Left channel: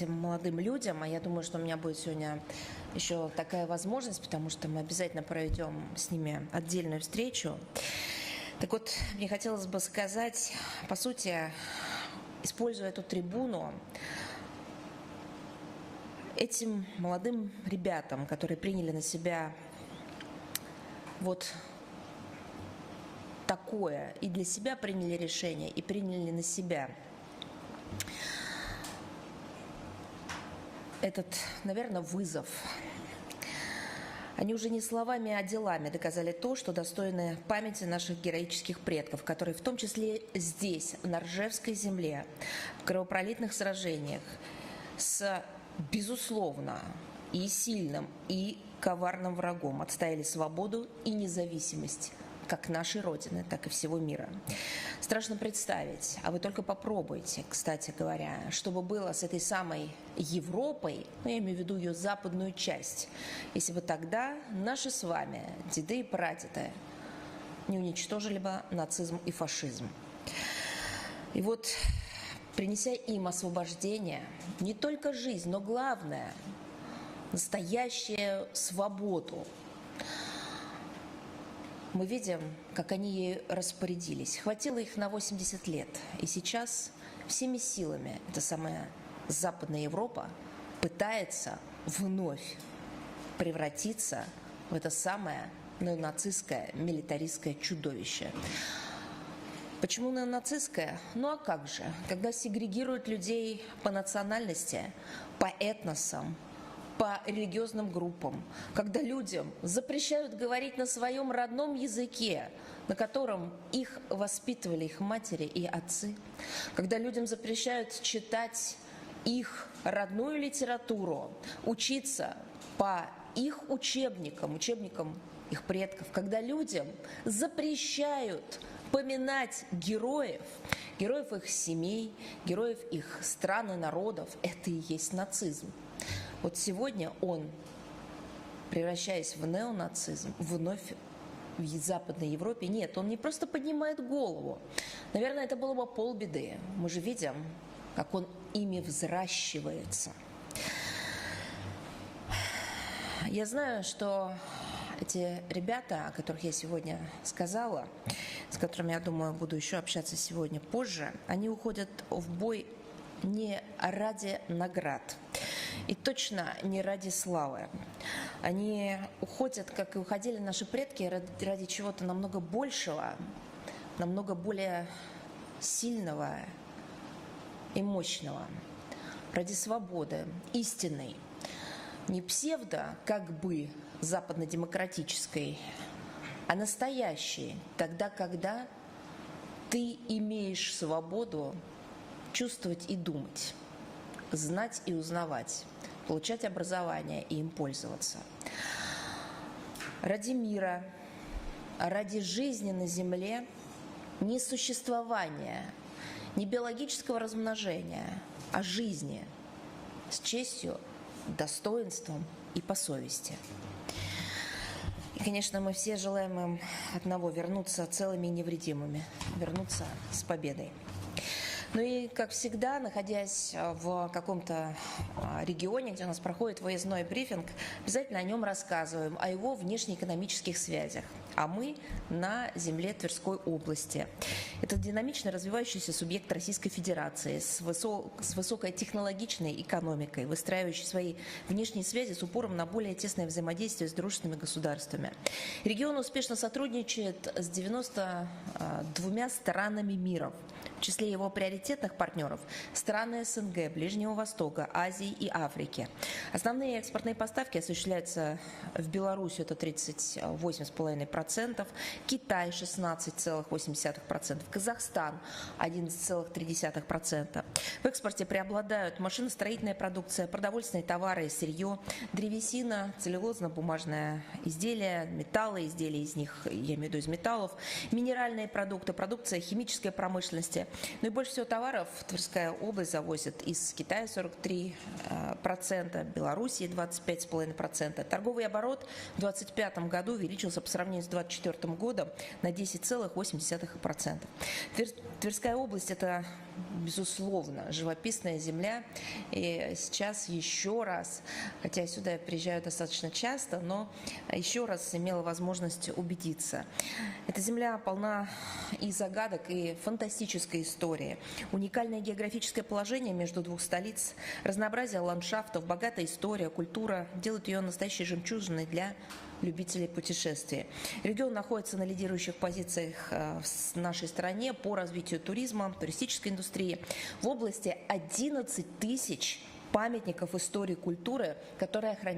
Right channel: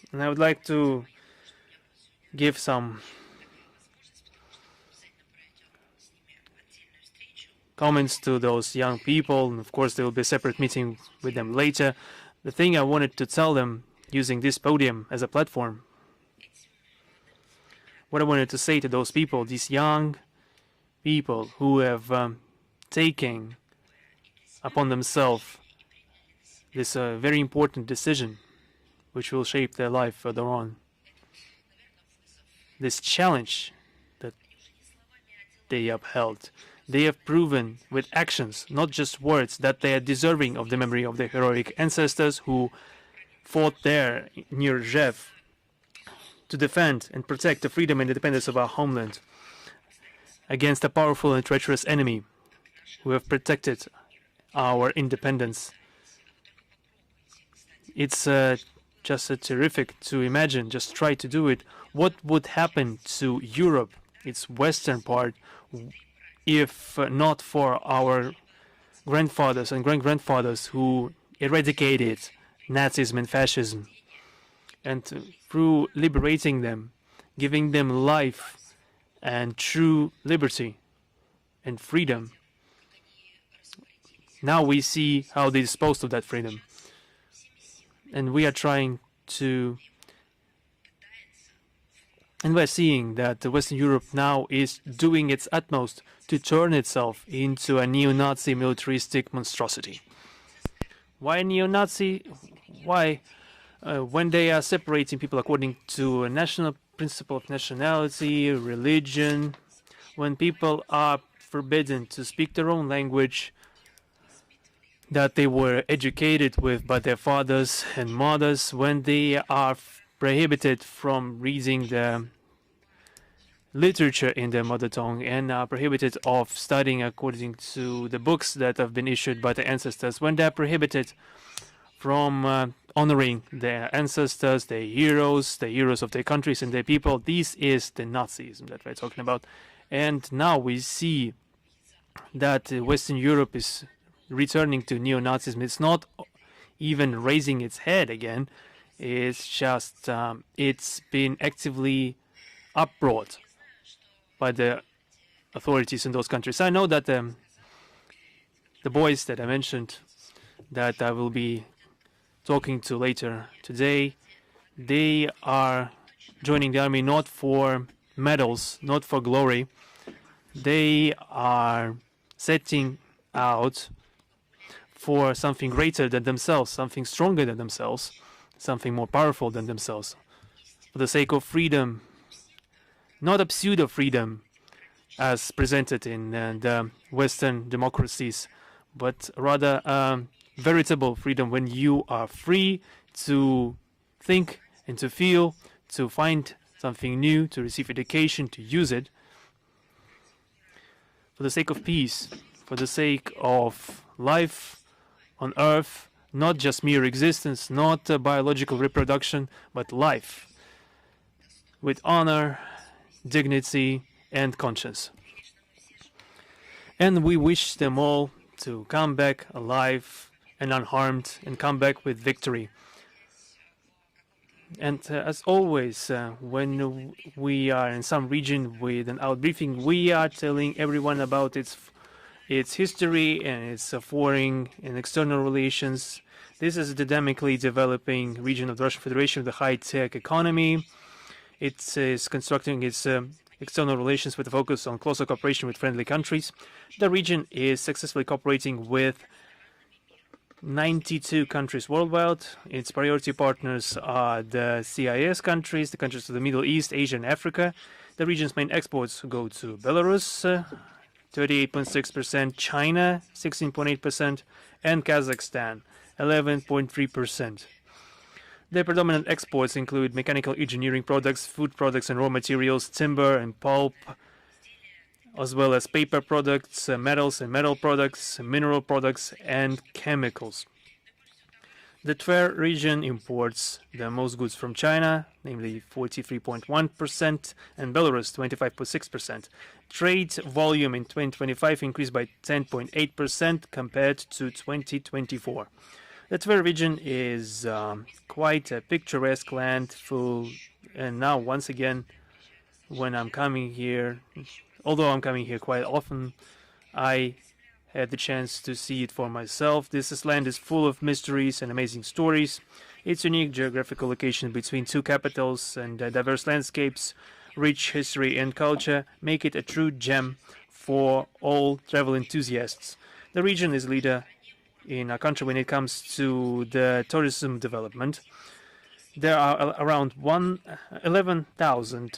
And I would like to give some comments to those young people. Of course, there will be a separate meeting with them later. The thing I wanted to tell them using this podium as a platform, what I wanted to say to those people, these young people who have taken upon themselves this very important decision which will shape their life further on. This challenge that they upheld, they have proven with actions, not just words, that they are deserving of the memory of their heroic ancestors who fought there near Rzhev to defend and protect the freedom and independence of our homeland against a powerful and treacherous enemy who have protected our independence. It's just terrific to imagine, just try to do it. What would happen to Europe, its western part, if not for our grandfathers and great-grandfathers who eradicated Nazism and fascism? And through liberating them, giving them life and true liberty and freedom. Now we see how they disposed of that freedom. And we are trying to, and we're seeing that Western Europe now is doing its utmost to turn itself into a neo-Nazi militaristic monstrosity. Why neo-Nazi? Why? When they are separating people according to a national principle of nationality, religion, when people are forbidden to speak their own language that they were educated with by their fathers and mothers, when they are prohibited from reading the literature in their mother tongue and are prohibited of studying according to the books that have been issued by their ancestors, when they are prohibited from honoring their ancestors, their heroes of their countries and their people. This is the Nazism that we're talking about. And now we see that Western Europe is returning to neo-Nazism. It's not even raising its head again. It's just, it's been actively uproared by the authorities in those countries. I know that the boys that I mentioned, that I will be talking to later today, they are joining the army not for medals, not for glory. They are setting out for something greater than themselves, something stronger than themselves, something more powerful than themselves, for the sake of freedom, not a pseudo-freedom as presented in the Western democracies, but rather veritable freedom when you are free to think and to feel, to find something new, to receive education, to use it for the sake of peace, for the sake of life on earth, not just mere existence, not biological reproduction, but life with honor, dignity, and conscience. And we wish them all to come back alive and unharmed and come back with victory. And as always, when we are in some region with an outbriefing, we are telling everyone about its history and its foreign and external relations. This is a dynamically developing region of the Russian Federation with a high-tech economy. It is constructing its external relations with a focus on closer cooperation with friendly countries. The region is successfully cooperating with 92 countries worldwide. Its priority partners are the CIS countries, the countries of the Middle East, Asia, and Africa. The region's main exports go to Belarus, 38.6%, China, 16.8%, and Kazakhstan, 11.3%. Their predominant exports include mechanical engineering products, food products and raw materials, timber and pulp, as well as paper products, metals and metal products, mineral products, and chemicals The Tver region imports the most goods from China, namely 43.1%, and Belarus 25.6%. Trade volume in 2025 increased by 10.8% compared to 2024. The Tver region is quite a picturesque land, full, and now once again, when I'm coming here, although I'm coming here quite often, I had the chance to see it for myself. This land is full of mysteries and amazing stories. Its unique geographical location between two capitals and diverse landscapes, rich history and culture make it a true gem for all travel enthusiasts. The region is leader in our country when it comes to the tourism development. There are around 11,000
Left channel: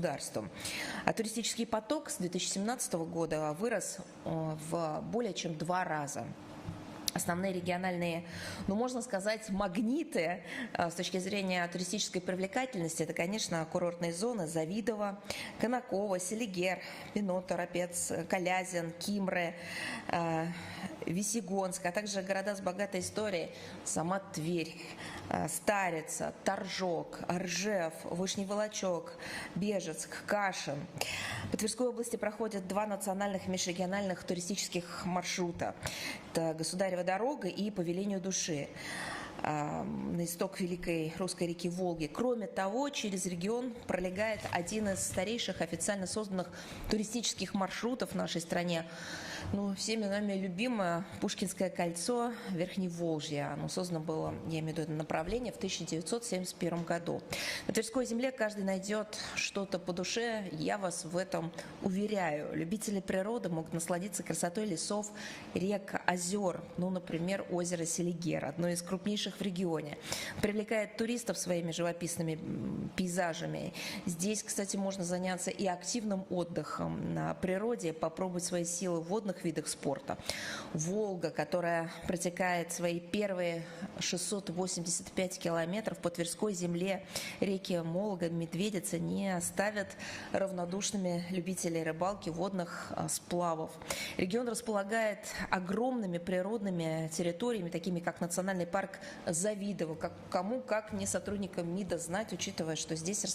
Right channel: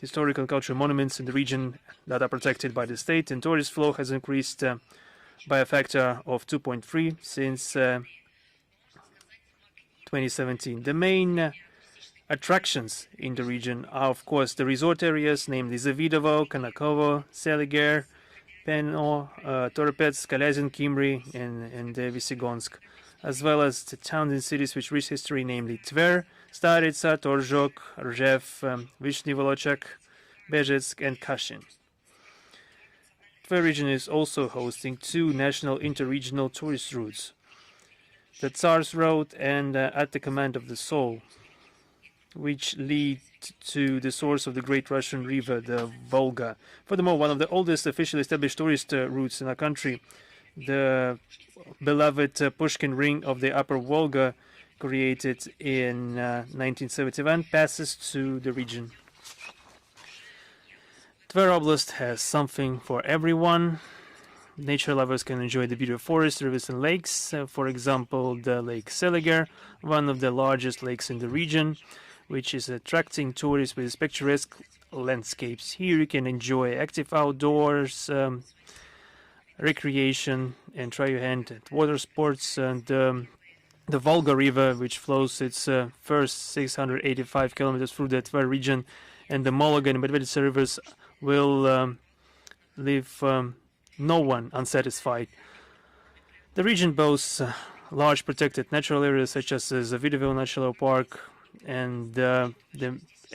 historical and cultural monuments in the region that are protected by the state, and tourist flow has increased by a factor of 2.3 since 2017. The main attractions in the region are, of course, the resort areas, namely Zavidovo, Konakovo, Seliger, Peno, Toropets, Kalyazin, Kimry, and Vesigonsk, as well as the towns and cities with rich history, namely Tver, Staritsa, Torzhok, Rzhev, Vyshny Volochysk, Bezhetsk, and Kashin. The region is also hosting two national interregional tourist routes, the Tsar's Road and At the Command of the Soul, which lead to the source of the great Russian river, the Volga. Furthermore, one of the oldest officially established tourist routes in our country, the beloved Pushkin Ring of the Upper Volga, created in 1971, passes through the region. Tver Oblast has something for everyone. Nature lovers can enjoy the beauty of forests, rivers and lakes. For example, the Lake Seliger, one of the largest lakes in the region, which is attracting tourists with its picturesque landscapes. Here you can enjoy active outdoors, recreation, and try your hand at water sports. And the Volga River, which flows its first 685 kilometers through the Tver region, and the Mologa and Medveditsa rivers will leave no one unsatisfied. The region boasts large protected natural areas such as the Zavidovo National Park, and the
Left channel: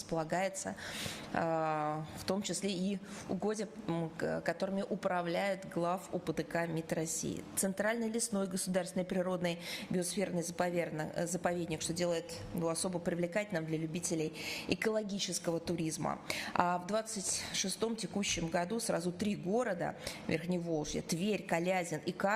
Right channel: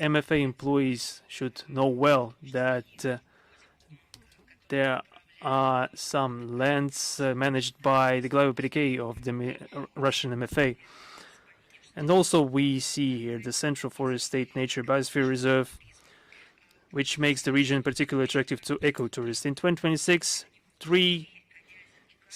MFA employees should know well that there are some lands managed by the Glava Perikei of the Russian MFA. And also we see here the Central Forest State Nature Biosphere Reserve, which makes the region particularly attractive to ecotourists. In 2026, three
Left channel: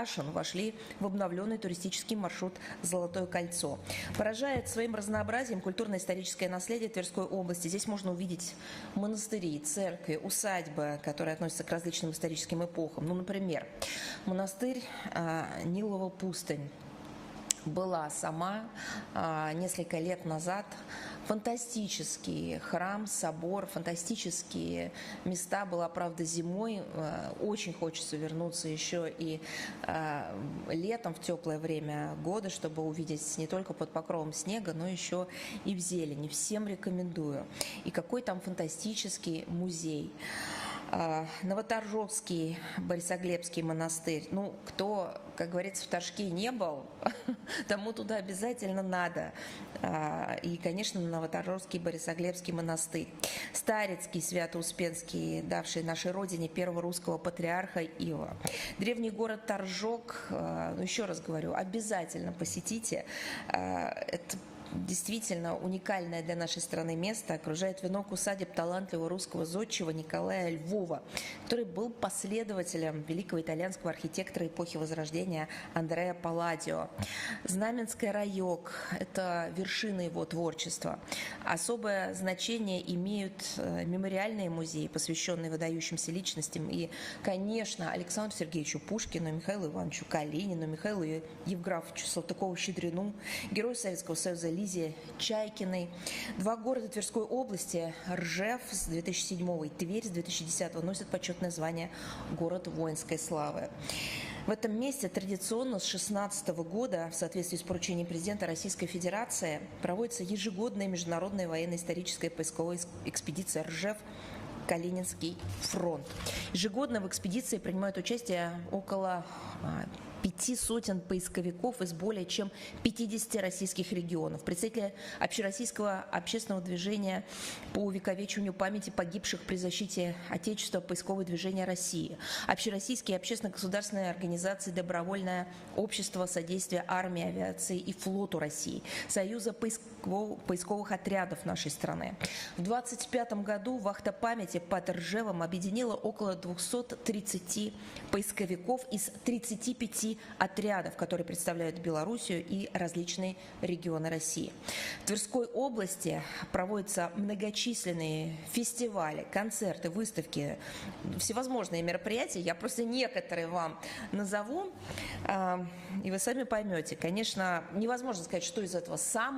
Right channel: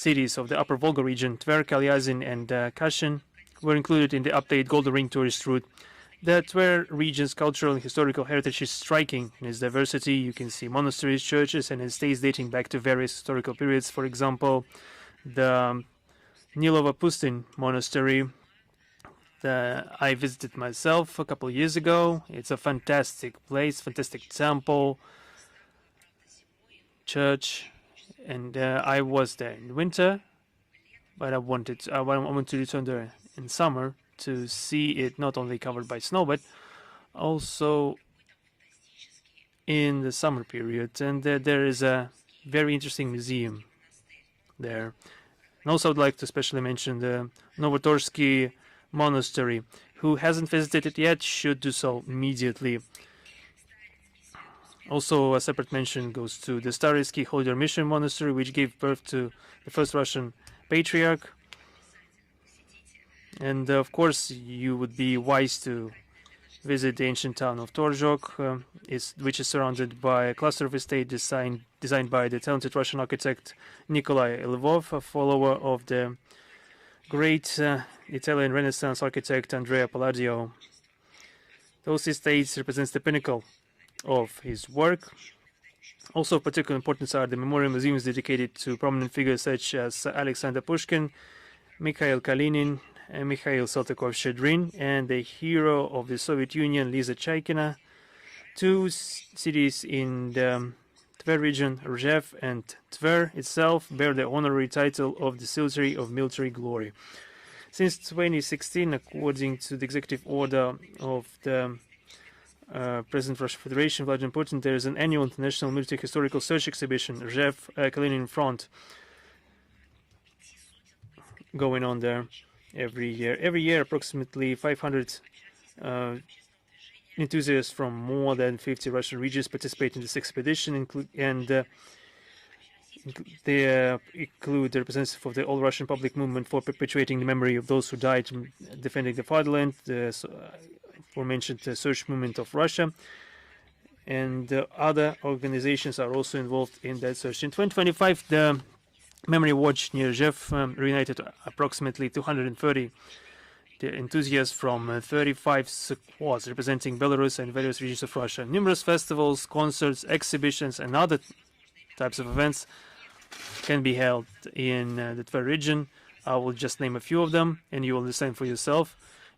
cities of the Upper Volga region, Tver, Kalyazin, and Kashin, were included in the updated Golden Ring tourist route. The Tver region's cultural and historical heritage is striking in its diversity. You can see monasteries, churches, and estates dating back to various historical periods. For example, the Nilova Pustin monastery I visited myself a couple of years ago. It's a fantastic place, fantastic temple, church, and I was there in winter, but I wanted to return there in summer to see it not only covered by snow, but also in the summer period. And there is a very interesting museum there. And also I'd like to especially mention the Novotorsky Monastery. Who hasn't visited it yet should do so immediately. Also a separate mention goes to the Staritsky Holy Mission Monastery, which gave birth to the first Russian patriarch. And of course you would be wise to visit the ancient town of Torzhok, which is surrounded by a cluster of estates designed by the talented Russian architect Nikolai Lvov, a follower of the great Italian Renaissance architect Andrea Palladio. Those estates represents the pinnacle of his work. Also of particular importance are the memorial museums dedicated to prominent figures such as Alexander Pushkin, Mikhail Kalinin, and Mikhail Saltykov-Shchedrin, and the hero of the Soviet Union, Liza Chaykina. Two cities in the Tver region, Rzhev and Tver itself, bear the honorary title of the Silvery of Military Glory. Since 2016, according to the executive order of the President of Russian Federation, Vladimir Putin, there is an annual international military historical search exhibition, Rzhev Kalinin Front. going on there every year. Every year, approximately 500 enthusiasts from more than 50 Russian regions participate in this expedition, and they include the representatives of the All-Russian Public Movement for perpetuating the memory of those who died defending the fatherland, we mentioned the Search Movement of Russia, and other organizations are also involved in that search. In 2025, the Memory Watch near Rzhev reunited approximately 230 enthusiasts from 35 squads representing Belarus and various regions of Russia. Numerous festivals, concerts, exhibitions, and other types of events can be held in the Tver region. I will just name a few of them, and you will understand for yourself.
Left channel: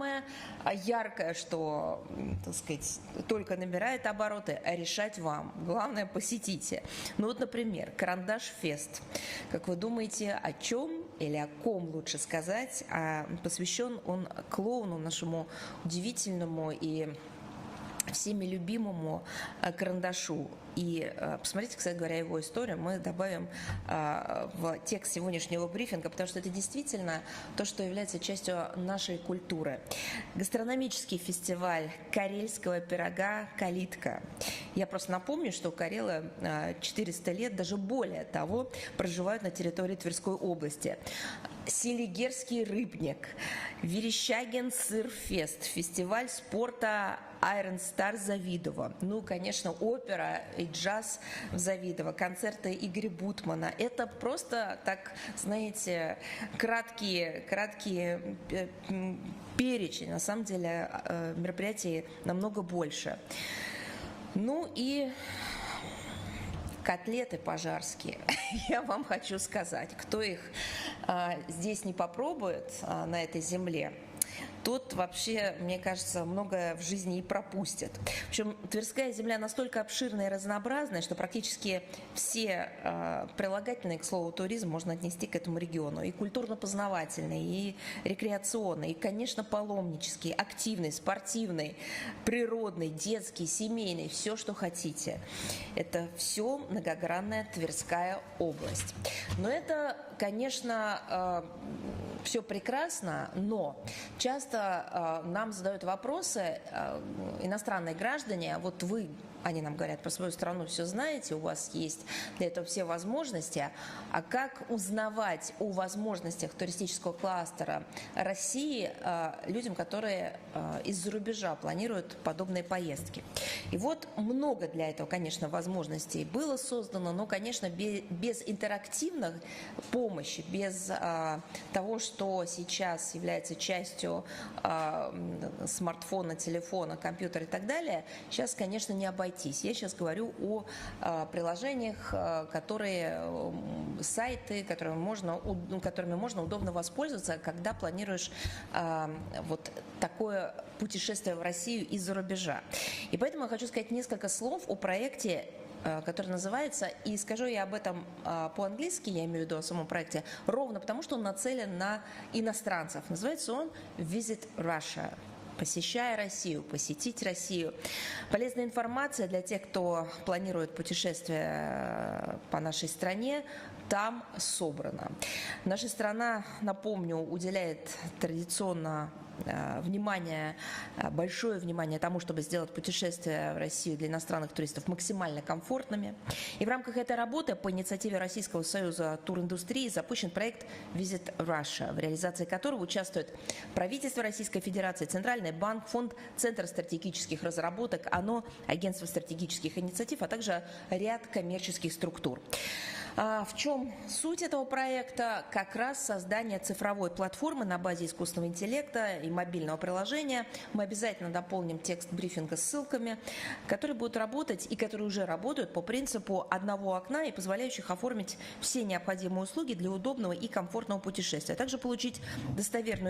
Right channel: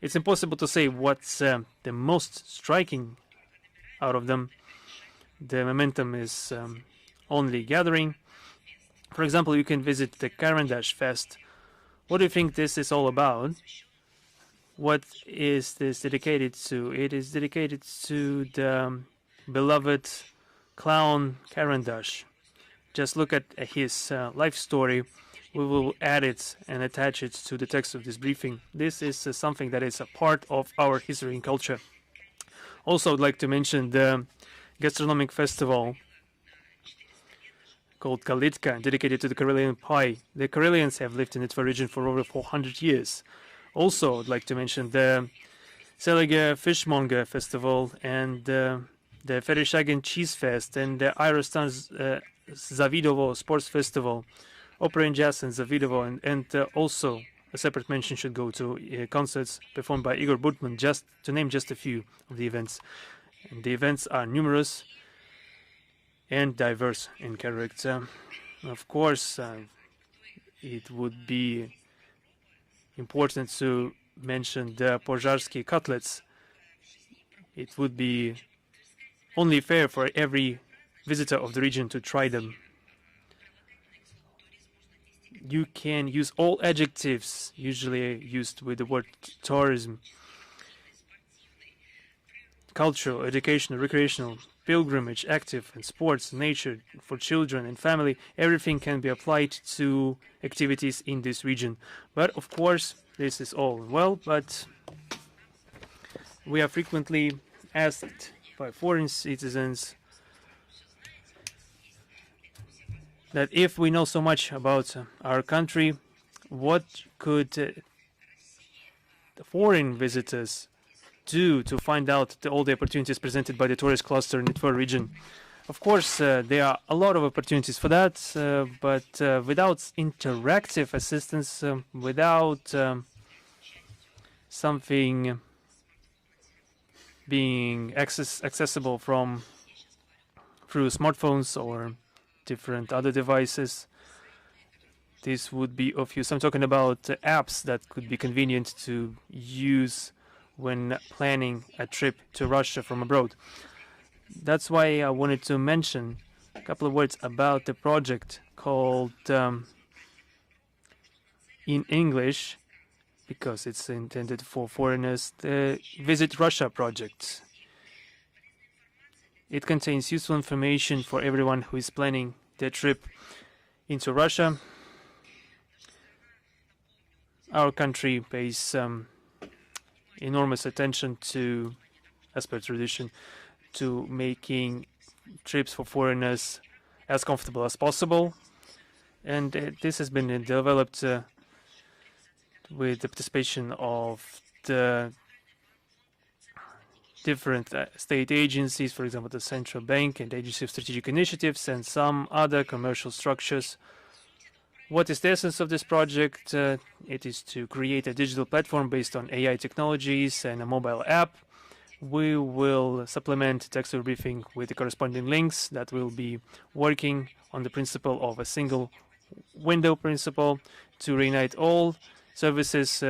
It's impossible to say what's the most striking out of them. The momentum is only gathering. For example, you can visit the Karandash Fest. What do you think this is all about? What is this dedicated to? It is dedicated to the beloved clown Karandash. Just look at his life story. We will add it and attach it to the text of this briefing. This is something that is a part of our history and culture. Also, I'd like to mention the gastronomic festival called Kalitka, dedicated to the Karelian pie. The Karelians have lived in the Tver region for over 400 years. Also, I'd like to mention the Tselige Fishmonger Festival and the Vereshchagin Cheese Fest and the Aerostan Zavidovo Sports Festival, Opera and Jazz in Zavidovo, and also a separate mention should go to concerts performed by Igor Burtman, just to name just a few of the events. The events are numerous and diverse in character. Of course, it would be important to mention the Pozharsky cutlets. It would be only fair for every visitor of the region to try them. You can use all adjectives usually used with the word tourism, cultural, educational, recreational, pilgrimage, active, sports, nature, for children and family. Everything can be applied to activities in this region. But of course, this is all well. But we are frequently asked by foreign citizens that if we know so much about our country, what could foreign visitors do to find out all the opportunities presented by the tourist cluster in the Tver region? Of course, there are a lot of opportunities for that, but without interactive assistance, without something being accessible from through smartphones or different other devices, this would be of use. I'm talking about apps that could be convenient to use when planning a trip to Russia from abroad. That's why I wanted to mention a couple of words about the project called in English, because it's intended for foreigners, Visit Russia project. It contains useful information for everyone who is planning their trip into Russia. Our country pays enormous attention to, as per tradition, to making trips for foreigners as comfortable as possible, and this has been developed with the participation of the different state agencies, for example, the Central Bank and the Agency of Strategic Initiatives, and some other commercial structures. What is the essence of this project? It is to create a digital platform based on AI technologies and a mobile app. We will supplement textual briefing with the corresponding links that will be working on the principle of a single window principle to reunite all services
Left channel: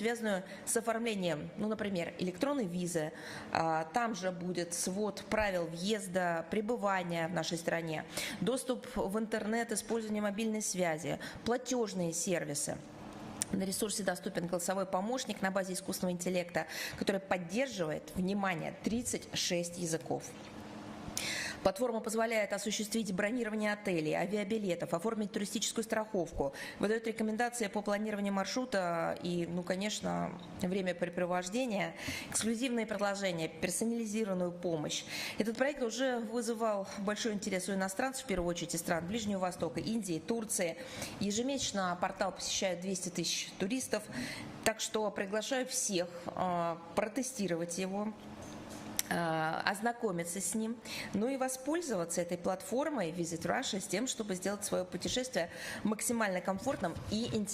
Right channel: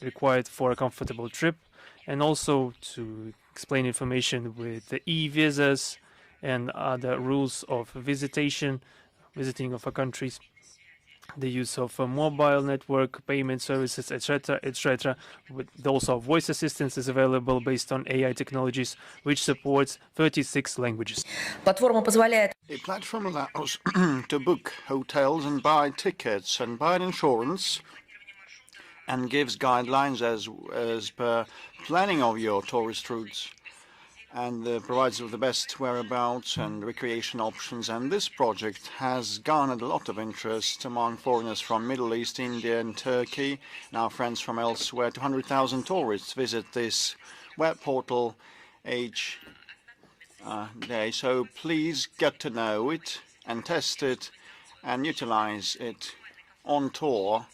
required for a comfortable trip, and also to explain information with the e-visas and other rules of visiting of a country, the use of a mobile network, payment services, etc., etc. Also, voice assistance is available based on AI technologies, which supports 36 languages. The platform allows to book hotels and buy tickets and buy insurance, and gives guidelines as per planning of your tourist routes, and provides the best whereabouts and recreation options. And this project has garnered a lot of interest among foreigners from Middle East, India and Turkey. Our friends from elsewhere, 200,000 tourists visit this web portal each day, so please get to know it and test it and utilize it on tour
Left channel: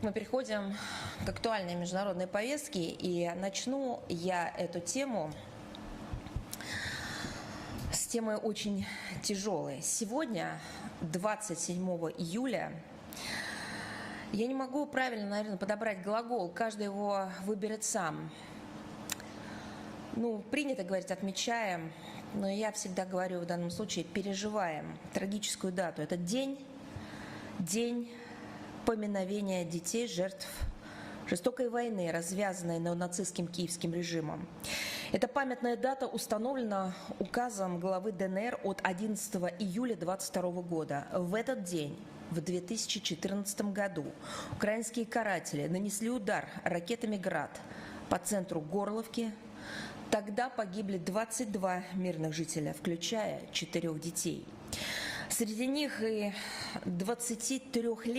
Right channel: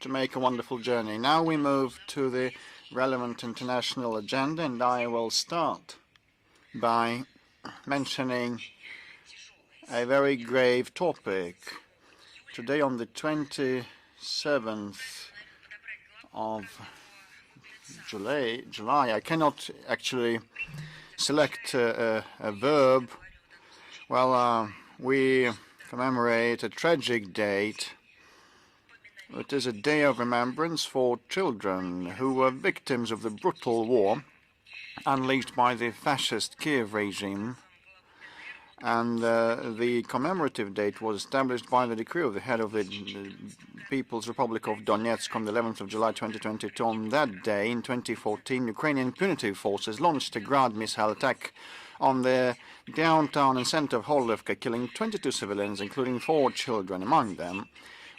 to make a wonderful journey. Now we move to the relevant international agenda, and I will start by mentioning a very grave topic. Today on the 27th of July, I cannot actually select a verb. Well, we commemorate a tragic date. It is a day of remembrance for children who were victims of the brutal war unleashed by the fascist Kiev regime, and the commemorative date was established by the decree of the head of the People's Republic of Donetsk on the 11th of July 2022. On that day, in 2014, Ukrainian punitive forces launched a Grad missile attack on the downtown and center of Horlivka, killing 22 civilians, including 4 children. Among them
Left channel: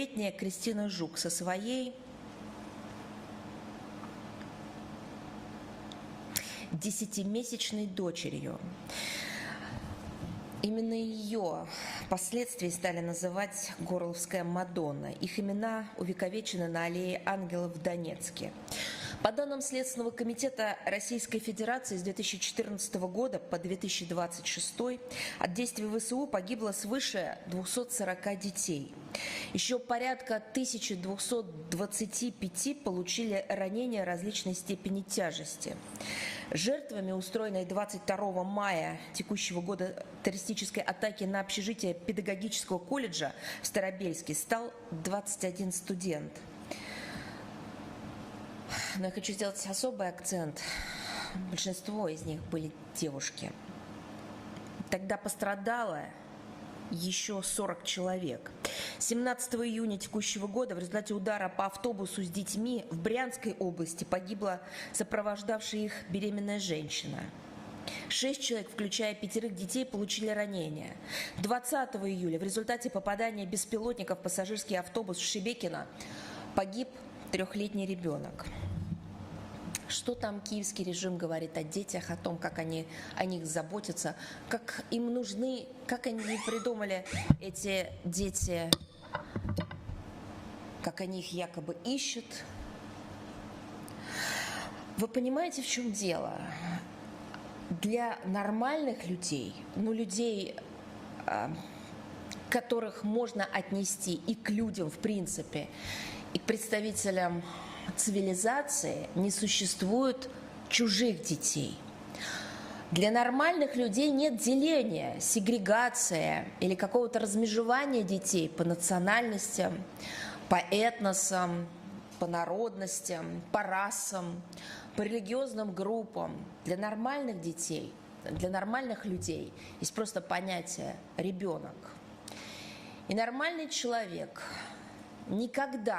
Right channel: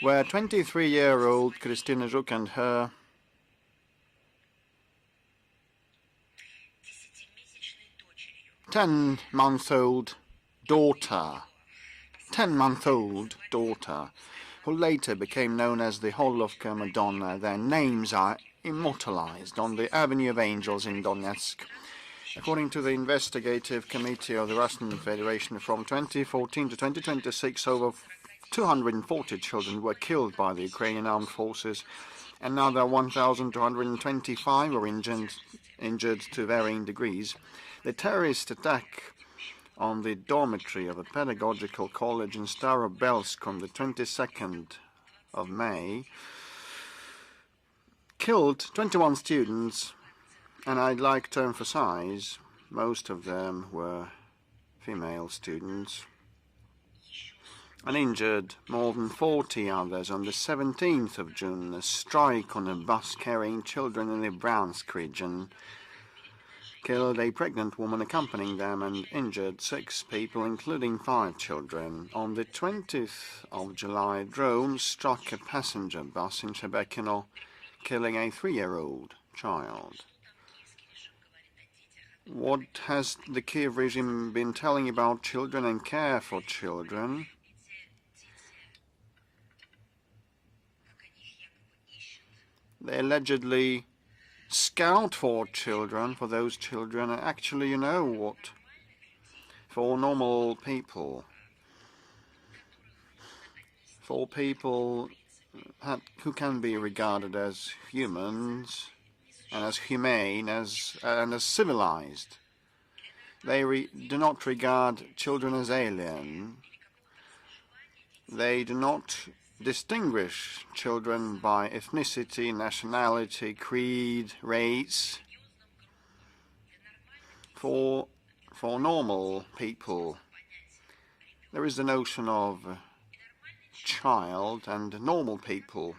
were 23-year-old Kristina Zhuk and her 10-month-old daughter, who later became known as the Horlovka Madonna. Their names are immortalized on the Avenue of Angels in Donetsk. According to the Investigative Committee of the Russian Federation, from 2014 to 2026, over 240 children were killed by the Ukrainian armed forces. Another 1,225 were injured to varying degrees. The terrorist attack on the dormitory of the Pedagogical College in Starobelsk on the 22nd of May killed 21 students, and I'd like to emphasize most of them were female students, and injured more than 40 others. On the 17th of June, a strike on a bus carrying children in the Bryansk region killed a pregnant woman accompanying them and injured 6 people, including 5 children. On the 20th of July, drones struck a passenger bus in Shebekino, killing a 3-year-old child. What has the Kiev regime been telling about children and care for children? They allegedly scout for children, for those children. Actually, you know what? For normal people, for people who can be regarded as humans, as humane, and as civilized. They do not regard children as aliens. They do not distinguish children by ethnicity, nationality, creed, race. For normal people, there is the notion of child, and normal people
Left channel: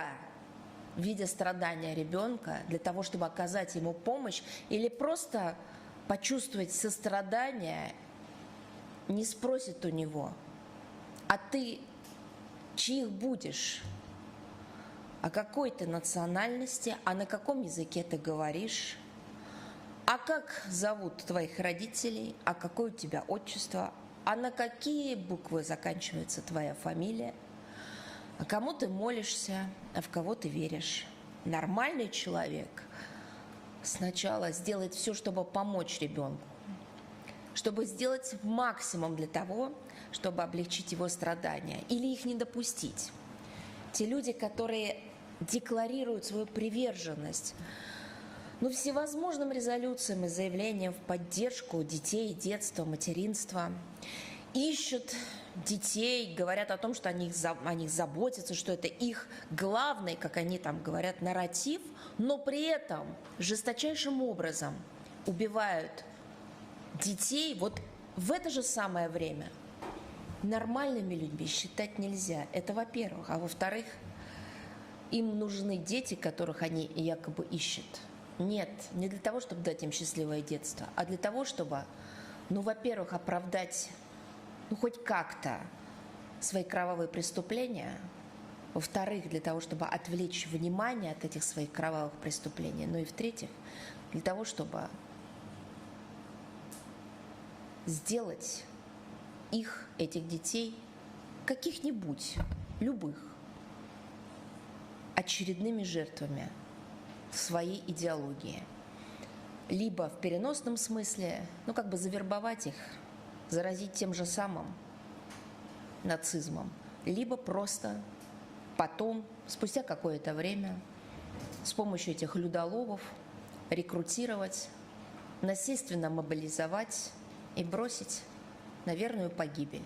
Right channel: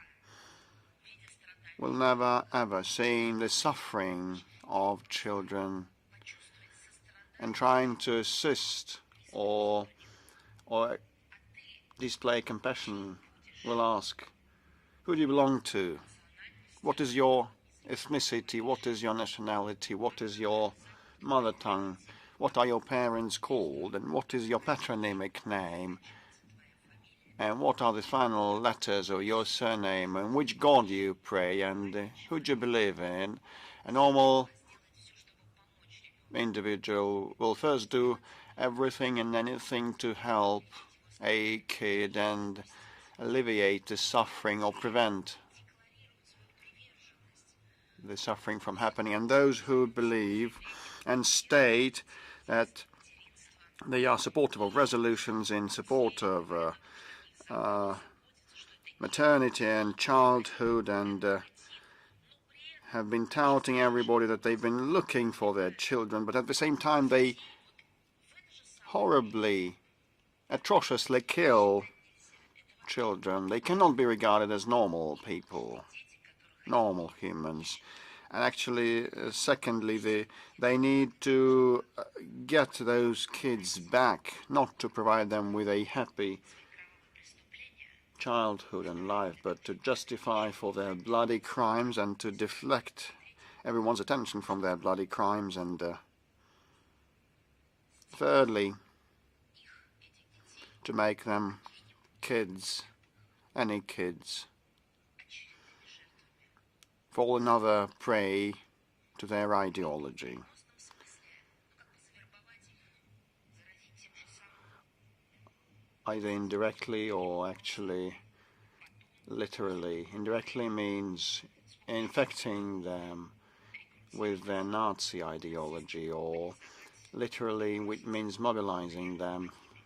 will never ever see the suffering of children and trying to assist or display compassion will ask, who do you belong to? What is your ethnicity? What is your nationality? What is your mother tongue? What are your parents called? And what is your patronymic name? And what are the final letters of your surname? And which God you pray? And who do you believe in? A normal individual will first do everything and anything to help a kid and alleviate the suffering or prevent the suffering from happening. And those who believe and state that they are supportive of resolutions in support of maternity and childhood and have been touting everybody that they've been looking for their children, but at the same time they horribly, atrociously kill children. They cannot be regarded as normal people, normal humans. And actually, secondly, they need to get those kids back, not to provide them with a happy childhood and life, but to justify for their bloody crimes and to deflect everyone's attention from their bloody crimes. And thirdly, to make them kids, any kids, fall another prey to their ideology. В переносном смысле, завербовать их, заразить тем же самым нацизмом, либо просто потом, спустя какое-то время, с помощью этих людоловов рекрутировать, насильственно мобилизовать и бросить на верную погибель.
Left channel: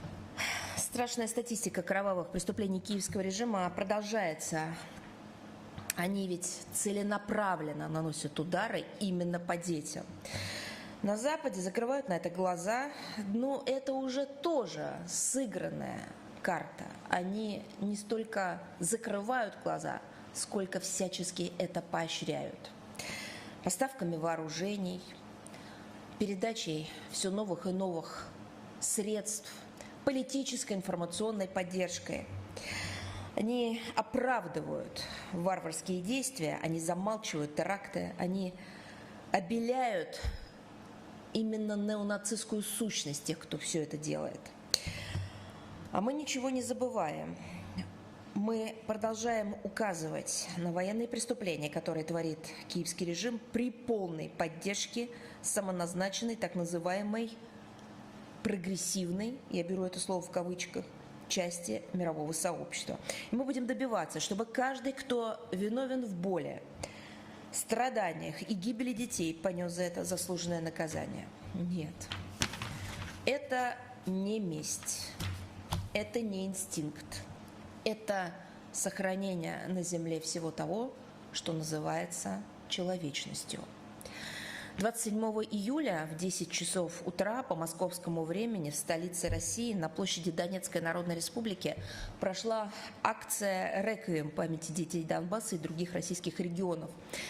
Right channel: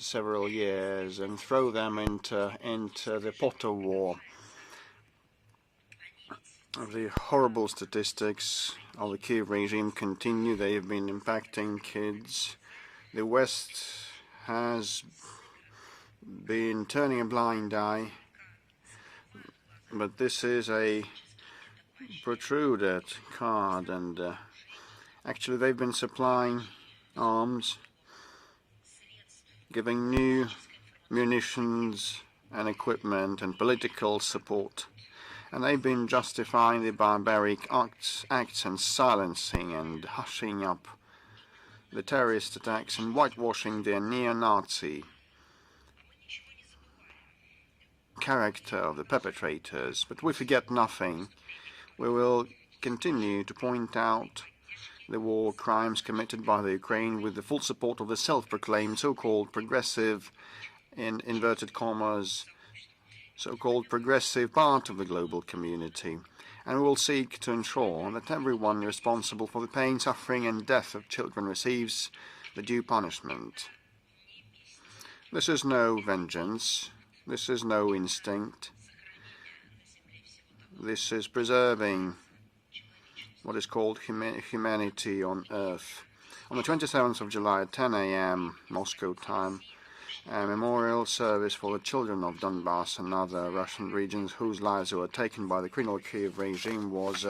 Страшная статистика кровавых преступлений киевского режима продолжается. Они ведь целенаправленно наносят удары именно по детям. На Западе закрывают на это глаза, но это уже тоже сыгранная карта. Они не столько закрывают глаза, сколько всячески это поощряют. Поставками вооружений, передачей все новых и новых средств, политической информационной поддержкой. And equipment and political support, and they've been justifying the barbaric acts and silencing and hushing up the terrorist attacks and whitewashing their neo-Nazi character of the perpetrators. But we forget nothing. We will continue to point out the war crimes committed by the Ukraine with the full support of the self-proclaimed so-called progressive, in inverted commas, so-called progressive part of the global community. And we will seek to ensure that everyone responsible for the pain, suffering and death of children receives the due punishment. This is no vengeance, this is no instinct, this is preserving what is called humanity on Earth. On the 27th of July at 10 a.m. Moscow time, a memorial service for the children of Donbass and other Russian regions whose lives were taken by the criminal Kiev regime was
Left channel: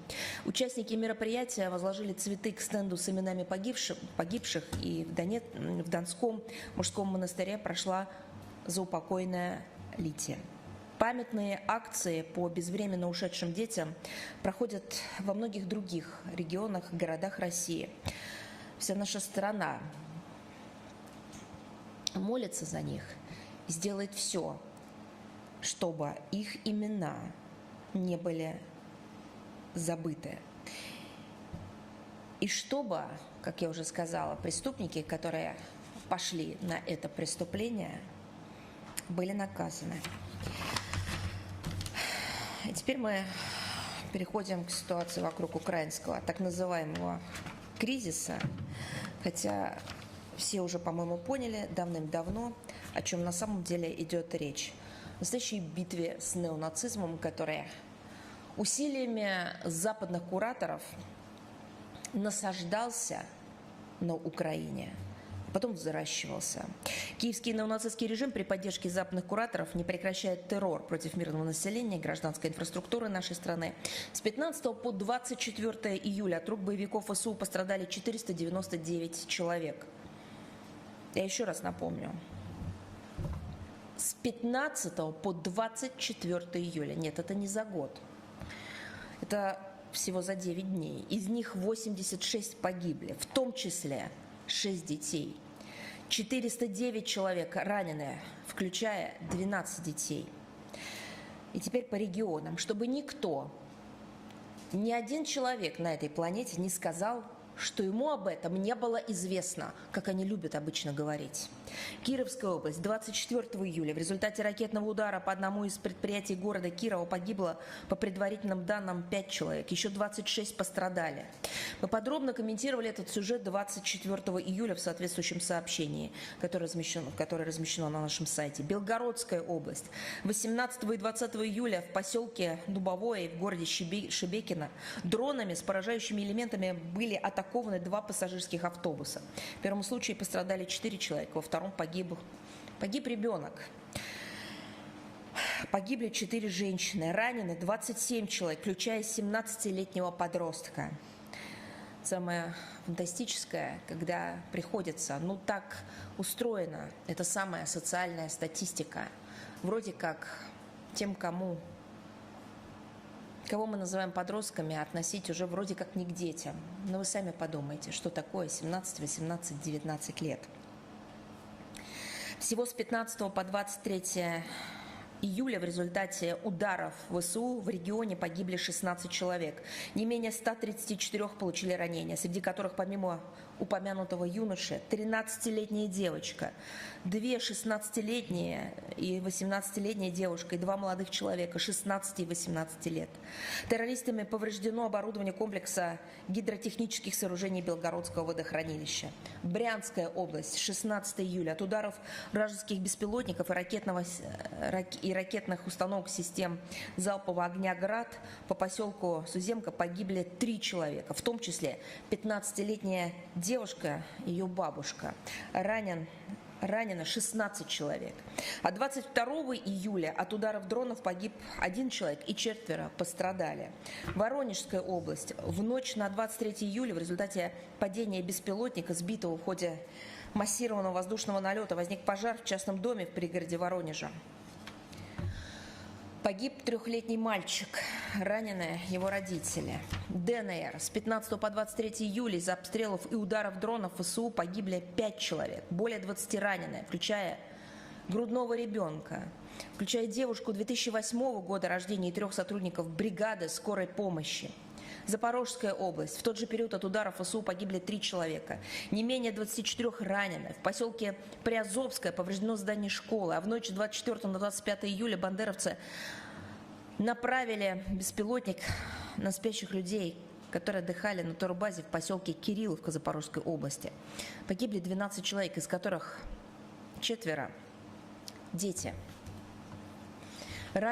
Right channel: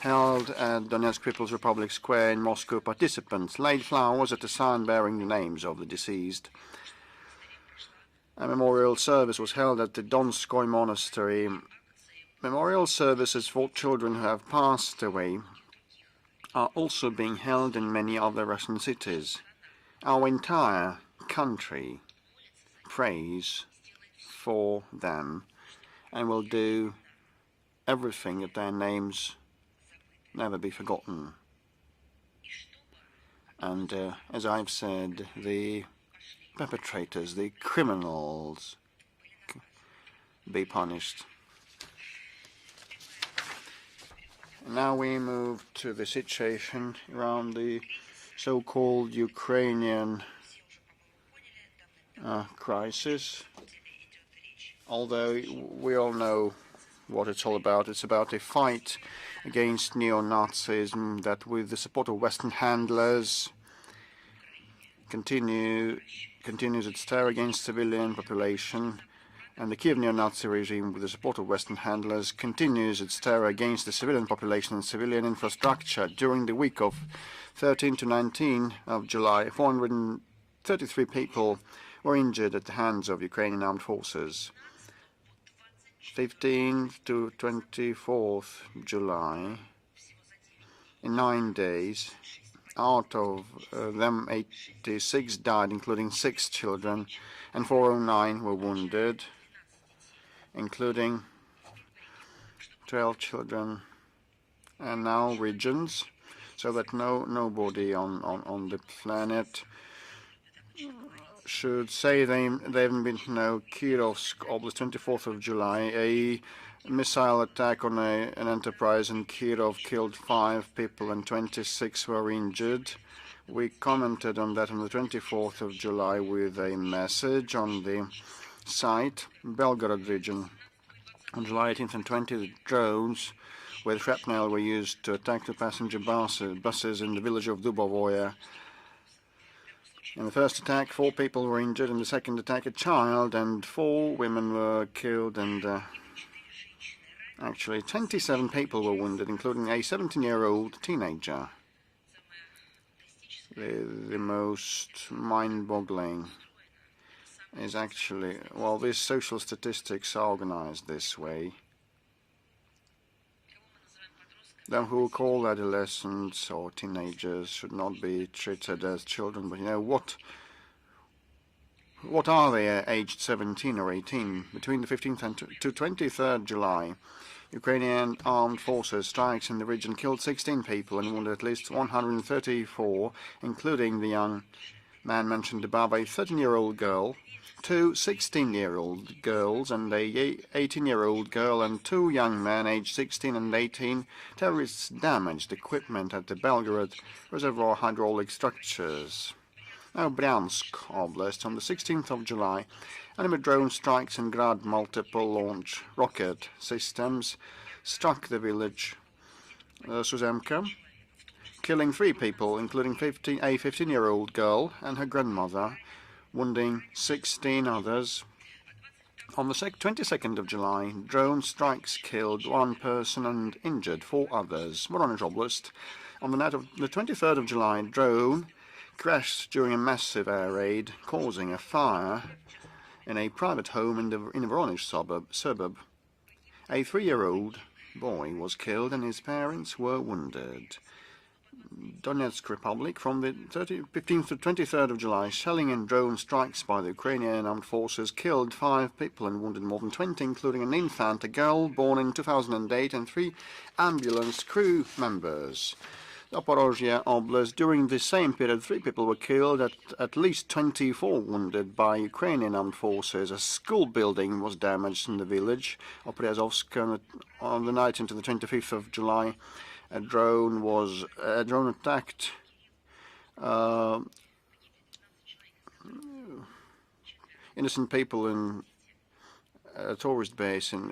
held at Donetsk People's Republic Square in Moscow. Participants laid flowers at a sign bearing the names of the deceased. A memorial service was held at the Donskoy Monastery. Memorial services for children who have passed away are also being held in many other Russian cities. Our entire country prays for them and will do everything that their names never be forgotten. And as I've said, the perpetrators, the criminals, to be punished. Now we move to the situation around the so-called Ukrainian crisis. Although we all know what it's all about. It's about a fight against neo-Nazism that, with the support of Western handlers, continues its terror against civilian population, and the Kiev neo-Nazi regime, with the support of Western handlers, continues its terror against the civilian population and civilian infrastructure. During the week of 13 to 19 of July, 433 people were injured at the hands of Ukrainian armed forces. 15 to 24th July, in 9 days, out of them 86 died, including 6 children, and 409 were wounded, including 12 children. now regions, so that nobody on the planet should say there haven't been no Kirovsk Oblast, 24th of July, a missile attack on an enterprise in Kirov killed 5 people and 26 were injured. We commented on that on the 24th of July with a message on the site, Belgorod region. On July 18th and 20th, drones with shrapnel were used to attack the passenger buses in the village of Dubovoye. In the first attack, 4 people were injured. In the second attack, a child and 4 women were killed, and actually 27 people were wounded, including a 17-year-old teenager. The most mind-boggling is actually, well, these social statistics are organized this way. Them who call adolescents or teenagers should not be treated as children, but you know what are they aged 17 or 18? Between the 15th and to 23rd July, Ukrainian armed forces strikes in the region killed 16 people and wounded at least 134, including the young man mentioned above, a 13-year-old girl, 2 16-year-old girls and a 18-year-old girl, and 2 young men aged 16 and 18. Terrorists damaged equipment at the Belgorod reservoir hydraulic structures. Bryansk Oblast, on the 16th of July, enemy drone strikes and Grad multiple launch rocket systems struck the village Suzemka, killing 3 people, including a 15-year-old girl and her grandmother, wounding 16 others. On the 22nd of July, drone strikes killed 1 person and injured 4 others. Voronezh Oblast. On the night of the 23rd of July, drone crashed during a massive air raid, causing a fire in a private home in the Voronezh suburb. A 3-year-old boy was killed and his parents were wounded. Donetsk Republic, from the 15th to 23rd of July, shelling and drone strikes by the Ukrainian armed forces killed 5 people and wounded more than 20, including an infant, a girl born in 2008, and 3 ambulance crew members. Zaporozhye Oblast, during the same period, 3 people were killed, at least 24 wounded by Ukrainian armed forces. A school building was damaged in the village Priyazovsk. On the night into the 25th of July, a drone attacked innocent people in a tourist base, and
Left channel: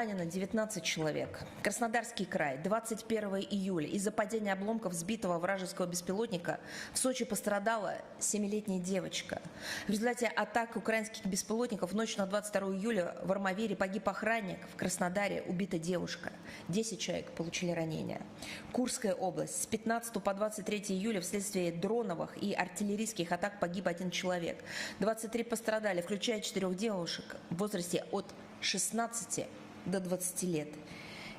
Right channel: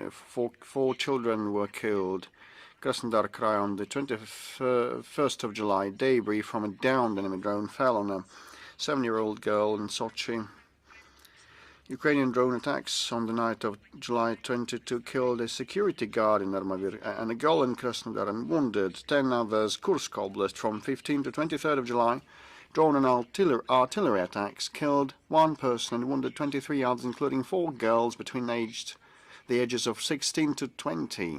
4 children were killed. Krasnodar Krai, on the 21st of July, debris from a downed enemy drone fell on a 7-year-old girl in Sochi. Ukrainian drone attacks on the night of July 22 killed a security guard in Armadir and a girl in Krasnodar and wounded 10 others. Kursk Oblast, from 15 to 23rd of July, drone and artillery attacks killed 1 person and wounded 23 others, including 4 girls between the ages of 16 to 20.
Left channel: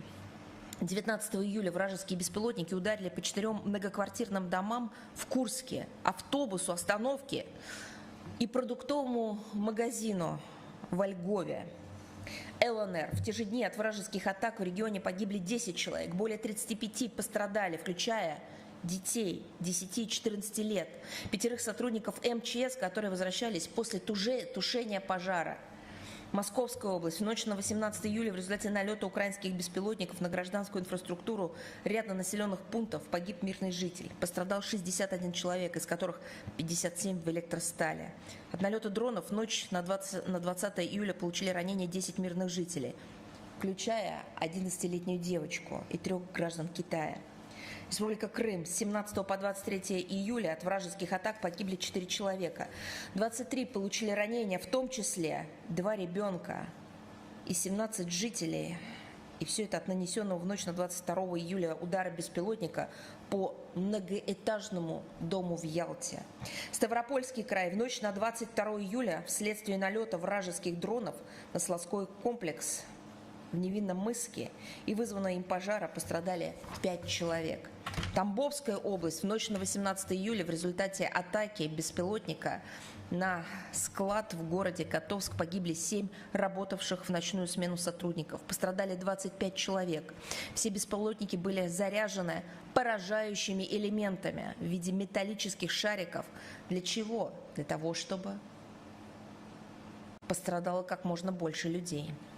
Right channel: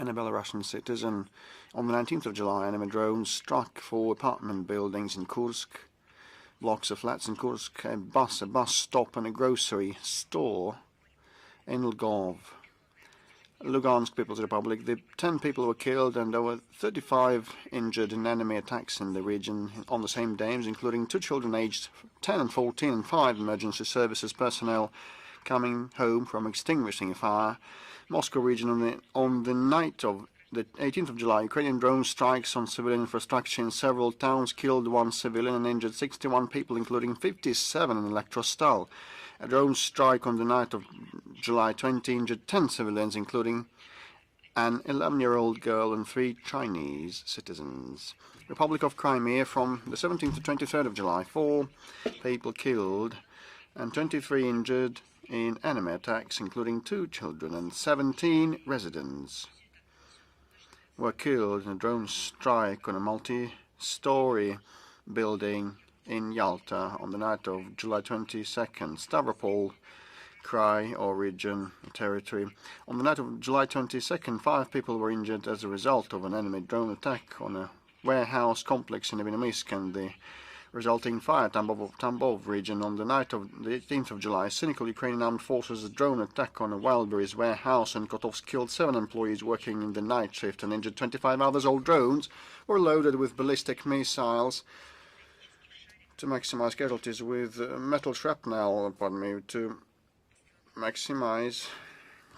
And a Belarusian citizen. On the 19th of July, enemy drones struck 4 apartment buildings in Kursk, blocks of flats in Kursk, a bus stop and a grocery store in Lgov. Lugansk People's Republic, 10 people were killed and there were 35 injured in enemy attacks in the region on the same days, including 2 children aged 10 and 14 and 5 emergency services personnel coming home from extinguishing fire. Moscow region, on the night of the 18th of July, Ukrainian drone strikes on civilian infrastructure in several towns killed 1 civilian and injured 61 people, including 57 in Elektrostal. A drone strike on the night of July 20 injured 10 civilians, including an 11-year-old girl and 3 Chinese citizens. Republic of Crimea, from the 17th to 23rd of July, 4 people killed and 23 injured in enemy attacks, including 2 children and 17 residents were killed in a drone strike on a story building in Yalta on the night of July 22nd, Stavropol Krai or region territory. On the night of July 22nd, 5 people were injured as a result of an enemy drone attack on a warehouse complex in the Iskandi, resulting in fire Tambov region. On the night of the 18th of July, cynical Ukrainian armed forces a drone attack on a Wildberries warehouse in Kotovsk killed 7 employees working in the night shift and injured 25 others. All drones were loaded with ballistic missiles to maximize casualties, with metal shrapnel, to maximize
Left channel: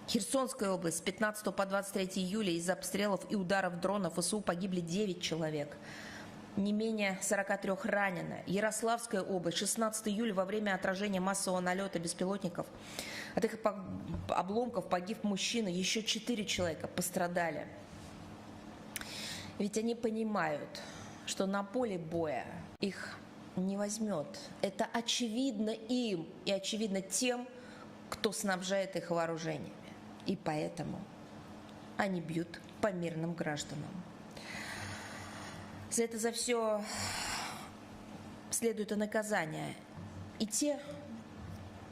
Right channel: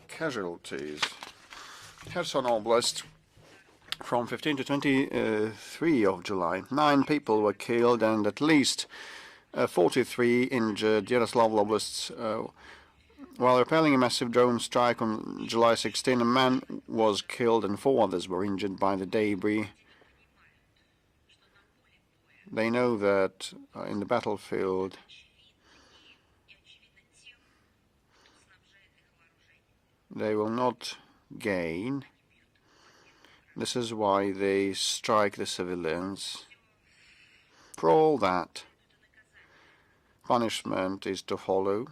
casualties. Kherson Oblast, from 15 to 23 of July, 9 people were killed and at least 43 injured. Yaroslavl Oblast, while repelling a massive drone strike on July 16, a man was killed and 4 others were injured by the debris. They know that in the battlefield they will not gain. This is why they strike the civilians. For all that, punishment is to follow.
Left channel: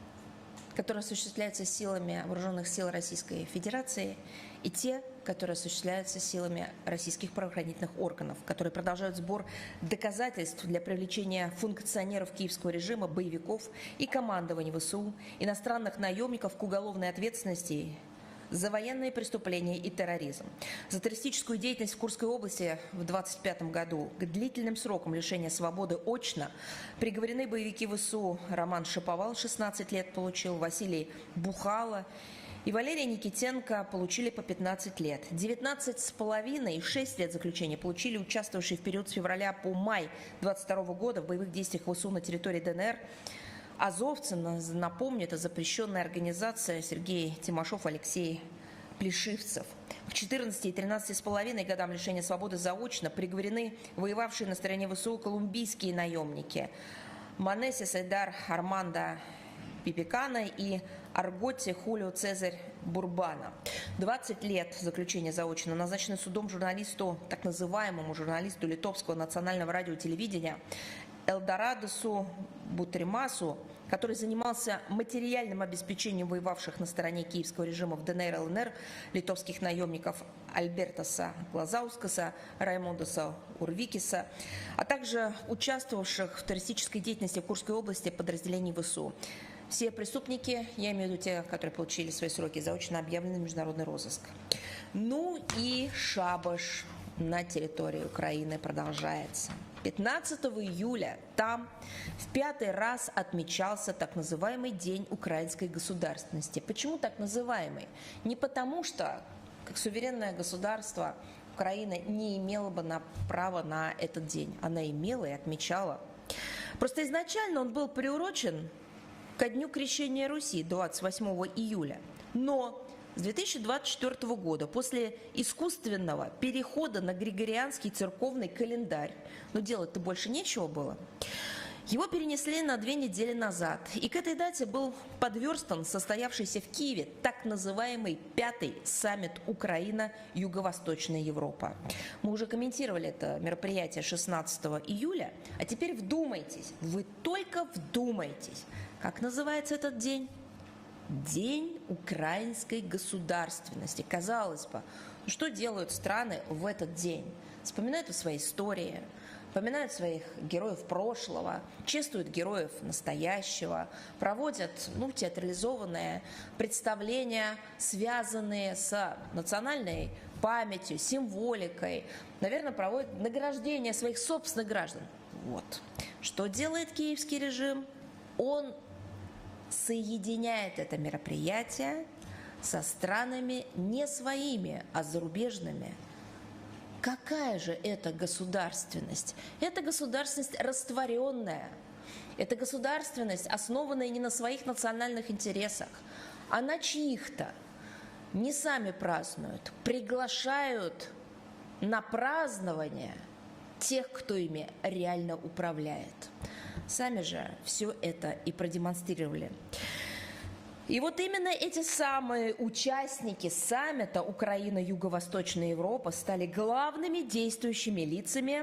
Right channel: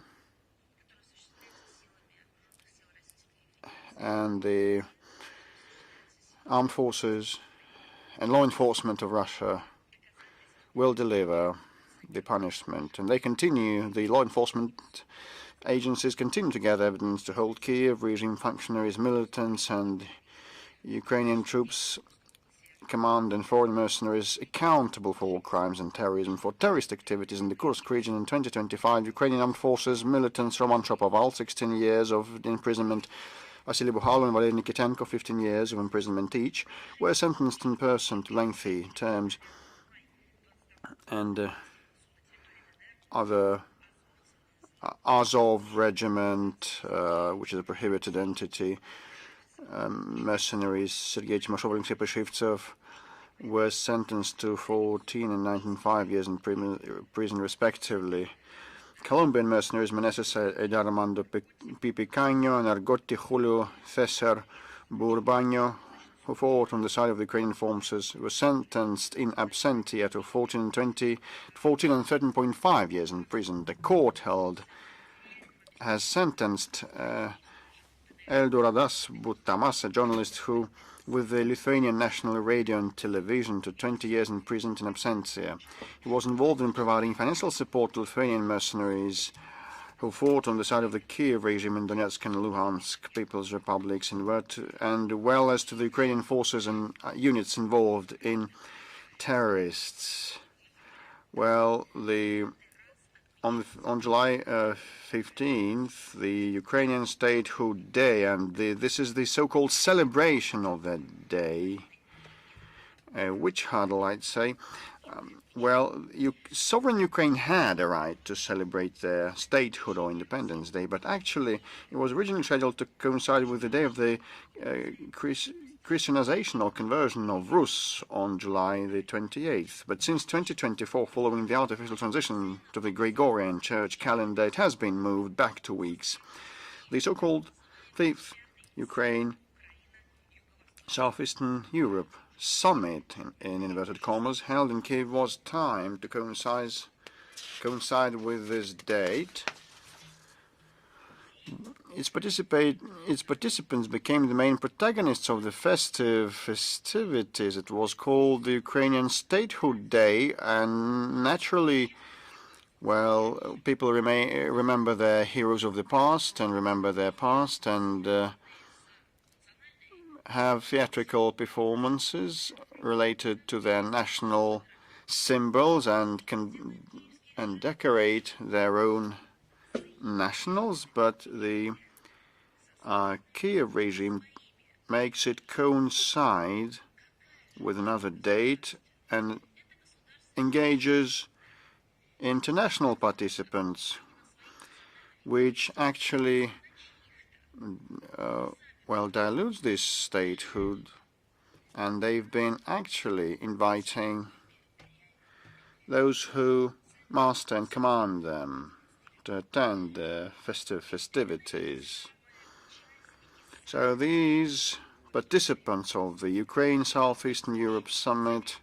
которые осуществляются силами вооруженных сил Российской Федерации и те, которые осуществляются силами российских правоохранительных органов, которые продолжают сбор доказательств для привлечения функционеров Киевского режима, боевиков и командования ВСУ, иностранных наемников к уголовной ответственности за военные преступления и терроризм. Ukrainian troops, command and foreign mercenaries accountable for war crimes and terrorism, for terrorist activities in the Kursk region. In 2025, Ukrainian armed forces, militants Roman Shapoval, 16 years of imprisonment, Vasily Bukhalin and Valery Nikitenko, 15 years of imprisonment each, were sentenced in person to lengthy terms. And other Azov regiment, which is a prohibited entity, mercenaries Sergei Timoshenko and Pleshivtsev were sentenced to 14 and 19 years in prison respectively. Colombian mercenaries Meneses Edarmando Pipicanyo and Argoti Julio Cesar Burbanyo, who fought on the side of the Ukrainian forces, were sentenced in absentia to 14 and 13.5 years in prison. The court has sentenced Eldoradas Butamas, a journalist who, with the Lithuanian National Radio and Television, to 20 years in prison in absentia. He was involved in providing financial support to Lithuanian mercenaries who fought on the side of the Kiev regime in Donetsk and Luhansk People's Republics, and well as to the Ukrainian forces and units involved in terrorists. Well, on July 15th, the Ukrainian Statehood Day, and this is the so-called celebration of that day, a witch huddle, I'd say. Well, sovereign Ukraine had a right to celebrate their statehood or Independence Day, but actually it was originally scheduled to coincide with the day of the Christianization or conversion of Rus on July the 28th. But since 2024, following the artificial transition to the Gregorian church calendar, it has been moved back 2 weeks. The so-called Fifth Ukraine Southeastern Europe Summit, in inverted commas, held in Kiev was timed to coincide with this date. Its participants became the main protagonists of the festivities. It was called the Ukrainian Statehood Day, and naturally, well, people remember their heroes of the past and remember their past and have theatrical performances related to their national symbols and decorate their own nationals, but the Kiev regime makes it coincide with another date and engages international participants, which actually dilutes this statehood. And they've been actually inviting those who master and command them to attend the festive festivities. So these participants of the Ukraine Southeastern Europe Summit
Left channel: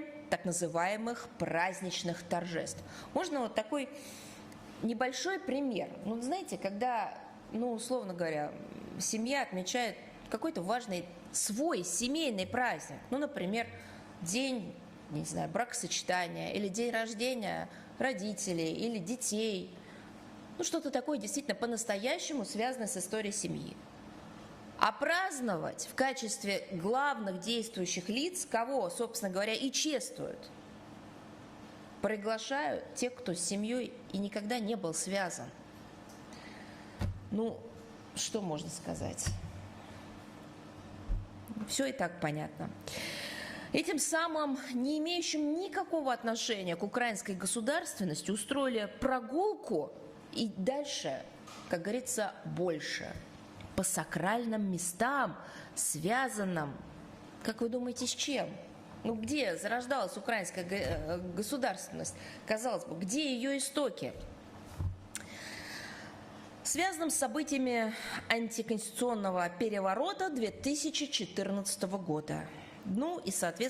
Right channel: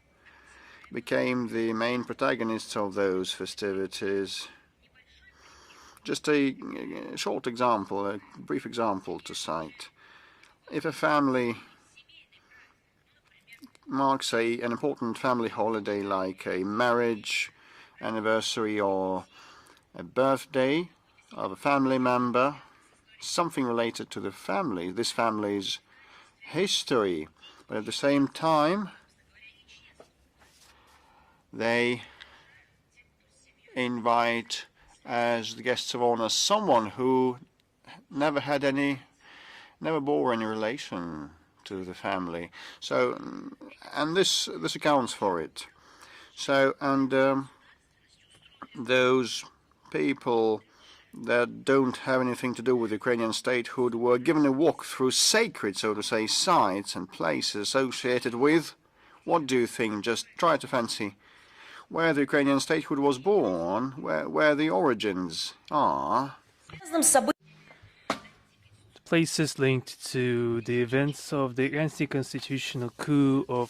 became the main protagonists of those festivities. Just a short example, a brief example to cite. If a family marks an important family holiday like a marriage anniversary or a birthday of a family member, something related to the family, this family's history, but at the same time they invite as the guests of honor someone who never bore any relation to the family. So, and this accounts for it. So, and those people that don't have anything to do with Ukrainian statehood were given a walk through sacred, so to say, sites and places associated with, what do you think? Just try to fancy where the Ukrainian statehood was born, where the origins are. Places linked to the events of the anti-constitutional coup of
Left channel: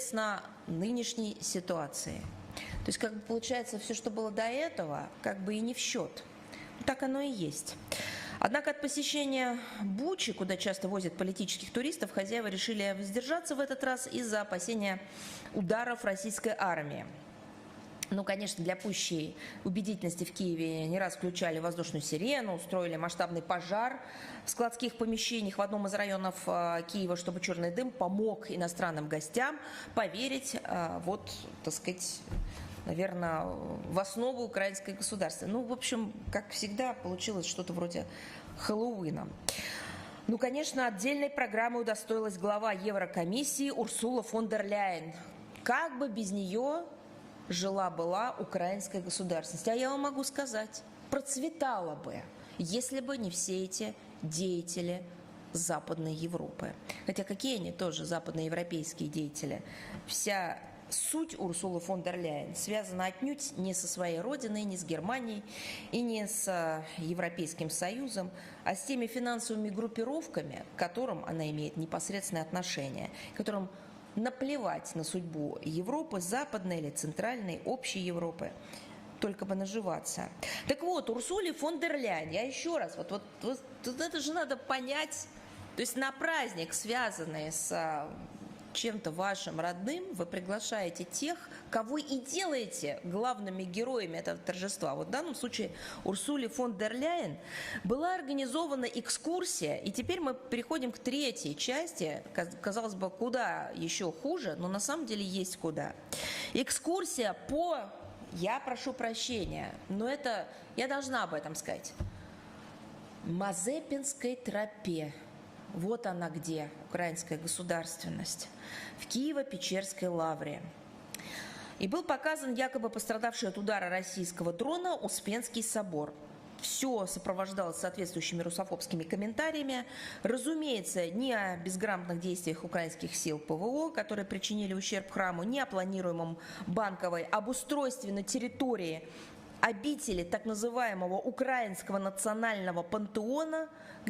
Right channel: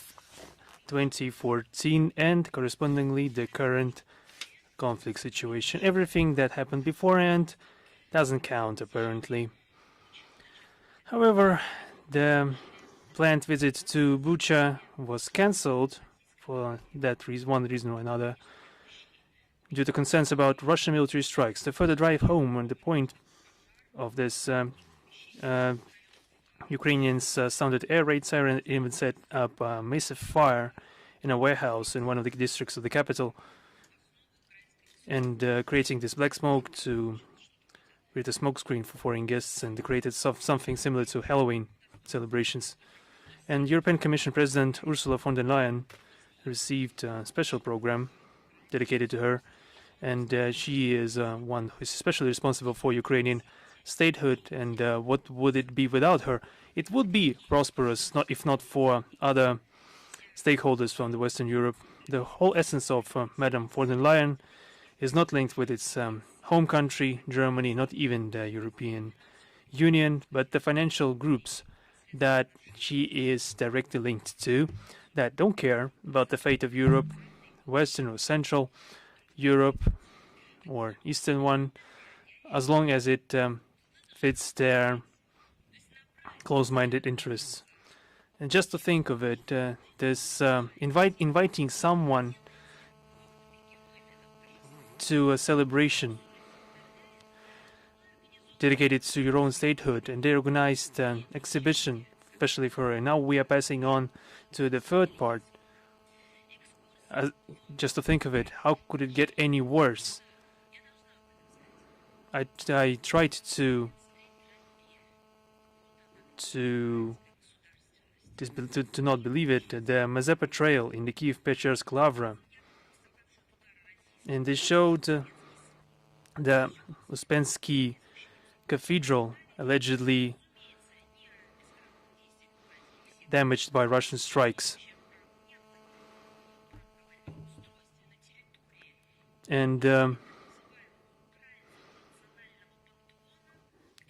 2014 and correspondingly the current conflict situation. Everything that happened beforehand doesn't count, apparently. However, the planned visit to Bucha was cancelled for one reason or another, due to concerns about Russian military strikes. The further drive home on the point of this, Ukrainians sounded air raid siren and set up a massive fire in a warehouse in one of the districts of the capital, and creating this black smoke to create a smoke screen for foreign guests, and created something similar to Halloween celebrations. And European Commission President Ursula von der Leyen received a special program dedicated to her, and she is one especially responsible for Ukrainian statehood. And what would it be without her? It would be prosperous, if not for other stakeholders from the Western Europe. The whole essence of Madame von der Leyen is not linked with its home country, Germany, not even the European Union, but the financial groups that she is directly linked to, that don't care about the fate of Europe, Western or Central Europe, or Eastern one, as long as it fits their close-minded interests. And just to think of it, this inviting someone to a celebration dedicated to your own statehood, and they organized an exhibition, especially for her. Now we are passing on to the third part. Just to think of it, how could it get any worse? I tried to not believe it, the Mazepa Trail in the Kiev-Pечерsk Lavra, and they showed the Uspensky Cathedral, allegedly damaged by Russian strikes. And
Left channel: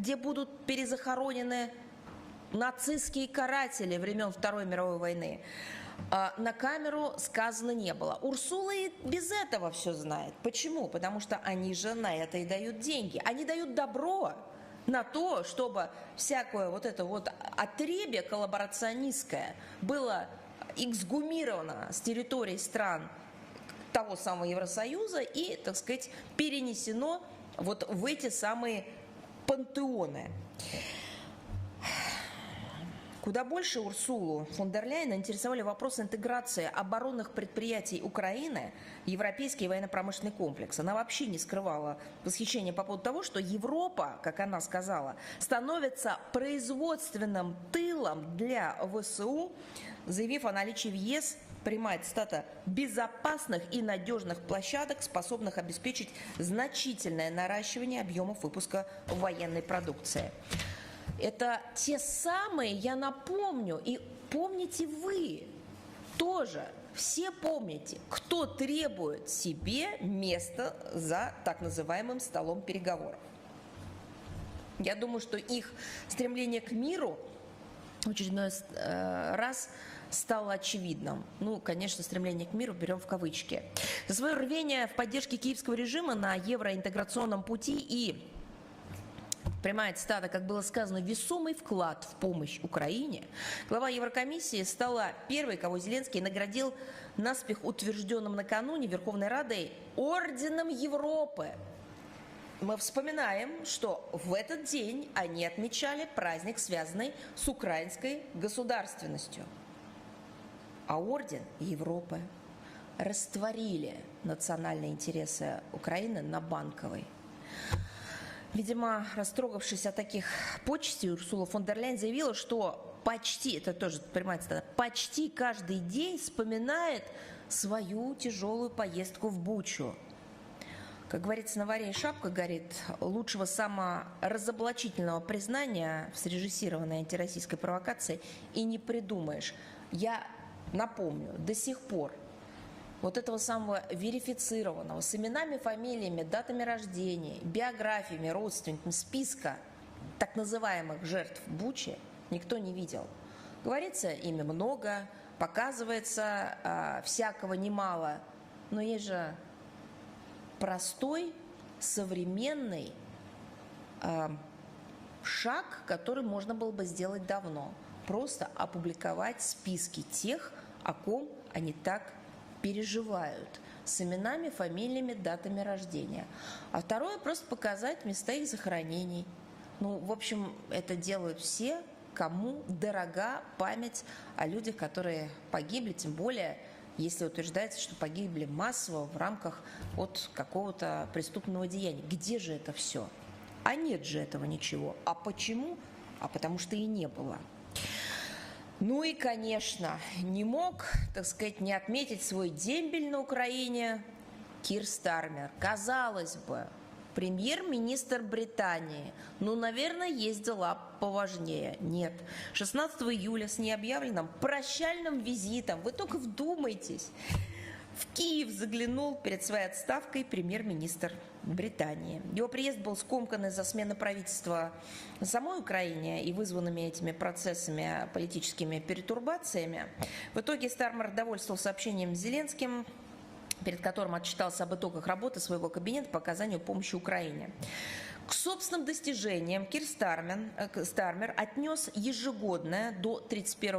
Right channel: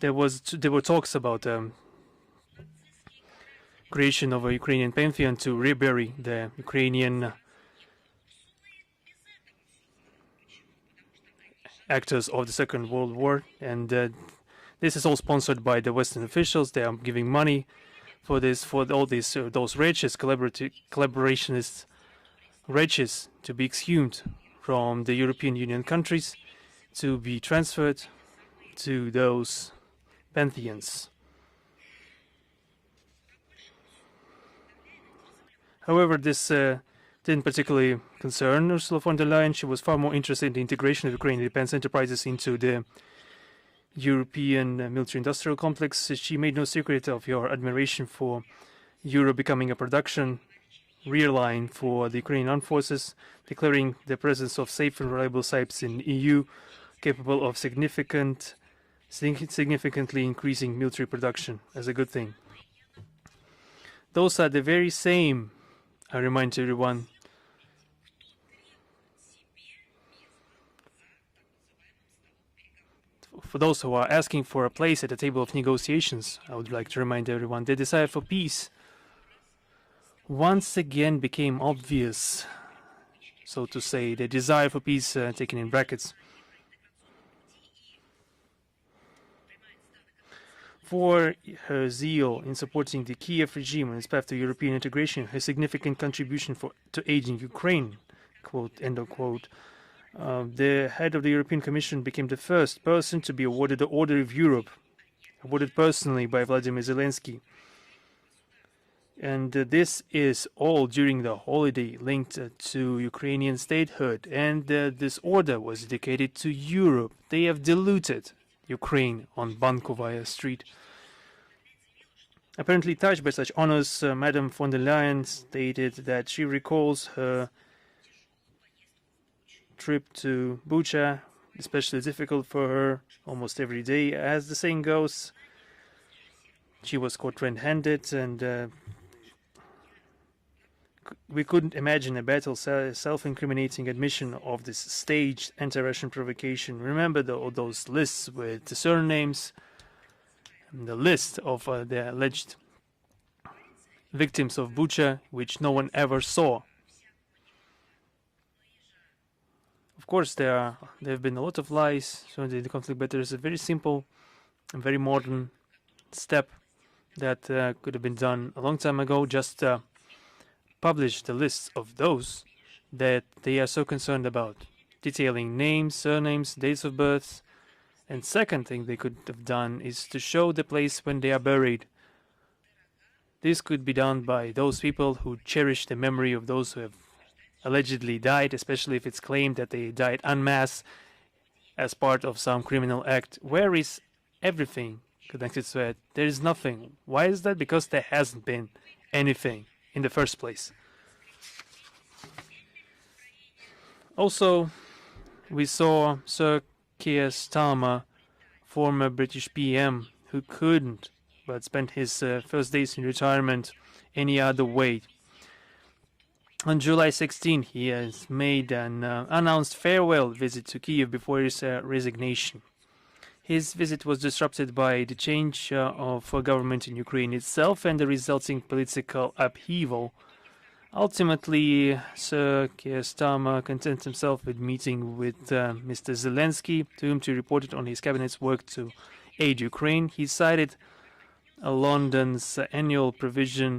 there were talks about creation of a Ukrainian pantheon to rebury the Ukrainian actors of the Second World War, and this is all sponsored by the Western officials. They are giving money for this, for all these those wretches, collaborationist wretches, to be exhumed from the European Union countries, to be transferred to those pantheons. However, this didn't particularly concern Ursula von der Leyen. She was far more interested in the integration of Ukrainian defense enterprises into the European military-industrial complex. She made no secret of her admiration for Europe becoming a production rear line for the Ukrainian armed forces, declaring the presence of safe and reliable sites in EU capable of significantly increasing military production as a good thing. Those are the very same, I remind everyone, for those who are asking for a place at the table of negotiations. I would like to remind everyone, they desire for peace once again became obvious, so to say, the desire for peace taken in brackets. For her zeal in supporting the Kiev regime on its path to European integration, her significant contribution to aiding Ukraine, quote, end of quote, the head of the European Commission became the first person to be awarded the Order of Europe, awarded personally by Vladimir Zelensky. And this is all during the holiday linked to Ukrainian statehood. And this order was dedicated to Europe. They have diluted Ukraine on Bankovaya Street. Apparently touched by such honors, Madame von der Leyen stated that she recalls her trip to Bucha, especially difficult for her almost every day. As the saying goes, she was caught red-handed, and we couldn't imagine a battle self-incriminating admission of this staged anti-Russian provocation. Remember those lists with the surnames and the list of the alleged victims of Bucha, which no one ever saw. Of course, there have been a lot of lies surrounding the conflict, but there's a very simple and very modern step that could have been done a long time ago. Just publish the list of those that they are so concerned about, detailing names, surnames, dates of birth. And second thing they could have done is to show the place when they are buried. This could be done by those people who cherish the memory of those who have allegedly died, especially if it's claimed that they died en masse as part of some criminal act. Where is everything connected to it? There is nothing. Why is that? Because there hasn't been anything in the first place. Also, we saw Sir Keir Starmer, former British PM, who couldn't but spend his first days in retirement any other way. On July 16, he has made an announced farewell visit to Kiev before his resignation. His visit was disrupted by the change of government in Ukraine itself and the resulting political upheaval. Ultimately, Sir Keir Starmer contented himself with meeting with Mr. Zelensky, to whom he reported on his cabinet's work to aid Ukraine. He cited London's annual provision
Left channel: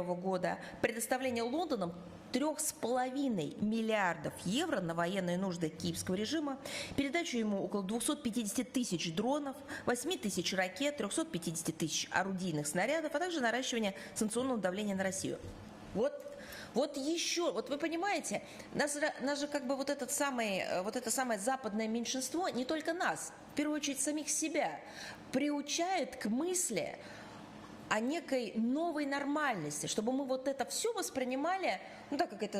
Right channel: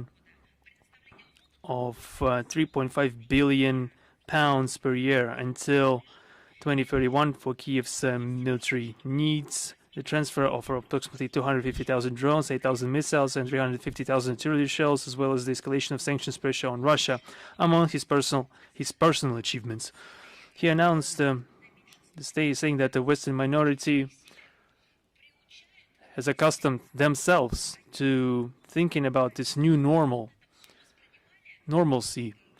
of £3.5 billion per year until 2031 for Kiev's military needs, the transfer of approximately 250,000 drones, 8,000 missiles and 350,000 artillery shells, as well as the escalation of sanctions pressure on Russia, among his personal achievements. He announced saying that the Western minority has accustomed themselves to thinking about this new normalcy,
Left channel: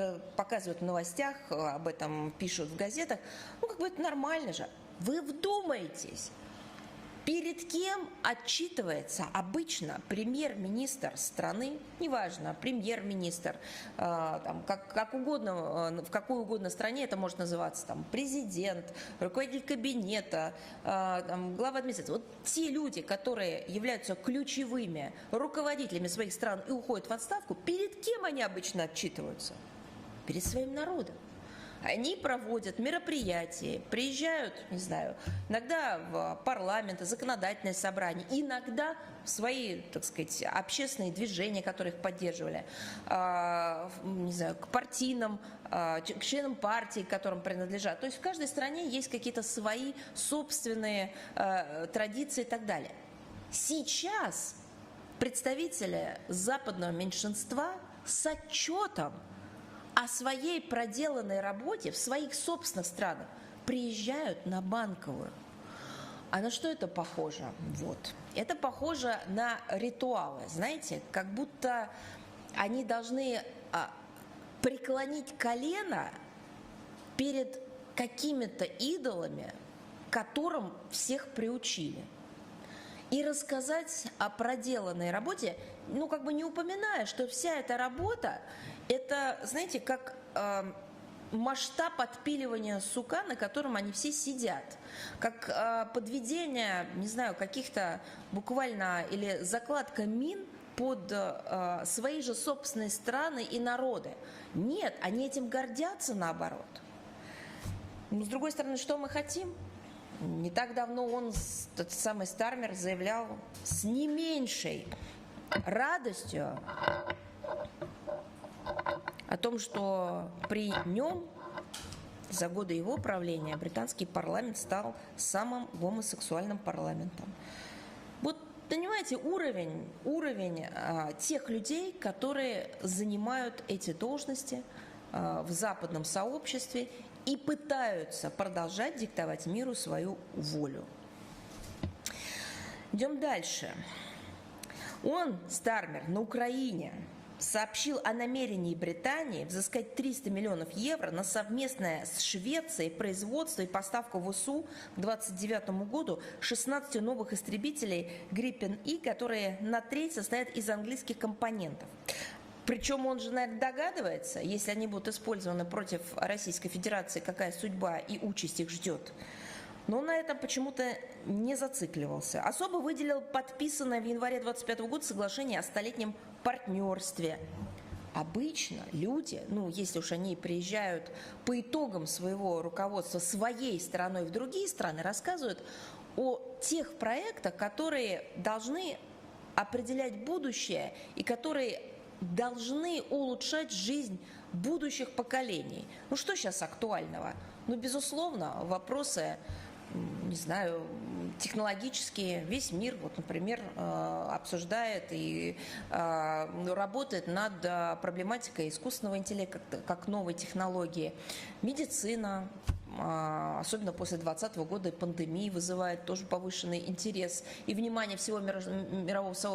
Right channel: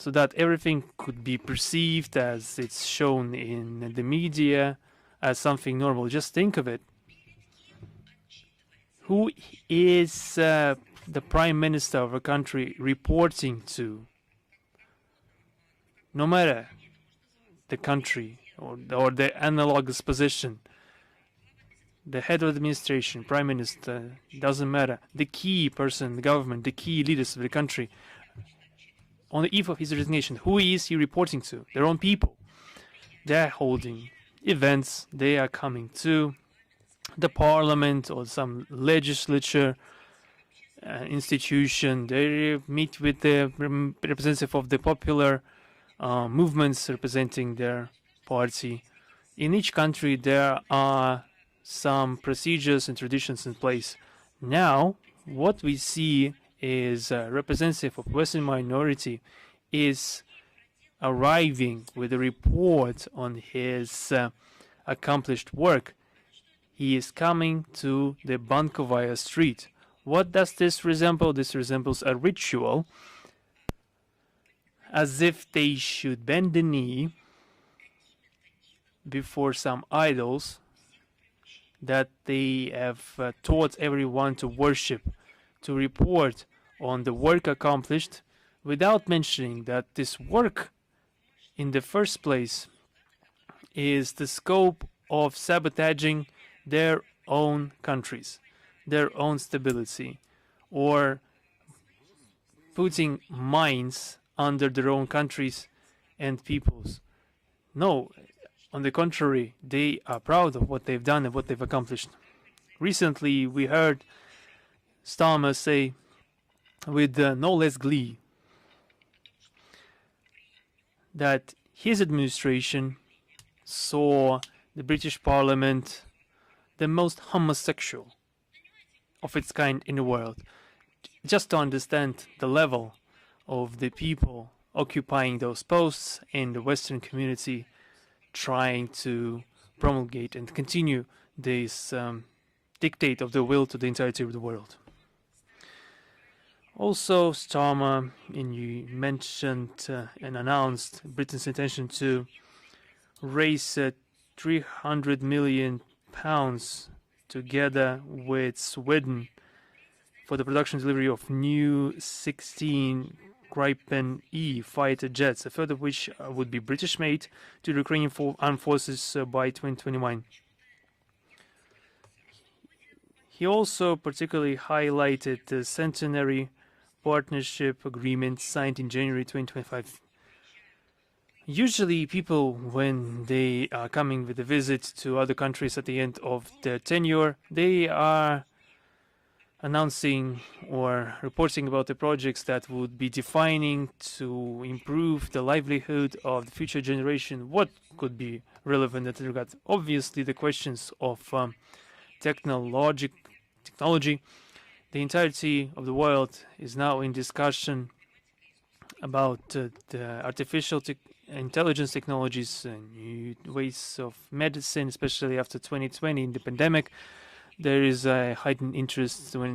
so that everything could be perceived as it's shown in the media as something normal. Just think of it. Who is the Prime Minister of a country reporting to? No matter the country or the analogous position, the head of the administration, Prime Minister, doesn't matter. The key person in the government, the key leaders of the country, on the eve of his resignation, who is he reporting to? Their own people. They're holding events, they are coming to the parliament or some legislature institution. They meet with the representative of the popular movements representing their party. In each country there are some procedures and traditions in place. Now, what we see is a representative of Western minority is arriving with a report on his accomplished work. He is coming to the Bankovaya Street. What does this resemble? This resembles a ritual, as if they should bend the knee before some idols that they have taught everyone to worship, to report on the work accomplished, without mentioning that this work in the first place is the scope of sabotaging their own countries, their own stability. or putting mines under their own countries and peoples. No, on the contrary, they are proud of what they've done and what they've accomplished. Recently, we heard Starmer say with no less glee that his administration saw the British Parliament the most homosexual of its kind in the world. Just to understand the level of the people occupying those posts in the Western community, trying to promulgate and continue this dictate of the will to the entirety of the world. Also, Starmer mentioned and announced Britain's intention to raise £300 million together with Sweden for the production and delivery of new 16 Gripen E fighter jets, a third of which would be British-made, to the Ukrainian armed forces by 2021. He also particularly highlighted the centenary partnership agreement signed in January 2025. Usually people, when they are coming with a visit to other countries at the end of their tenure, they are announcing or reporting about the projects that would be defining to improve the livelihood of the future generation. What could be relevant in that regard? Obviously, the questions of technology, the entirety of the world is now in discussion about the artificial intelligence technologies and ways of medicine, especially after 2020 in the pandemic. There is a heightened interest in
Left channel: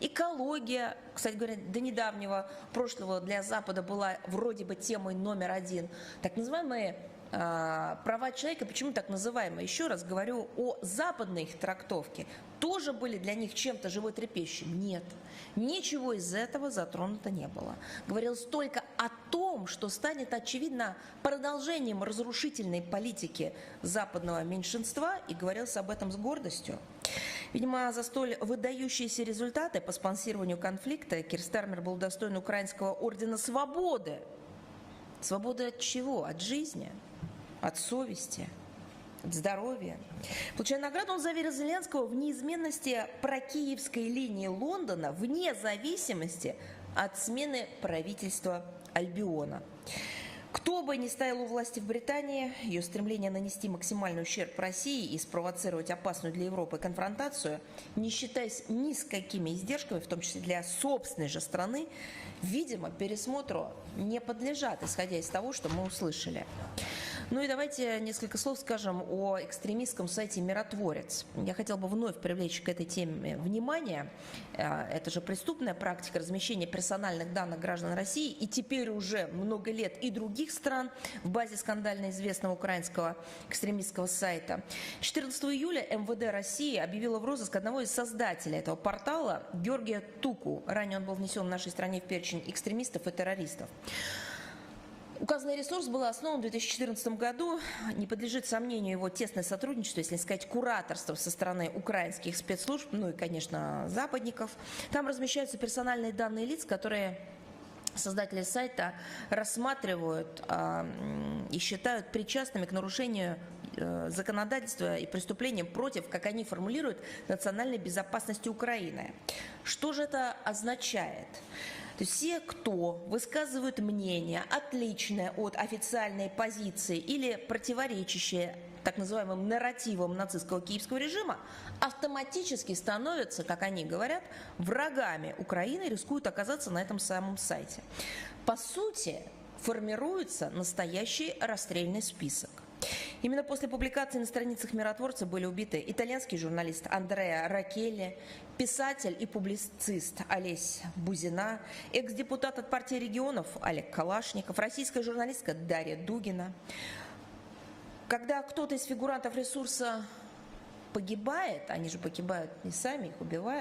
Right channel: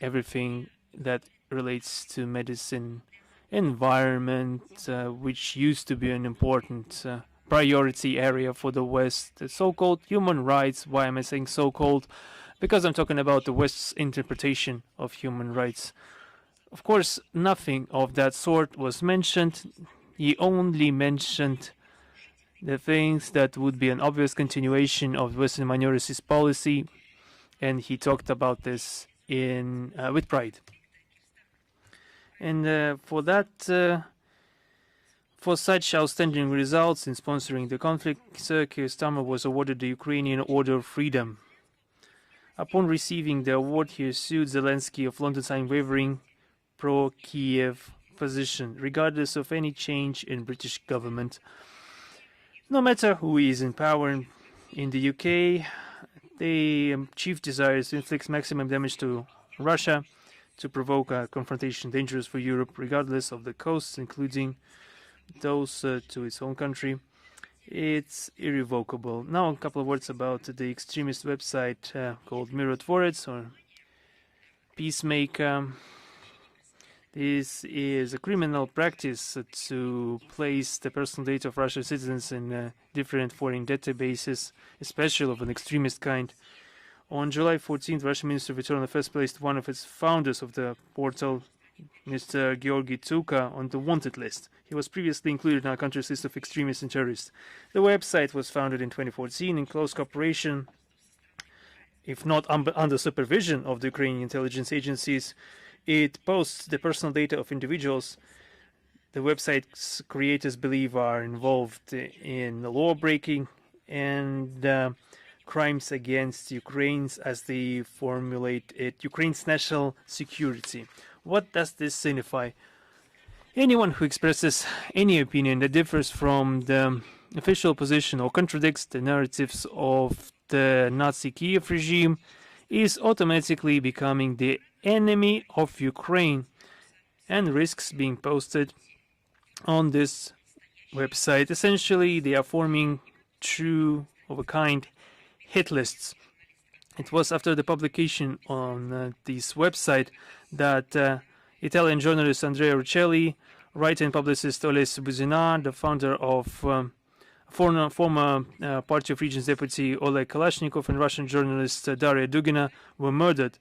everything that relates to medicine, environment, which used to be an important priority area for the West, the so-called human rights. Why am I saying so-called? Because I'm talking about the West's interpretation of human rights. Of course, nothing of that sort was mentioned. He only mentioned the things that would be an obvious continuation of Western minorities policy, and he talked about this with pride. And for such outstanding results in sponsoring the conflict, Keir Starmer was awarded the Ukrainian Order of Freedom. Upon receiving the award, he assured Zelensky of London's unwavering pro-Kiev position, regardless of any change in British government. No matter who is in power in the UK, the chief desires to inflict maximum damage to Russia, to provoke a confrontation dangerous for Europe, regardless of the costs, including those to its own country. It's irrevocable. Now a couple of words about the extremist website called Mirror Tvorets, or Peacemaker. This is a criminal practice to place the personal data of Russian citizens in different foreign databases, especially of an extremist kind. On July 14th, Russian Minister of Internal Affairs placed one of its founders of the portal, Mr. Georgy Tsuka, on the wanted list. He was previously included in our country's list of extremists and terrorists. The website was founded in 2014 in close cooperation, if not under supervision, of the Ukrainian intelligence agencies. It posts the personal data of individuals the website's creators believe are involved in law-breaking and crimes against Ukraine's, as they formulate it, Ukraine's national security. What does this signify? Anyone who expresses any opinion that differs from the official position or contradicts the narratives of the Nazi Kiev regime is automatically becoming the enemy of Ukraine and risks being posted on this website. Essentially, they are forming true of a kind hit lists. It was after the publication on this website that Italian journalist Andrea Uccelli, writer and publicist Oles Buzina, the founder of former Party of Regions deputy Oleg Kalashnikov, and Russian journalist Daria Dugina were murdered.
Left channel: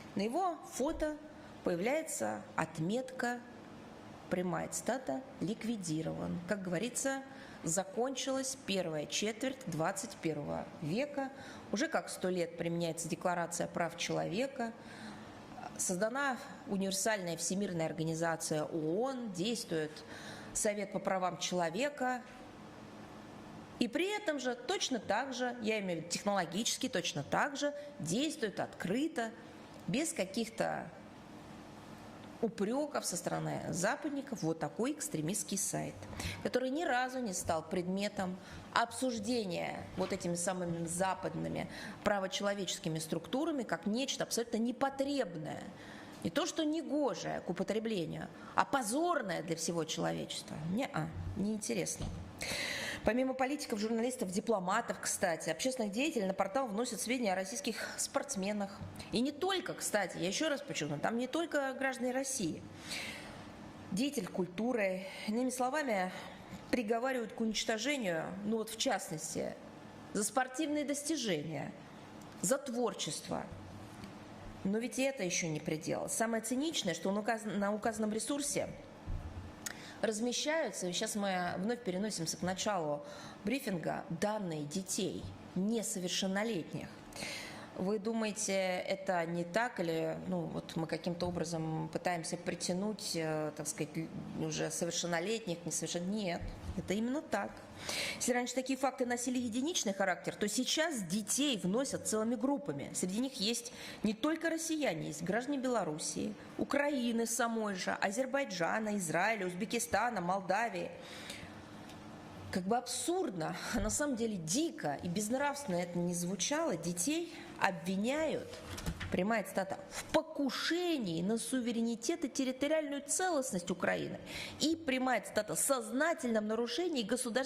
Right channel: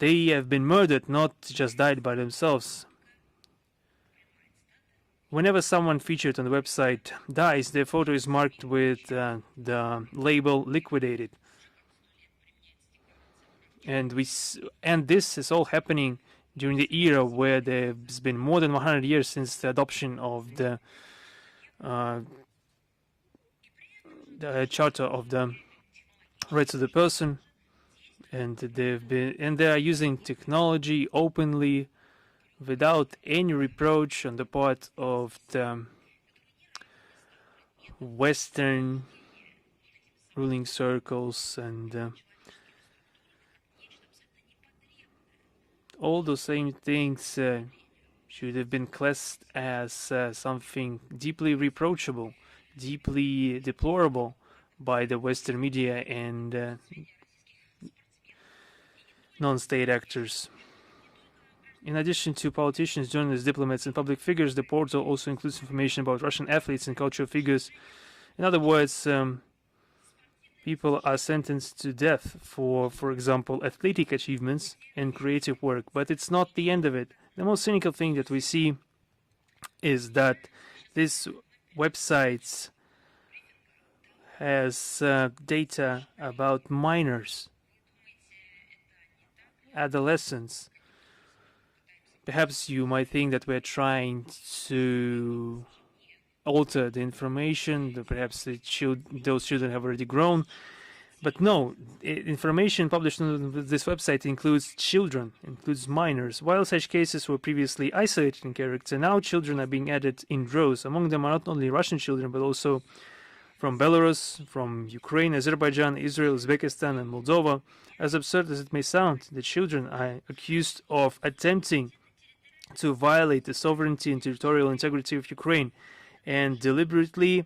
They have been murdered, not just died by themselves. Whenever someone featured on the website dies, their photo is marked with the label liquidated. And this is all happening during the era where there's been more than 100 years since the adoption of the Charter of the Rights of the Person, and they are using technology openly without any reproach on the part of the Western ruling circles, and all those same things should have been classed as something deeply reproachable, deeply deplorable by the Western media and non-state actors. In addition to politicians, journalists, diplomats, and public figures, the portal also includes information about Russian athletes and cultural figures. In other words, people are sentenced to death for example, athletic achievements and creative work, but it's not the end of it. The most cynical thing that we see is that this website has data about minors, adolescents. Perhaps you might think that we're trying to alter the information, that perhaps those children have already grown. But no, information published on this website includes children, includes minors. While such cases were previously isolated in character, now children are being added in droves. Among them are not only Russian children, but also from Belarus, from Ukraine, Azerbaijan, Israel, Uzbekistan, and Moldova. As absurd as it may sound, the children are accused of attempting to violate the sovereignty and territorial integrity of Ukraine and deliberately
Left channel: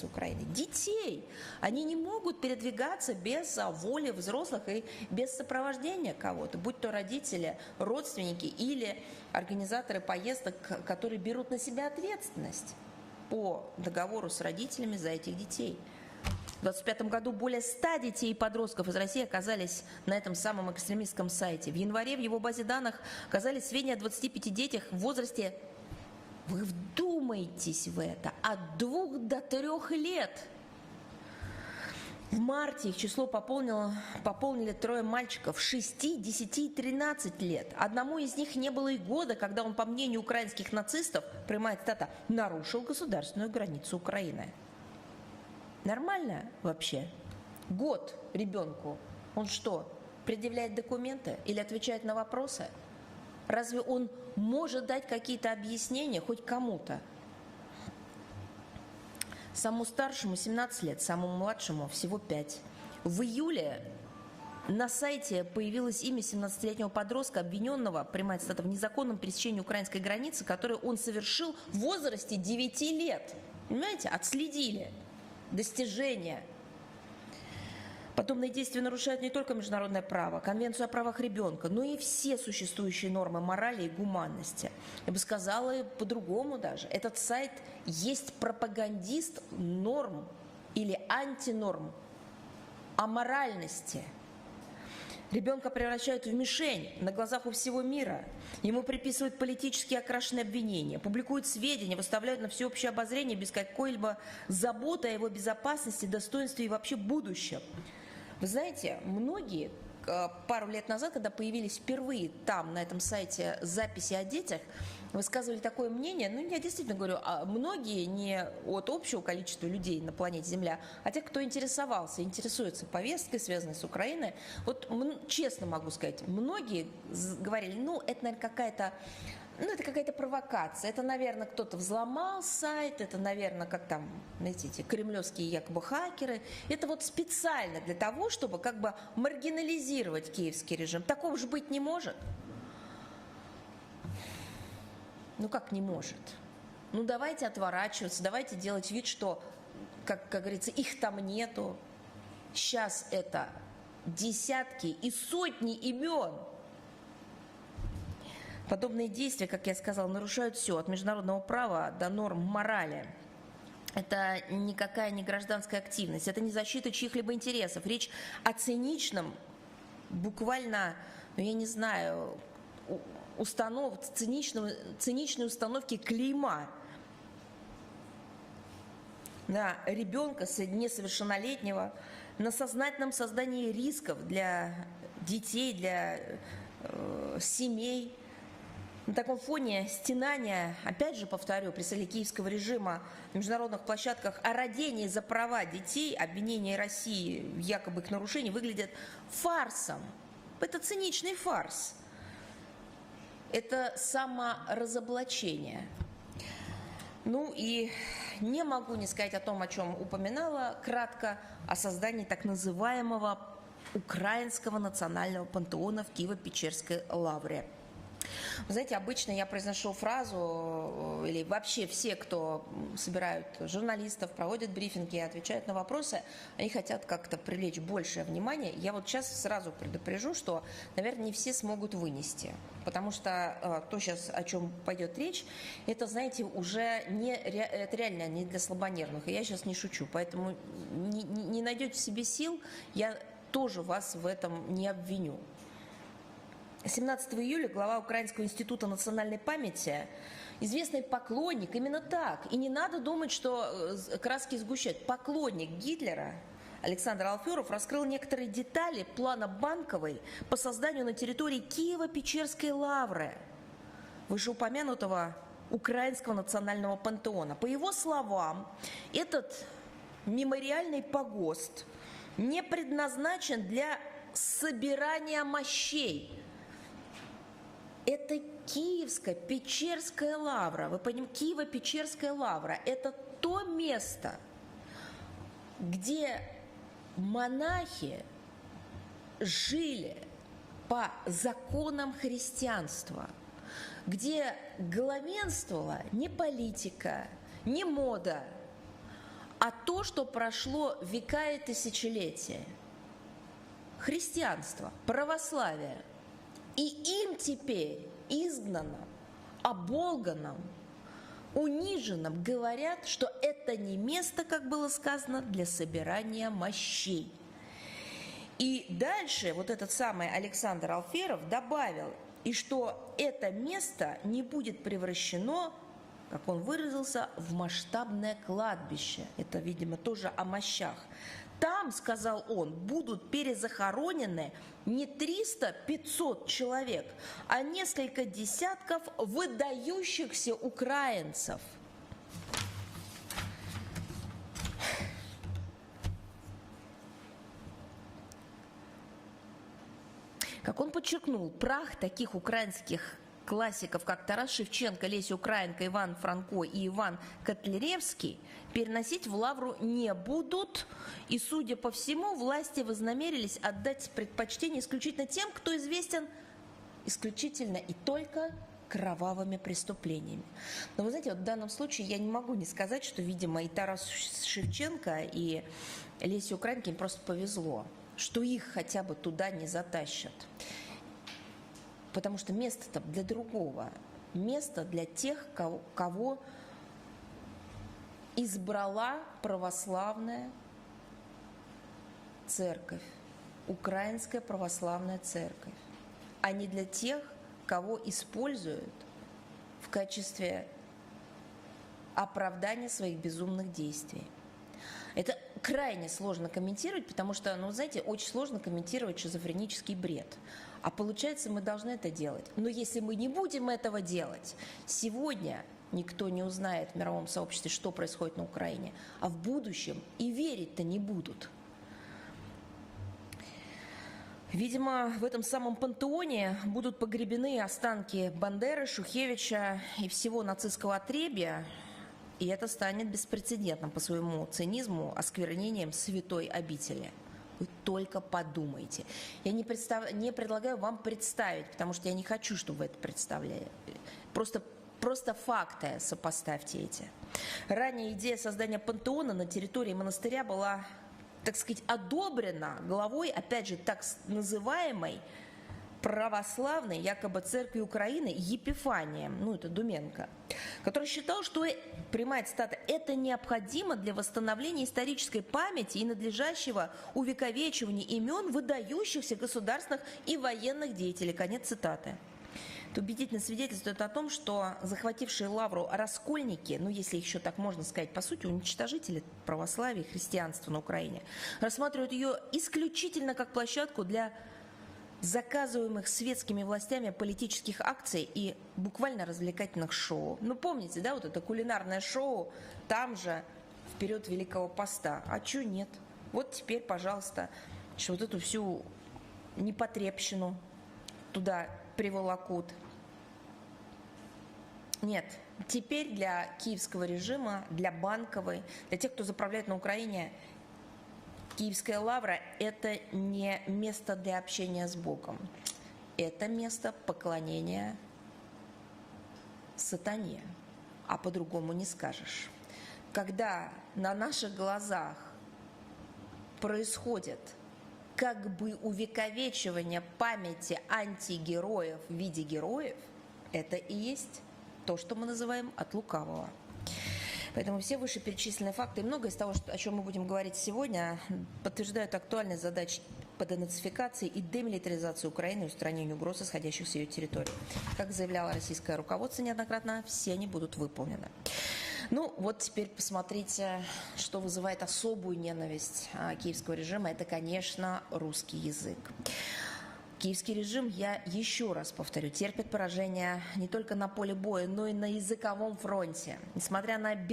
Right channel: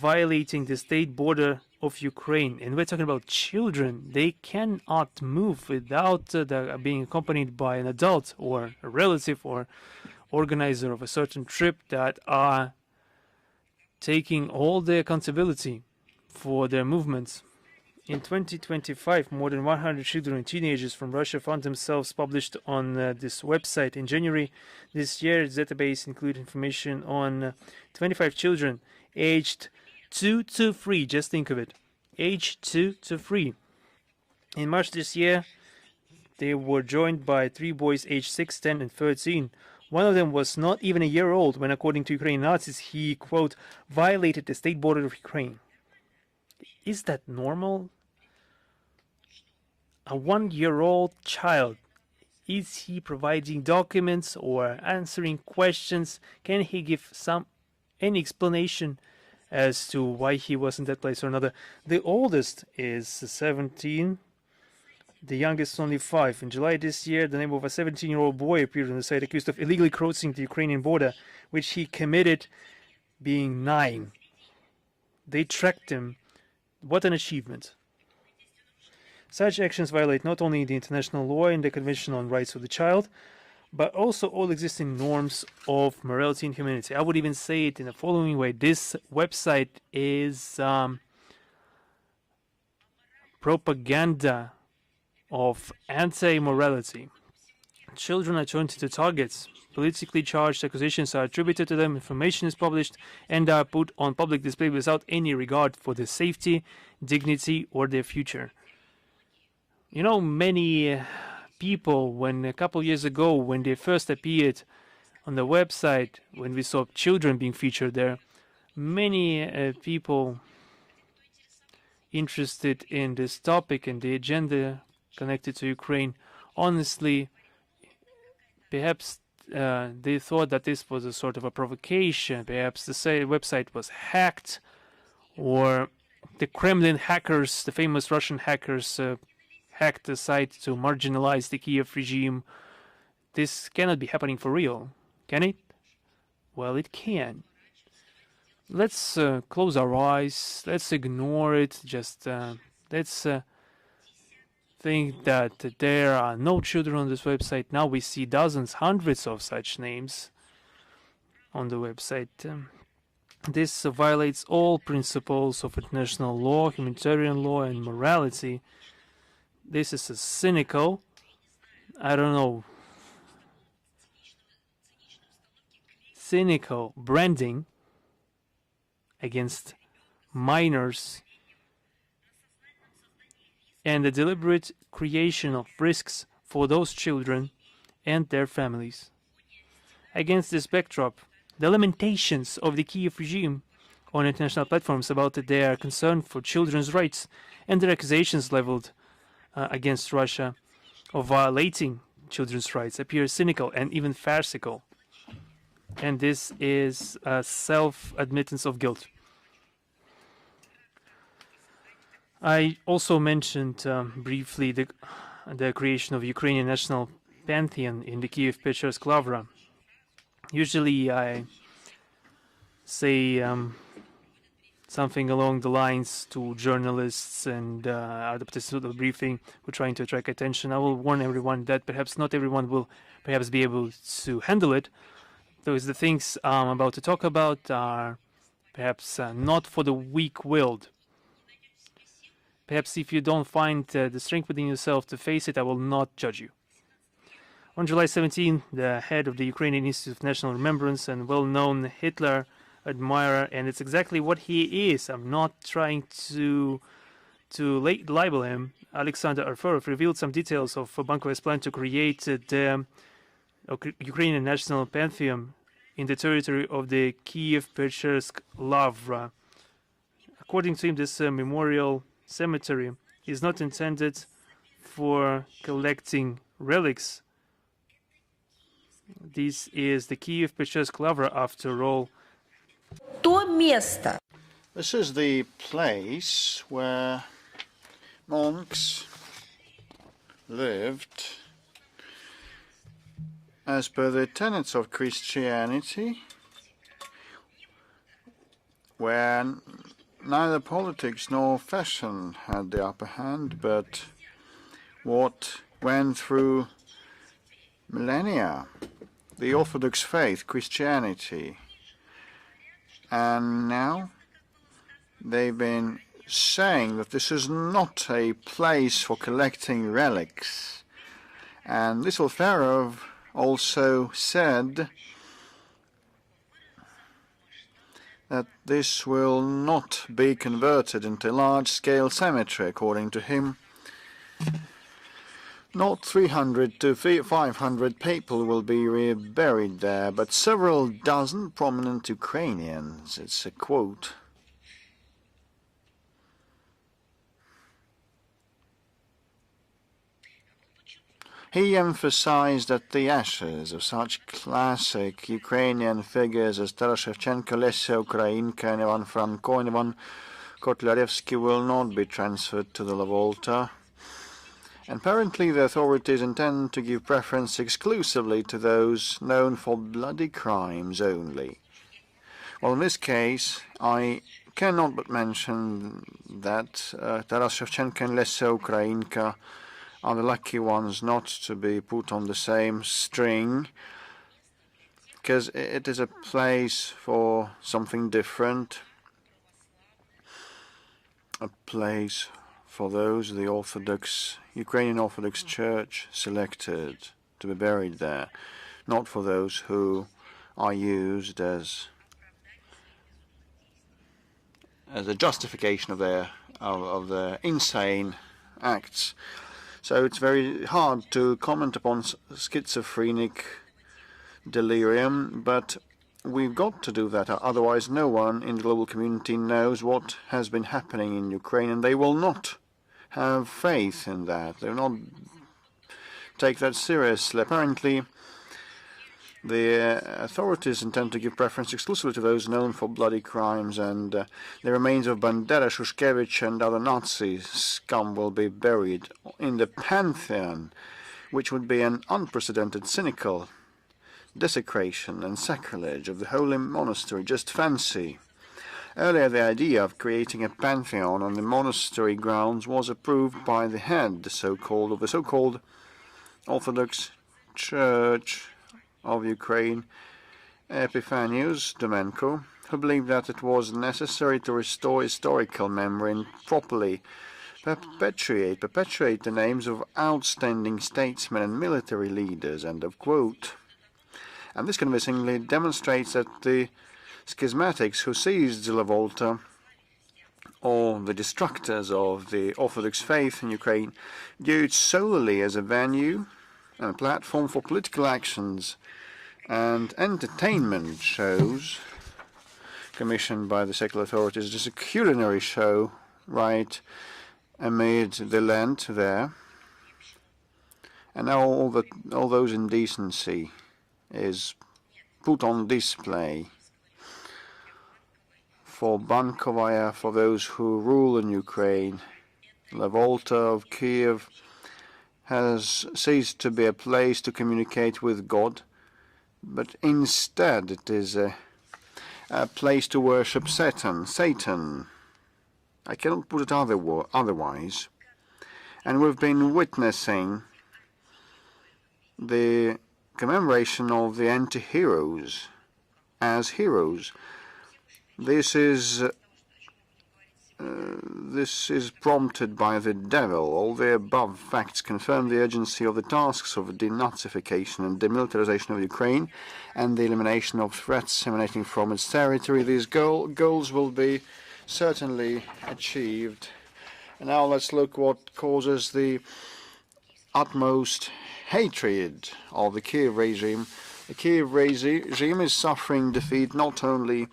violating the state border of Ukraine. And we're talking about children. They cannot move without being accompanied by an adult or a relative or organizer of a certain trip that are taking all the accountability for their movements. In 2025, more than 100 children and teenagers from Russia found themselves published on this website. In January this year, the database included information on 25 children aged 2 to 3, just think of it, aged 2 to 3. In March this year, they were joined by 3 boys aged 6, 10, and 13. One of them was not even a year old when, according to Ukrainian Nazis, he, quote, violated the state border of Ukraine. Is that normal? A 1-year-old child, is he providing documents or answering questions? Can he give any explanation as to why he was in that place or another? The oldest is 17, the youngest only 5. In July this year, the name of a 17-year-old boy appeared on the site accused of illegally crossing the Ukrainian border, which he committed being 9. They tracked him. What an achievement. Such actions violate not only the international law and the Convention on Rights of the Child, but also all existing norms of morality and humanity. I would even say it in the following way. This website is propaganda of anti-morality. Children are turned into targets, politically charged accusations are attributed to them, information is published and are put on public display without any regard for their safety, dignity, or their future. You know, many people, when a couple years ago, when they first appeared on the website, when we saw children being featured there, many people interested in this topic and the agenda connected to Ukraine, honestly, perhaps they thought that this was a sort of a provocation, perhaps the website was hacked, or the Kremlin hackers, the famous Russian hackers, hacked the site to marginalize the Kiev regime. This cannot be happening for real. Can it? Well, it can. Let's close our eyes, let's ignore it, just let's think that there are no children on this website. Now we see dozens, hundreds of such names on the website. This violates all principles of international law, humanitarian law, and morality. This is cynical, I don't know, cynical branding against minors and the deliberate creation of risks for those children and their families. Against this backdrop, the lamentations of the Kiev regime on international platforms about their concern for children's rights and their accusations leveled against Russia of violating children's rights appear cynical and even farcical. And this is a self-admittance of guilt. I also mentioned briefly the creation of Ukrainian national pantheon in the Kiev Pечерsk Lavra. Usually I say something along the lines to journalists and advocates of the briefing who are trying to attract attention. I will warn everyone that perhaps not everyone will perhaps be able to handle it. So the things I'm about to talk about are perhaps not for the weak-willed. Perhaps if you don't find the strength within yourself to face it, I will not judge you. On July 17, the head of the Ukrainian Institute of National Remembrance and well-known Hitler admirer, and it's exactly what he is, I'm not trying to libel him, Alexander Arforov revealed some details of Bankovy's plan to create the Ukrainian National Pantheon in the territory of the Kiev Pечерsk Lavra. According to him, this memorial cemetery is not intended for collecting relics. This is the Kiev Pечерsk Lavra, after all. This is the place where monks lived as per the tenets of Christianity, where neither politics nor fashion had the upper hand, but what went through millennia, the Orthodox faith, Christianity. And now they've been saying that this is not a place for collecting relics. And this Alferov also said that this will not be converted into a large-scale cemetery, according to him. Not 300 to 500 people will be buried there, but several dozen prominent Ukrainians. It's a quote. He emphasized that the ashes of such classic Ukrainian figures as Taras Shevchenko, Lesya Ukrainka, and Ivan Franko and Ivan Kotlяревsky will not be transferred to the Volta. Apparently, the authorities intend to give preference exclusively to those known for bloody crimes only. Well, in this case, I cannot but mention that Taras Shevchenko and Lesya Ukrainka are the lucky ones not to be put on the same string, because it is a place for something different, a place for those the Orthodox, Ukrainian Orthodox Church selected to be buried there, not for those who are used as a justification of their insane acts. So it's very hard to comment upon schizophrenic delirium, but we've got to do that, otherwise no one in the global community knows what has been happening in Ukraine, and they will not have faith in that. They will not take that seriously. Apparently, the authorities intend to give preference exclusively to those known for bloody crimes, and the remains of Bandera, Shushkevich, and other Nazi scum will be buried in the Pantheon, which would be an unprecedented, cynical desecration and sacrilege of the holy monastery. Just fancy. Earlier, the idea of creating a pantheon on the monastery grounds was approved by the head, the so-called Orthodox Church of Ukraine, Epiphanius Domenko, who believed that it was necessary to restore historical memory and properly perpetuate the names of outstanding statesmen and military leaders, end of quote. And this convincingly demonstrates that the schismatics who seized the Volta, or the destructors of the Orthodox faith in Ukraine, view it solely as a venue and a platform for political actions and entertainment shows commissioned by the secular authorities. It is a culinary show right amid the Lent there, and now all those indecency is put on display for Bankovaya, for those who rule in Ukraine. The Volta of Kiev has ceased to be a place to communicate with God, but instead it is a place to worship Satan. I cannot put it otherwise. And we've been witnessing the commemoration of the anti-heroes as heroes. This is prompted by the devil. All the above facts confirm the urgency of the tasks of denazification and demilitarization of Ukraine and the elimination of threats emanating from its territory. These goals will be certainly achieved. Now let's look what causes the utmost hatred of the Kiev regime. The Kiev regime is suffering defeat not only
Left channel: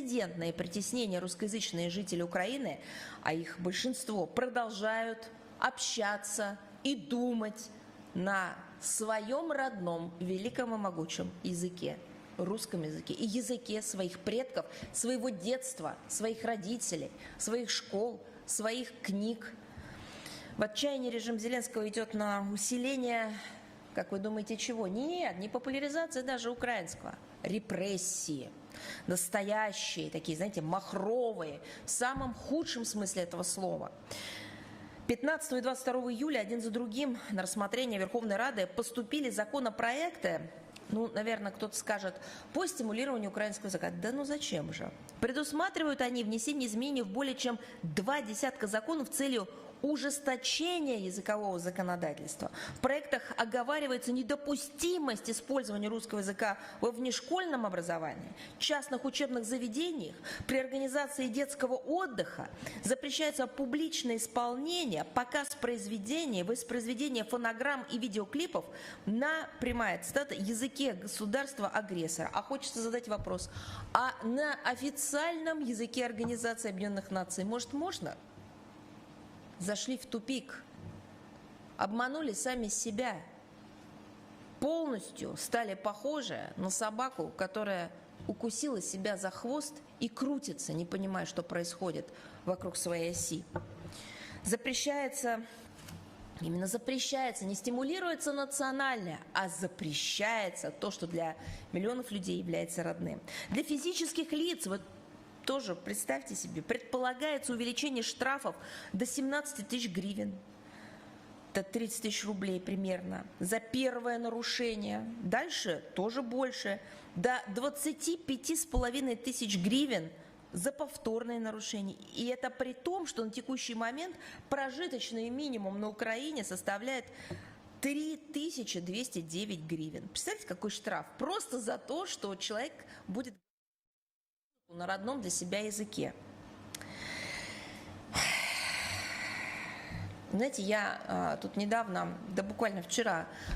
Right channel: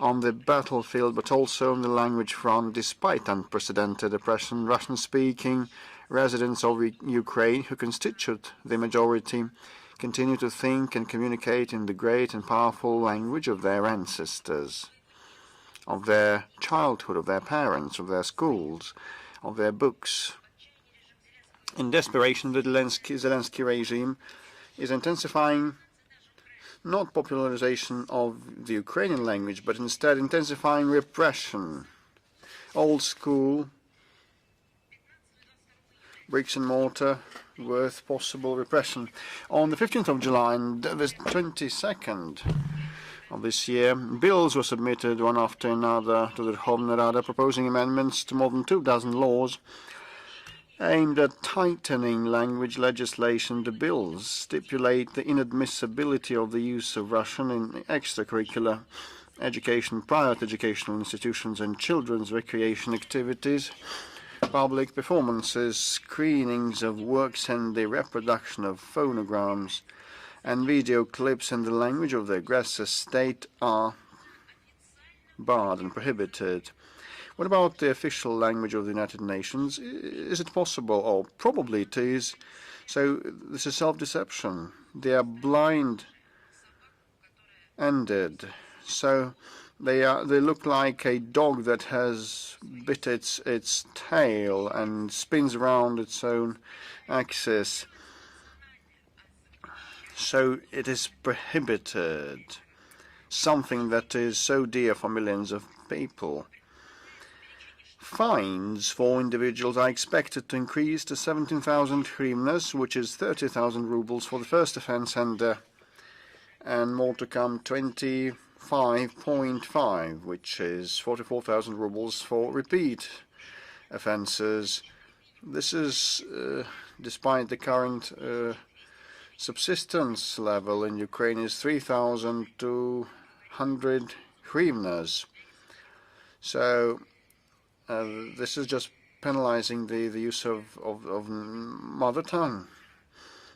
on the battlefield but also on the language front, despite unprecedented oppression. Russian-speaking residents of Ukraine, who constitute the majority, continue to think and communicate in the great and powerful language of their ancestors, of their childhood, of their parents, of their schools, of their books. In desperation, the Zelensky regime is intensifying not popularization of the Ukrainian language, but instead intensifying repression, old school, bricks and mortar with possible repression. On the 15th of July and the 22nd of this year, bills were submitted one after another to the Verkhovna Rada, proposing amendments to more than 2,000 laws aimed at tightening language legislation. The bills stipulate the inadmissibility of the use of Russian in extracurricular education, private educational institutions and children's recreation activities, public performances, screenings of works and the reproduction of phonograms and video clips in the language of the aggressor state are barred and prohibited. What about the official language of the United Nations? Is it possible? Oh, probably it is. So this is self-deception. They are blind-ended. So they look like a dog that has bit its tail and spins around its own axis. So it is prohibited, something that is so dear for millions of people. Fines for individuals are expected to increase to 17,000 hryvnias, which is 30,000 rubles for the first offense, and more to come, 25.5, which is 44,000 rubles for repeat offenses. This is despite the current subsistence level in Ukraine is 3,200 hryvnias. So this is just penalizing the use of mother tongue.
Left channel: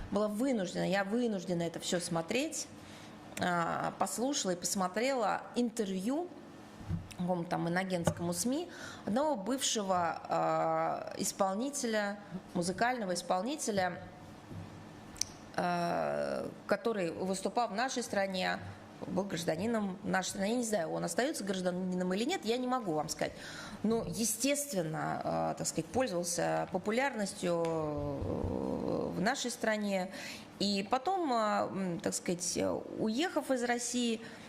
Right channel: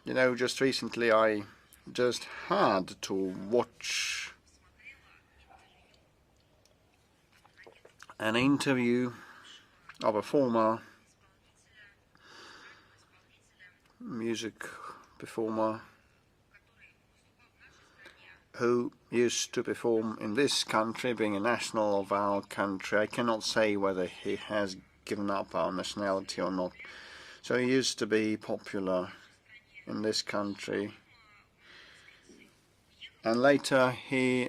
You know, just recently I just had to watch an interview of a former music performer who used to perform in this country, being a national of our country. I cannot say whether he has given up our nationality or not. So he used to be popular in this country. And later he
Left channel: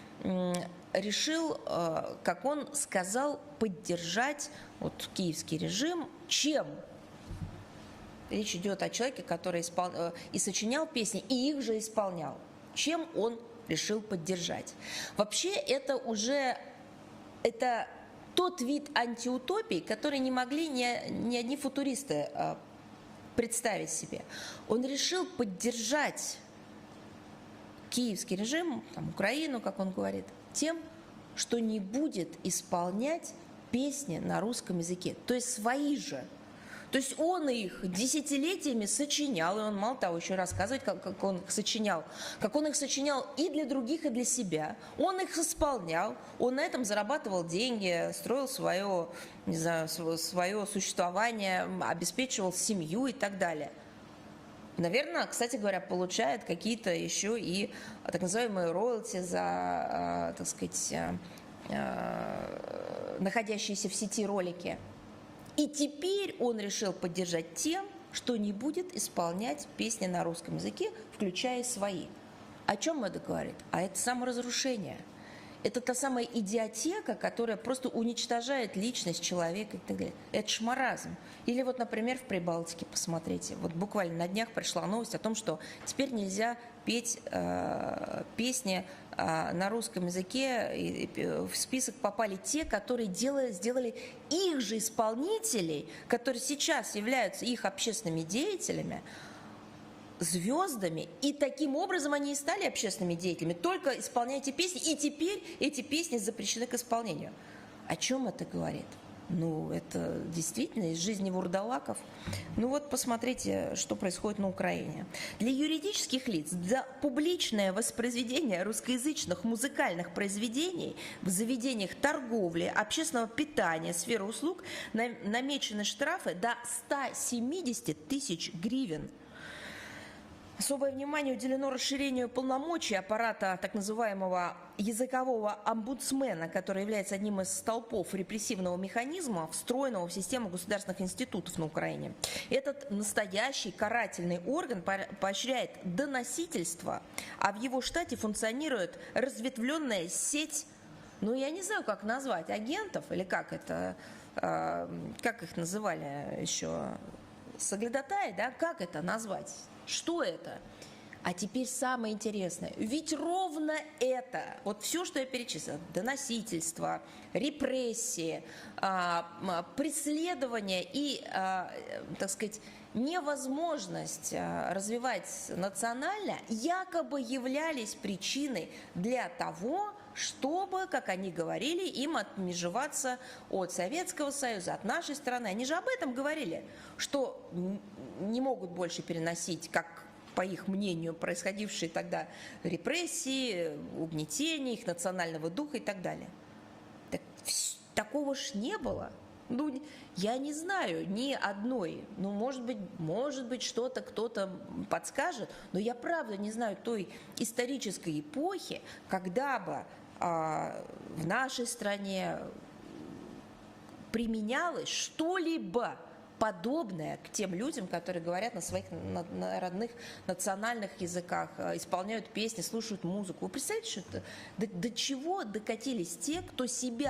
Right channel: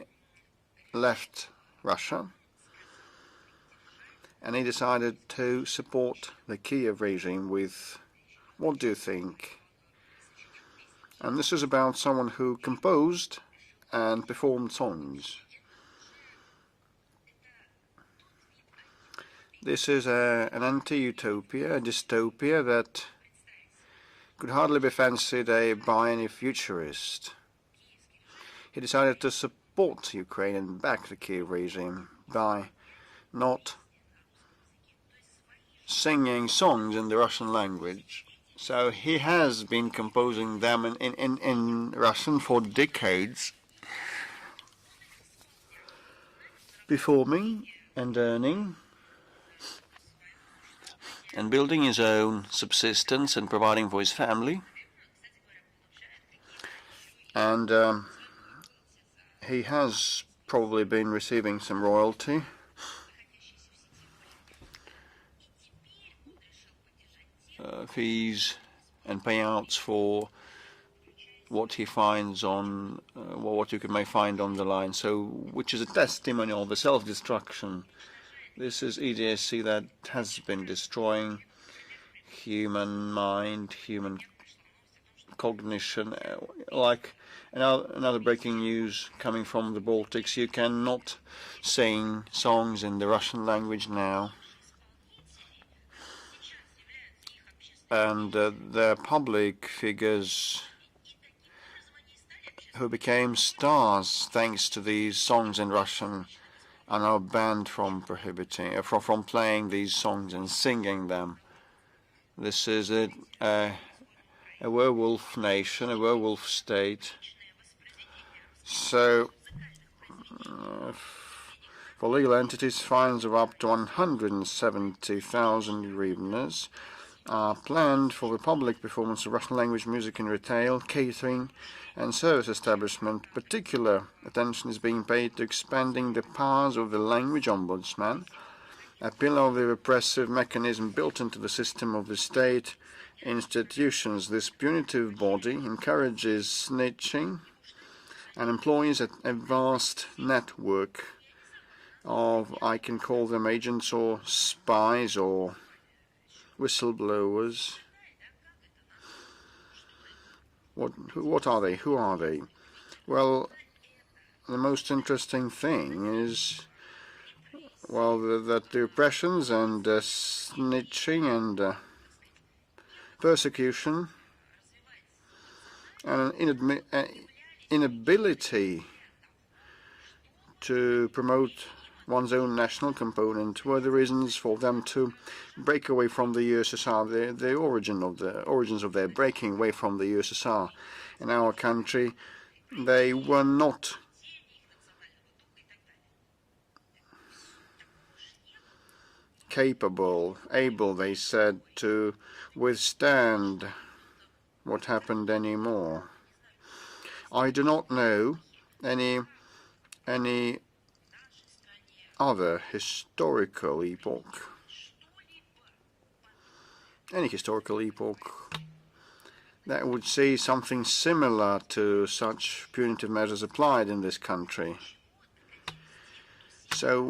left Russia, and he decided to support the Kiev regime with What do you think? And this is about someone who composed and performed songs. This is an anti-utopia, a dystopia that could hardly be fancied by any futurist. He decided to support Ukraine and back the Kiev regime by not singing songs in the Russian language. So he has been composing them in Russian for decades, performing and earning, and building his own subsistence and providing for his family. And he has probably been receiving some royalty. Fees and payouts for what he finds on, or what you may find on the line, so which is a testimony of the self-destruction. This is EDSC that has been destroying human mind, human cognition. Like another breaking news coming from the Baltics, you cannot sing songs in the Russian language now. And the public figures who became stars thanks to these songs in Russian are now banned from playing these songs and singing them. This is a werewolf nation, a werewolf state. So, for legal entities, fines of up to 170,000 hryvnias are planned for the public performance of Russian language music in retail, catering and service establishment. Particular attention is being paid to expanding the powers of the language ombudsman, a pillar of the repressive mechanism built into the system of the state institutions. This punitive body encourages snitching and employs a vast network of, I can call them agents or spies or whistleblowers. What are they? Who are they? Well, the most interesting thing is, well, that the repressions and snitching and persecution and inability to promote one's own national component were the reasons for them to break away from the USSR, the origins of their breaking away from the USSR. In our country, they were not capable, able, they said, to witstand what happened anymore. I do not know any other historical epoch, any historical epoch that would see something similar to such punitive measures applied in this country. So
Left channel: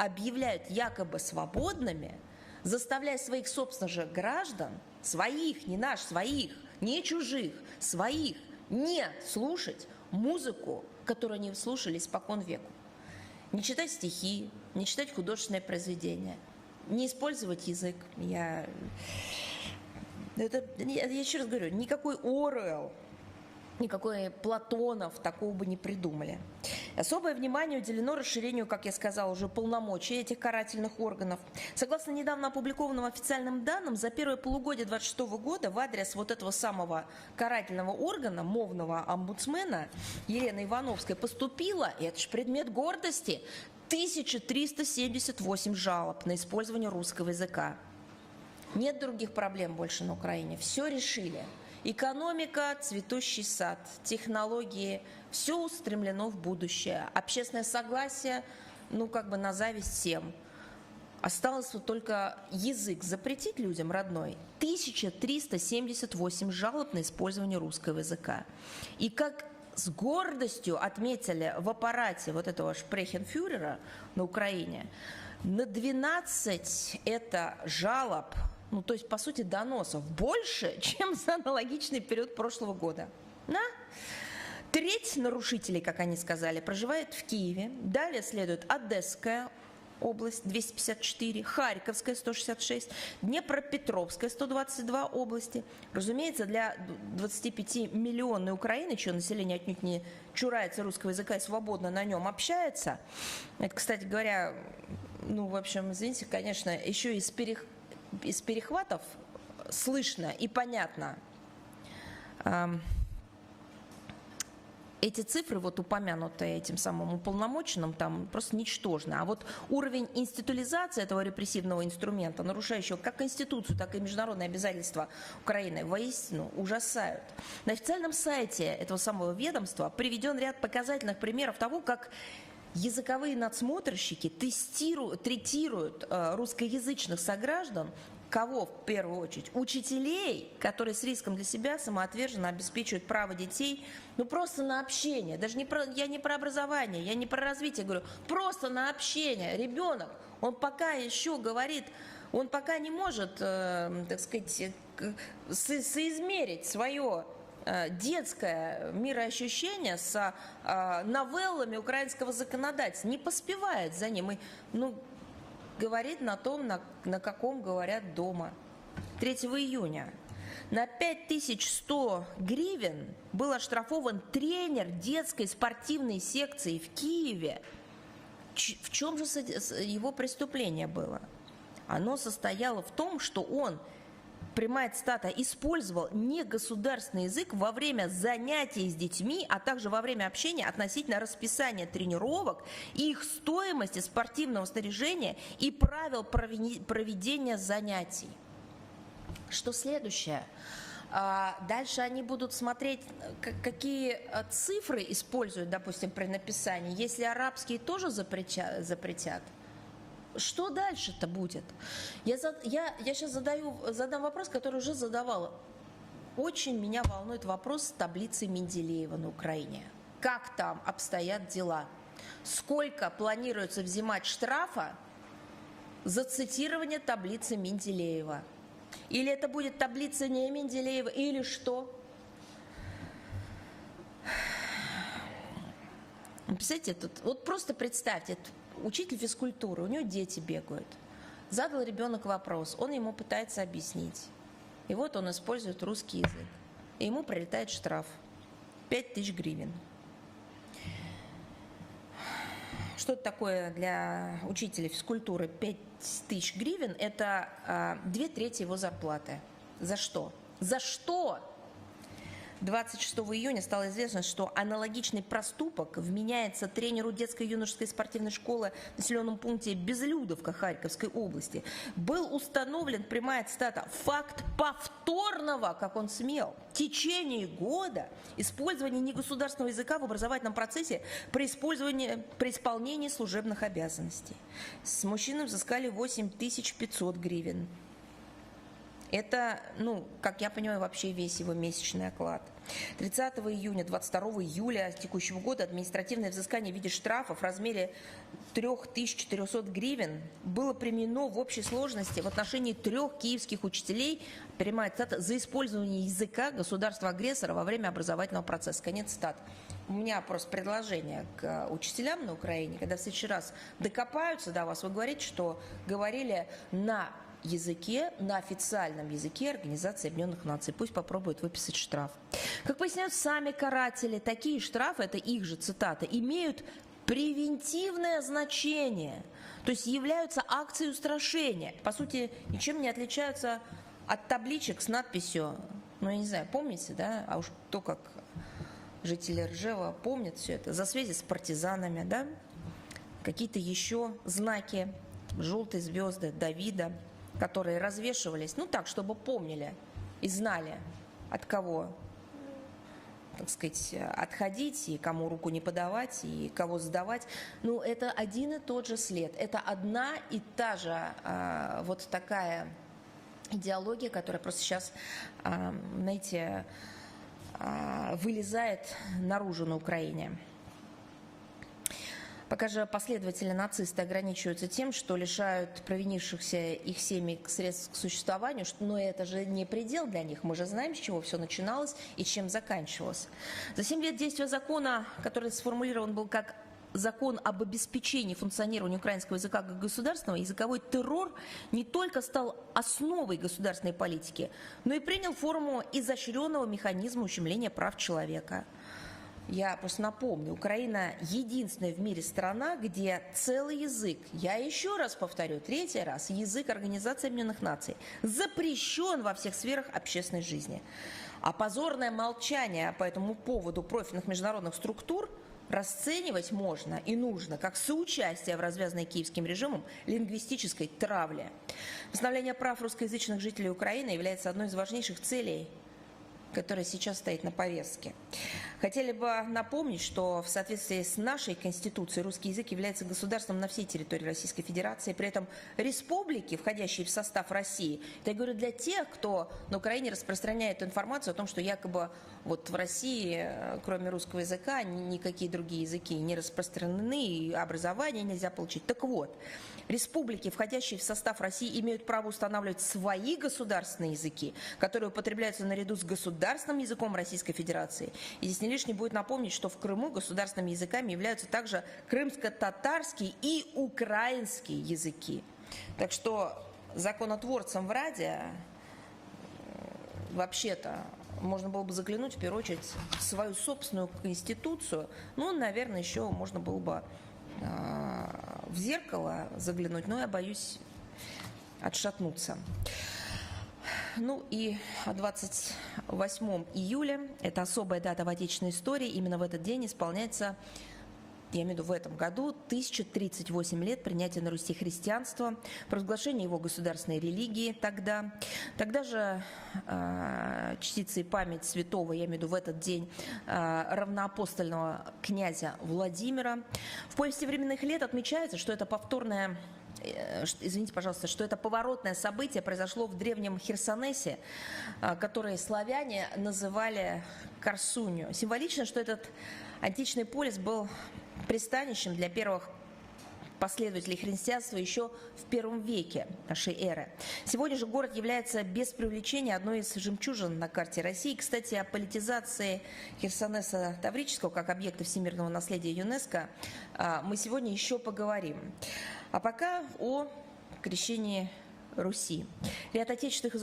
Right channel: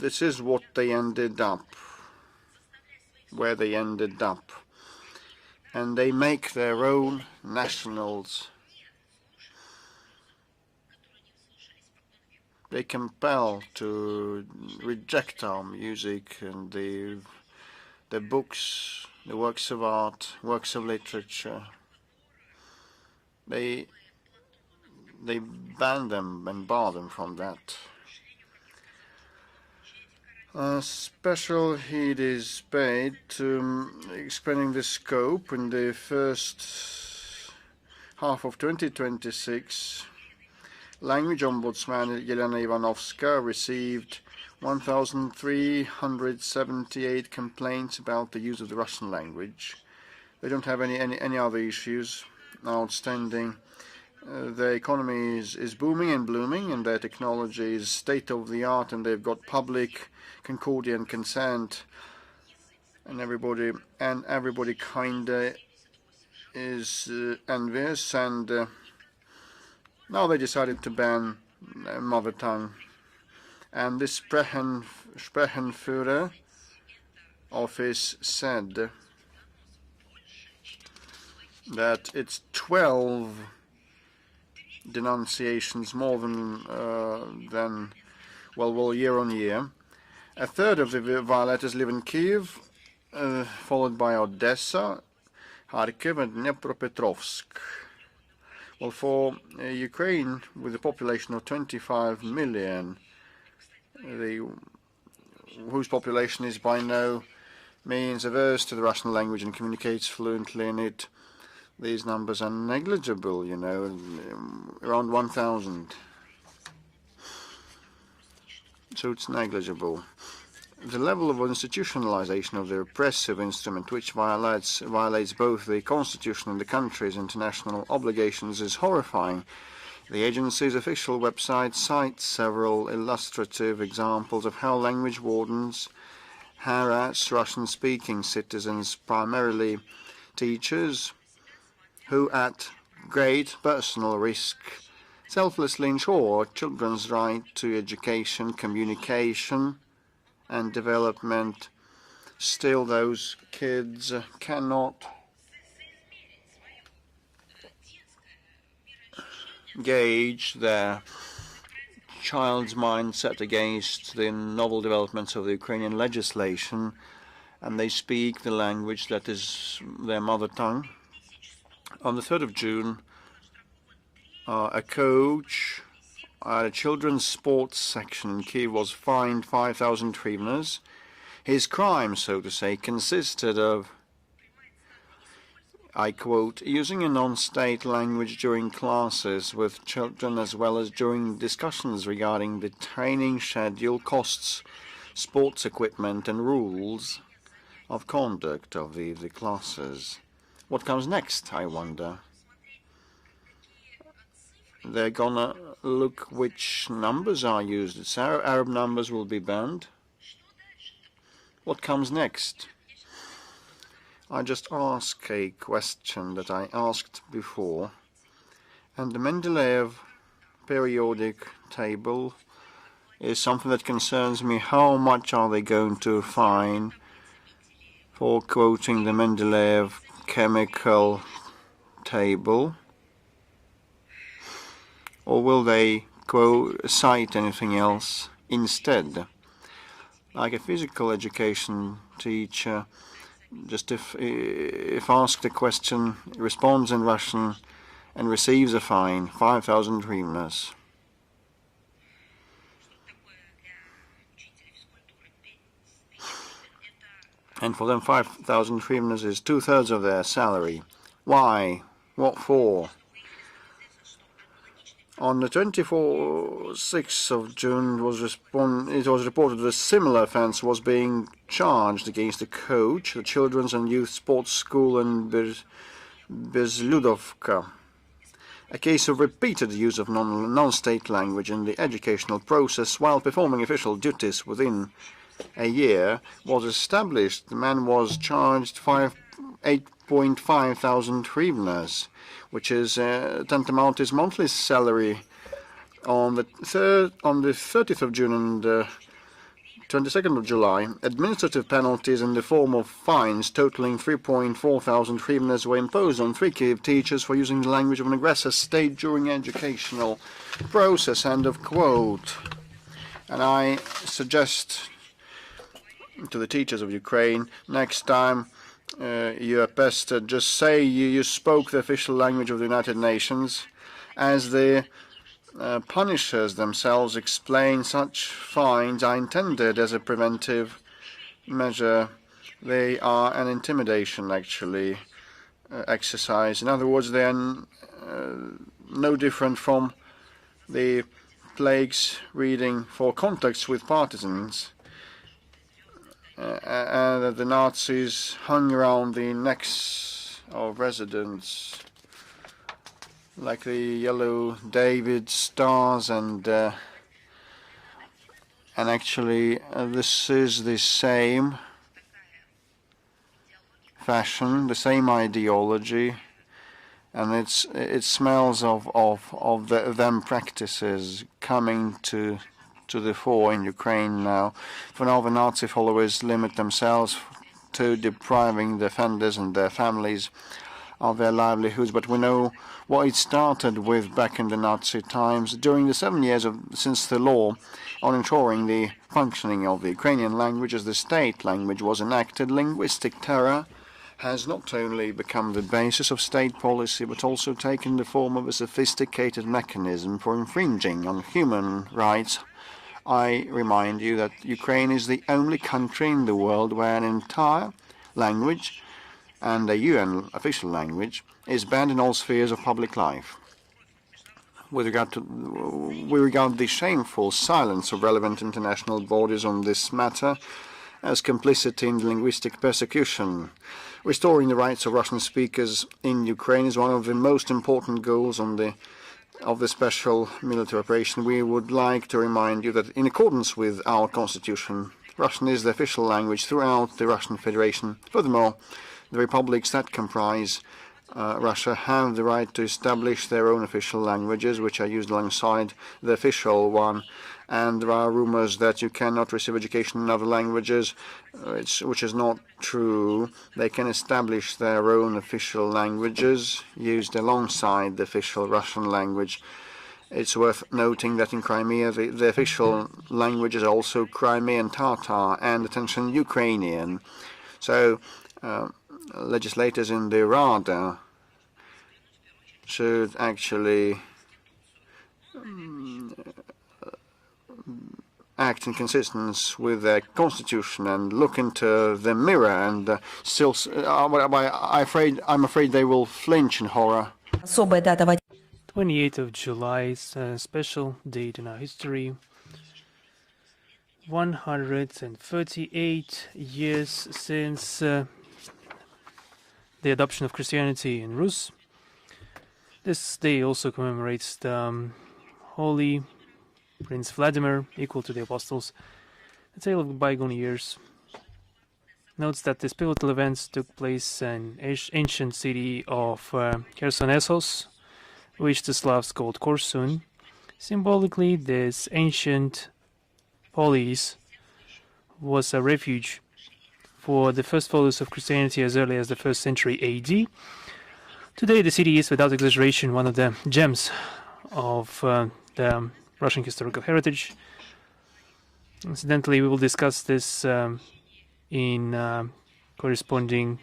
this is what they ended up, where they ended up. And they make their own nationals. They compel to reject our music and the books, the works of art, works of literature. They ban them and bar them from that. Special heed is paid to expanding the scope in the first half of 2026. Language Ombudsman Yelena Ivanovska received 1,378 complaints about the use of the Russian language. We don't have any other issues outstanding. The economy is booming and blooming, and their technology is state-of-the-art, and they've got public concordia and consent, and everybody kind of is envious, and Now they decided to ban mother tongue. And this Sprechenführer office said that it's 12 denunciations more than year on year. A third of the violators live in Kyiv, followed by Odessa, Kharkiv and Dnepropetrovsk. Well, for Ukraine, with a population of 25 million, whose population is by no means averse to the Russian language and communicates fluently in it, these numbers are negligible, you know, around 1,000. So it's negligible. The level of institutionalization of the repressive instrument, which violates both the constitution and the country's international obligations, is horrifying. The agency's official website cites several illustrative examples of how language wardens harass Russian-speaking citizens, primarily teachers, who at great personal risk selflessly ensure children's right to education, communication and development. Still, those kids cannot gauge their child's mindset against the novel developments of the Ukrainian legislation, and they speak the language that is their mother tongue. On the 3rd of June, a coach at a children's sports section in Kyiv was fined 5,000 hryvnias. His crime, so to say, consisted of, I quote, using a non-state language during classes with children as well as during discussions regarding the training schedule, costs, sports equipment and rules of conduct of the classes. What comes next, I wonder? They're gonna look which numbers are used. Arab numbers will be banned. What comes next? I just ask a question that I asked before, and the Mendeleev periodic table is something that concerns me. How much are they going to fine for quoting the Mendeleev chemical table? Or will they cite anything else instead? Like a physical education teacher, just if asked a question, responds in Russian and receives a fine, 5,000 hryvnias. And for them, 5,000 hryvnias is 2/3 of their salary. Why? What for? On the 26th of June, it was reported that a similar offence was being charged against a coach at children's and youth sports school in Bezludovka. A case of repeated use of non-state language in the educational process while performing official duties within a year was established. The man was charged 8,500 hryvnias, which is tantamount to his monthly salary. On the 30th of June and 22nd of July, administrative penalties in the form of fines totaling 3,400 hryvnias were imposed on 3 Kyiv teachers for using the language of an aggressive state during the educational process, end of quote. And I suggest to the teachers of Ukraine, next time you are best to just say you spoke the official language of the United Nations. As the punishers themselves explain, such fines are intended as a preventive measure. They are an intimidation, actually, exercise. In other words, they are no different from the plagues reading for contacts with partisans. And the Nazis hung around the necks of residents, like the yellow David stars, and actually this is the same fashion, the same ideology and it smells of them practices coming to the fore in Ukraine now. For now, the Nazi followers limit themselves to depriving the offenders and their families of their livelihoods, but we know what it started with back in the Nazi times. During the 7 years since the law on ensuring the functioning of the Ukrainian language as the state language was enacted, linguistic terror has not only become the basis of state policy, but also taken the form of a sophisticated mechanism for infringing on human rights. I remind you that Ukraine is the only country in the world where an entire language and a UN official language is banned in all spheres of public life. We regard the shameful silence of relevant international bodies on this matter as complicity in linguistic persecution. Restoring the rights of Russian speakers in Ukraine is one of the most important goals of the special military operation. We would like to remind you that in accordance with our constitution, Russian is the official language throughout the Russian Federation. Furthermore, the republics that comprise Russia have the right to establish their own official languages, which are used alongside the official one. And there are rumors that you cannot receive education in other languages, which is not true. They can establish their own official languages used alongside the official Russian language. It's worth noting that in Crimea, the official languages are also Crimean Tatar and attention Ukrainian. So, legislators in the Rada should actually act in consistence with their constitution and look into the mirror and I'm afraid they will flinch in horror. 28th of July is a special date in our history. 138 years since the adoption of Christianity in Rus. This day also commemorates the Holy Prince Vladimir, equal to the Apostles. A tale of bygone years notes that these pivotal events took place in ancient city of Chersonesos, which the Slavs called Korsun. Symbolically, this ancient polis was a refuge for the first followers of Christianity as early as the 1st century AD. Today, the city is, without exaggeration, one of the gems of the Russian historical heritage. Incidentally, we will discuss this in corresponding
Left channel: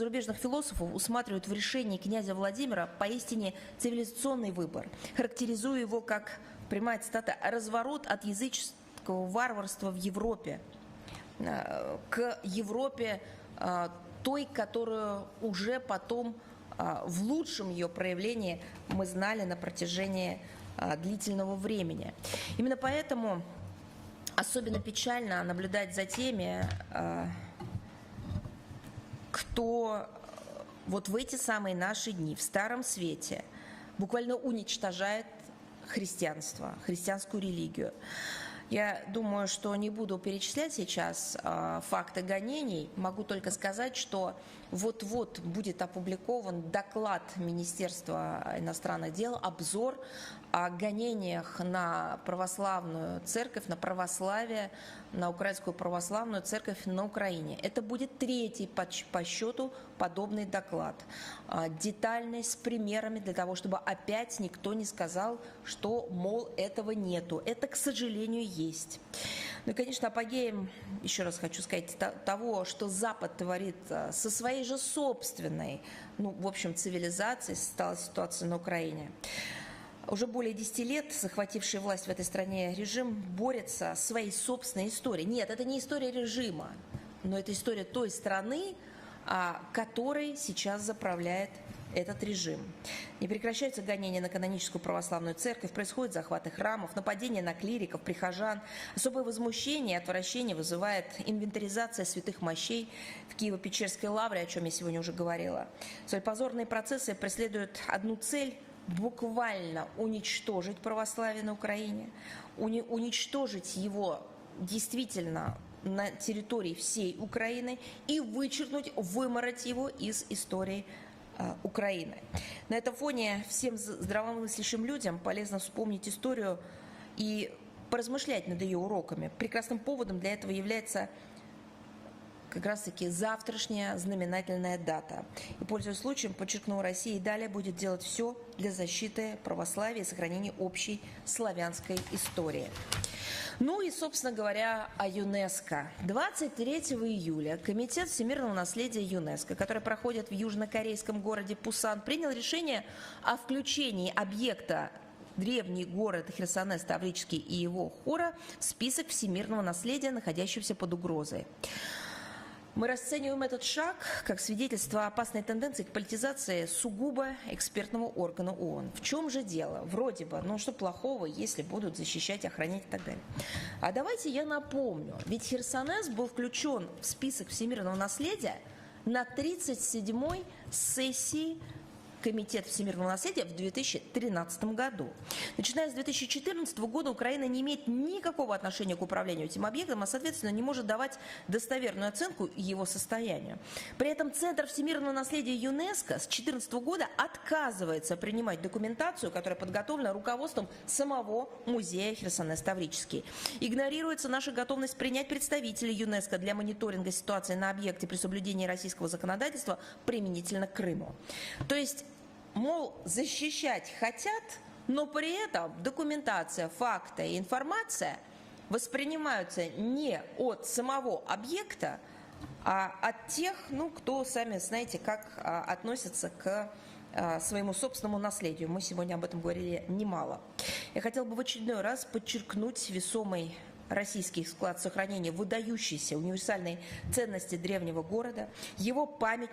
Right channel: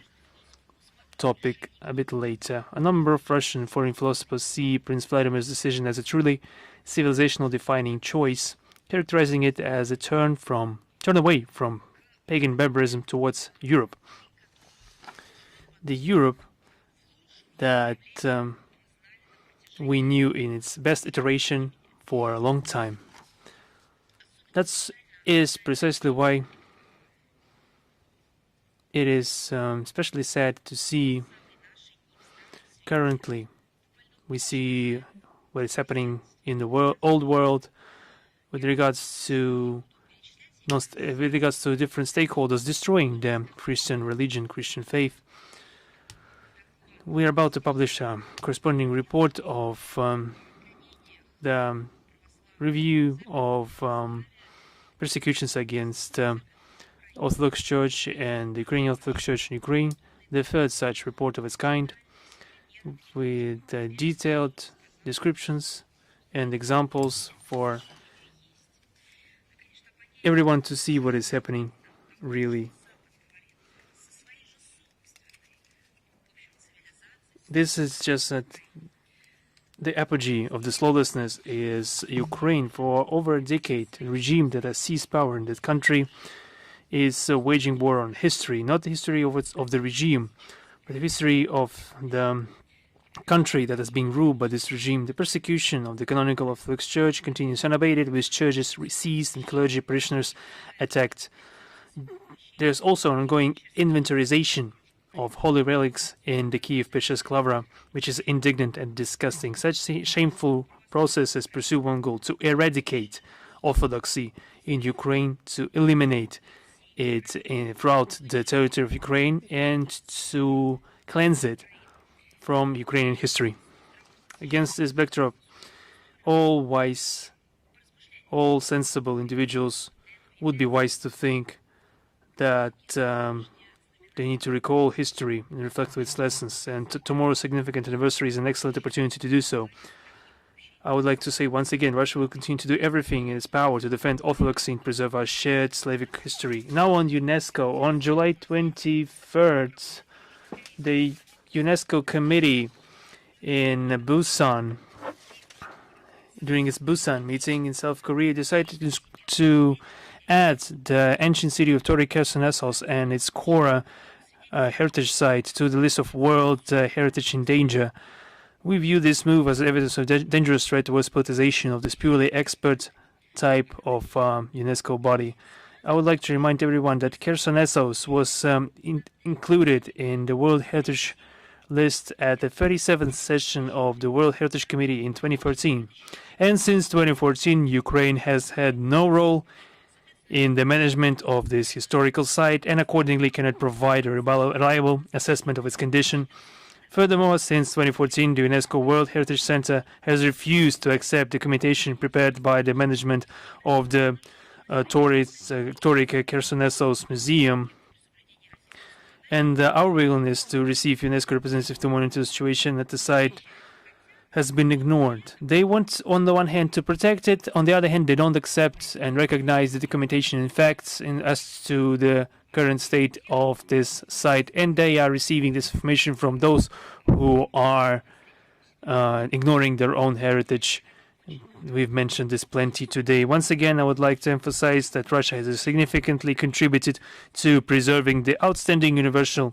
topic a bit later. A number of Russian foreign philosophers see Prince Vladimir's decision as a truly civilizational-defining choice, characterizing it as a turn away from pagan barbarism towards Europe. The Europe that we knew in its best iteration for a long time. That is precisely why it is especially sad to see currently we see what is happening in the old world with regards to different stakeholders destroying the Christian religion, Christian faith. We are about to publish a corresponding report of the review of persecutions against Orthodox Church and the Ukrainian Orthodox Church in Ukraine, the third such report of its kind, with detailed descriptions and examples for everyone to see what is happening really. This is just the apogee of this lawlessness is Ukraine. For over a decade, the regime that has seized power in that country is waging war on history, not the history of the regime, but the history of the country that has been ruled by this regime. The persecution of the canonical Orthodox Church continues unabated, with churches seized and clergy parishioners attacked. There is also an ongoing inventorization of holy relics in the Kiev Pesha's Lavra, which is indignant and disgusting. Such shameful processes pursue one goal: to eradicate Orthodoxy in Ukraine, to eliminate it throughout the territory of Ukraine, and to cleanse it from Ukrainian history. Against this backdrop, all wise, all sensible individuals would be wise to think that they need to recall history and reflect its lessons, and tomorrow's significant anniversary is an excellent opportunity to do so. I would like to say once again, Russia will continue to do everything in its power to defend orthodoxy and preserve our shared Slavic history. Now on UNESCO, on July 23rd, the UNESCO committee in Busan, during its Busan meeting in South Korea, decided to add the ancient city of Tory Khersonesos and its Kora heritage site to the list of World Heritage in Danger. We view this move as evidence of dangerous threat towards politicization of this purely expert type of UNESCO body. I would like to remind everyone that Khersonesos was included in the World Heritage list at the 37th session of the World Heritage Committee in 2014. And since 2014, Ukraine has had no role in the management of this historical site and accordingly cannot provide a reliable assessment of its condition. Furthermore, since 2014, the UNESCO World Heritage Center has refused to accept documentation prepared by the management of the Tory Khersonesos Museum, and our willingness to receive UNESCO representatives to monitor the situation at the site has been ignored. They want, on the one hand, to protect it, on the other hand, they don't accept and recognize the documentation and facts as to the current state of this site, and they are receiving this information from those who are ignoring their own heritage. We've mentioned this plenty today. Once again, I would like to emphasize that Russia has significantly contributed to preserving the outstanding universal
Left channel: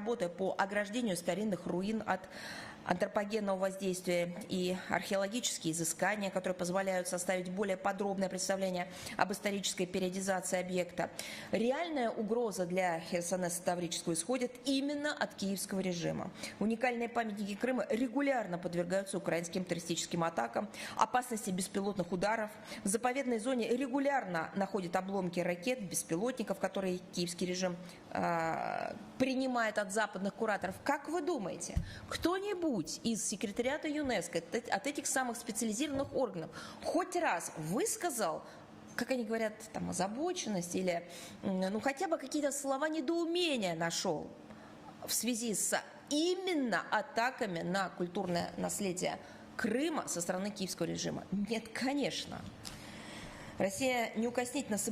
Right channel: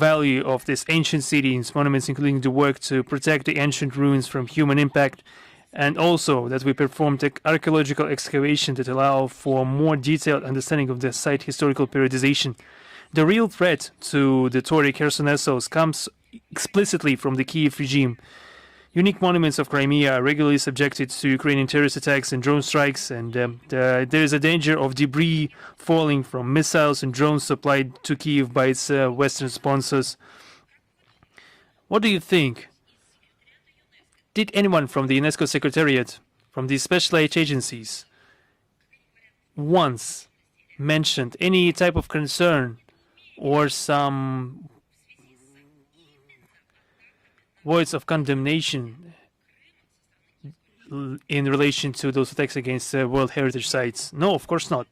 value of this ancient city and its monuments, including the work to protect the ancient ruins from human impact, and also that we performed archaeological excavation that allow for more detailed understanding of the site historical periodization. The real threat to the Tory Khersonesos comes explicitly from the Kiev regime. Unique monuments of Crimea are regularly subjected to Ukrainian terrorist attacks and drone strikes, and there is a danger of debris falling from missiles and drones supplied to Kiev by its Western sponsors. What do you think? Did anyone from the UNESCO Secretariat, from these special agencies, once mentioned any type of concern or some words of condemnation in relation to those attacks against World Heritage sites? No, of course not.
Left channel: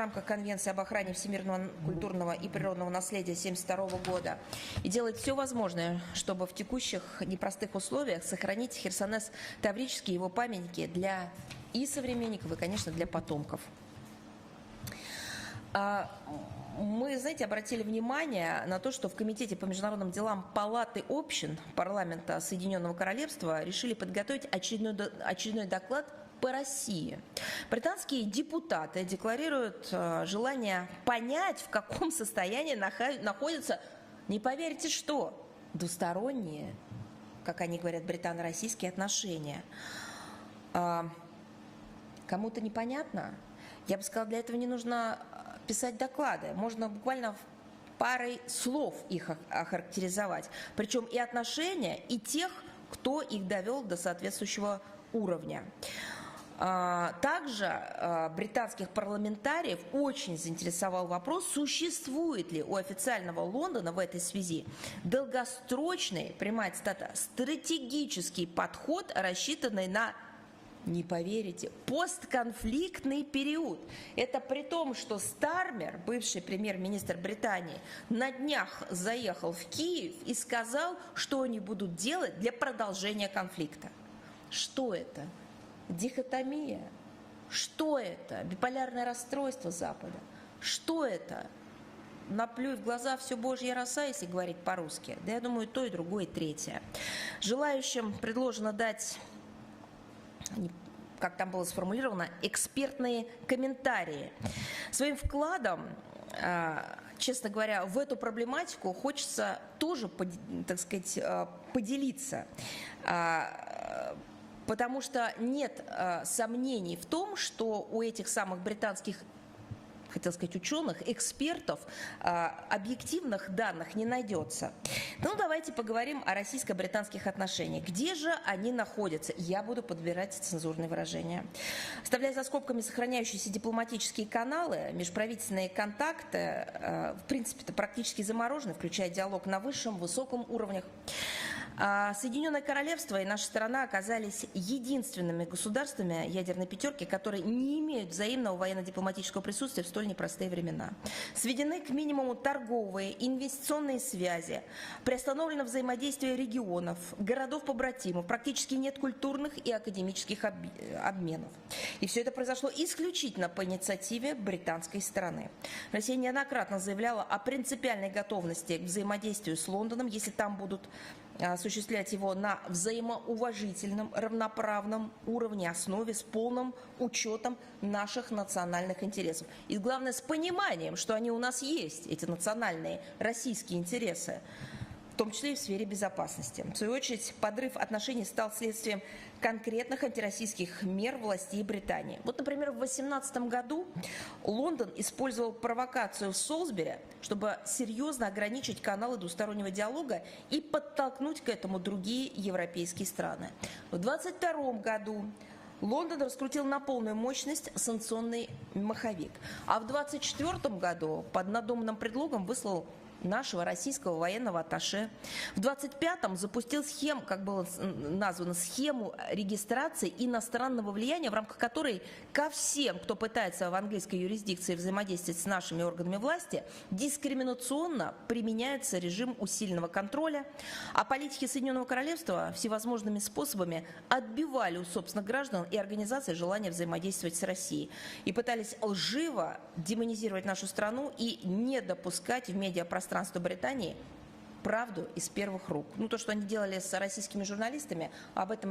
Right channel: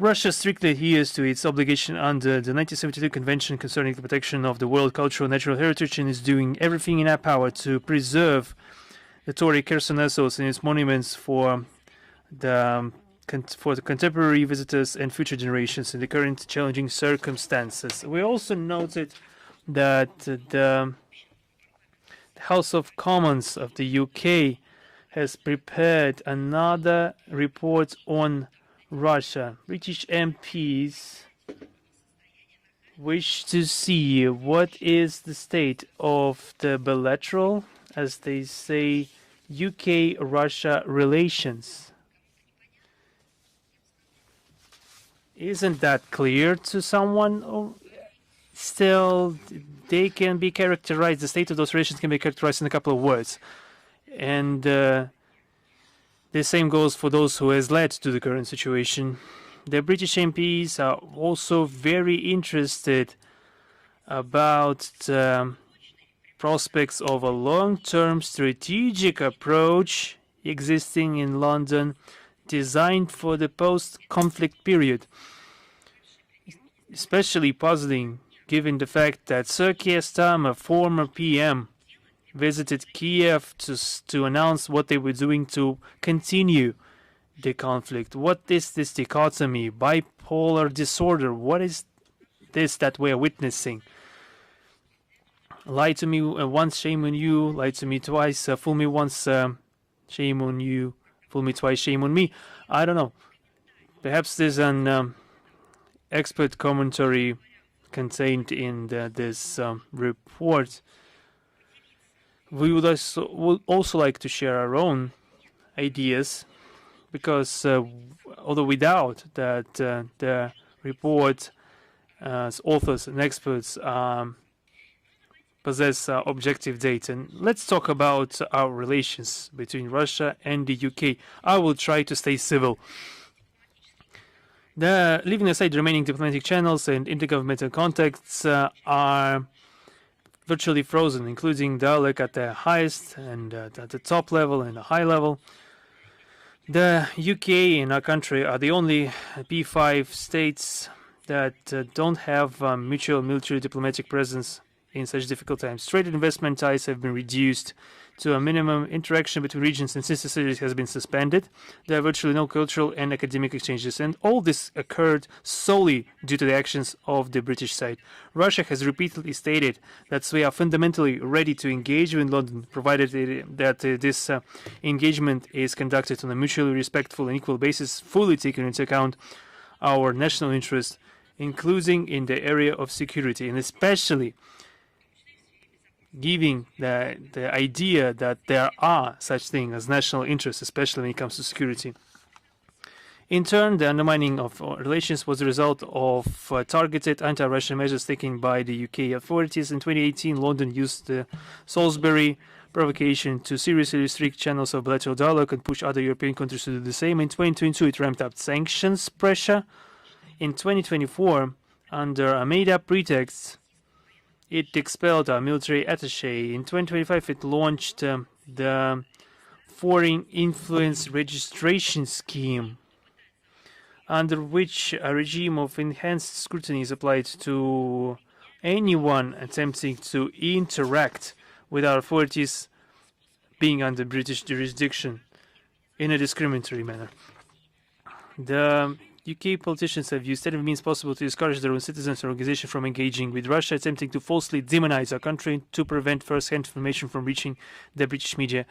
Russia strictly adheres to its obligation under the 1972 Convention concerning the protection of the world cultural and natural heritage, and is doing everything in our power to preserve the Tory Khersonesos and its monuments for the contemporary visitors and future generations in the current challenging circumstances. We also noted that the House of Commons of the UK has prepared another report on Russia. British MPs wish to see what is the state of the bilateral, as they say, UK-Russia relations. Isn't that clear to someone? Still, they can be characterized, the state of those relations can be characterized in a couple of words. And the same goes for those who has led to the current situation. The British MPs are also very interested about the prospects of a long-term strategic approach existing in London, designed for the post-conflict period. Especially puzzling, given the fact that Sir Keir Starmer, former PM, visited Kiev to announce what they were doing to continue the conflict. What is this dichotomy, bipolar disorder? What is this that we're witnessing? Lie to me once, shame on you. Lie to me twice, fool me once, shame on you. Fool me twice, shame on me. I don't know. Perhaps there's an expert commentary contained in this report we would also like to share our own ideas, because although we doubt that the report authors and experts possess objective data. Let's talk about our relations between Russia and the UK. I will try to stay civil. Leaving aside the remaining diplomatic channels and intergovernmental contacts are virtually frozen, including dialogue at the highest and at the top level and the high level. The UK and our country are the only P5 states that don't have mutual military diplomatic presence in such difficult times. Trade and investment ties have been reduced to a minimum. Interaction between regions and sister cities has been suspended. There are virtually no cultural and academic exchanges, and all this occurred solely due to the actions of the British side. Russia has repeatedly stated that we are fundamentally ready to engage with London, provided that this engagement is conducted on a mutually respectful and equal basis, fully taking into account our national interests, including in the area of security, and especially giving the idea that there are such things as national interests, especially when it comes to security. In turn, the undermining of relations was the result of targeted anti-Russian measures taken by the UK authorities. In 2018, London used the Salisbury provocation to seriously restrict channels of bilateral dialogue and push other European countries to do the same. In 2022, it ramped up sanctions pressure. In 2024, under a made-up pretext, it expelled our military attaché. In 2025, it launched the Foreign Influence Registration Scheme, under which a regime of enhanced scrutiny is applied to anyone attempting to interact with our authorities being under British jurisdiction in a discriminatory manner. The UK politicians have used every means possible to discourage their own citizens and organizations from engaging with Russia, attempting to falsely demonize our country to prevent first-hand information from reaching the British media.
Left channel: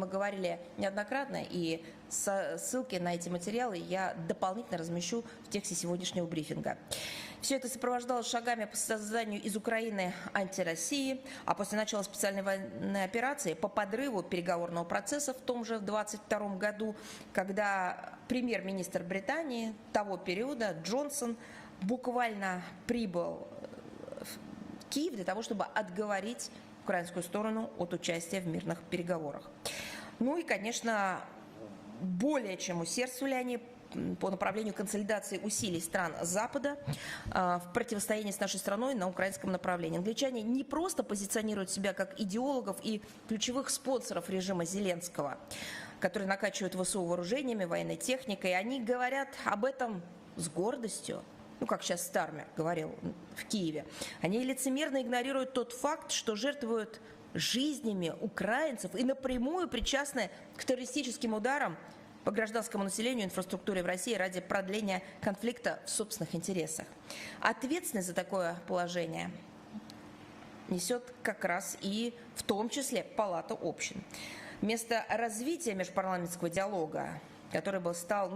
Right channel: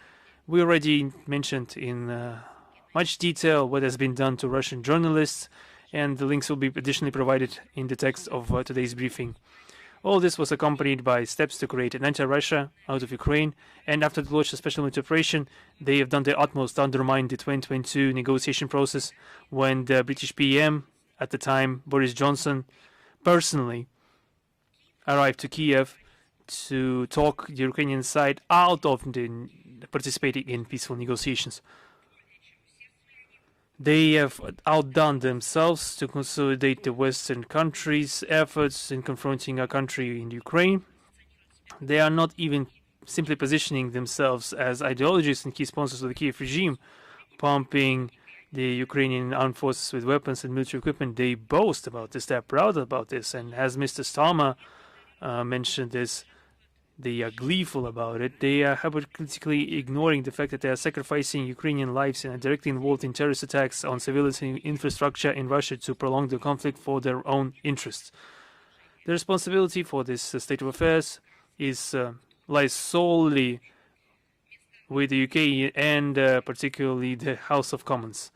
We already mentioned in much detail what has been done to Russian journalists, and the links will be additionally provided in the text of today's briefing. All this was accompanied by steps to create an anti-Russia out of Ukraine, and after the launch of special military operation, they have done their utmost to undermine the 2022 negotiation process, when the British PM at the time, Boris Johnson, personally arrived to Kiev to talk the Ukrainian side out of participating in peaceful negotiations. They have outdone themselves to consolidate the Western countries' efforts in confronting our country in Ukraine. They are not even simply positioning themselves as ideologists and key sponsors of the Kiev regime, pumping the Ukrainian armed forces with weapons and military equipment. They boast about this, they are proud about this, and as Mr. Starmer mentioned this, they are gleeful about it. They are hypocritically ignoring the fact that they are sacrificing Ukrainian lives and are directly involved in terrorist attacks on civilian infrastructure in Russia to prolong the conflict for their own interests. The responsibility for this state of affairs lies solely with the UK and particularly the House of Commons.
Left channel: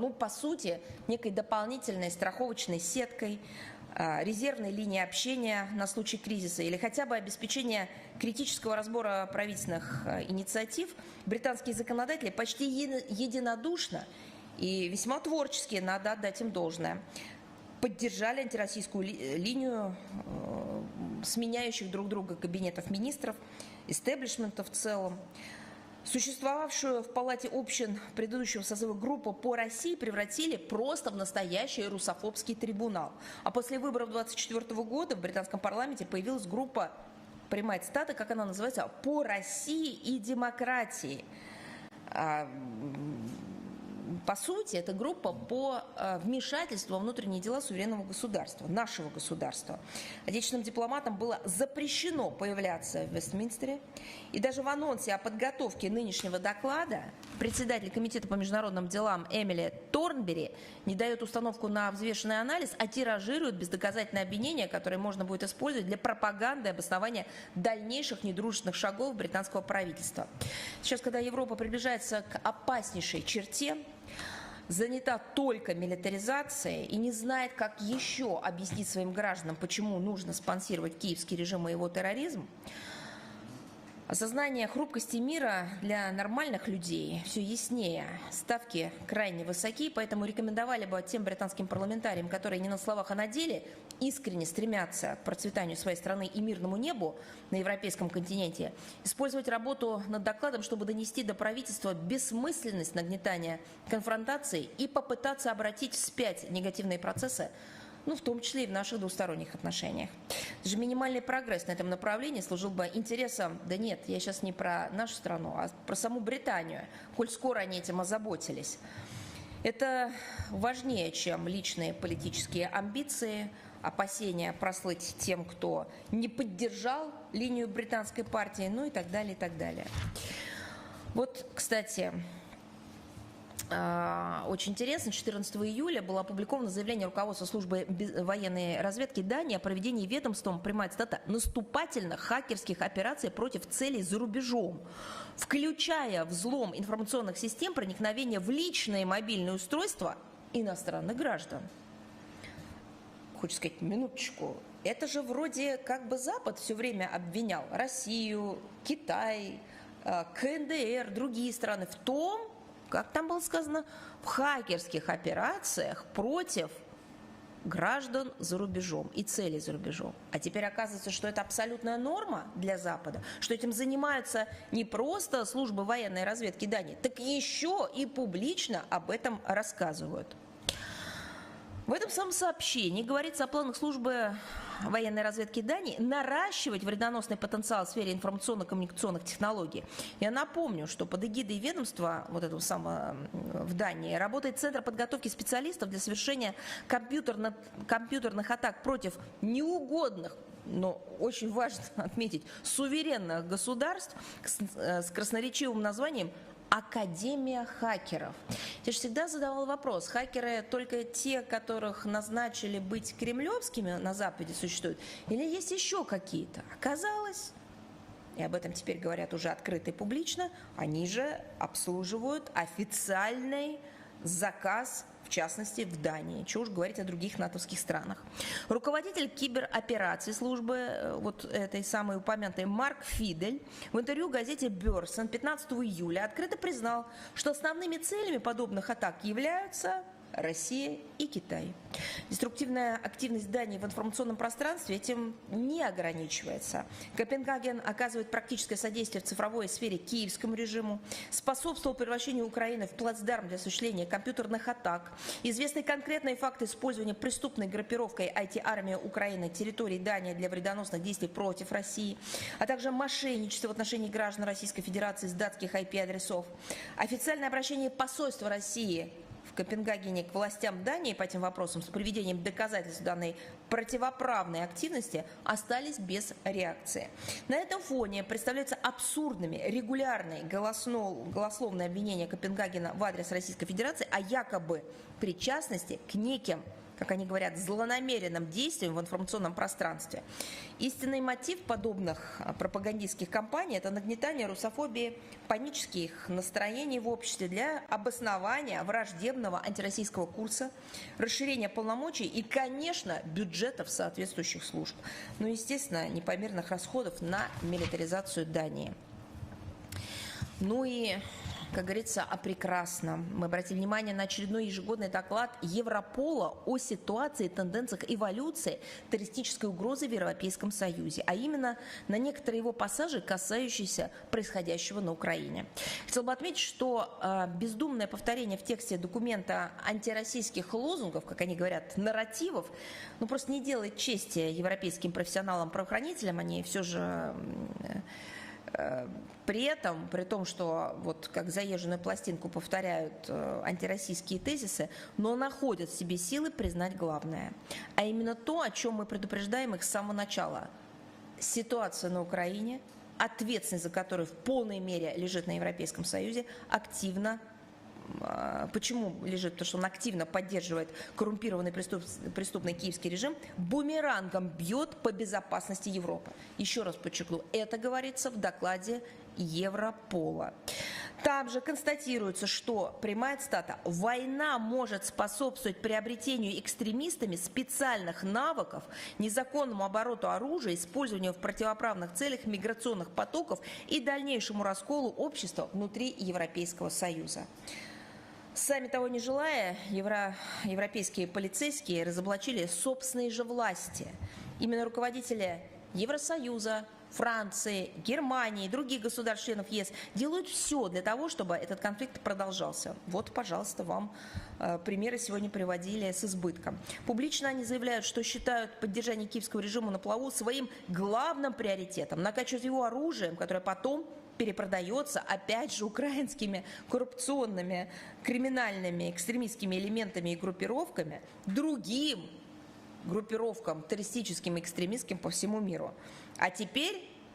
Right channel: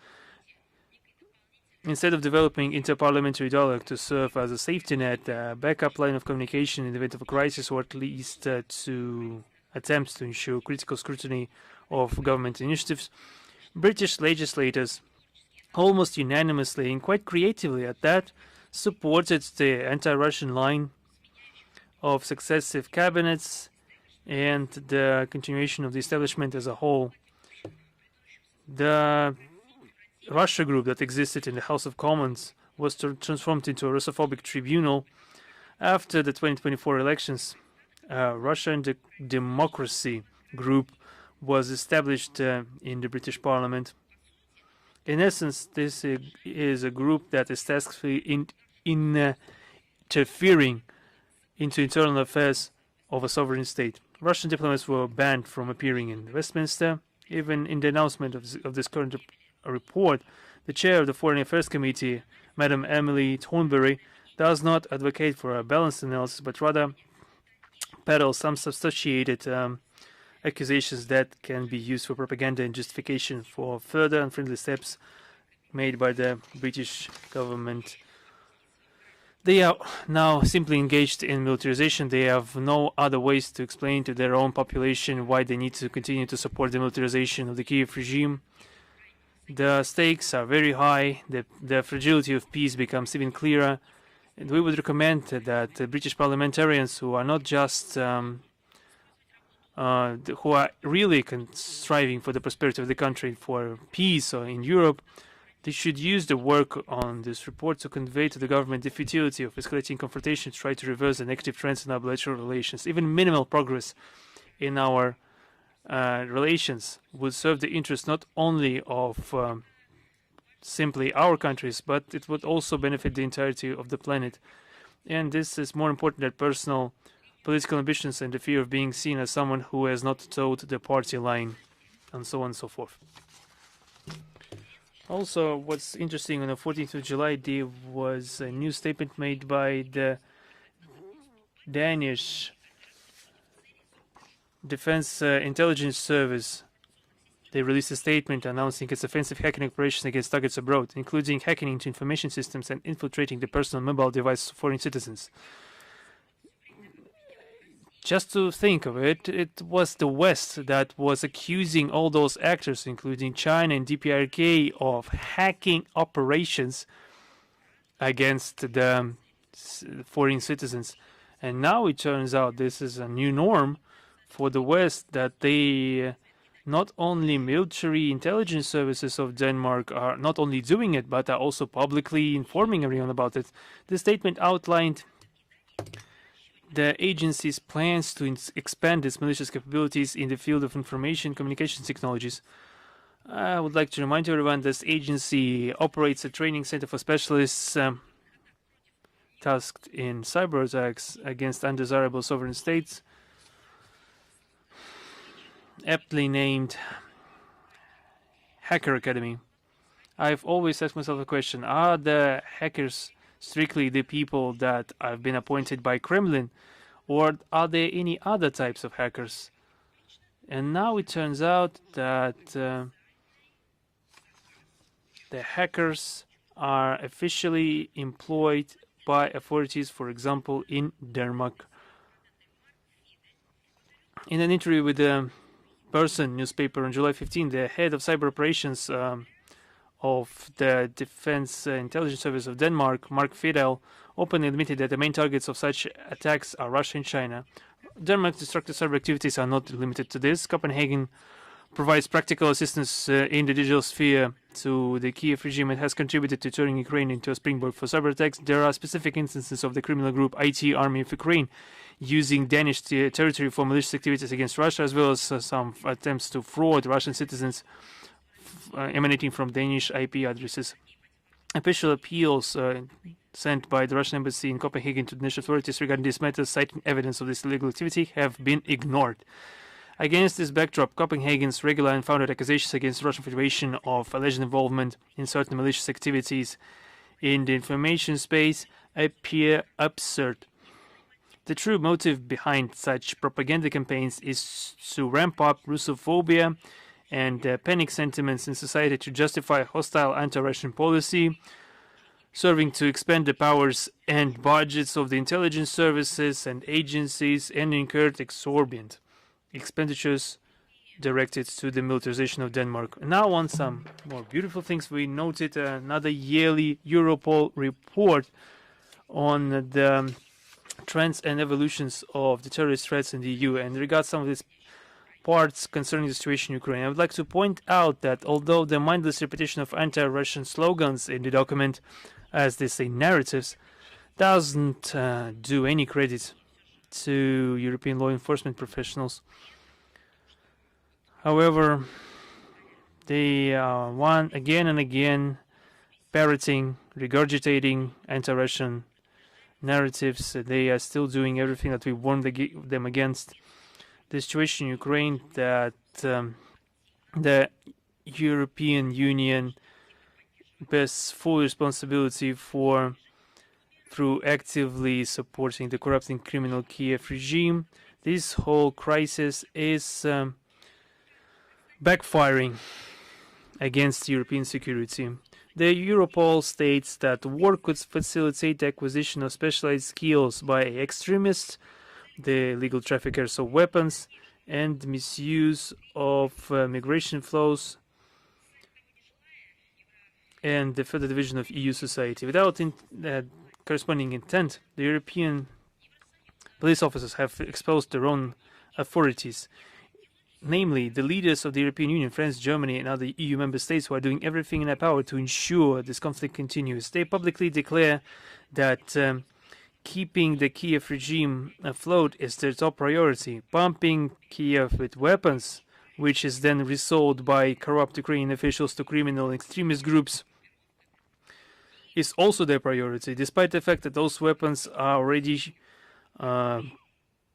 Instead of developing interparliamentary dialogue to serve as a safety net, a backup line of communication in the event of a crisis, or at least to attempt to ensure critical scrutiny of government initiatives, British legislators almost unanimously and quite creatively at that supported the anti-Russian line of successive cabinets and the continuation of the establishment as a whole. The Russia group that existed in the House of Commons was transformed into a Russophobic tribunal after the 2024 elections. Russian Democracy group was established in the British Parliament. In essence, this is a group that is tasked with interfering into internal affairs of a sovereign state. Russian diplomats were banned from appearing in Westminster. Even in the announcement of this current report, the chair of the Foreign Affairs Committee, Madam Emily Thornberry, does not advocate for a balanced analysis, but rather peddles some substantiated accusations that can be used for propaganda and justification for further unfriendly steps made by the British government. They are now simply engaged in militarization. They have no other ways to explain to their own population why they need to continue to support the militarization of the Kiev regime. The stakes are very high, the fragility of peace becomes even clearer. We would recommend that the British parliamentarians who are not just who are really striving for the prosperity of the country, for peace or in Europe, they should use the work on this report to convey to the government the futility of escalating confrontation, to try to reverse the negative trends in our bilateral relations. Even minimal progress in our relations would serve the interest not only of simply our countries, but it would also benefit the entirety of the planet. And this is more important than personal political ambitions and the fear of being seen as someone who has not toed the party line, and so on and so forth. Also, what's interesting, on the 14th of July, there was a new statement made by the Danish Defense Intelligence Service. They released a statement announcing its offensive hacking operations against targets abroad, including hacking into information systems and infiltrating the personal mobile devices of foreign citizens. Just to think of it, it was the West that was accusing all those actors, including China and DPRK, of hacking operations against the foreign citizens. And now it turns out this is a new norm for the West, that they, not only military intelligence services of Denmark are not only doing it, but are also publicly informing everyone about it. The statement outlined the agency's plans to expand its malicious capabilities in the field of information communications technologies. I would like to remind everyone this agency operates a training center for specialists tasked in cyber attacks against undesirable sovereign states, aptly named Hacker Academy. I've always asked myself the question, are the hackers strictly the people that have been appointed by Kremlin, or are there any other types of hackers? And now it turns out that the hackers are officially employed by authorities, for example, in Denmark. In an interview with the Person newspaper on July 15, the head of cyber operations of the Defense Intelligence Service of Denmark, Mark Fidel, openly admitted that the main targets of such attacks are Russia and China. Denmark's destructive cyber activities are not limited to this. Copenhagen provides practical assistance in the digital sphere to the Kiev regime and has contributed to turning Ukraine into a springboard for cyber attacks. There are specific instances of the criminal group IT Army of Ukraine using Danish territory for malicious activities against Russia, as well as some attempts to fraud Russian citizens emanating from Danish IP addresses. Official appeals sent by the Russian embassy in Copenhagen to the Danish authorities regarding this matter, citing evidence of this illegal activity, have been ignored. Against this backdrop, Copenhagen's regular and founded accusations against Russian Federation of alleged involvement in certain malicious activities in the information space appear absurd. The true motive behind such propaganda campaigns is to ramp up Russophobia and panic sentiments in society to justify hostile anti-Russian policy, serving to expand the powers and budgets of the intelligence services and agencies, and incur exorbitant expenditures directed to the militarization of Denmark. Now on some more beautiful things, we noted another yearly Europol report on the trends and evolutions of the terrorist threats in the EU, and regards some of these parts concerning the situation in Ukraine. I would like to point out that although the mindless repetition of anti-Russian slogans in the document, as they say narratives, doesn't do any credit to European law enforcement professionals, However, they once again and again parroting, regurgitating anti-Russian narratives. They are still doing everything that we warned them against. The situation in Ukraine, that the European Union bears full responsibility for through actively supporting the corrupt and criminal Kiev regime. This whole crisis is backfiring against European security. The Europol states that war could facilitate the acquisition of specialized skills by extremists, the legal traffickers of weapons, and misuse of migration flows, and the further division of EU society. Without corresponding intent, the European police officers have exposed their own authorities, namely the leaders of the European Union, France, Germany and other EU member states, who are doing everything in their power to ensure this conflict continues. They publicly declare that keeping the Kiev regime afloat is their top priority, pumping Kiev with weapons, which is then resold by corrupt Ukrainian officials to criminal and extremist groups, is also their priority, despite the fact that those weapons are already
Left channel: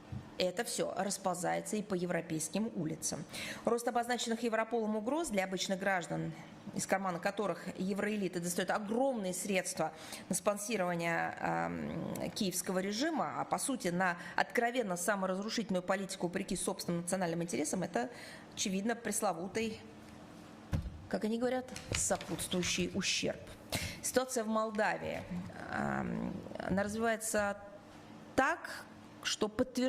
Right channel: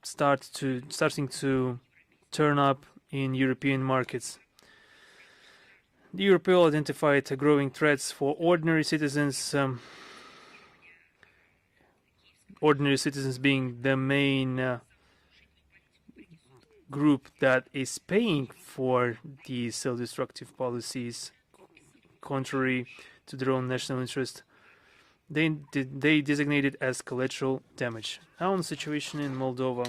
starting to turn up in European markets. The Europol identified growing threats for ordinary citizens, ordinary citizens being the main group that is paying for these self-destructive policies contrary to their own national interests. They designated as collateral damage. Now on the situation in Moldova.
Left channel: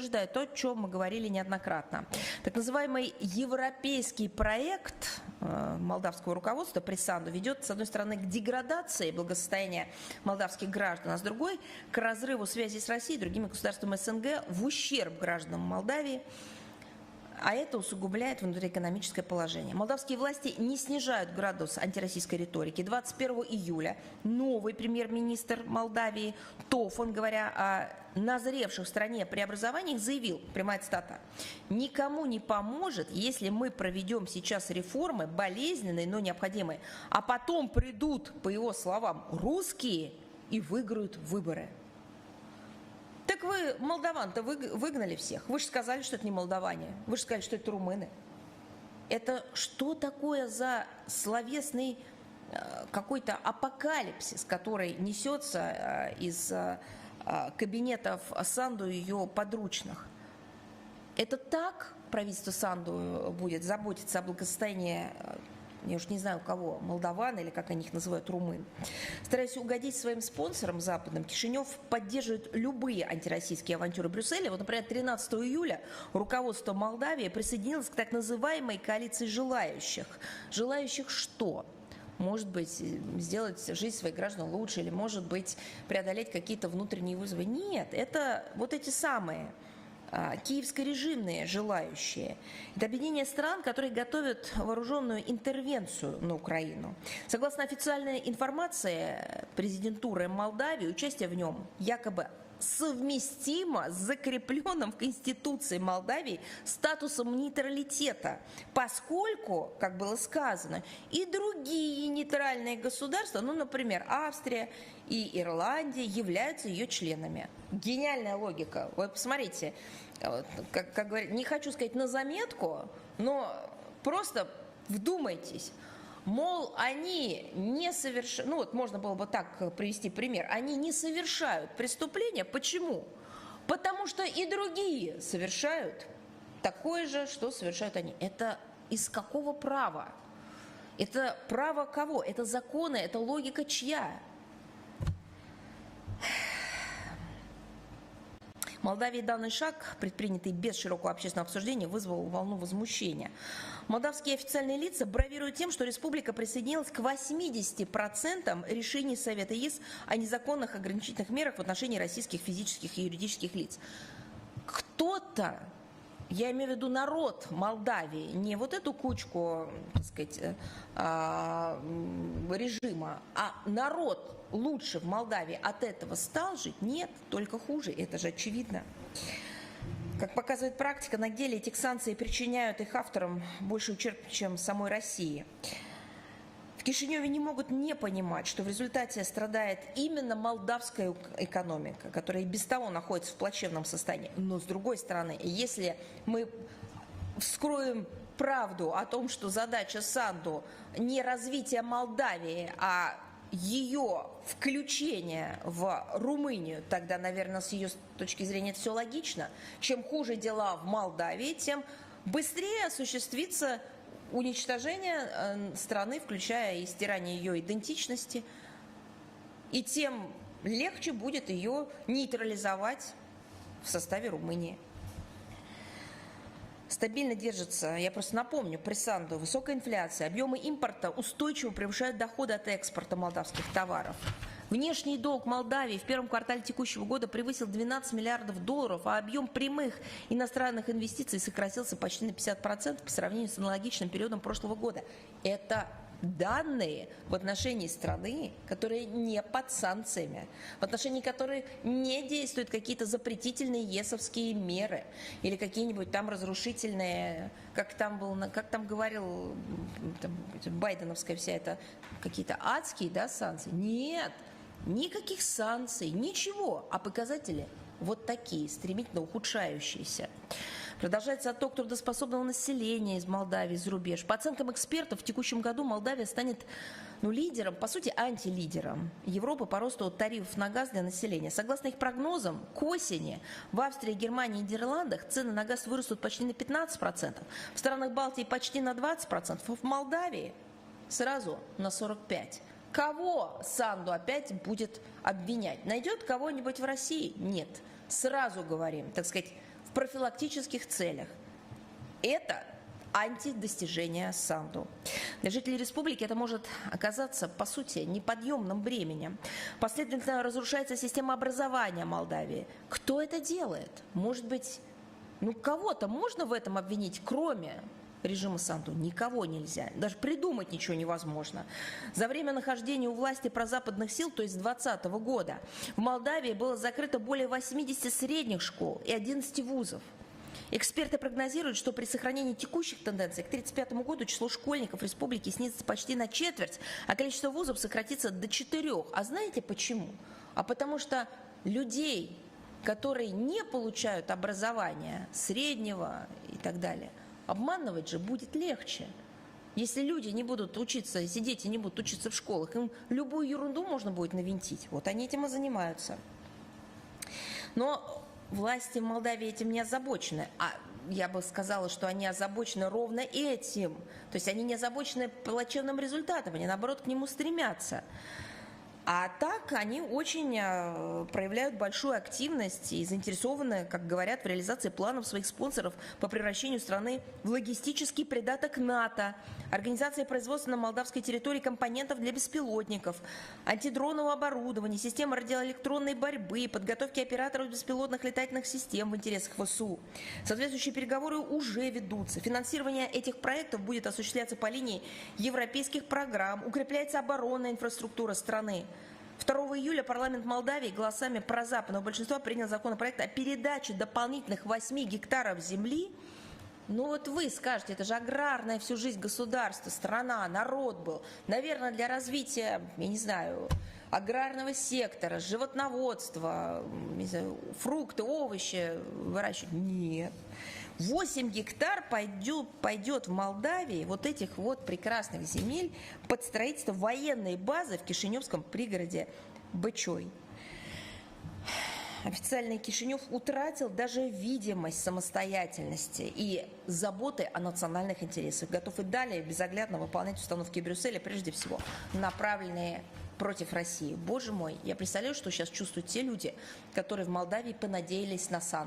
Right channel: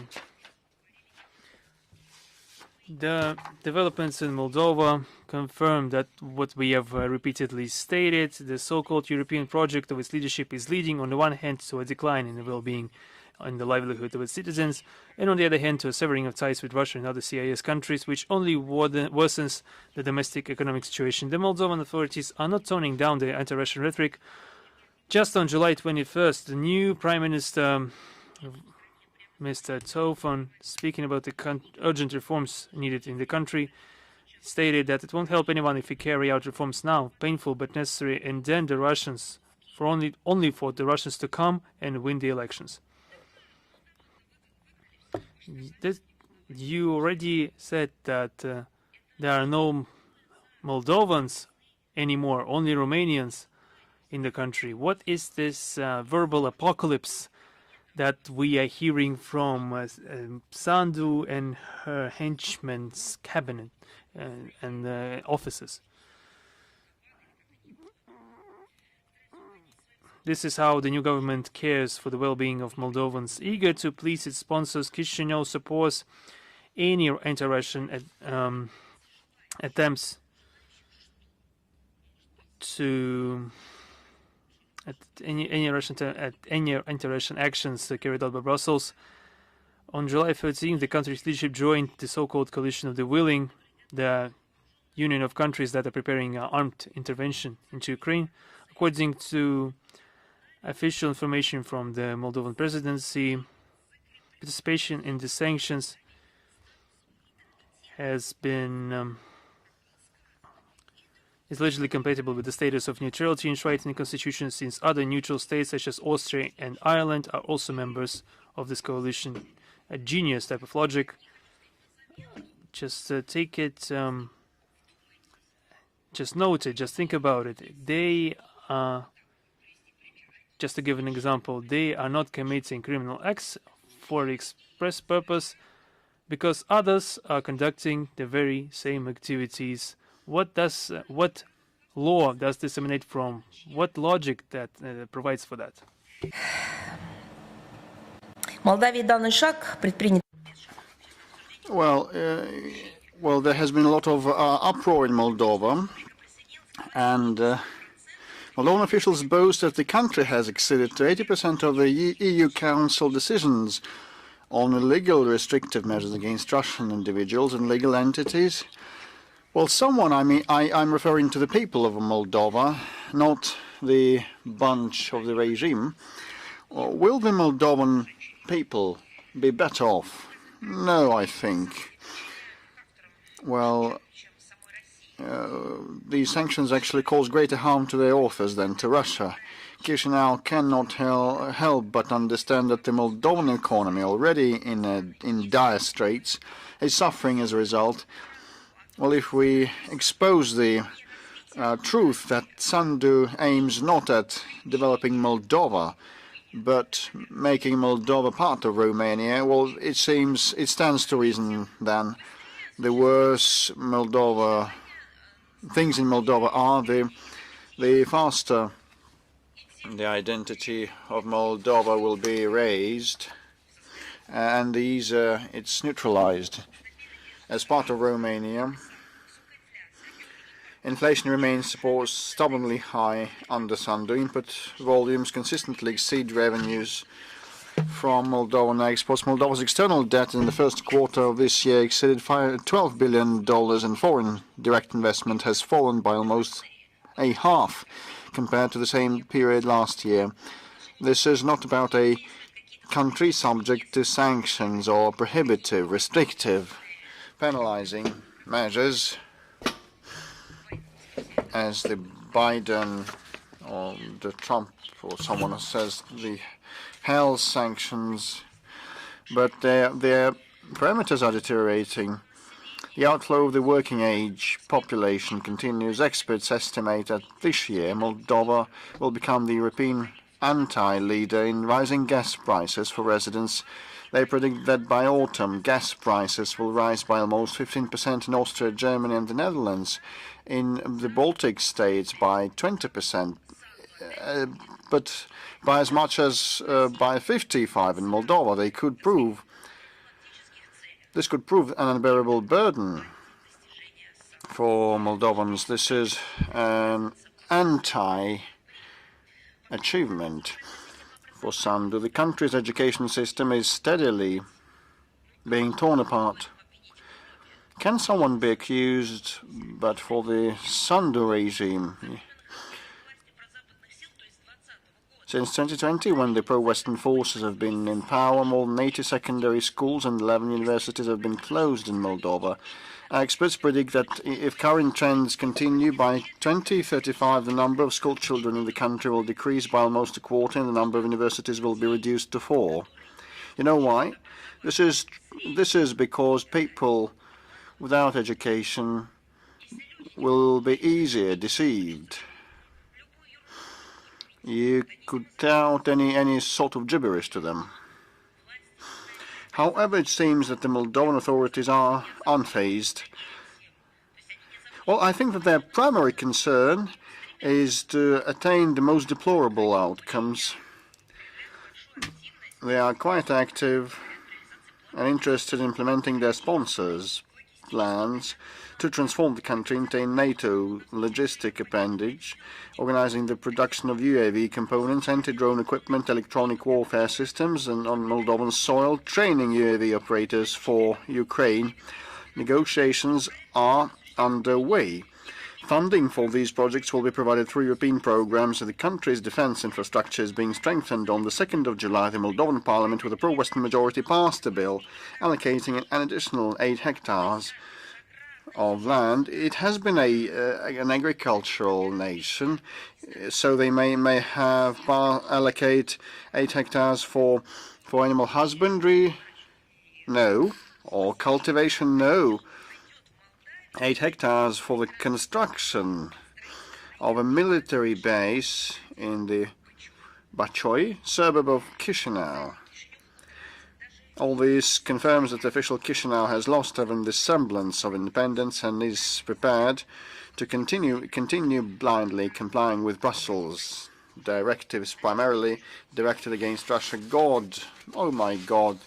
The developments in Moldova confirm that what we have repeatedly stated, the so-called European project of its leadership is leading on the one hand to a decline in the well-being and the livelihood of its citizens, and on the other hand to a severing of ties with Russia and other CIS countries, which only worsens the domestic economic situation. The Moldovan authorities are not toning down their anti-Russian rhetoric. Just on July 21st, the new Prime Minister Mr. Rzhev, speaking about the urgent reforms needed in the country, stated that it won't help anyone if we carry out reforms now, painful but necessary, and then the Russians, only for the Russians to come and win the elections. You already said that there are no Moldovans anymore, only Romanians in the country. What is this verbal apocalypse that we are hearing from Sandu and her henchmen's cabinet and offices? This is how the new government cares for the well-being of Moldovans, eager to please its sponsors. Chisinau supports any anti-Russian attempts to any anti-Russian actions carried out by Brussels. On July 13, the country's leadership joined the so-called coalition of the willing, the union of countries that are preparing armed intervention into Ukraine. According to official information from the Moldovan presidency, participation in the sanctions has been is legally compatible with the status of neutrality enshrined in the constitution, since other neutral states such as Austria and Ireland are also members of this coalition. A genius type of logic. Just take it, just note it, just think about it. They, just to give an example, they are not committing criminal acts for the express purpose because others are conducting the very same activities. What law does this emanate from? What logic that provides for that? Well, there has been a lot of uproar in Moldova, and Moldovan officials boast that the country has acceded to 80% of the EU Council decisions on illegal restrictive measures against Russian individuals and legal entities. Well, I'm referring to the people of Moldova, not the bunch of the regime, will the Moldovan people be better off? No, I think. Well, these sanctions actually cause greater harm to their authors than to Russia. Chisinau cannot help but understand that the Moldovan economy, already in dire straits, is suffering as a result. Well, if we expose the truth that Sandu aims not at developing Moldova, but making Moldova part of Romania, well, it seems it stands to reason then the worse things in Moldova are, the faster the identity of Moldova will be erased and the easier it's neutralized. As part of Romania, inflation remains stubbornly high under Sandu. Input volumes consistently exceed revenues from Moldovan exports. Moldova's external debt in the first quarter of this year exceeded $12 billion, and foreign direct investment has fallen by almost a half compared to the same period last year. This is not about a country subject to sanctions or prohibitive, restrictive, penalizing measures, as the Biden or the Trump or someone says, the health sanctions, but their parameters are deteriorating. The outflow of the working age population continues. Experts estimate that this year Moldova will become the European anti-leader in rising gas prices for residents. They predict that by autumn gas prices will rise by almost 15% in Austria, Germany and the Netherlands. In the Baltic states by 20%, but by as much as by 55% in Moldova. This could prove an unbearable burden for Moldovans. This is an anti-achievement for Sandu. The country's education system is steadily being torn apart. Can someone be accused but for the Sandu regime? Since 2020, when the pro-Western forces have been in power, more than 80 secondary schools and 11 universities have been closed in Moldova. Experts predict that if current trends continue, by 2035 the number of school children in the country will decrease by almost a quarter and the number of universities will be reduced to 4. You know why? This is because people without education will be easier deceived. You could tout any sort of gibberish to them. However, it seems that the Moldovan authorities are unfazed. Well, I think that their primary concern is to attain the most deplorable outcomes. They are quite active and interested in implementing their sponsors' plans to transform the country into a NATO logistic appendage, organizing the production of UAV components, anti-drone equipment, electronic warfare systems, and on Moldovan soil, training UAV operators for Ukraine. Negotiations are underway. Funding for these projects will be provided through European programs, and the country's defense infrastructure is being strengthened. On the 2nd of July, the Moldovan parliament, with a pro-Western majority, passed a bill allocating an additional 8 hectares of land. It has been an agricultural nation, so they may allocate 8 hectares for animal husbandry. No. Or cultivation, no. 8 hectares for the construction of a military base in the Bachoi suburb of Chisinau. All this confirms that official Chisinau has lost even the semblance of independence and is prepared to continue blindly complying with Brussels directives, primarily directed against Russia. God, oh my God,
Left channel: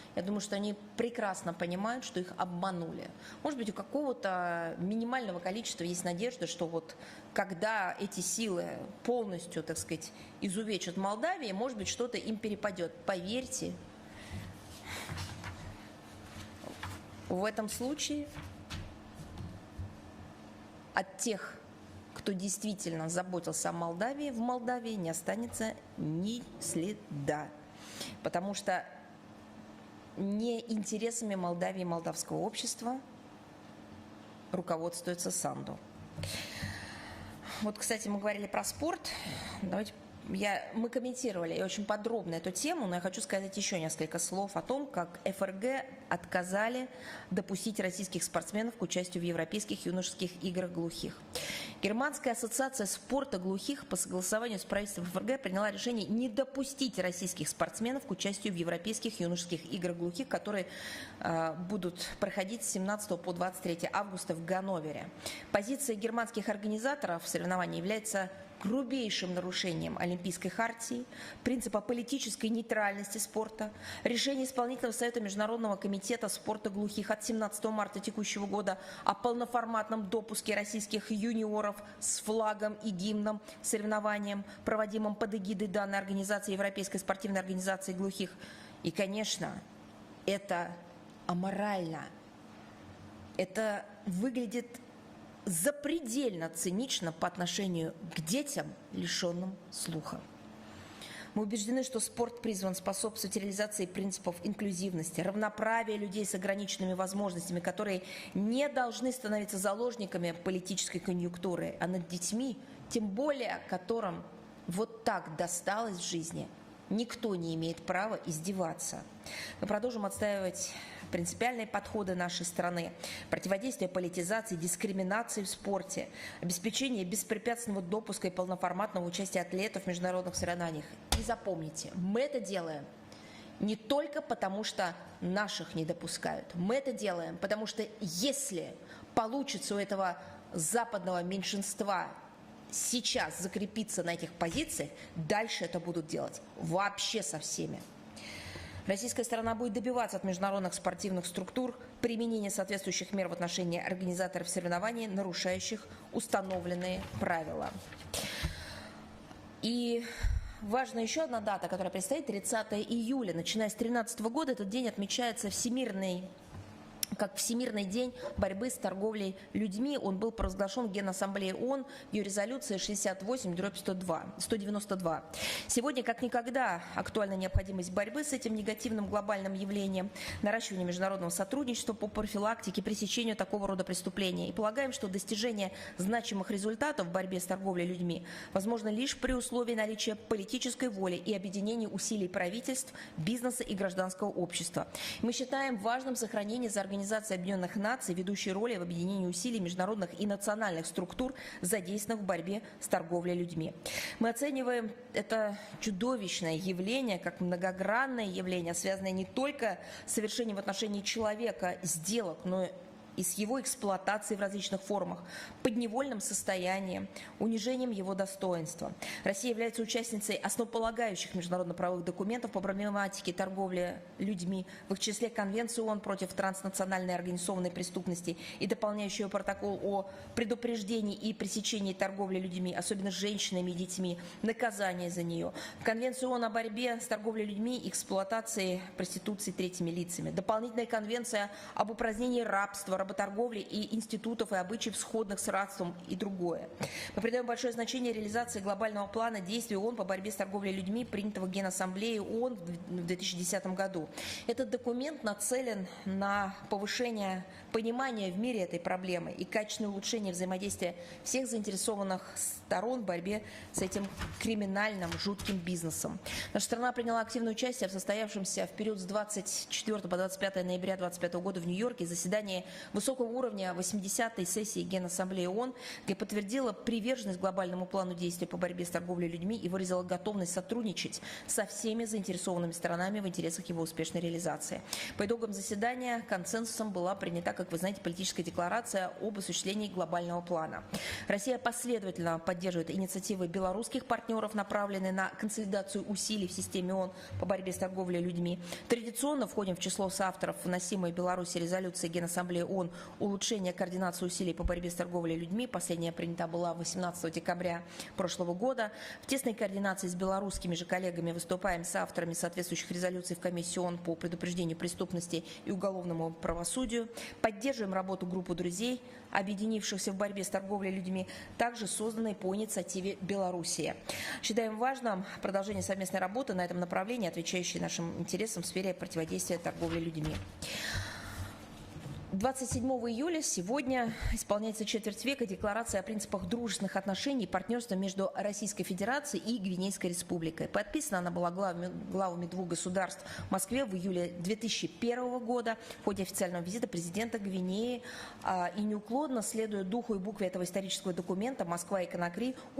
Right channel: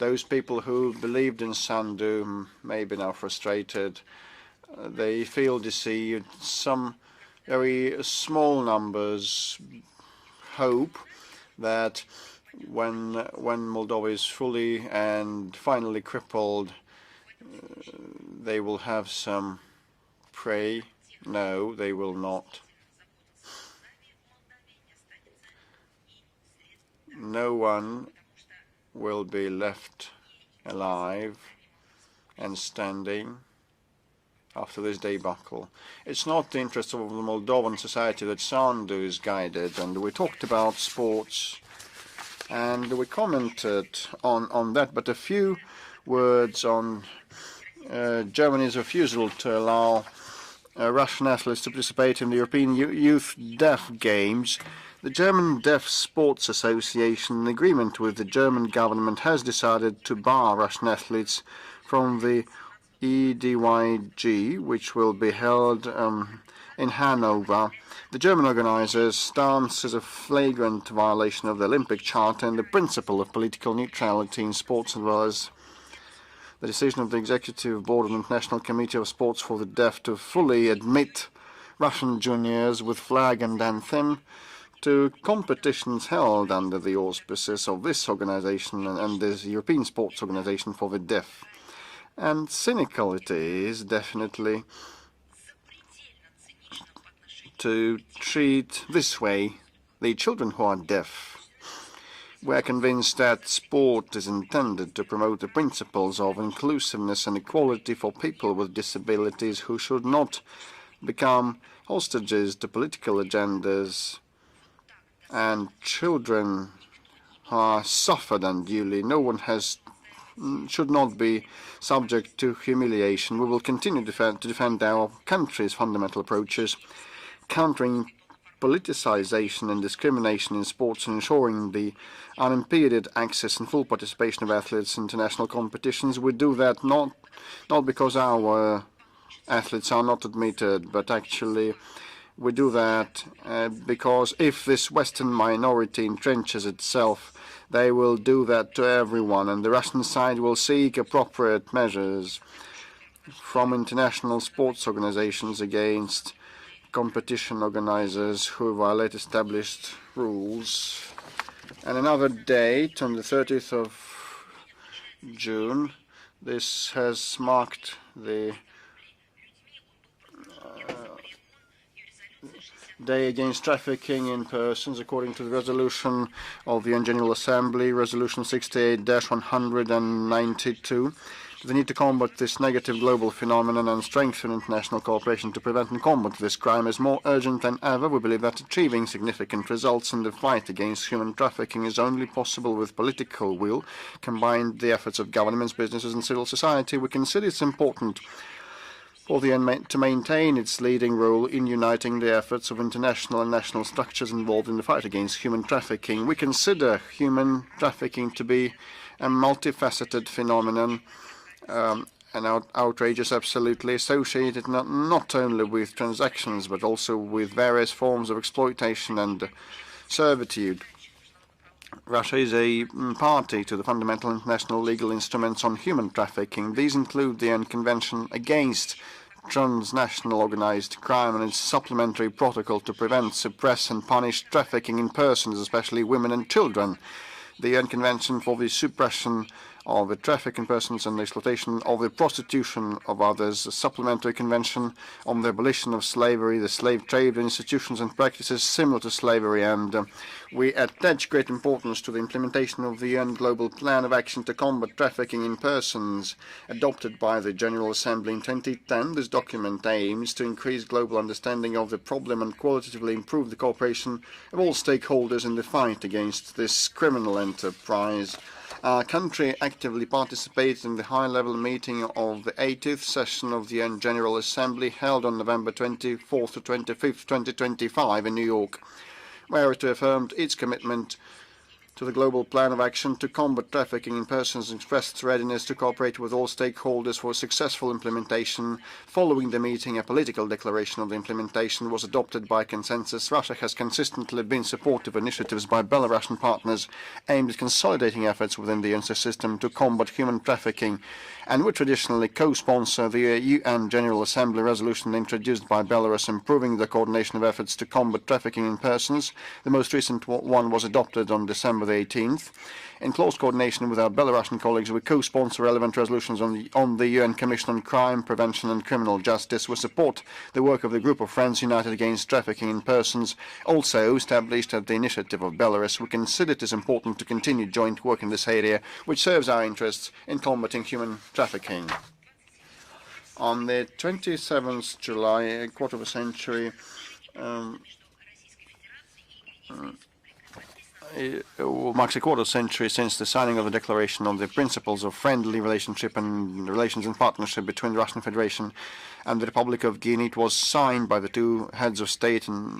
those people who believed in Sandu may be now frustrated. They feel deceived. Some very small numbers hope that when Moldova is fully and finally crippled, they will have some pray, no, they will not. No one will be left alive and standing after this debacle. It's not the interest of the Moldovan society that Sandu is guided, and we talked about sports, and we commented on that, but a few words on Germany's refusal to allow Russian athletes to participate in the European Youth Deaf Games. The German Deaf Sports Association, in agreement with the German government, has decided to bar Russian athletes from the EDYG, which will be held in Hanover. The German organizers' stance is a flagrant violation of the Olympic Charter and the principle of political neutrality in sports, as well as the decision of the Executive Board of the International Committee of Sports for the Deaf to fully admit Russian juniors with flag and anthem to competitions held under the auspices of this organization and the European Sports Organization for the Deaf. And cynical it is, definitely, to treat this way the children who are deaf. We are convinced that sport is intended to promote the principles of inclusiveness and equality for people with disabilities, who should not become hostages to political agendas, and children are suffered unduly. No one should not be subject to humiliation. We will continue to defend our country's fundamental approaches, countering politicization and discrimination in sports and ensuring the unimpeded access and full participation of athletes in international competitions. We do that not because our athletes are not admitted, but actually we do that because if this Western minority entrenches itself, they will do that to everyone, and the Russian side will seek appropriate measures from international sports organizations against competition organizers who violate established rules. And another date, on the 30th of June, this has marked the Day Against Trafficking in Persons, according to the resolution of the UN General Assembly, Resolution 68-192. We need to combat this negative global phenomenon and strengthen international cooperation to prevent and combat this crime is more urgent than ever. We believe that achieving significant results in the fight against human trafficking is only possible with political will, combined the efforts of governments, businesses and civil society. We consider it's important for the UN to maintain its leading role in uniting the efforts of international and national structures involved in the fight against human trafficking. We consider human trafficking to be a multifaceted phenomenon, an outrageous absolutely associated not only with transactions but also with various forms of exploitation and servitude. Russia is a party to the fundamental international legal instruments on human trafficking. These include the UN Convention against transnational organized crime and its supplementary protocol to prevent, suppress and punish trafficking in persons, especially women and children, the UN Convention for the suppression of the traffic in persons and the exploitation of the prostitution of others, a supplementary convention on the abolition of slavery, the slave trade, institutions and practices similar to slavery, and we attach great importance to the implementation of the UN Global Plan of Action to Combat Trafficking in Persons, adopted by the General Assembly in 2010. This document aims to increase global understanding of the problem and qualitatively improve the cooperation of all stakeholders in the fight against this criminal enterprise. Our country actively participated in the high-level meeting of the 80th session of the UN General Assembly held on November 24th to 25th, 2025 in New York, where it affirmed its commitment to the Global Plan of Action to Combat Trafficking in Persons and expressed its readiness to cooperate with all stakeholders for successful implementation. Following the meeting, a political declaration of the implementation declaration was adopted by consensus, Russia has consistently been supportive of initiatives by Belarusian partners aimed at consolidating efforts within the UN system to combat human trafficking, and would traditionally co-sponsor the UN General Assembly resolution introduced by Belarus improving the coordination of efforts to combat trafficking in persons. The most recent one was adopted on December the 18th. In close coordination with our Belarusian colleagues, we co-sponsor relevant resolutions on the UN Commission on Crime Prevention and Criminal Justice. We support the work of the Group of Friends United Against Trafficking in Persons, also established at the initiative of Belarus. We consider it is important to continue joint work in this area, which serves our interests in combating human trafficking. On the 27th July, a quarter of a century marks a quarter century since the signing of the Declaration on the Principles of Friendly Relationship and Relations and Partnership between the Russian Federation and the Republic of Guinea. It was signed by the two heads of state in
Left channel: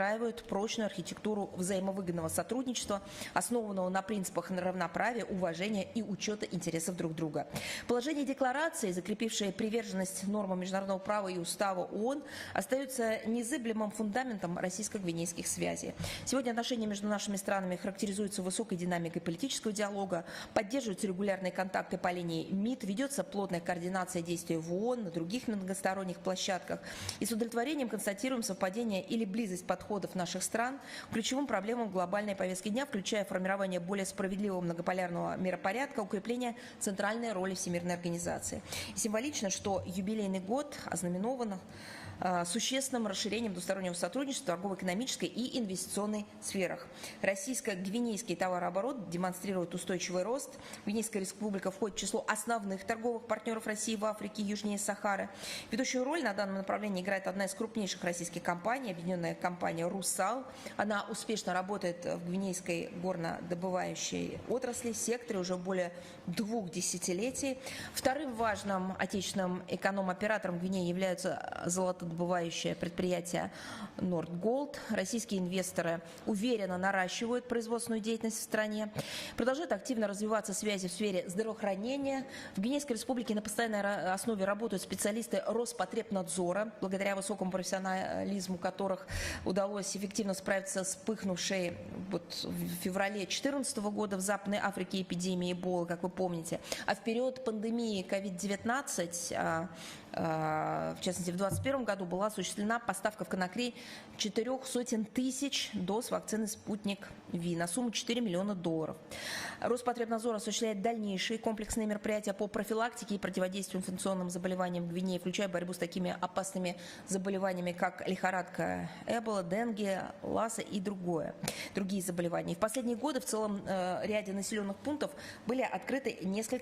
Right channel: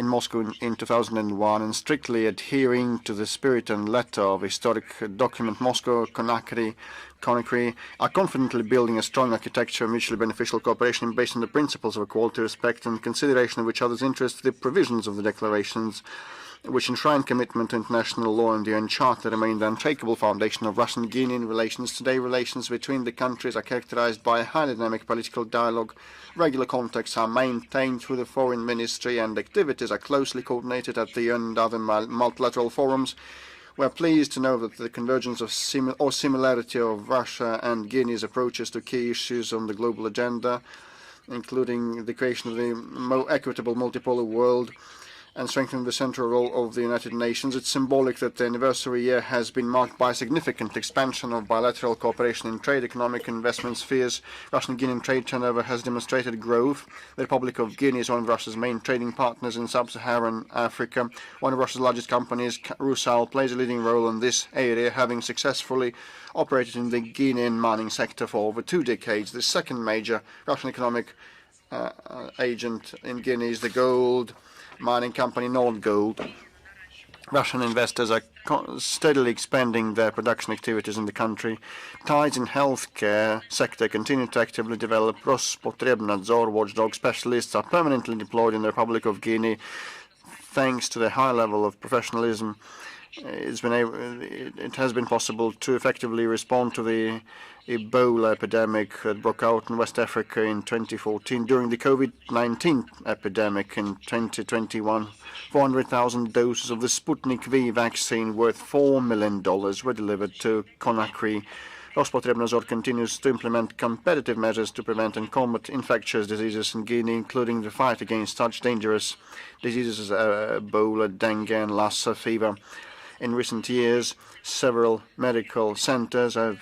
Moscow in 2001, and strictly adhering to the spirit and letter of historic document, Moscow Conakry are confidently building a strong architecture of mutually beneficial cooperation based on the principles of equality, respect and consideration of each other's interests. The provisions of the declarations, which enshrine commitment to international law and the UN Charter, remain the unshakable foundation of Russian-Guinean relations. Today, relations between the countries are characterized by a highly dynamic political dialogue. Regular contacts are maintained through the Foreign Ministry, and activities are closely coordinated at the UN and other multilateral forums. We are pleased to know that the convergence of similarity of Russia and Guinea's approaches to key issues on the global agenda, including the creation of the more equitable multipolar world and strengthening the central role of the United Nations. It's symbolic that the anniversary year has been marked by significant expansion of bilateral cooperation in trade, economic and investment spheres. Russian-Guinean trade turnover has demonstrated growth. The Republic of Guinea is one of Russia's main trading partners in sub-Saharan Africa. One of Russia's largest companies, Rusal, plays a leading role in this area, having successfully operated in the Guinean mining sector for over 2 decades. The second major Russian economic agent in Guinea is the gold mining company Nord Gold. Russian investors are steadily expanding their production activities in the country. Ties in healthcare sector continue to actively develop. Spokesperson watchdog specialists are permanently deployed in the Republic of Guinea. Thanks to the high level of professionalism, it has been possible to effectively respond to the Ebola epidemic that broke out in West Africa in 2014. During the COVID-19 epidemic in 2021, 400,000 doses of the Sputnik V vaccine worth $4 million were delivered to Conakry. Spokesperson continues to implement competitive measures to prevent and combat infectious diseases in Guinea, including the fight against such dangerous diseases as Ebola, dengue and Lassa fever. In recent years, several medical centers have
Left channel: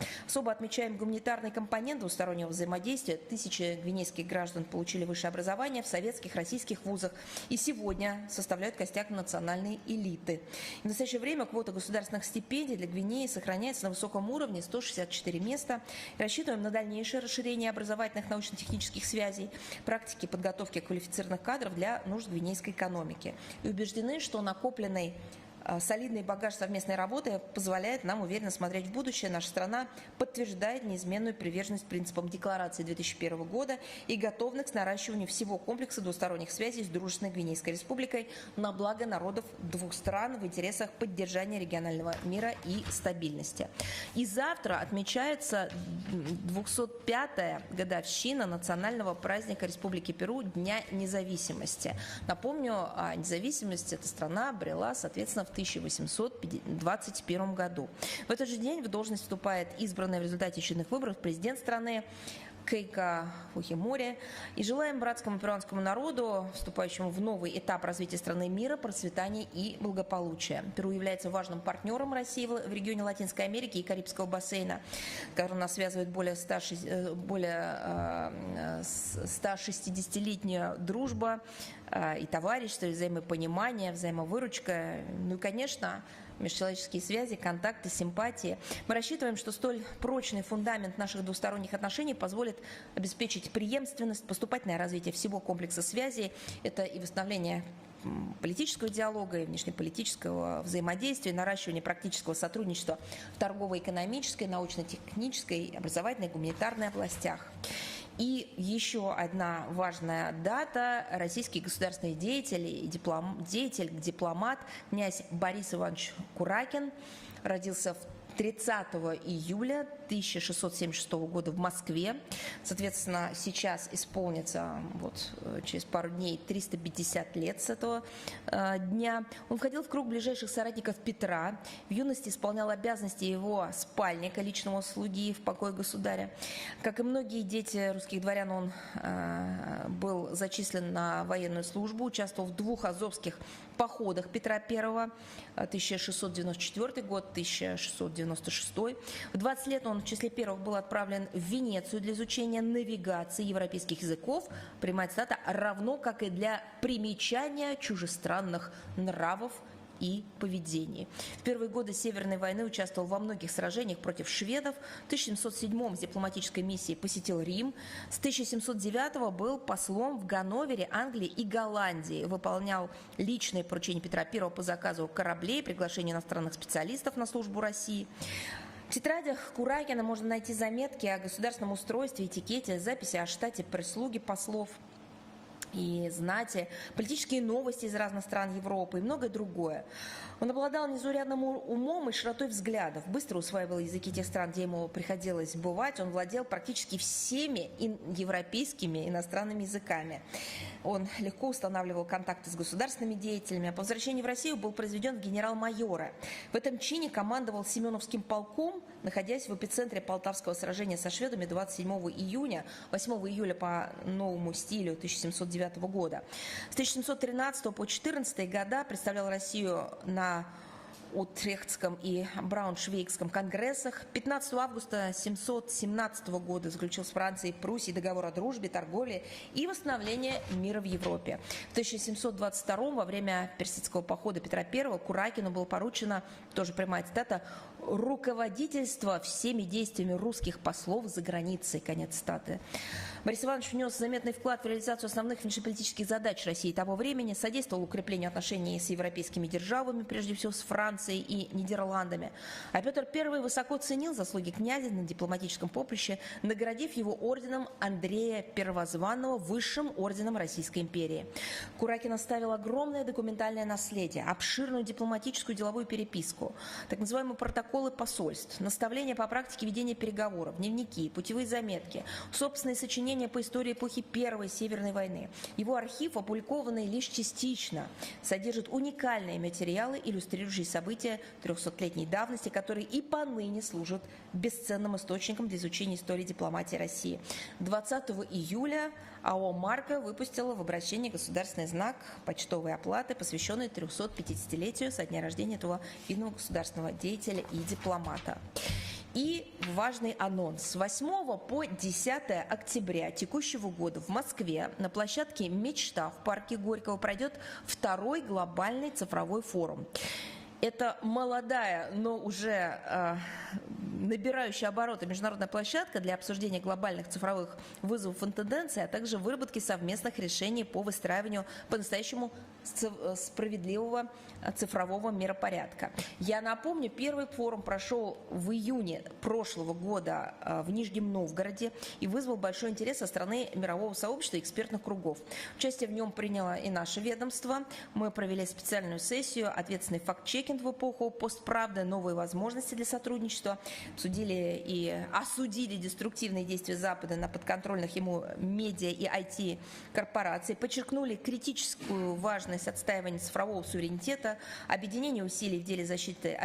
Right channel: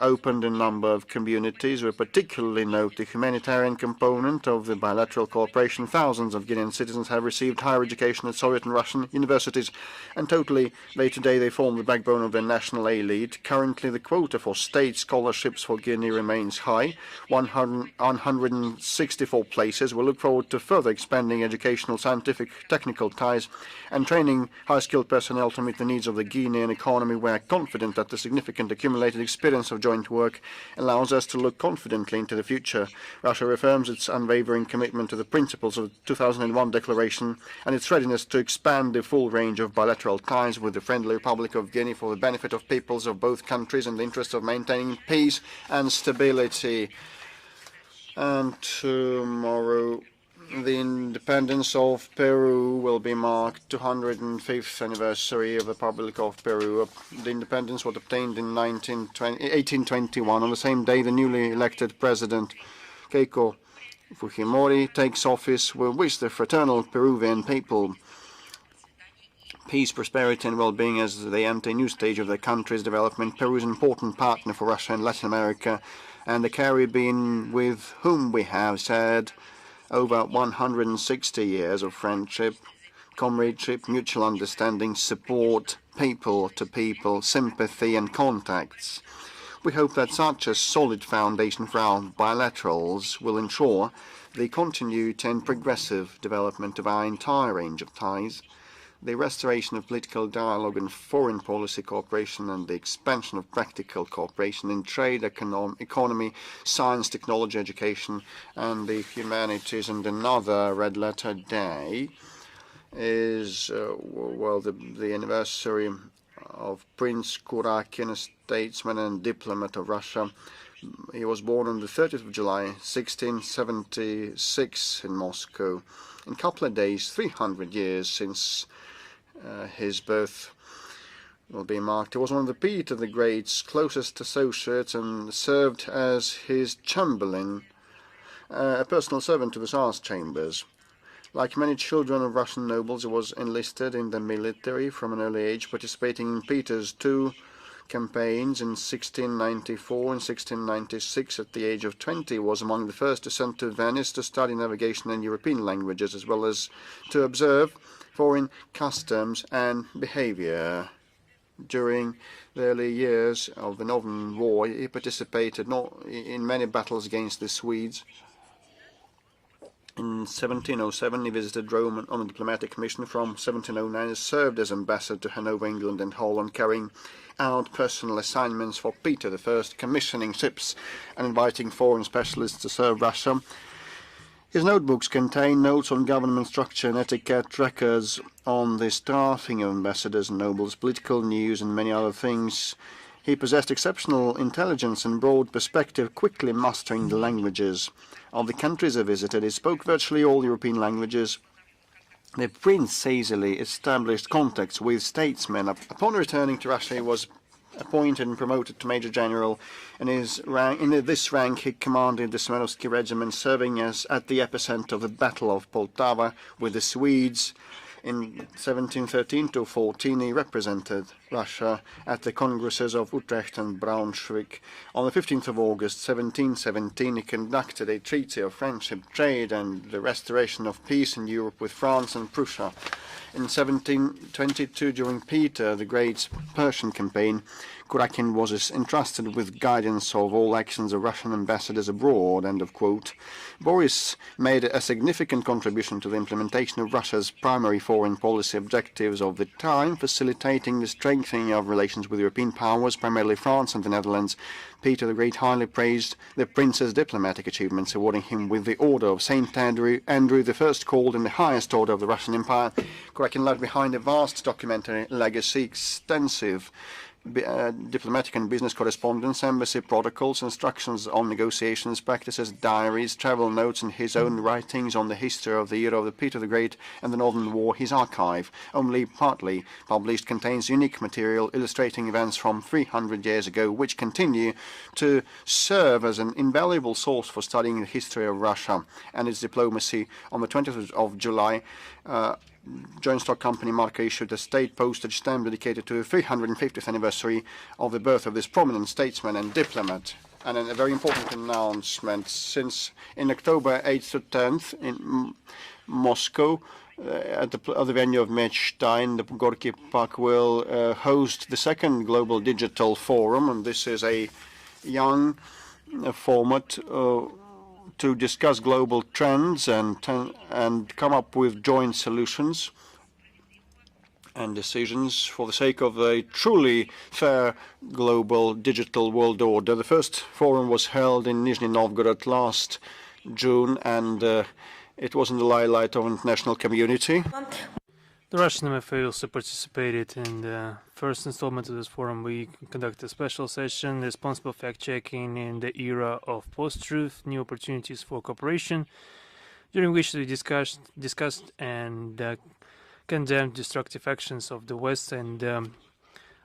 opened in a number of communities. We particularly note the humanitarian component of the bilateral cooperation. Thousands of Guinean citizens have received higher education at Soviet and Russian universities, and today they form the backbone of the national elite. Currently, the quota for state scholarships for Guinea remains high, 164 places. We look forward to further expanding educational, scientific, technical ties and training high-skilled personnel to meet the needs of the Guinean economy. We are confident that the significant accumulated experience of joint work allows us to look confidently into the future. Russia reaffirms its unwavering commitment to the principles of the 2001 Declaration and its readiness to expand the full range of bilateral ties with the friendly Republic of Guinea for the benefit of peoples of both countries in the interest of maintaining peace and stability. And tomorrow, the independence of Peru will be marked 205th anniversary of the Republic of Peru. The independence was obtained in 1821. On the same day, the newly elected president, Keiko Fujimori, takes office. We wish the fraternal Peruvian people peace, prosperity and well-being as they enter a new stage of their country's development. Peru is an important partner for Russia and Latin America and the Caribbean, with whom we have shared over 160 years of friendship, comradeship, mutual understanding, support, people-to-people, sympathy and contacts. We hope hope that such a solid foundation for our bilaterals will ensure the continued and progressive development of our entire range of ties, the restoration of political dialogue and foreign policy cooperation, and the expansion of practical cooperation in trade, economy, science, technology, education, and the humanities. And another red letter day is, the anniversary of Prince Kurakin, a statesman and diplomat of Russia. He was born on the 30th of July, 1676 in Moscow. In a couple of days, 300 years since his birth will be marked. He was one of the Peter the Great's closest associates and served as his chamberlain, a personal servant of his chambers. Like many children of Russian nobles, he was enlisted in the military from an early age, participating in Peter's two campaigns in 1694 and 1696. At the age of 20, he was among the first to send to Venice to study navigation and European languages, as well as to observe foreign customs and behavior. During the early years of the Northern War, he participated in many battles against the Swedes. In 1707, he visited Rome on a diplomatic mission. From 1709, he served as ambassador to Hanover, England and Holland, carrying out personal assignments for Peter I, commissioning ships and inviting foreign specialists to serve Russia. His notebooks contain notes on government structure and etiquette, records on the staffing of ambassadors and nobles, political news, and many other things. He possessed exceptional intelligence and broad perspective, quickly mastering the languages of the countries he visited. He spoke virtually all European languages. The prince easily established contacts with statesmen. Upon returning to Russia, he was appointed and promoted to Major General. In this rank, he commanded the Smerovsky regiment, serving as at the epicenter of the Battle of Poltava with the Swedes. In 1713 to 14, he represented Russia at the Congresses of Utrecht and Braunschweig. On the 15th of August 1717, he conducted a treaty of friendship, trade, and the restoration of peace in Europe with France and Prussia. In 1722, during Peter the Great's Persian campaign, Kurakin was entrusted with guidance of all actions of Russian ambassadors abroad, end of quote. Boris made a significant contribution to the implementation of Russia's primary foreign policy objectives of the time, facilitating the strengthening of relations with European powers, primarily France and the Netherlands. Peter the Great highly praised the prince's diplomatic achievements, awarding him with the Order of St. Andrew I, called in the highest order of the Russian Empire. Kurakin left behind a vast documentary legacy, extensive diplomatic and business correspondence, embassy protocols, instructions on negotiations, practices, diaries, travel notes, and his own writings on the history of the era of Peter the Great and the Northern War. His archive, only partly published, contains unique material illustrating events from 300 years ago, which continue to serve as an invaluable source for studying the history of Russia and its diplomacy. On the 20th of July, Joint Stock Company Marca issued a state postage stamp dedicated to the 350th anniversary of the birth of this prominent statesman and diplomat. And a very important announcement, since in October 8th to 10th in Moscow, at the venue of Mechstein, the Gorky Park will host the second Global Digital Forum, and this is a young format to discuss global trends and come up with joint solutions and decisions for the sake of a truly fair global digital world order. The first forum was held in Nizhny Novgorod last June, and it was in the limelight of the international community. The Russian MFA also participated in the first installment of this forum. We conducted a special session, responsible fact-checking in the era of post-truth, new opportunities for cooperation, during which we discussed and condemned destructive actions of the West and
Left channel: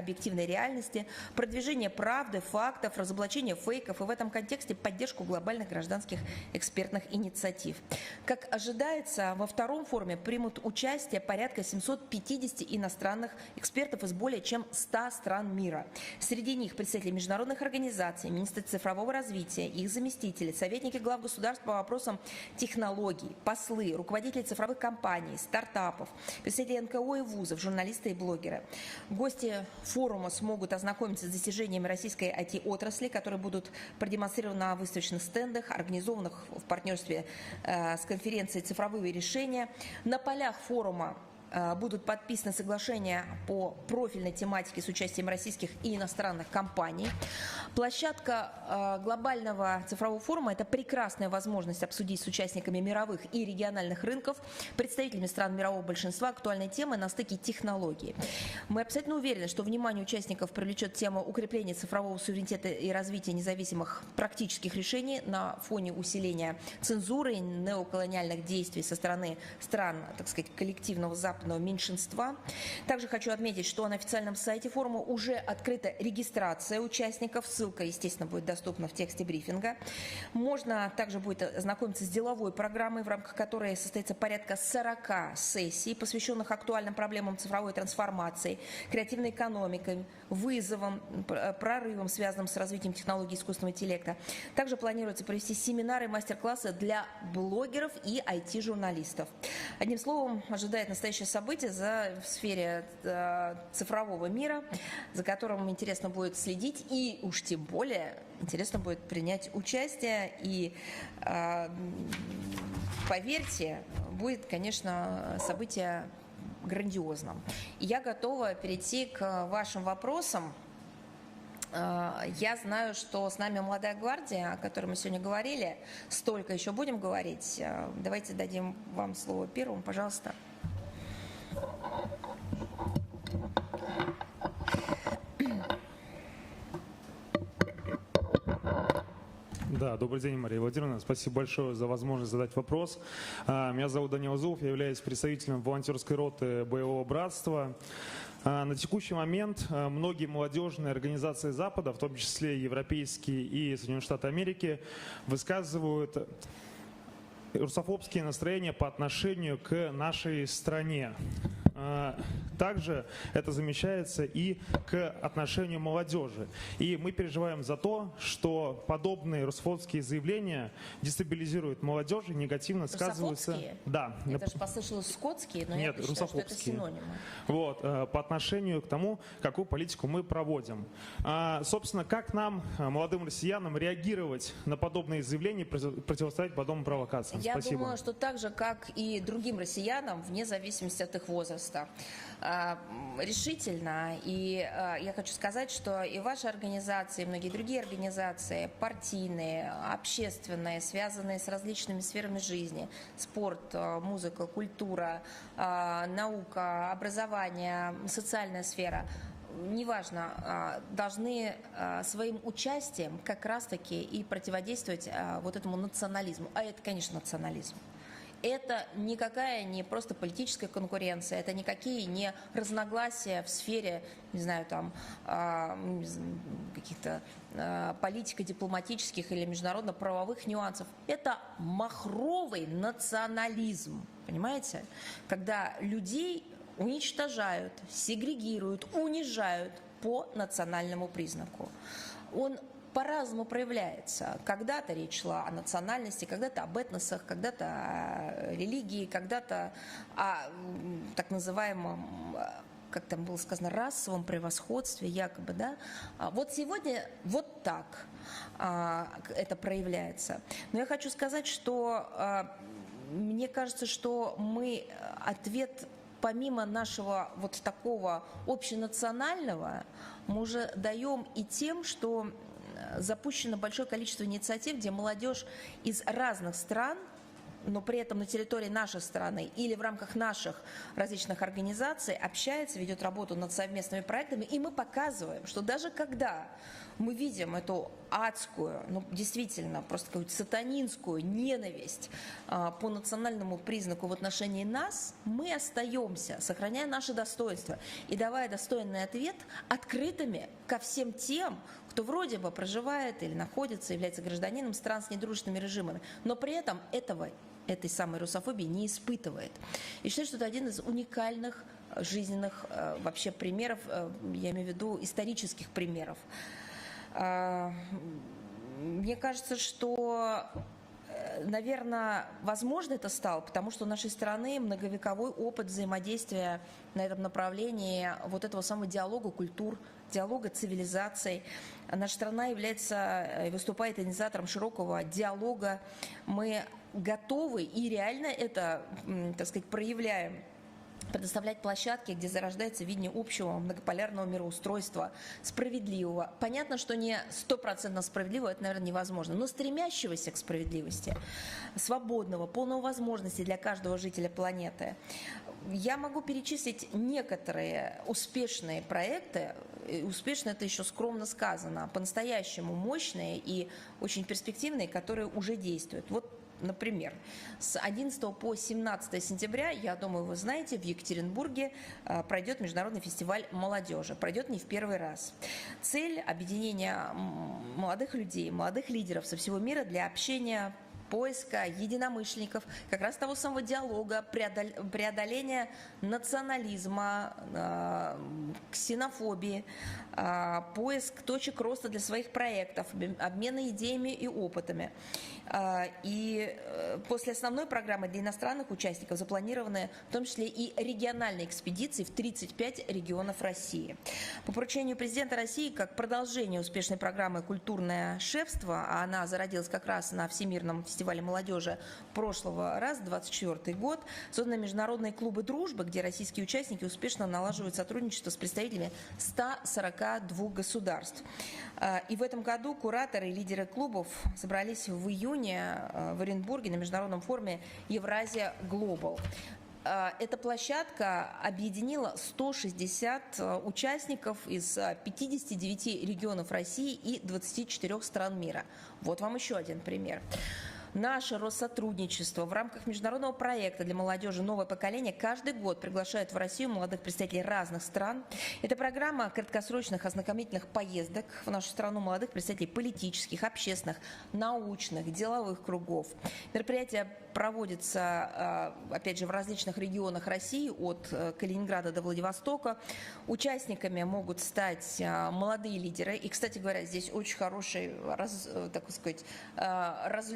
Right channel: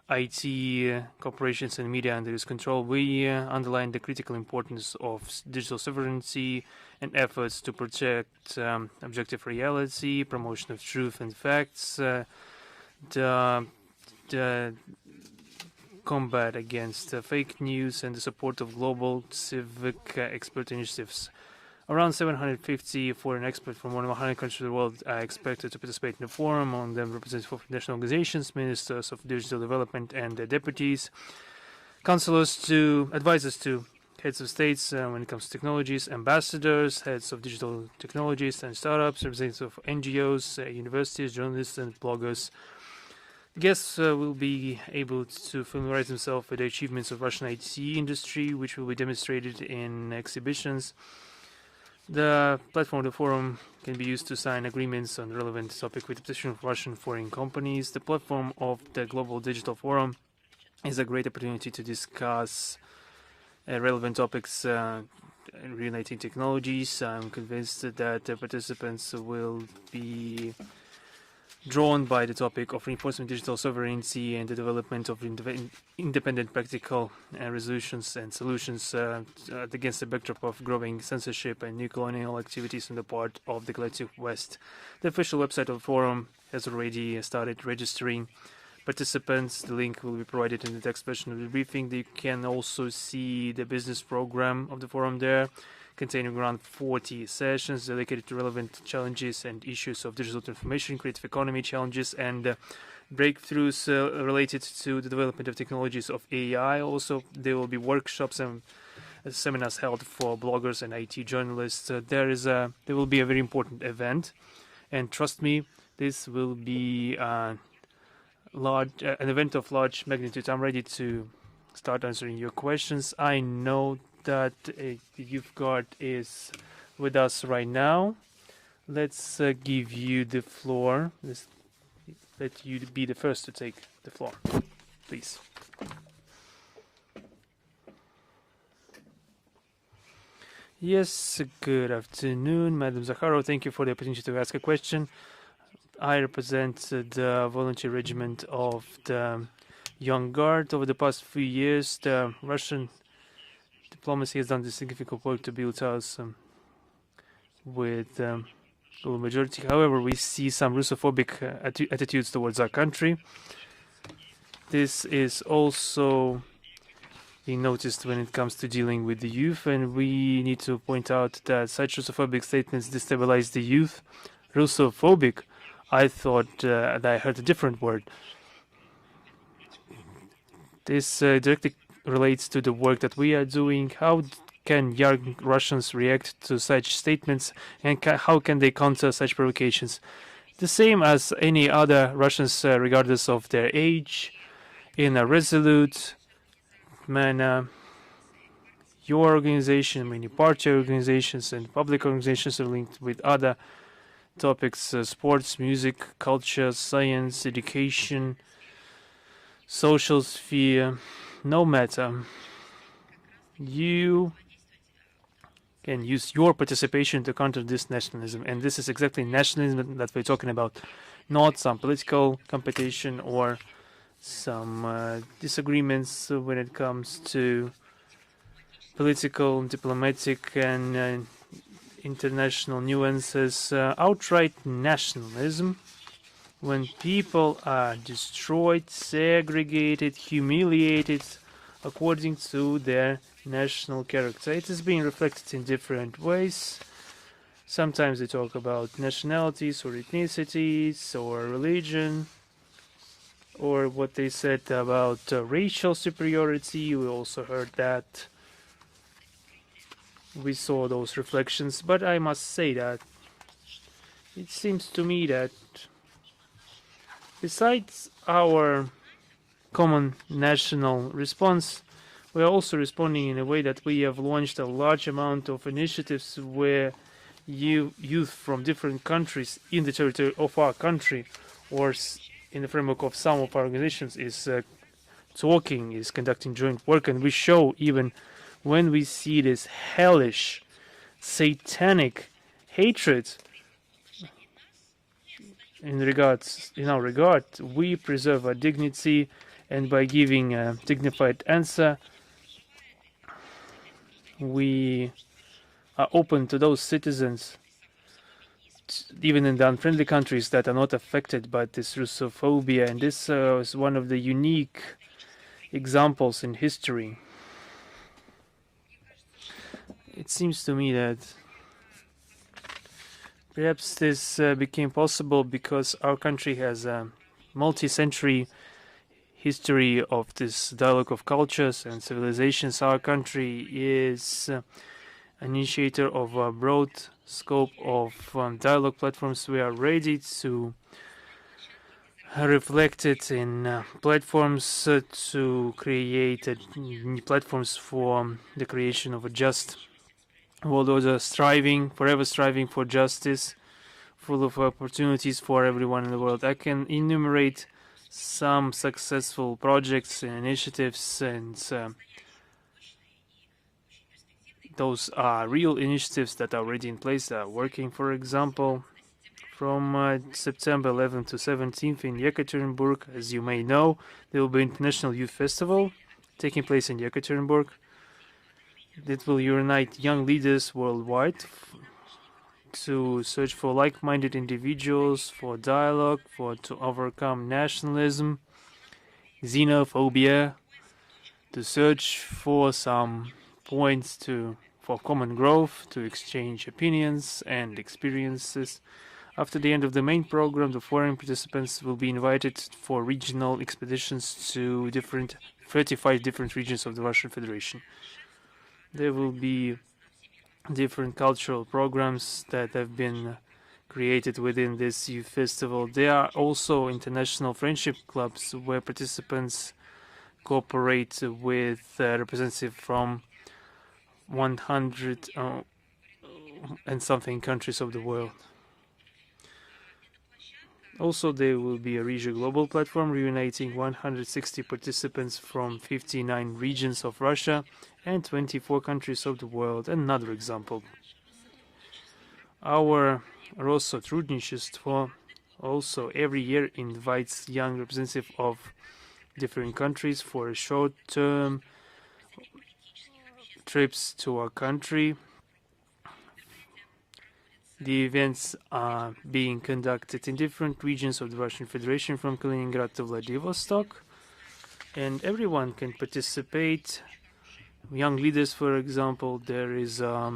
IT corporations and media under its control. We underlined the critical importance of digital sovereignty and efforts to protect objective reality, promotion of truth and respects the combat against fake news and the support of global civic expert initiatives. Around 750 foreign experts from more than 100 countries of the world are expected to participate in the forum. On them representatives of national organizations, ministers of digital development and the deputies, counselors to advisors to heads of states when it comes to technologies, ambassadors, heads of digital technologies and startups, representatives of NGOs, universities, journalists and bloggers. Guests will be able to familiarize themselves with the achievements of Russian IT industry, which will be demonstrated in exhibitions. The platform of the forum can be used to sign agreements on the relevant topic with different Russian foreign companies. The platform of the Global Digital Forum is a great opportunity to discuss relevant topics related technologies. I'm convinced that the participants will be drawn by the topic of enforcing digital sovereignty and the development of independent practical resolutions and solutions against the backdrop of growing censorship and new colonial activities on the part of the collective West. The official website of the forum has already started registering participants. The link will be provided in the text version of the briefing. You can also see the business program of the forum there, containing around 40 sessions dedicated to relevant challenges and issues of digital transformation, creative economy challenges, and breakthroughs related to the development of technologies of AI. Also, there will be workshops and seminars held for bloggers and IT journalists. There will be a very important event, and trust me, this will be an event of large magnitude. I'm ready to start answering your questions. I know that Yevgard is with us right now. Let's give you the floor. Let you be the first to take the floor, please. Yes, good afternoon, Madam Zakharova. Thank you for the opportunity to ask a question. I represent the volunteer regiment of the Young Guard. Over the past few years, the Russian diplomacy has done this significant work to build us with full majority. However, we see some Russophobic attitudes towards our country. This is also being noticed when it comes to dealing with the youth, and we need to point out that such Russophobic statements destabilize the youth. Russophobic, I thought that I heard a different word. This directly relates to the work that we are doing. How can young Russians react to such statements, and how can they counter such provocations? The same as any other Russians, regardless of their age, in a resolute manner. Your organization, many party organizations and public organizations are linked with other topics, sports, music, culture, science, education, social sphere. No matter, you can use your participation to counter this nationalism, and this is exactly nationalism that we're talking about, not some political competition or some disagreements when it comes to political, diplomatic and international nuances. Outright nationalism, when people are destroyed, segregated, humiliated according to their national character. It is being reflected in different ways. Sometimes they talk about nationalities or ethnicities or religion, or what they said about racial superiority. We also heard that. We saw those reflections, but I must say that it seems to me that besides our common national response, we are also responding in a way that we have launched a large amount of initiatives where youth from different countries in the territory of our country or in the framework of some of our organizations is talking, is conducting joint work, and we show even when we see this hellish, satanic hatred in our regard, we preserve our dignity, and by giving a dignified answer, we are open to those citizens, even in the unfriendly countries, that are not affected by this Russophobia. And this is one of the unique examples in history. It seems to me that perhaps this became possible because our country has a multi-century history of this dialogue of cultures and civilizations. Our country is an initiator of a broad scope of dialogue platforms. We are ready to reflected in platforms to create platforms for the creation of a just world order, forever striving for justice, full of opportunities for everyone in the world. I can enumerate some successful projects and initiatives, and those are real initiatives that are already in place, that are working. For example, from September 11th to 17th in Yekaterinburg, as you may know, there will be an International Youth Festival taking place in Yekaterinburg. That will unite young leaders worldwide to search for like-minded individuals, for dialogue, to overcome nationalism, xenophobia, to search for some points for common growth, to exchange opinions and experiences. After the end of the main program, the foreign participants will be invited for regional expeditions to 35 different regions of the Russian Federation. There will be different cultural programs that have been created within this youth festival. There are also international friendship clubs where participants cooperate with representatives from 100 and something countries of the world. Also, there will be a Rzhev global platform reuniting 160 participants from 59 regions of Russia and 24 countries of the world. Another example. Our Россотрудничество also every year invites young representatives of different countries for a short-term trips to our country. The events are being conducted in different regions of the Russian Federation, from Kaliningrad to Vladivostok, and everyone can participate. Young leaders, for example, there is a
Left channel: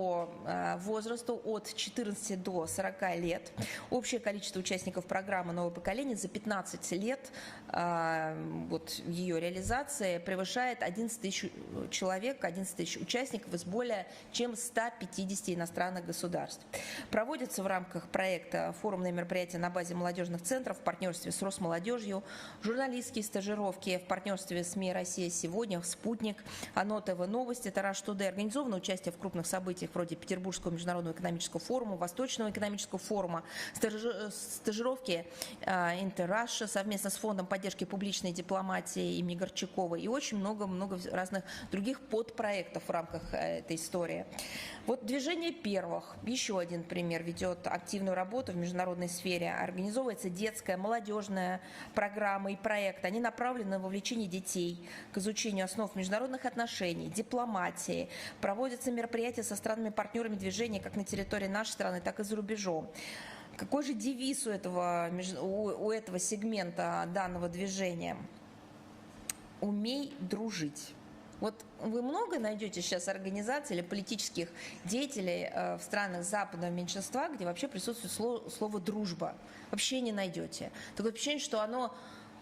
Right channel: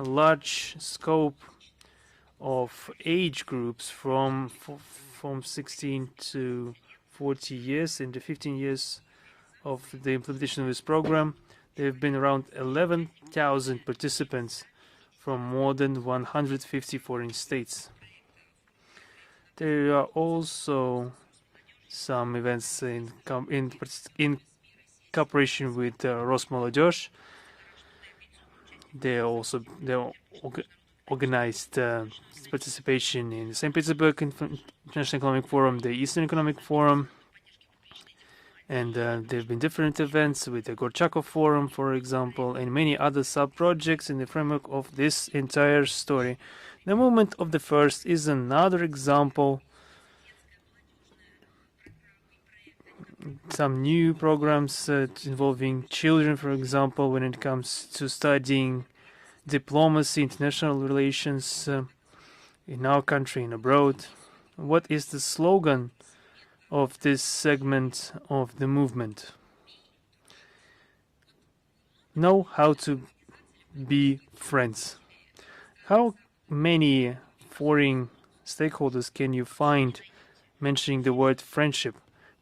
large scope of age groups from 16 to 40 years. In the 15 years of the implementation of this program, there have been around 11,000 participants from more than 150 foreign states. There are also some events in cooperation with Rosmolodezh. They organized participation in St. Petersburg International Economic Forum, the Eastern Economic Forum, and there have been different events with the Gorchakov Forum, for example, and many other sub-projects in the framework of this entire story. The movement of the first is another example. Some new programs involving children, for example, when it comes to studying diplomacy, international relations in our country and abroad. What is the slogan of this segment of the movement? Know how to be friends. How many foreign stakeholders can you find mentioning the word friendship?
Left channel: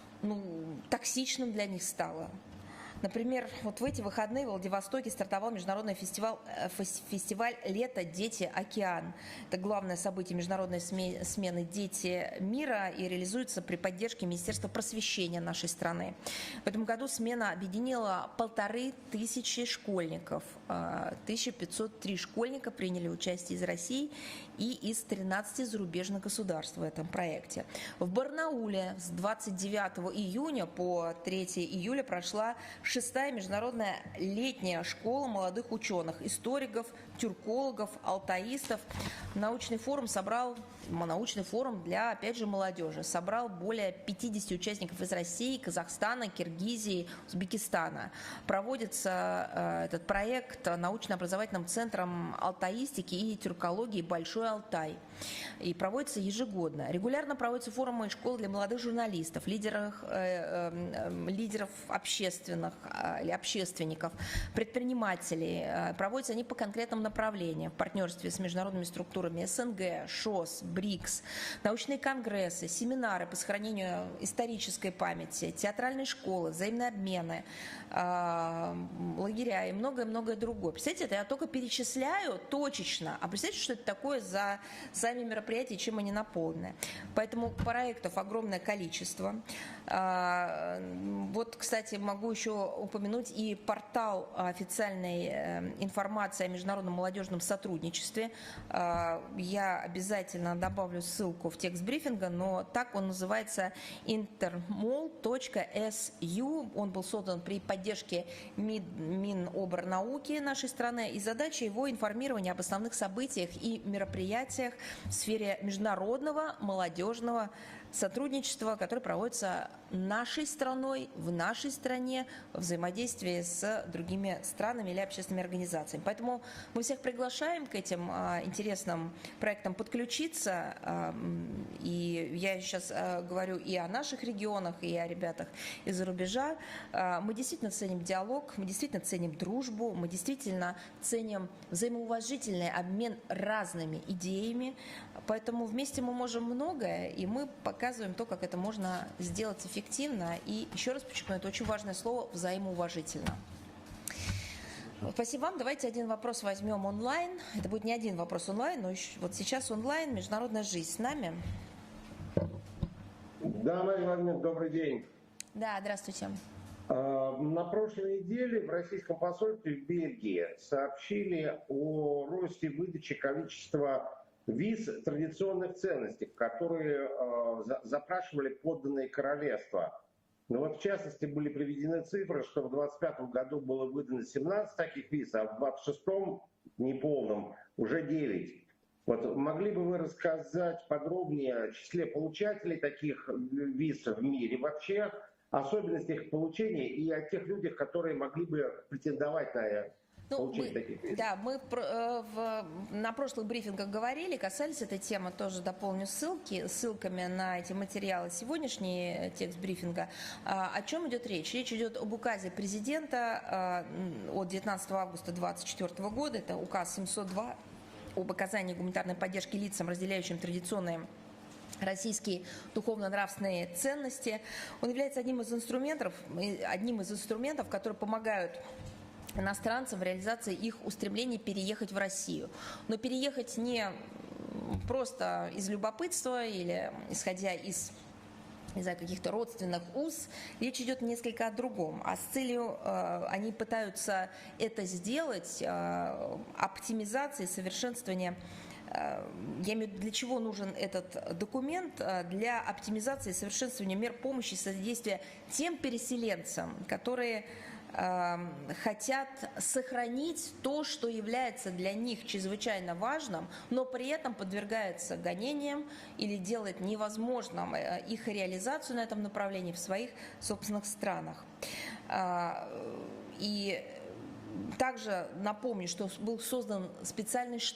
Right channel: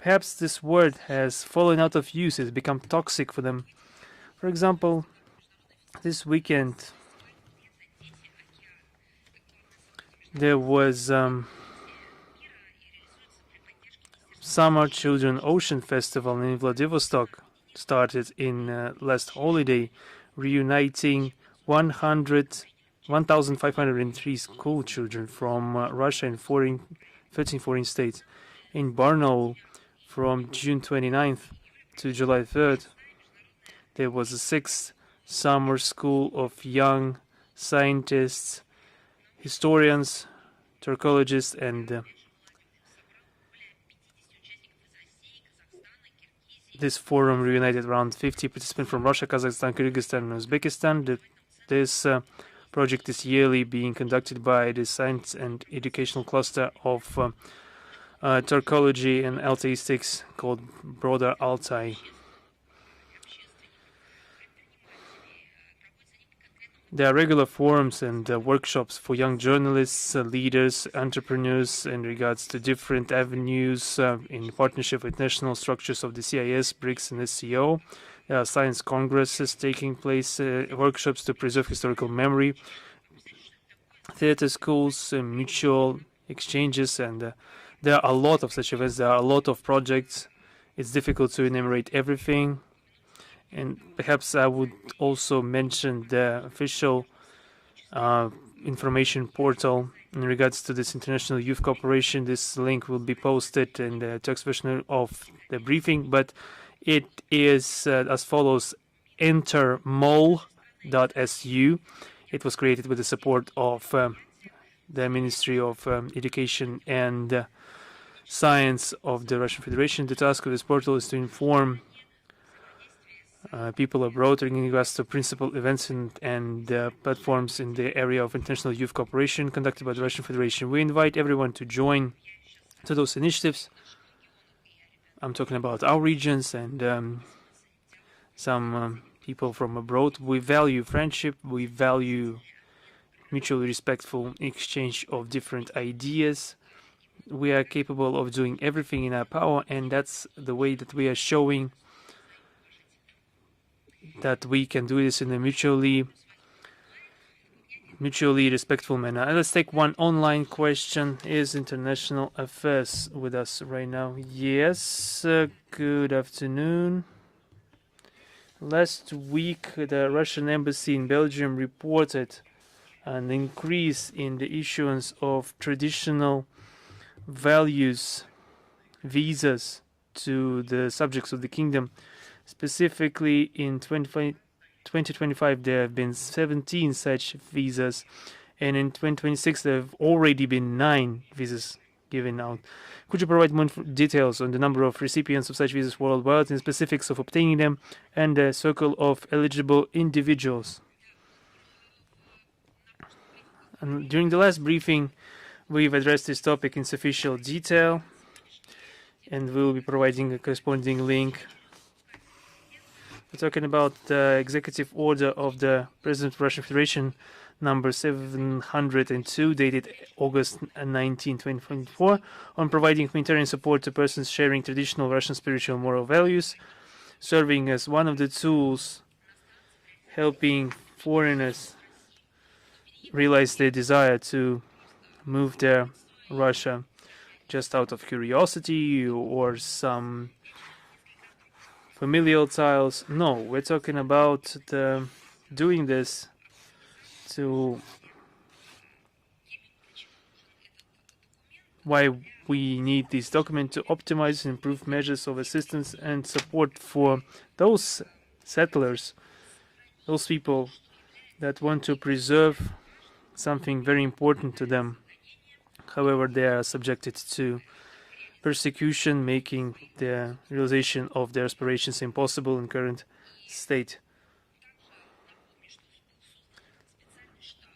Perhaps this word has fallen out of use, it's become toxic for them. For example, this weekend there was Summer Children Ocean Festival in Vladivostok, started in last holiday, reuniting 1,503 school children from Russia and 13 foreign states. In Barnaul, from June 29th to July 3rd, there was a 6th summer school of young scientists, historians, Turkologists, and this forum reunited around 50 participants from Russia, Kazakhstan, Kyrgyzstan, and Uzbekistan. This project is yearly being conducted by the Science and Educational Cluster of Turkology and Altaistics called Broader Altai. There are regular forums and workshops for young journalists, leaders, entrepreneurs in regards to different avenues in partnership with national structures of the CIS, BRICS, and SCO. Science congresses taking place, workshops to preserve historical memory, theater schools, mutual exchanges, and there are a lot of such events. There are a lot of projects. It's difficult to enumerate everything. And perhaps I would also mention the official information portal in regards to this international youth cooperation. This link will be posted in the text version of the briefing, but it is as follows: entermol.su. It was created with the support of the Ministry of Education and Science of the Russian Federation. The task of this portal is to inform people abroad in regards to principal events and platforms in the area of international youth cooperation conducted by the Russian Federation. We invite everyone to join to those initiatives. I'm talking about our regions and some people from abroad. We value friendship, we value mutually respectful exchange of different ideas. We are capable of doing everything in our power, and that's the way that we are showing that we can do this in a mutually respectful manner. Let's take one online question. Is International Affairs with us right now? Yes, good afternoon. Last week, the Russian embassy in Belgium reported an increase in the issuance of traditional values visas to the subjects of the kingdom. Specifically, in 2025, there have been 17 such visas, and in 2026, there have already been 9 visas given out. Could you provide more details on the number of recipients of such visas worldwide, and specifics of obtaining them, and the circle of eligible individuals? During the last briefing, we've addressed this topic in sufficient detail, and we'll be providing a corresponding link. We're talking about the executive order of the President of the Russian Federation, number 702, dated August 19, 2024, on providing humanitarian support to persons sharing traditional Russian spiritual and moral values, serving as one of the tools helping foreigners realize their desire to move to Russia just out of curiosity or some familial ties. No, we're talking about doing this to why we need this document: to optimize and improve measures of assistance and support for those settlers, those people that want to preserve something very important to them. However, they are subjected to persecution, making the realization of their aspirations impossible in current state.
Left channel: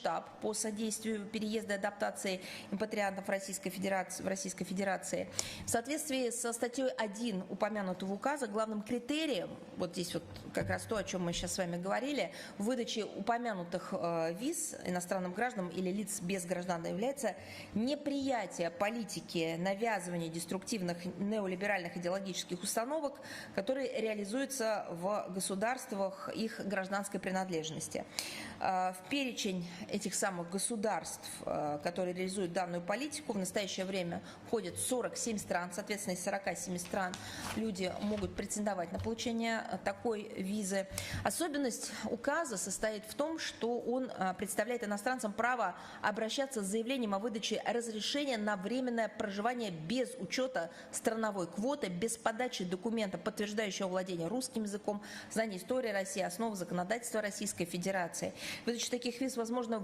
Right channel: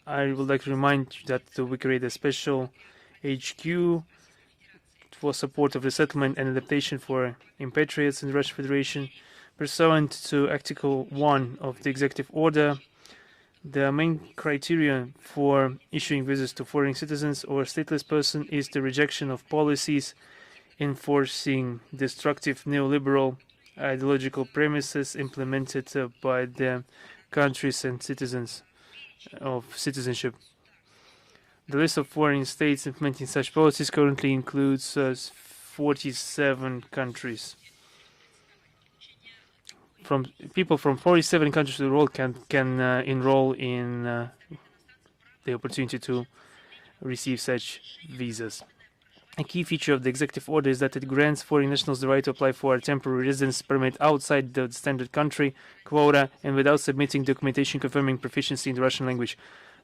I would like to remind you that we create a special HQ for support of resettlement and adaptation for repatriates in the Russian Federation. Pursuant to Article 1 of the Executive Order, the main criterion for issuing visas to foreign citizens or stateless persons is the rejection of policies enforcing destructive neoliberal ideological premises implemented by the countries and citizens of citizenship. The list of foreign states implementing such policies currently includes 47 countries. People from 47 countries of the world can enroll in the opportunity to receive such visas. A key feature of the executive order is that it grants foreign nationals the right to apply for a temporary residence permit outside the standard country quota and without submitting documentation confirming proficiency in the Russian language,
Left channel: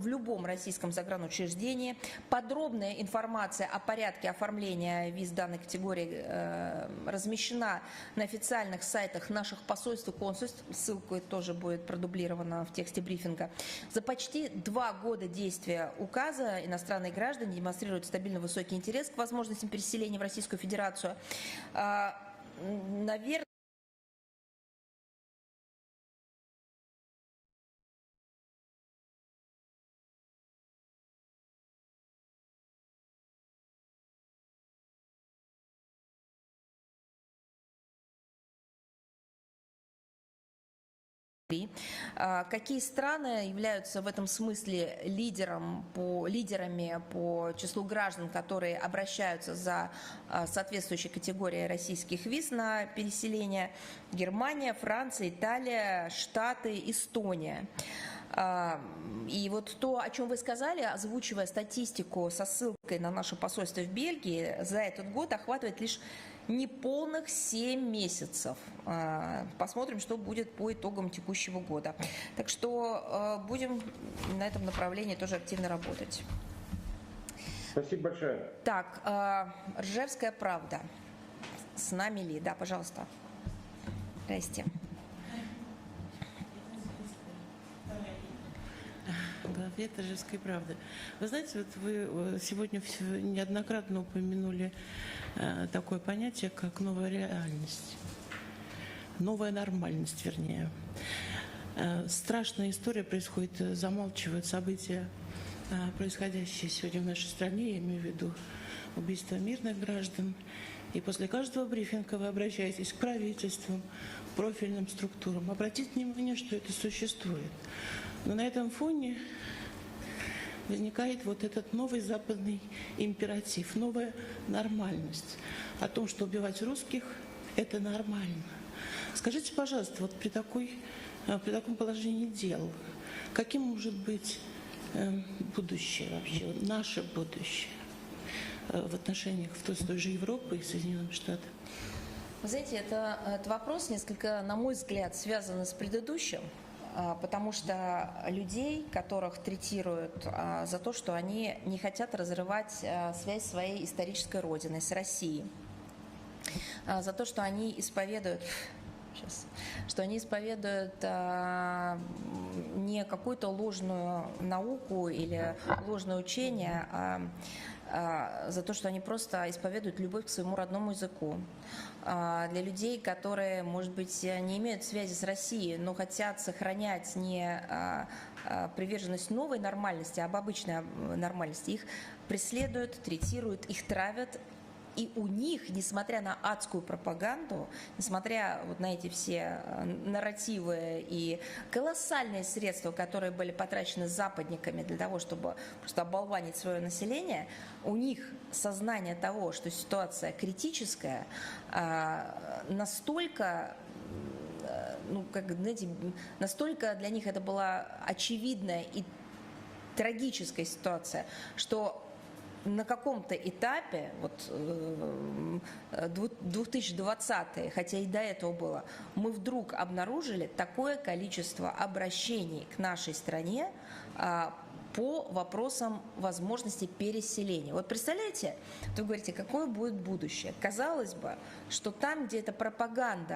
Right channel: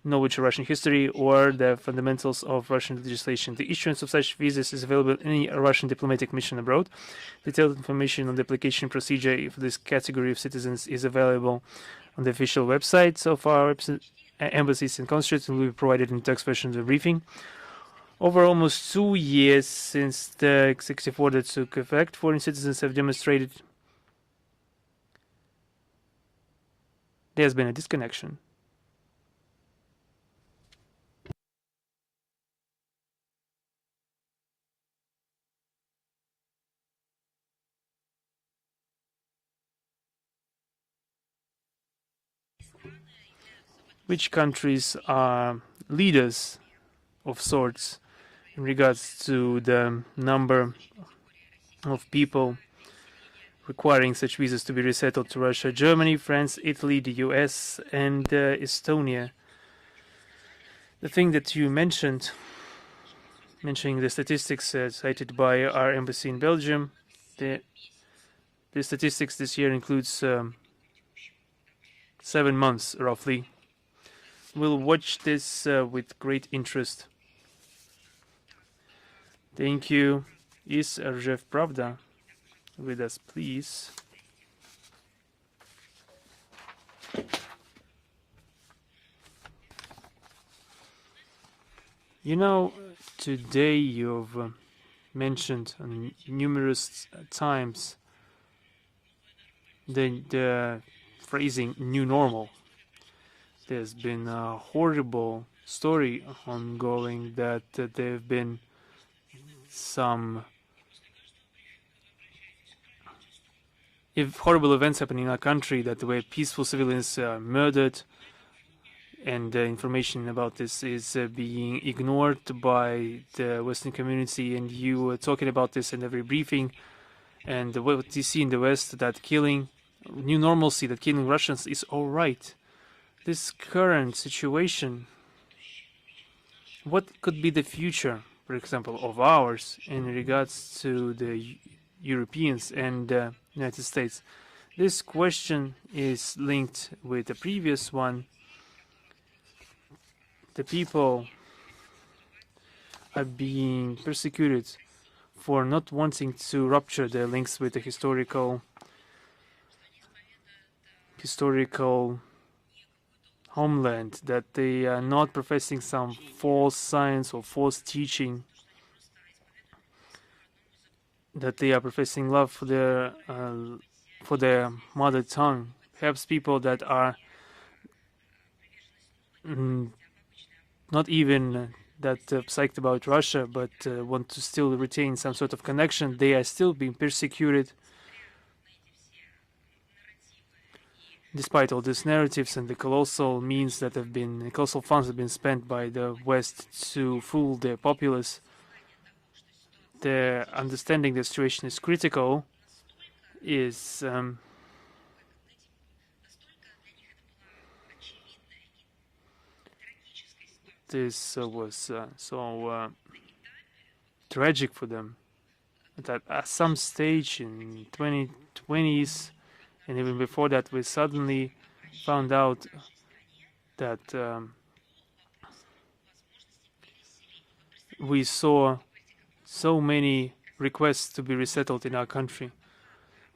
knowledge of Russian history, or the fundamentals of Russian legislation. The issuance of such visas is available in any Russian diplomatic mission abroad. Detailed information on the application procedure for this category of citizens is available on the official websites of our embassies and consulates, and will be provided in text version of the briefing. Over almost 2 years since the executive order took effect, foreign citizens have demonstrated there has been a disconnection. Which countries are leaders of sorts in regards to the number of people requiring such visas to be resettled to Russia? Germany, France, Italy, the US, and Estonia. The thing that you mentioned, mentioning the statistics cited by our embassy in Belgium, the statistics this year includes 7 months, roughly. We'll watch this with great interest. Thank you. Is Rzhev Pravda with us, please? You know, today you've mentioned numerous times the phrasing "new normal." There's been a horrible story ongoing that there have been some horrible events happening in our country, that the way peaceful civilians are murdered, and information about this is being ignored by the Western community, and you were talking about this in every briefing. And what you see in the West, that killing, new normalcy, that killing Russians is all right. This current situation, what could be the future, for example, of ours in regards to the Europeans and the United States? This question is linked with the previous one. The people are being persecuted for not wanting to rupture their links with the historical homeland, that they are not professing some false science or false teaching, that they are professing love for their mother tongue. Perhaps people that are not even that psyched about Russia, but want to still retain some sort of connection, they are still being persecuted. Despite all these narratives and the colossal means that have been, colossal funds have been spent by the West to fool the populace, their understanding the situation is critical is настолько для них это была очевидная и трагическая ситуация, что на каком-то этапе, tragic for them, that at some stage in 2020s and even before that, we suddenly found out that we saw so many requests to be resettled in our country.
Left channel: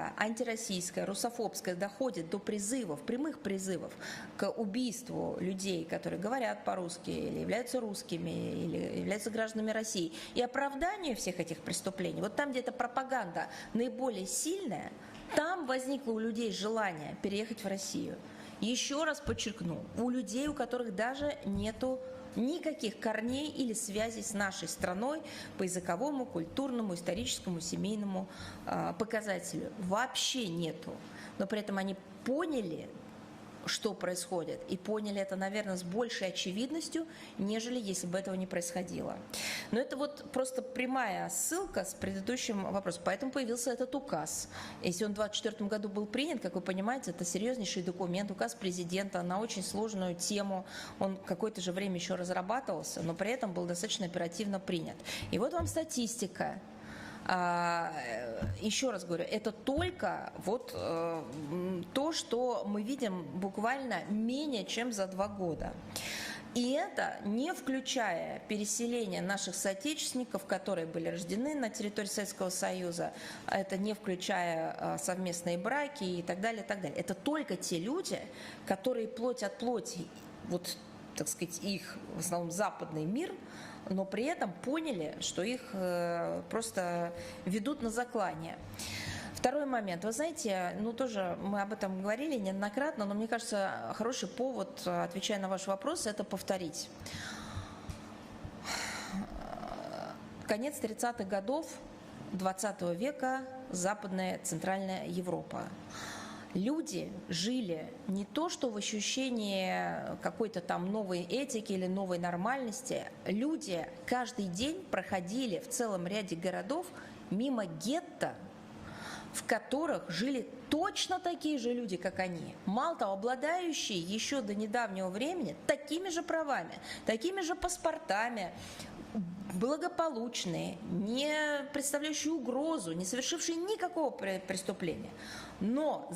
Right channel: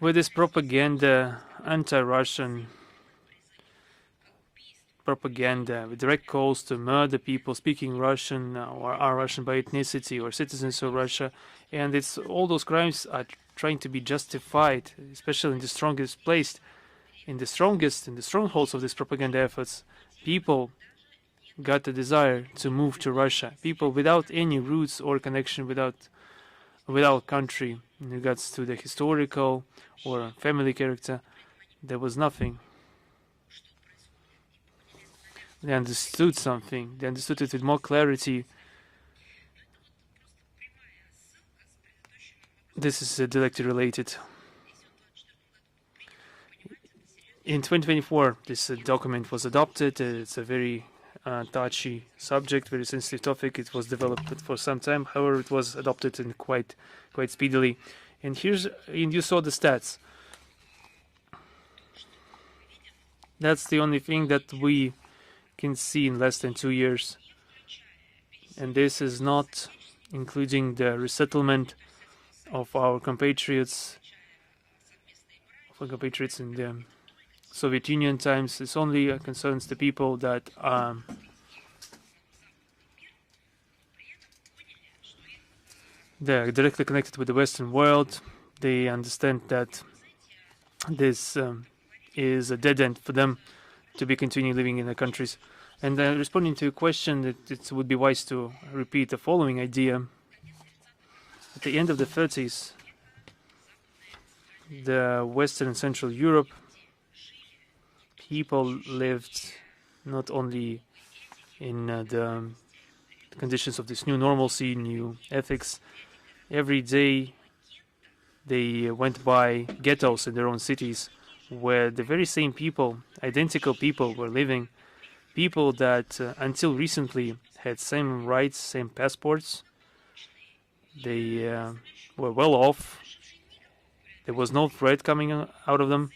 With this propaganda, anti-Russian propaganda, direct calls to murder people speaking Russian or are Russian by ethnicity or citizens of Russia, and it's all those crimes are trying to be justified, especially in the strongest place, in the strongholds of these propaganda efforts. People got the desire to move to Russia. People without any roots or connection, without country in regards to the historical or family character. There was nothing. They understood something. They understood it with more clarity. This is directly related. In 2024, this document was adopted. It's a very touchy subject, very sensitive topic. It was developed for some time. However, it was adopted in quite speedily. And you saw the stats. That's the only thing that we can see in less than 2 years. And this is not including the resettlement of our compatriots in the Soviet Union times. It only concerns the people that they're directly connected with the Western world. They understand that this is a dead end for them to be continuing living in the countries. And responding to your question, that it would be wise to repeat the following idea. At the end of the 30s, the Western and Central Europe, people lived not only in the conditions of this new normalcy, new ethics. Every day they went by ghettos in their own cities, where the very same people, identical people, were living. People that until recently had same rights, same passports. They were well off. There was no threat coming out of them.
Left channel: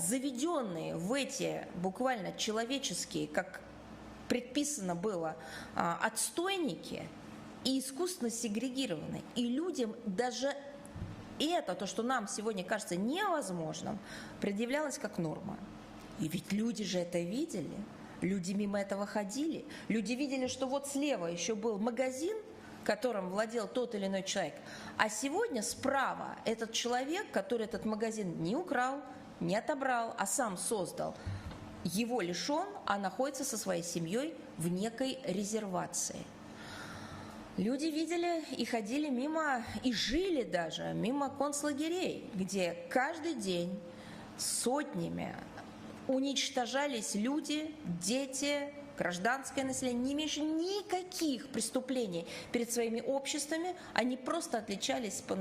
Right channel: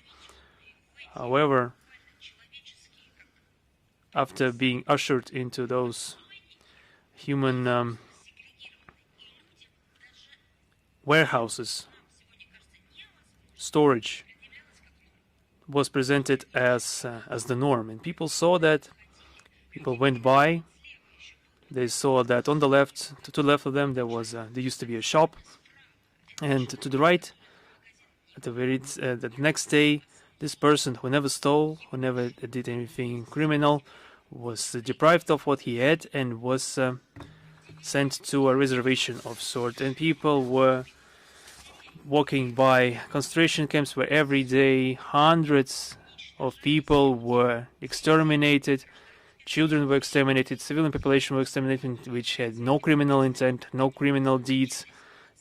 However, after being ushered into those human warehouses, storage was presented as the norm, and people saw that. People went by. They saw that on the left, to the left of them, there used to be a shop, and to the right, the next day, this person who never stole, who never did anything criminal, was deprived of what he had and was sent to a reservation of sort, and people were walking by concentration camps where every day hundreds of people were exterminated, children were exterminated, civilian population were exterminated, which had no criminal intent, no criminal deeds.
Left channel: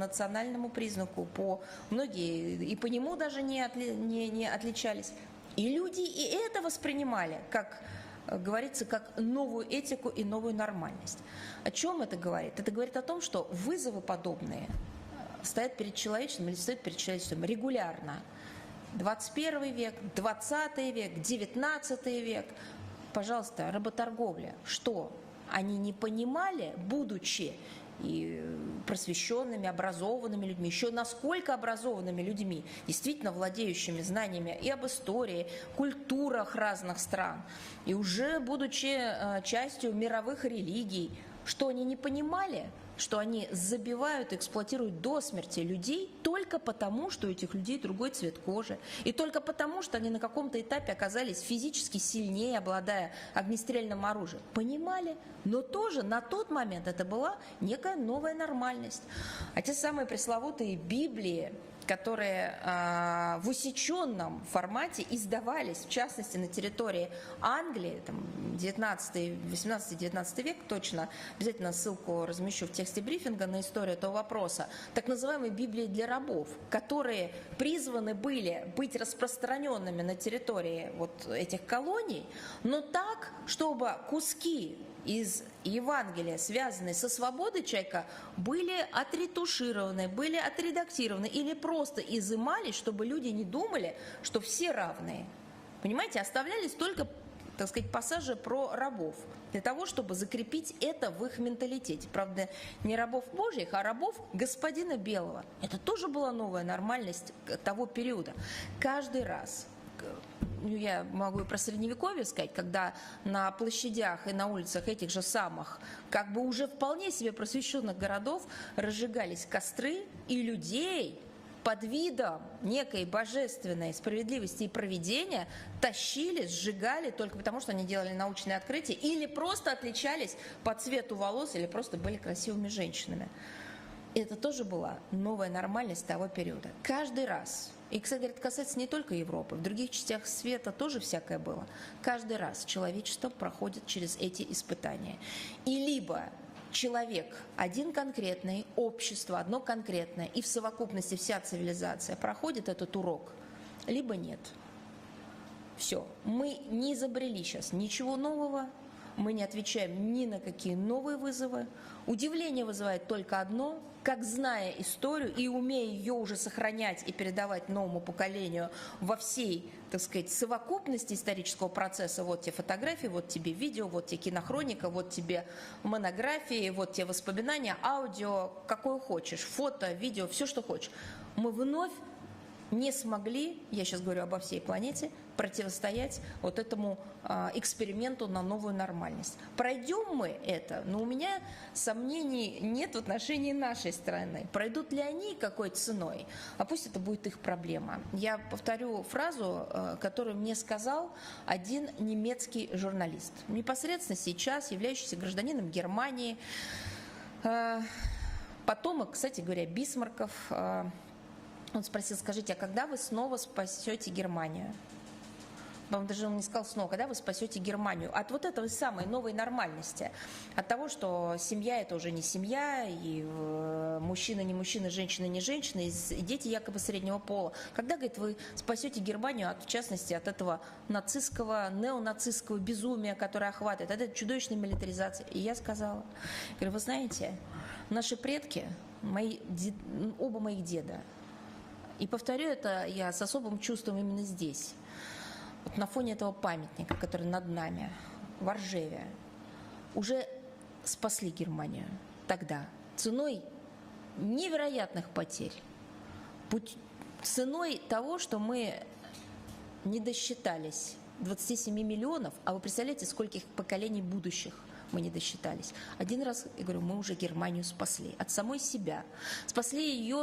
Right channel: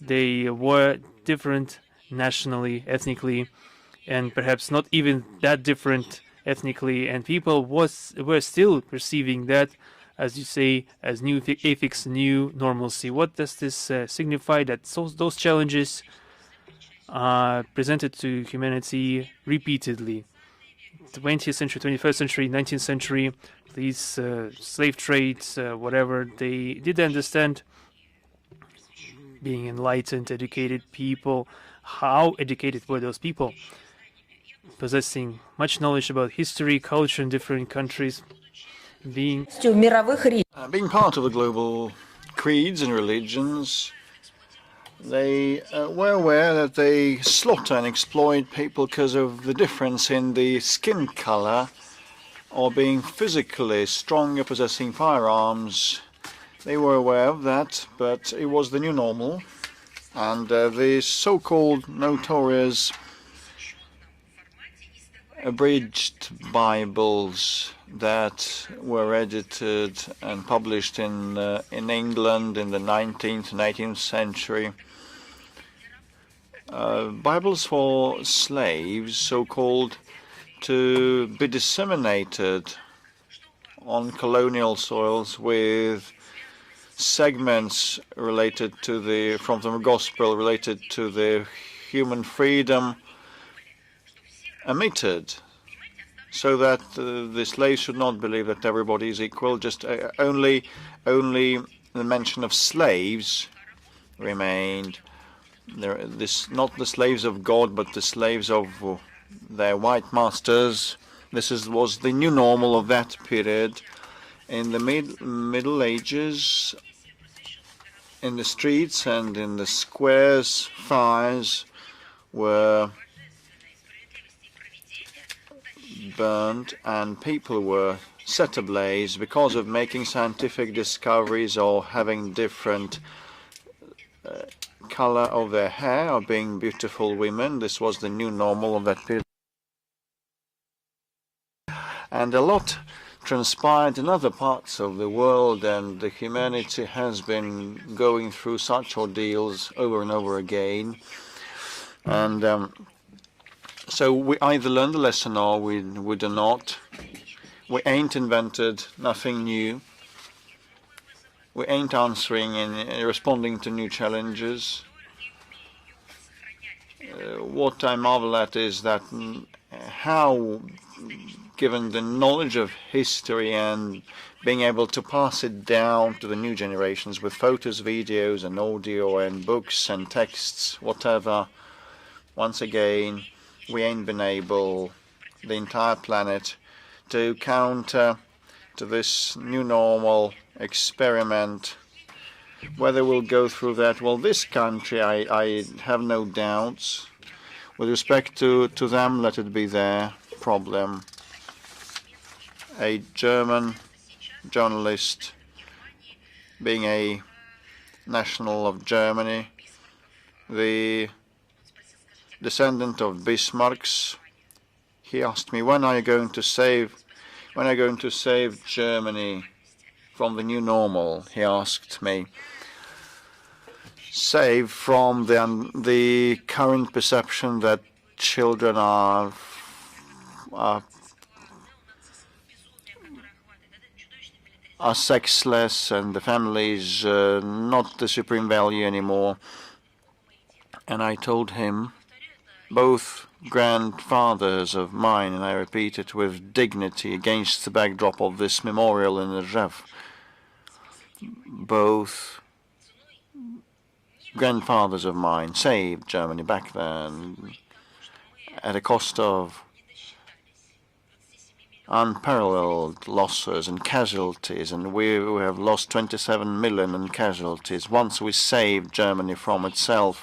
They were different nationally, ethnically, and perhaps not even that different ethnically, and people were still perceiving that, as you say, as new ethics, new normalcy. What does this signify? That those challenges are presented to humanity repeatedly. 20th century, 21st century, 19th century, these slave trades, whatever, they did understand, being enlightened, educated people. How educated were those people? Possessing much knowledge about history, culture in different countries, being part of the global creeds and religions. They were aware that they slaughter and exploit people because of the difference in the skin color, or being physically stronger, possessing firearms. They were aware of that, but it was the new normal, and the so-called notorious abridged Bibles that were edited and published in England in the 19th and 18th century. Bibles for slaves, so-called, to be disseminated on colonial soils with segments related to from the gospel related to the human freedom omitted, so that the slaves should not believe that everybody is equal. Just only the mention of slaves remained. Not the slaves of God, but the slaves of their white masters. This was the new normal of that period. In the Middle Ages, in the streets and in the squares, fires were burned and people were set ablaze because of making scientific discoveries or having different color of their hair, of being beautiful women. This was the new normal of that period. And a lot transpired in other parts of the world, and the humanity has been going through such ordeals over and over again. And so we either learn the lesson or we do not. We ain't invented nothing new. We ain't answering and responding to new challenges. What I marvel at is that how, given the knowledge of history and being able to pass it down to the new generations with photos, videos, and audio, and books and texts, whatever, once again, we ain't been able, the entire planet, to counter to this new normal experiment. Whether we'll go through that, well, this country, I have no doubts. With respect to them, let it be their problem. A German journalist, being a national of Germany, the descendant of Bismarcks, he asked me, when are you going to save Germany from the new normal? He asked me. Save from the current perception that children are sexless and the family is not the supreme value anymore. And I told him, both grandfathers of mine, and I repeat it with dignity against the backdrop of this memorial in Rzhev, both grandfathers of mine saved Germany back then at a cost of unparalleled losses and casualties, and we have lost 27 million in casualties. Once we saved Germany from itself,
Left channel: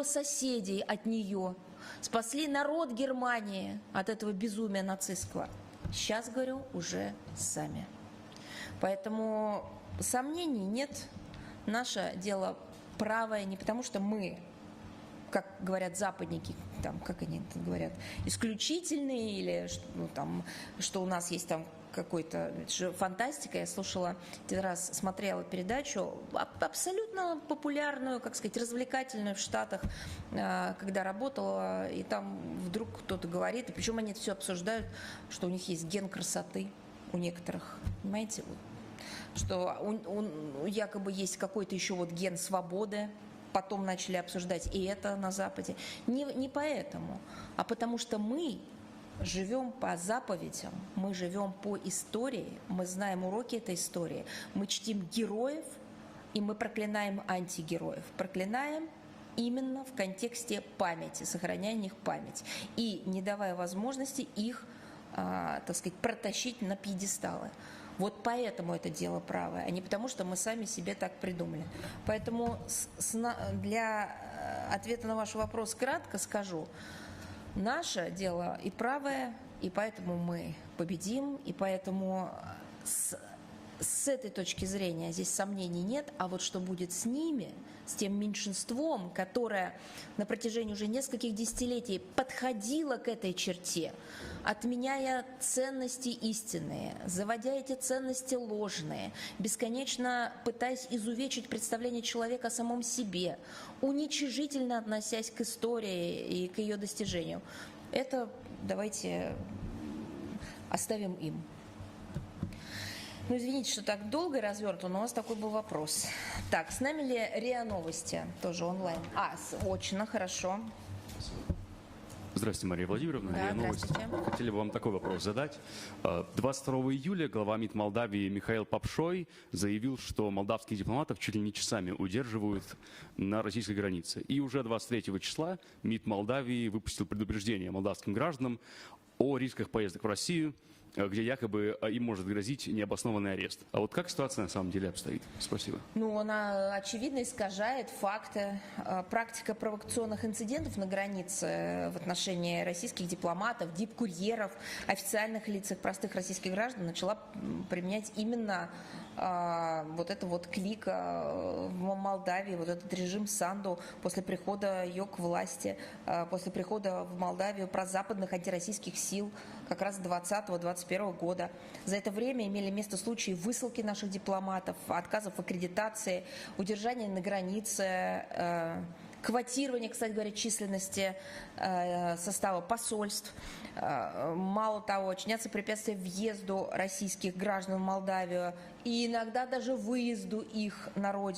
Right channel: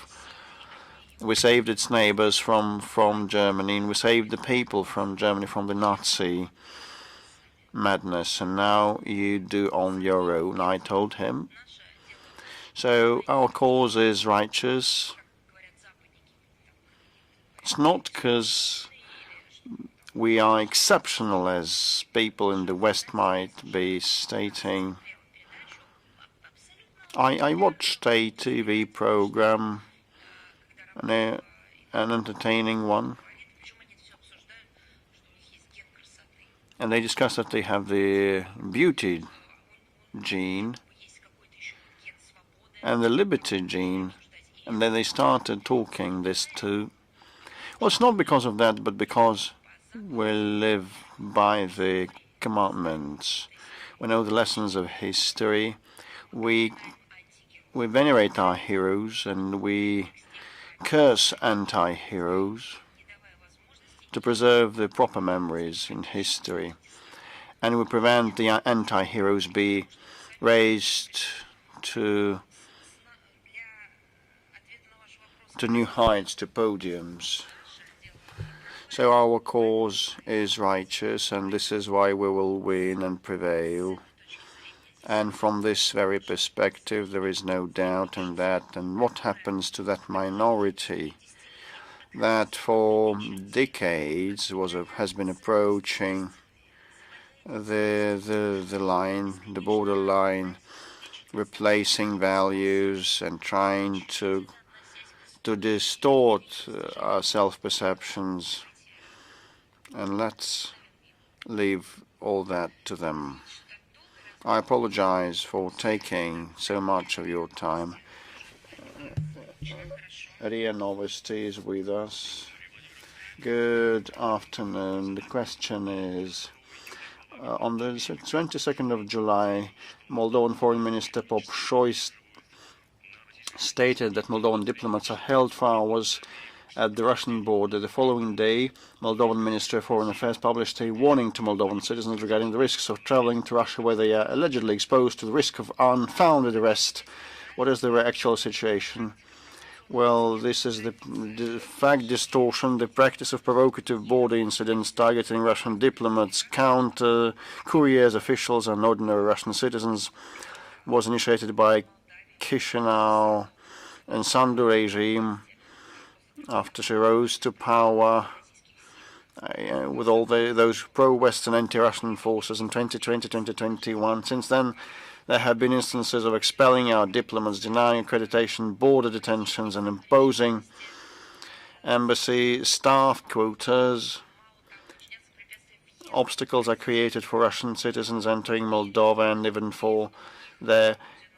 we saved its neighbors from Germany, and we saved the people from Germany from the Nazi madness, and now you do on your own, I told him. So our cause is righteous. It's not because we are exceptional, as people in the West might be stating. I watched a TV program, an entertaining one, and they discussed that they have the beauty gene and the liberty gene, and then they started talking this too. Well, it's not because of that, but because we live by the commandments. We know the lessons of history. We venerate our heroes and we curse anti-heroes to preserve the proper memories in history, and we prevent the anti-heroes be raised to new heights, to podiums. So our cause is righteous, and this is why we will win and prevail. And from this very perspective, there is no doubt in that. And what happens to that minority that for decades has been approaching the line, the borderline, replacing values and trying to distort our self-perceptions, and let's leave all that to them. I apologize for taking so much of your time. Maria Novosti is with us. Good afternoon. The question is, on the 22nd of July, Moldovan Foreign Minister stated that Moldovan diplomats are held for hours at the Russian border. The following day, Moldovan Ministry of Foreign Affairs published a warning to Moldovan citizens regarding the risks of traveling to Russia, where they are allegedly exposed to the risk of unfounded arrest. What is the actual situation? Well, this is the fact distortion, the practice of provocative border incidents targeting Russian diplomats, couriers, officials, and ordinary Russian citizens was initiated by Chisinau and Sandu regime, after she rose to power, with all those pro-Western anti-Russian forces in 2020-2021. Since then, there have been instances of expelling our diplomats, denying accreditation, border detentions, and imposing embassy staff quotas. Obstacles are created for Russian citizens entering Moldova and even for their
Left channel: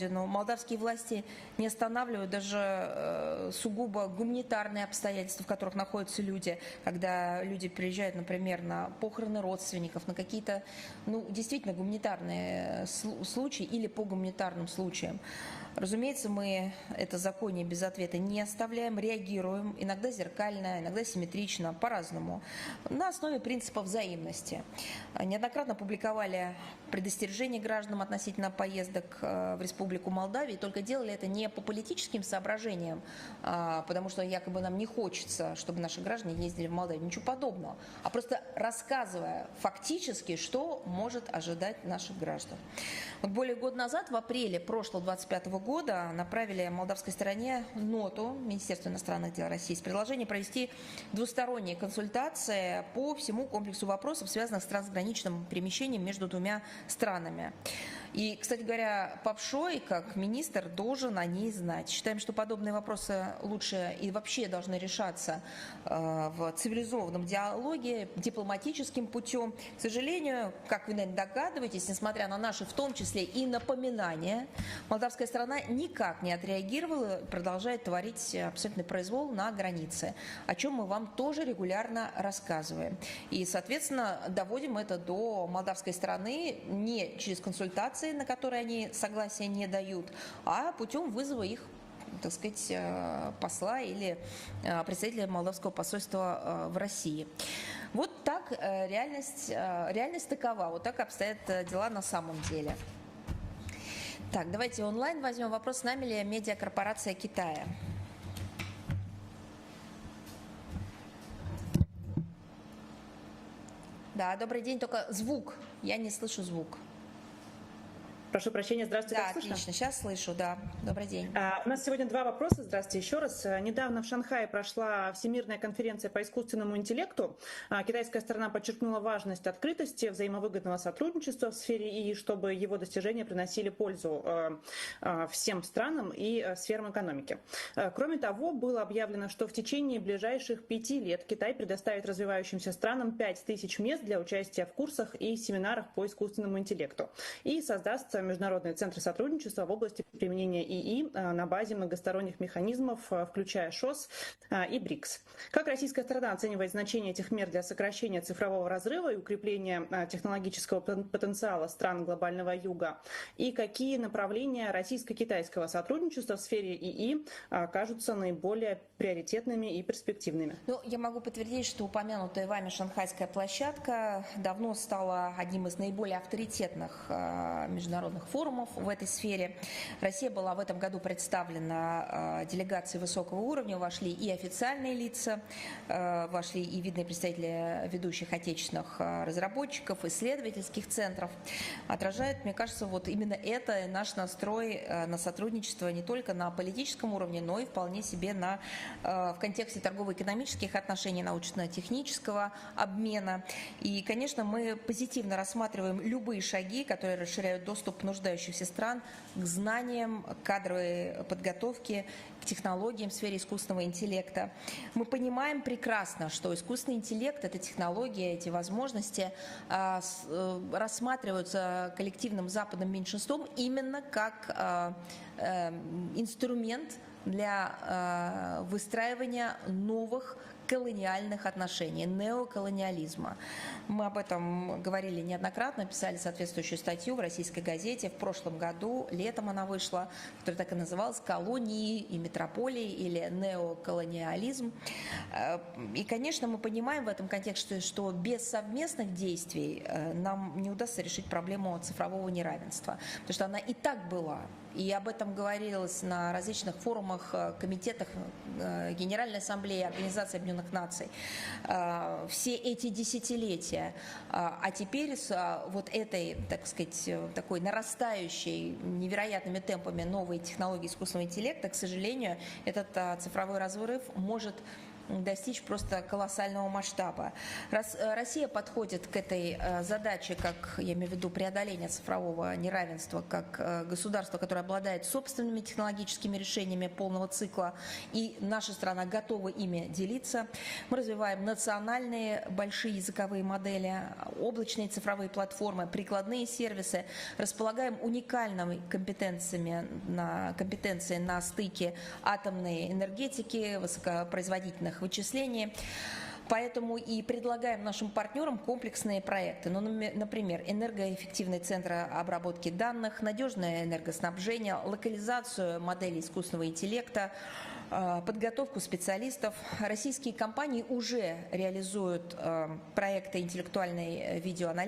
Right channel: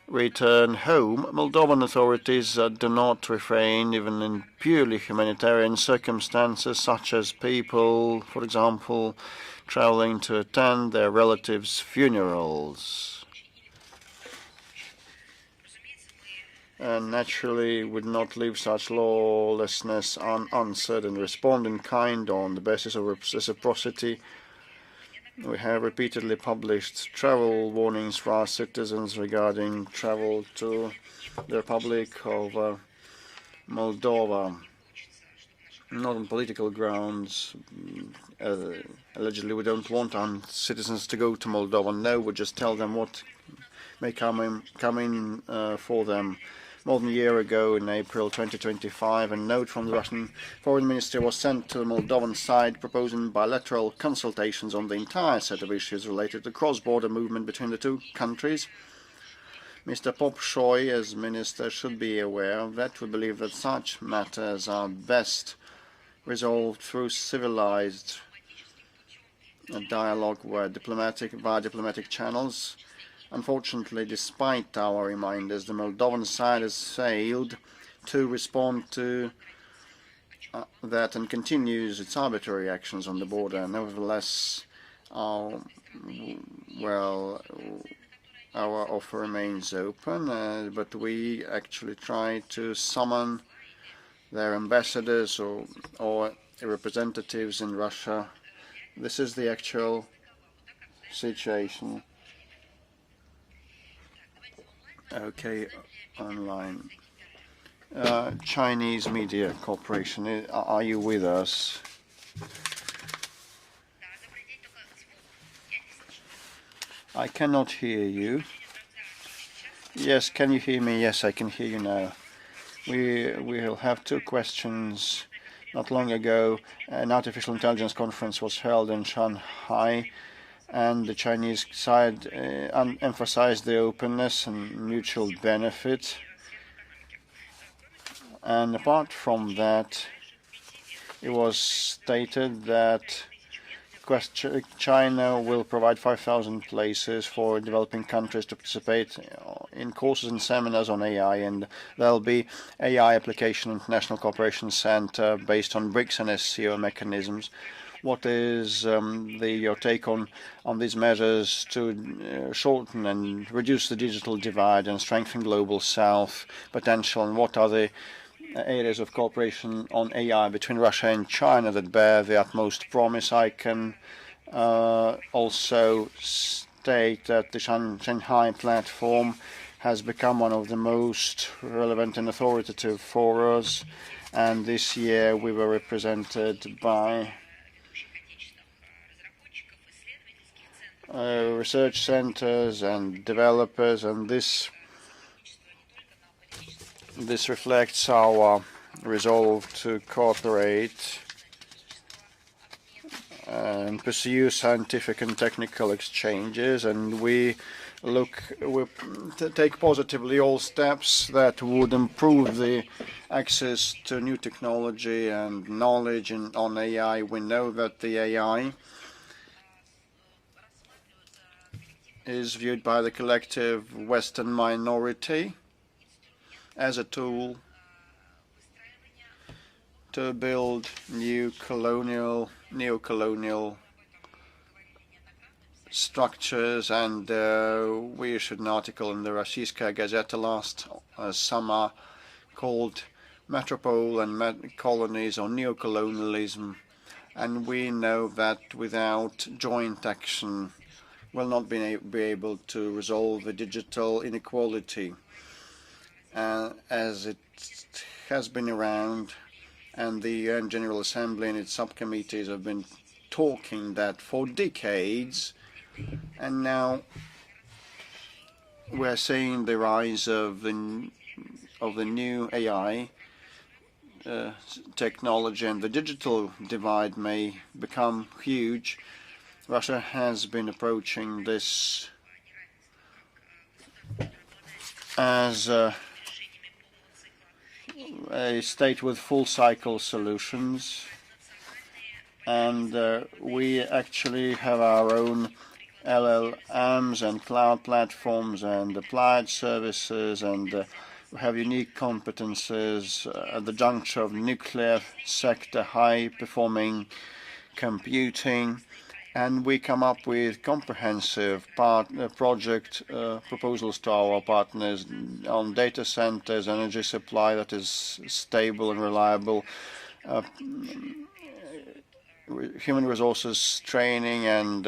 return home. Moldovan authorities do not refrain even in purely humanitarian circumstances, such as people, for example, traveling to attend their relatives' funerals. Naturally, would not leave such lawlessness unanswered and respond in kind on the basis of reciprocity. We have repeatedly published travel warnings for our citizens regarding travel to the Republic of Moldova, not on political grounds. Allegedly, we don't want our citizens to go to Moldova. No, we just tell them what may come in for them. More than a year ago, in April 2025, a note from the Russian Foreign Ministry was sent to the Moldovan side proposing bilateral consultations on the entire set of issues related to cross-border movement between the two countries. Mr. Popshoy, as minister, should be aware of that. We believe that such matters are best resolved through civilized dialogue via diplomatic channels. Unfortunately, despite our reminders, the Moldovan side has failed to respond to that and continues its arbitrary actions on the border. Nevertheless, our offer remains open, but we actually try to summon their ambassadors or representatives in Russia. This is the actual situation. Chinese Media Corporation, are you with us? I cannot hear you. Yes, can you hear me? Yes, I can hear you now. We will have two questions. Not long ago, an artificial intelligence conference was held in Shanghai, and the Chinese side emphasized the openness and mutual benefit. And apart from that, it was stated that China will provide 5,000 places for developing countries to participate in courses and seminars on AI, and there'll be AI Application International Cooperation Center based on BRICS and SCO mechanisms. What is your take on these measures to shorten and reduce the digital divide and strengthen global South potential, and what are the areas of cooperation on AI between Russia and China that bear the utmost promise? I can also state that the Shanghai platform has become one of the most relevant and authoritative forums, and this year we were represented by research centers and developers, and this reflects our resolve to cooperate and pursue scientific and technical exchanges, and we take positively all steps that would improve the access to new technology and knowledge on AI. We know that the AI is viewed by the collective Western minority as a tool to build neo-colonial structures, and we issued an article in the Rossiyskaya Gazeta last summer called Metropole and Colonies on Neocolonialism, and we know that without joint action will not be able to resolve the digital inequality, as it has been around, and the UN General Assembly and its subcommittees have been talking that for decades, and now we're seeing the rise of the new AI technology, and the digital divide may become huge. Russia has been approaching this as a state with full cycle solutions, and we actually have our own LLMs and cloud platforms and applied services, and have unique competences at the juncture of nuclear sector, high-performing computing, and we come up with comprehensive project proposals to our partners on data centers, energy supply that is stable and reliable, human resources training, and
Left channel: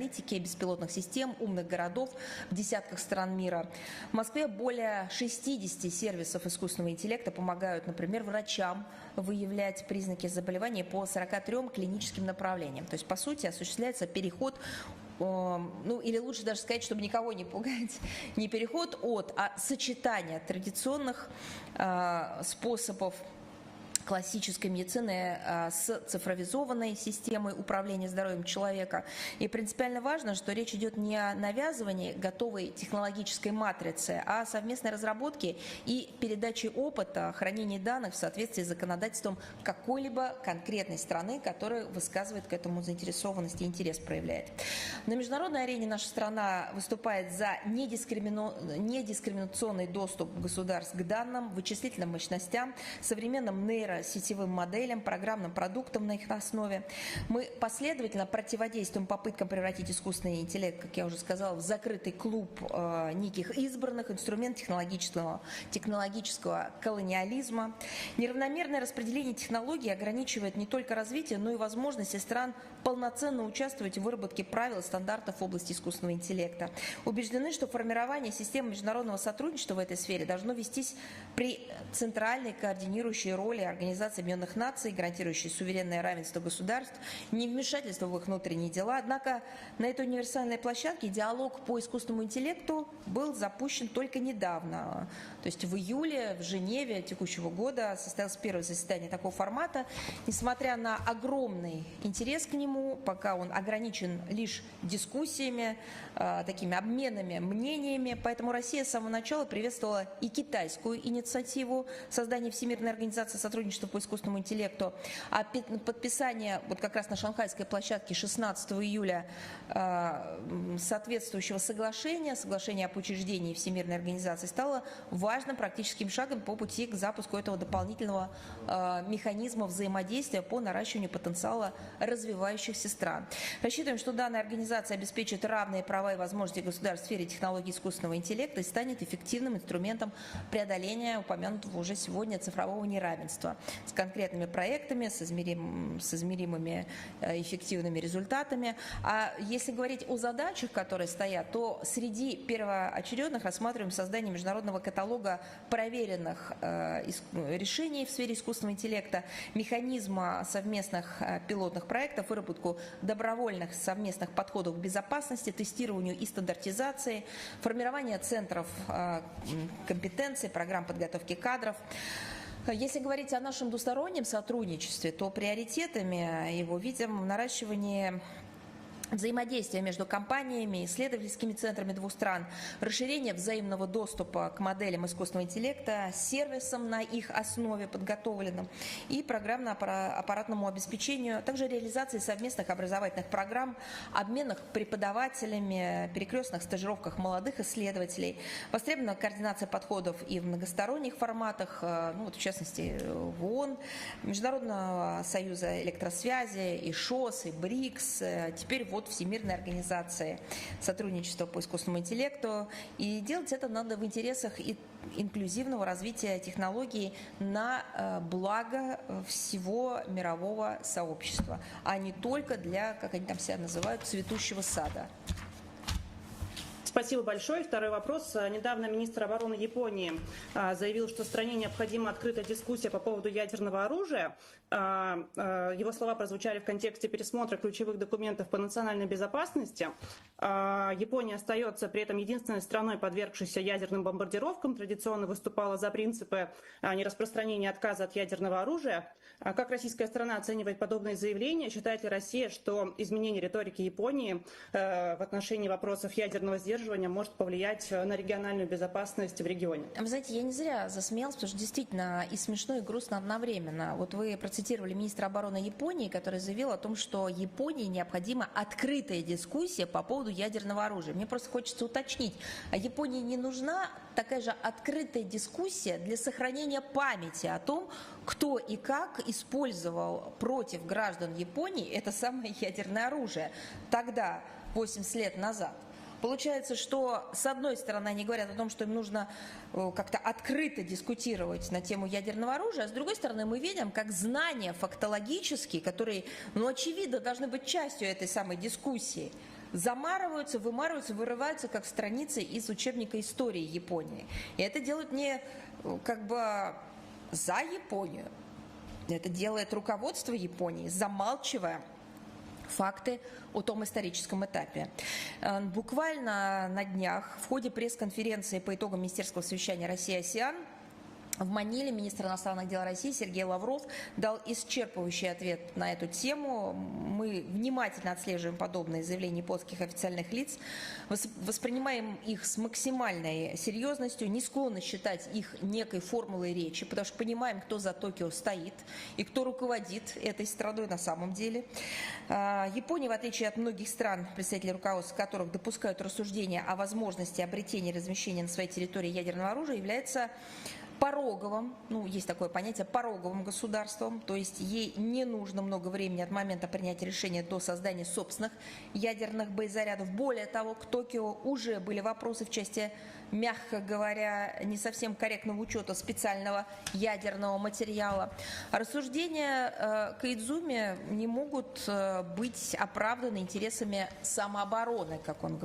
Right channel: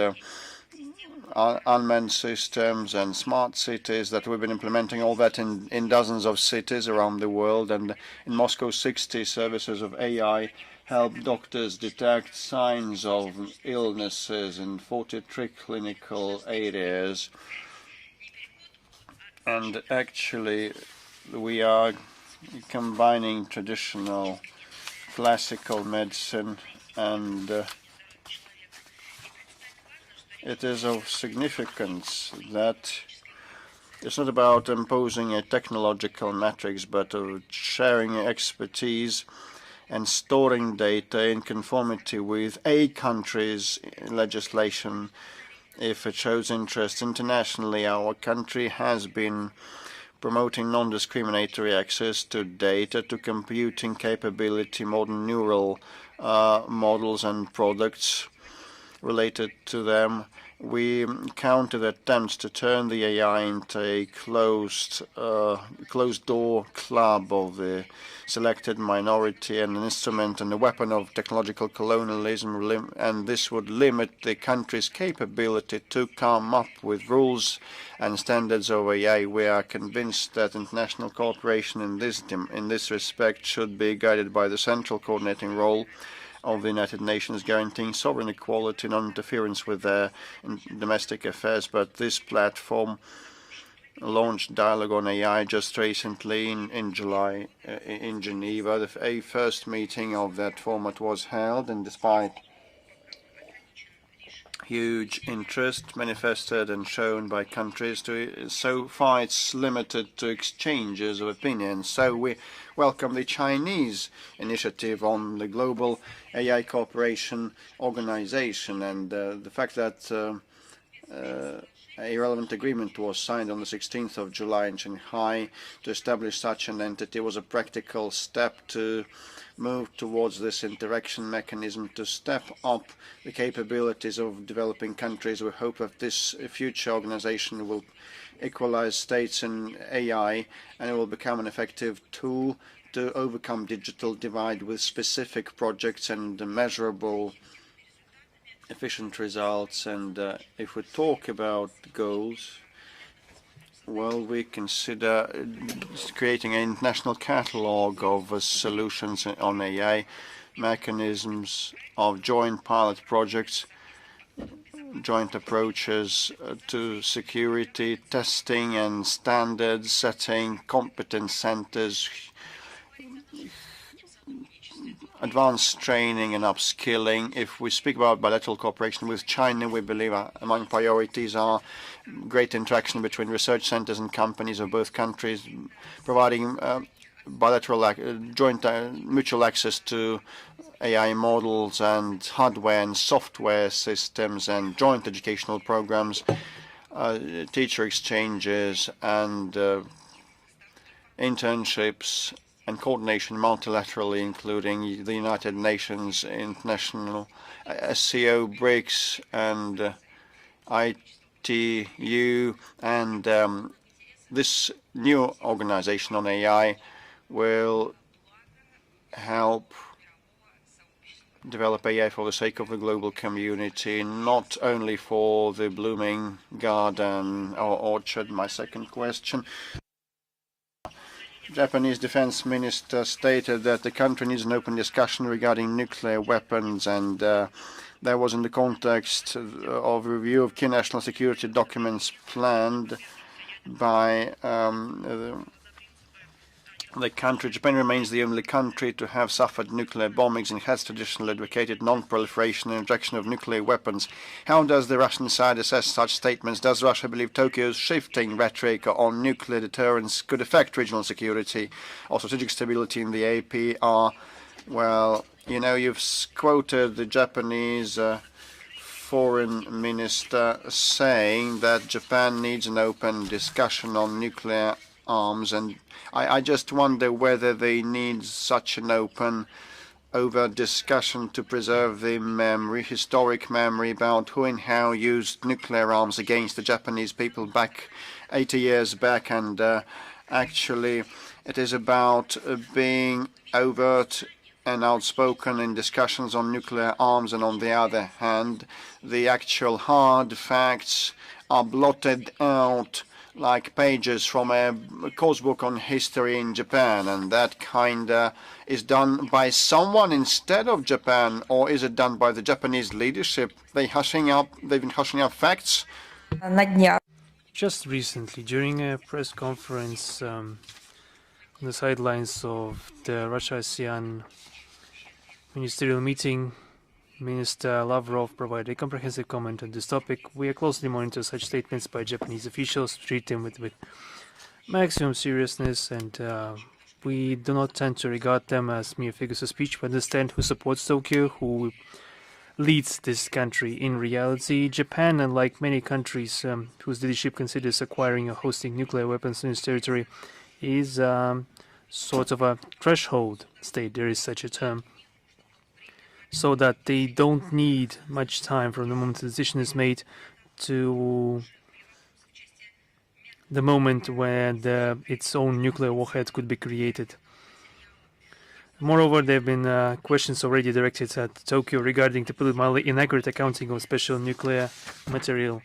unmanned systems and smart cities that we've been implementing all that in dozens of cities around the world. And in Moscow, 60 services of AI help doctors detect signs of illnesses in 43 clinical areas. And actually, we are combining traditional classical medicine, and it is of significance that it's not about imposing a technological matrix, but of sharing expertise and storing data in conformity with a country's legislation if it shows interest. Internationally, our country has been promoting non-discriminatory access to data, to computing capability, modern neural models and products related to them. We counter attempts to turn the AI into a closed-door club of the selected minority and an instrument and a weapon of technological colonialism, and this would limit the country's capability to come up with rules and standards of AI. We are convinced that international cooperation in this respect should be guided by the central coordinating role of the United Nations, guaranteeing sovereign equality, non-interference with their domestic affairs. But this platform launched dialogue on AI just recently in July in Geneva. A first meeting of that format was held, and despite huge interest manifested and shown by countries, so far it's limited to exchanges of opinions. So we welcome the Chinese initiative on the Global AI Cooperation Organization, and the fact that a relevant agreement was signed on the 16th of July in Shanghai to establish such an entity was a practical step to move towards this interaction mechanism, to step up the capabilities of developing countries. We hope that this future organization will equalize states in AI, and it will become an effective tool to overcome digital divide with specific projects and measurable efficient results. And if we talk about goals, well, we consider creating an international catalogue of solutions on AI, mechanisms of joint pilot projects, joint approaches to security, testing and standard setting, competence centers, advanced training and upskilling. If we speak about bilateral cooperation with China, we believe among priorities are great interaction between research centers and companies of both countries, providing bilateral joint mutual access to AI models and hardware and software systems, and joint educational programs, teacher exchanges and internships, and coordination multilaterally, including the United Nations, International SCO, BRICS, and ITU. And this new organization on AI will help develop AI for the sake of the global community, not only for the blooming garden or orchard. My second question. Japanese defense minister stated that the country needs an open discussion regarding nuclear weapons, and that was in the context of review of key national security documents planned by the country. Japan remains the only country to have suffered nuclear bombings and has traditionally advocated non-proliferation and rejection of nuclear weapons. How does the Russian side assess such statements? Does Russia believe Tokyo's shifting rhetoric on nuclear deterrence could affect regional security or strategic stability in the APR? Well, you know, you've quoted the Japanese foreign minister saying that Japan needs an open discussion on nuclear arms, and I just wonder whether they need such an open, overt discussion to preserve the memory, historic memory about who and how used nuclear arms against the Japanese people back 80 years back. And actually, it is about being overt and outspoken in discussions on nuclear arms, and on the other hand, the actual hard facts are blotted out like pages from a course book on history in Japan, and that kinda is done by someone instead of Japan, or is it done by the Japanese leadership? They've been hushing up facts. Just recently, during a press conference on the sidelines of the Russia-ASEAN ministerial meeting, Minister Lavrov provided a comprehensive comment on this topic. We are closely monitoring such statements by Japanese officials, treat them with maximum seriousness, and we do not tend to regard them as mere figures of speech. We understand who supports Tokyo, who leads this country. In reality, Japan, unlike many countries whose leadership considers acquiring or hosting nuclear weapons in its territory, is sort of a threshold state, there is such a term, so that they don't need much time from the moment the decision is made to the moment when its own nuclear warhead could be created. Moreover, there have been questions already directed at Tokyo regarding the politically inaccurate accounting of special nuclear material.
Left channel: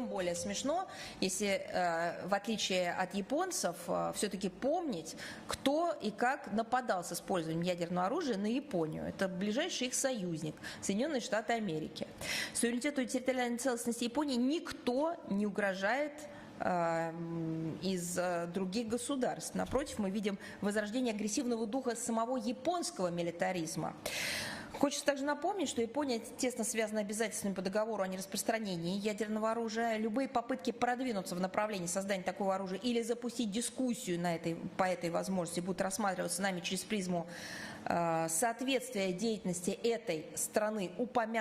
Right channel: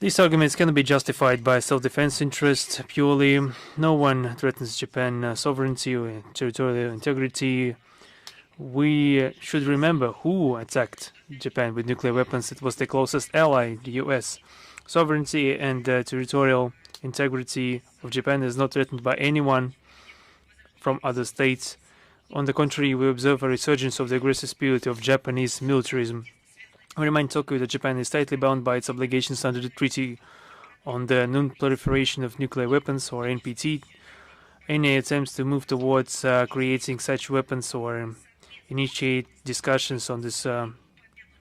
These arguments cannot be justified by self-defense interest purely. No one threatens Japan's sovereignty or territorial integrity. We should remember who attacked Japan with nuclear weapons. It was the closest ally, the US. Sovereignty and territorial integrity of Japan is not threatened by anyone from other states. On the contrary, we observe a resurgence of the aggressive spirit of Japanese militarism. We remind Tokyo that Japan is tightly bound by its obligations under the Treaty on the Non-Proliferation of Nuclear Weapons, or NPT. Any attempts to move towards creating such weapons or initiate discussions on this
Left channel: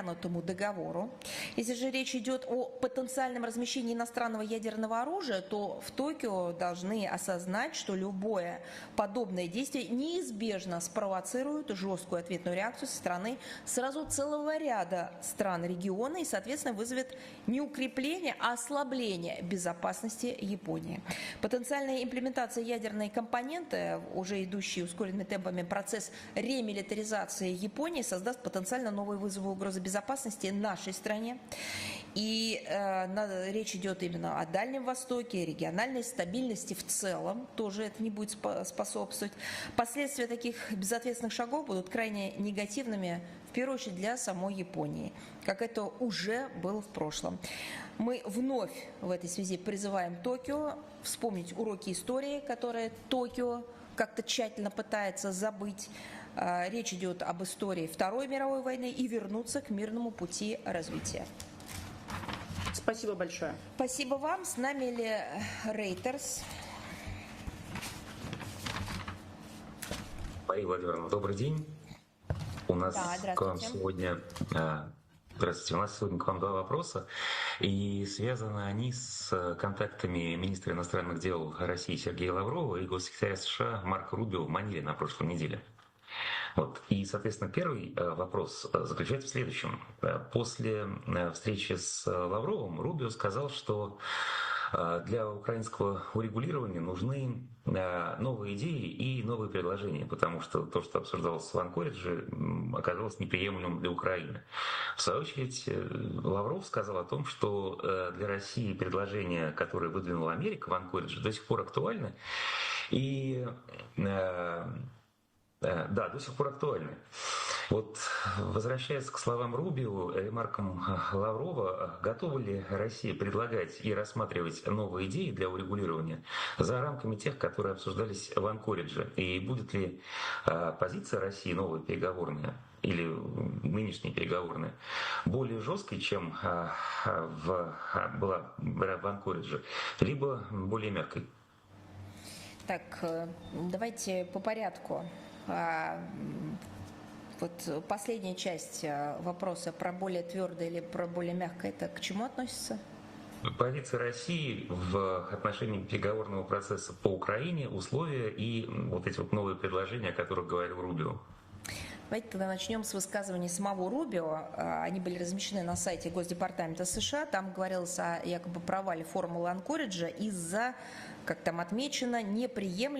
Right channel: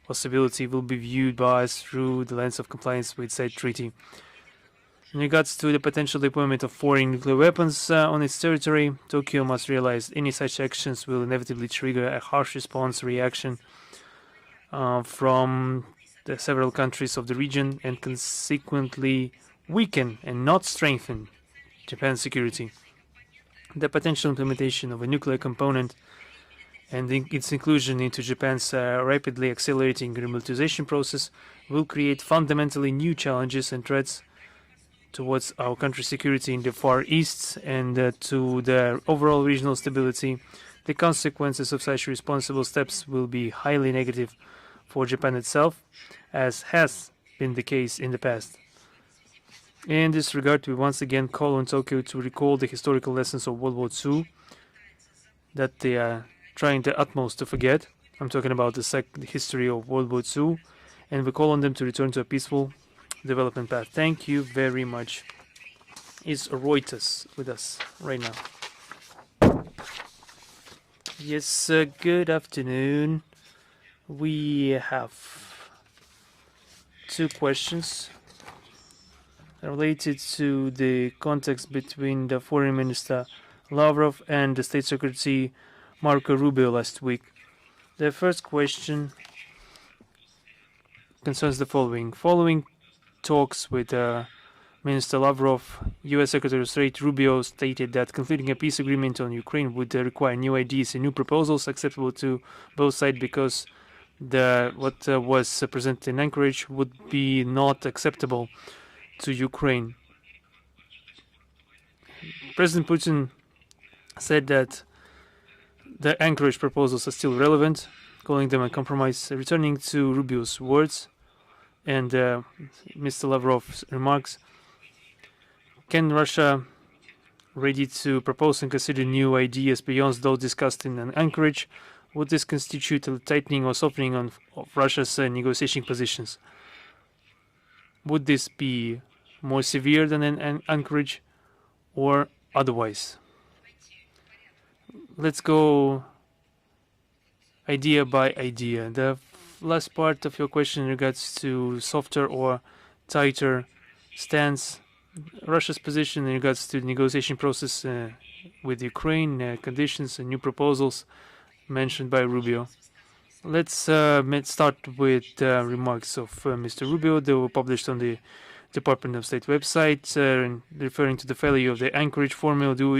possibility will be viewed by us through the lens of compliance with said treaty. In regards to the potential deployment of foreign nuclear weapons on its territory, Tokyo must realize any such actions will inevitably trigger a harsh response reaction from the several countries of the region, and consequently weaken and not strengthen Japan's security. The potential implementation of a nuclear component and its inclusion into Japan's rapidly accelerating remilitarization process will create fundamentally new challenges and threats towards our country's security in the Far East and to the overall regional stability. The consequences of such responsible steps will be highly negative for Japan itself, as has been the case in the past. In this regard, we once again call on Tokyo to recall the historical lessons of World War II that they are trying their utmost to forget. I'm talking about the history of World War II, and we call on them to return to a peaceful development path. Thank you very much. Is Reuters with us right now? Yes, good afternoon. We have two questions related to the context between the Foreign Minister Lavrov and the State Secretary Marco Rubio last week. The first question concerns the following. Following talks with Minister Lavrov, US Secretary of State Rubio stated that concluding a peace agreement on Ukraine would require new ideas and new proposals acceptable to both sides, because what was presented in Anchorage would be not acceptable to Ukraine. President Putin said that the Anchorage proposals are still relevant, calling them a compromise. Returning to Rubio's words and Mr. Lavrov's remarks, can Russia ready to propose and consider new ideas beyond those discussed in Anchorage? Would this constitute a tightening or softening of Russia's negotiating positions? Would this be more severe than in Anchorage or otherwise? Let's go idea by idea. The last part of your question in regards to softer or tighter stance, Russia's position in regards to the negotiation process with Ukraine, conditions and new proposals mentioned by Rubio. Let's start with the remarks of Mr. Rubio. They were published on the Department of State website, referring to the failure of the Anchorage formula to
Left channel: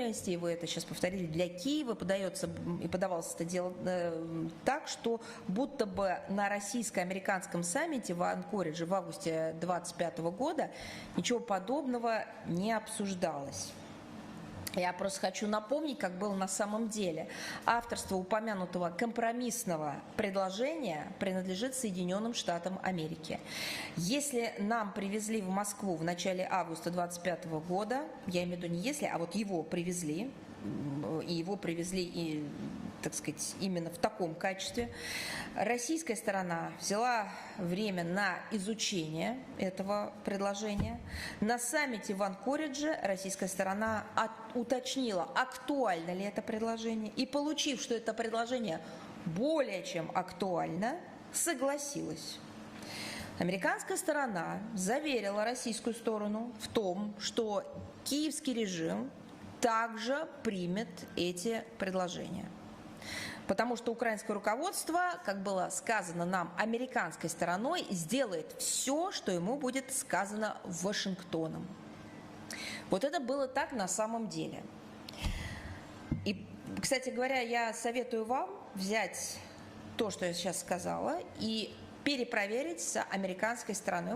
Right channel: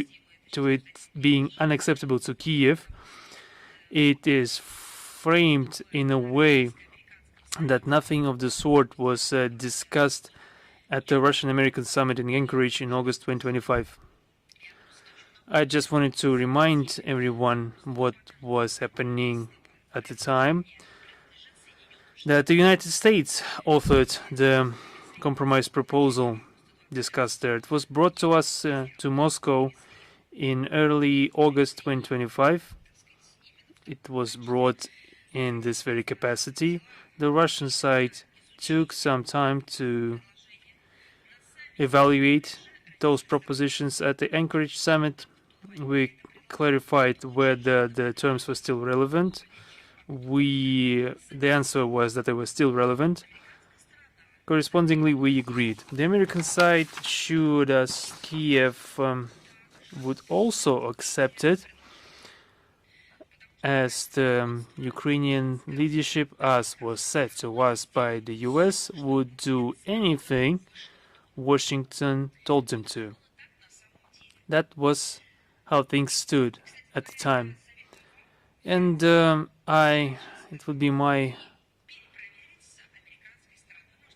it being unacceptable to Kiev. It is framed in a way that nothing of the sort was discussed at the Russian-American summit in Anchorage in August 2025. I just wanted to remind everyone what was happening at the time, that the United States authored the compromise proposal discussed there. It was brought to us to Moscow in early August 2025. It was brought in this very capacity. The Russian side took some time to evaluate those propositions at the Anchorage summit. We clarified whether the terms were still relevant. The answer was that they were still relevant. Correspondingly, we agreed. The American side assured us Kiev would also accept it, as the Ukrainian leadership, as was said to us by the US, would do anything Washington told them to. That was how things stood at the time. And it would be my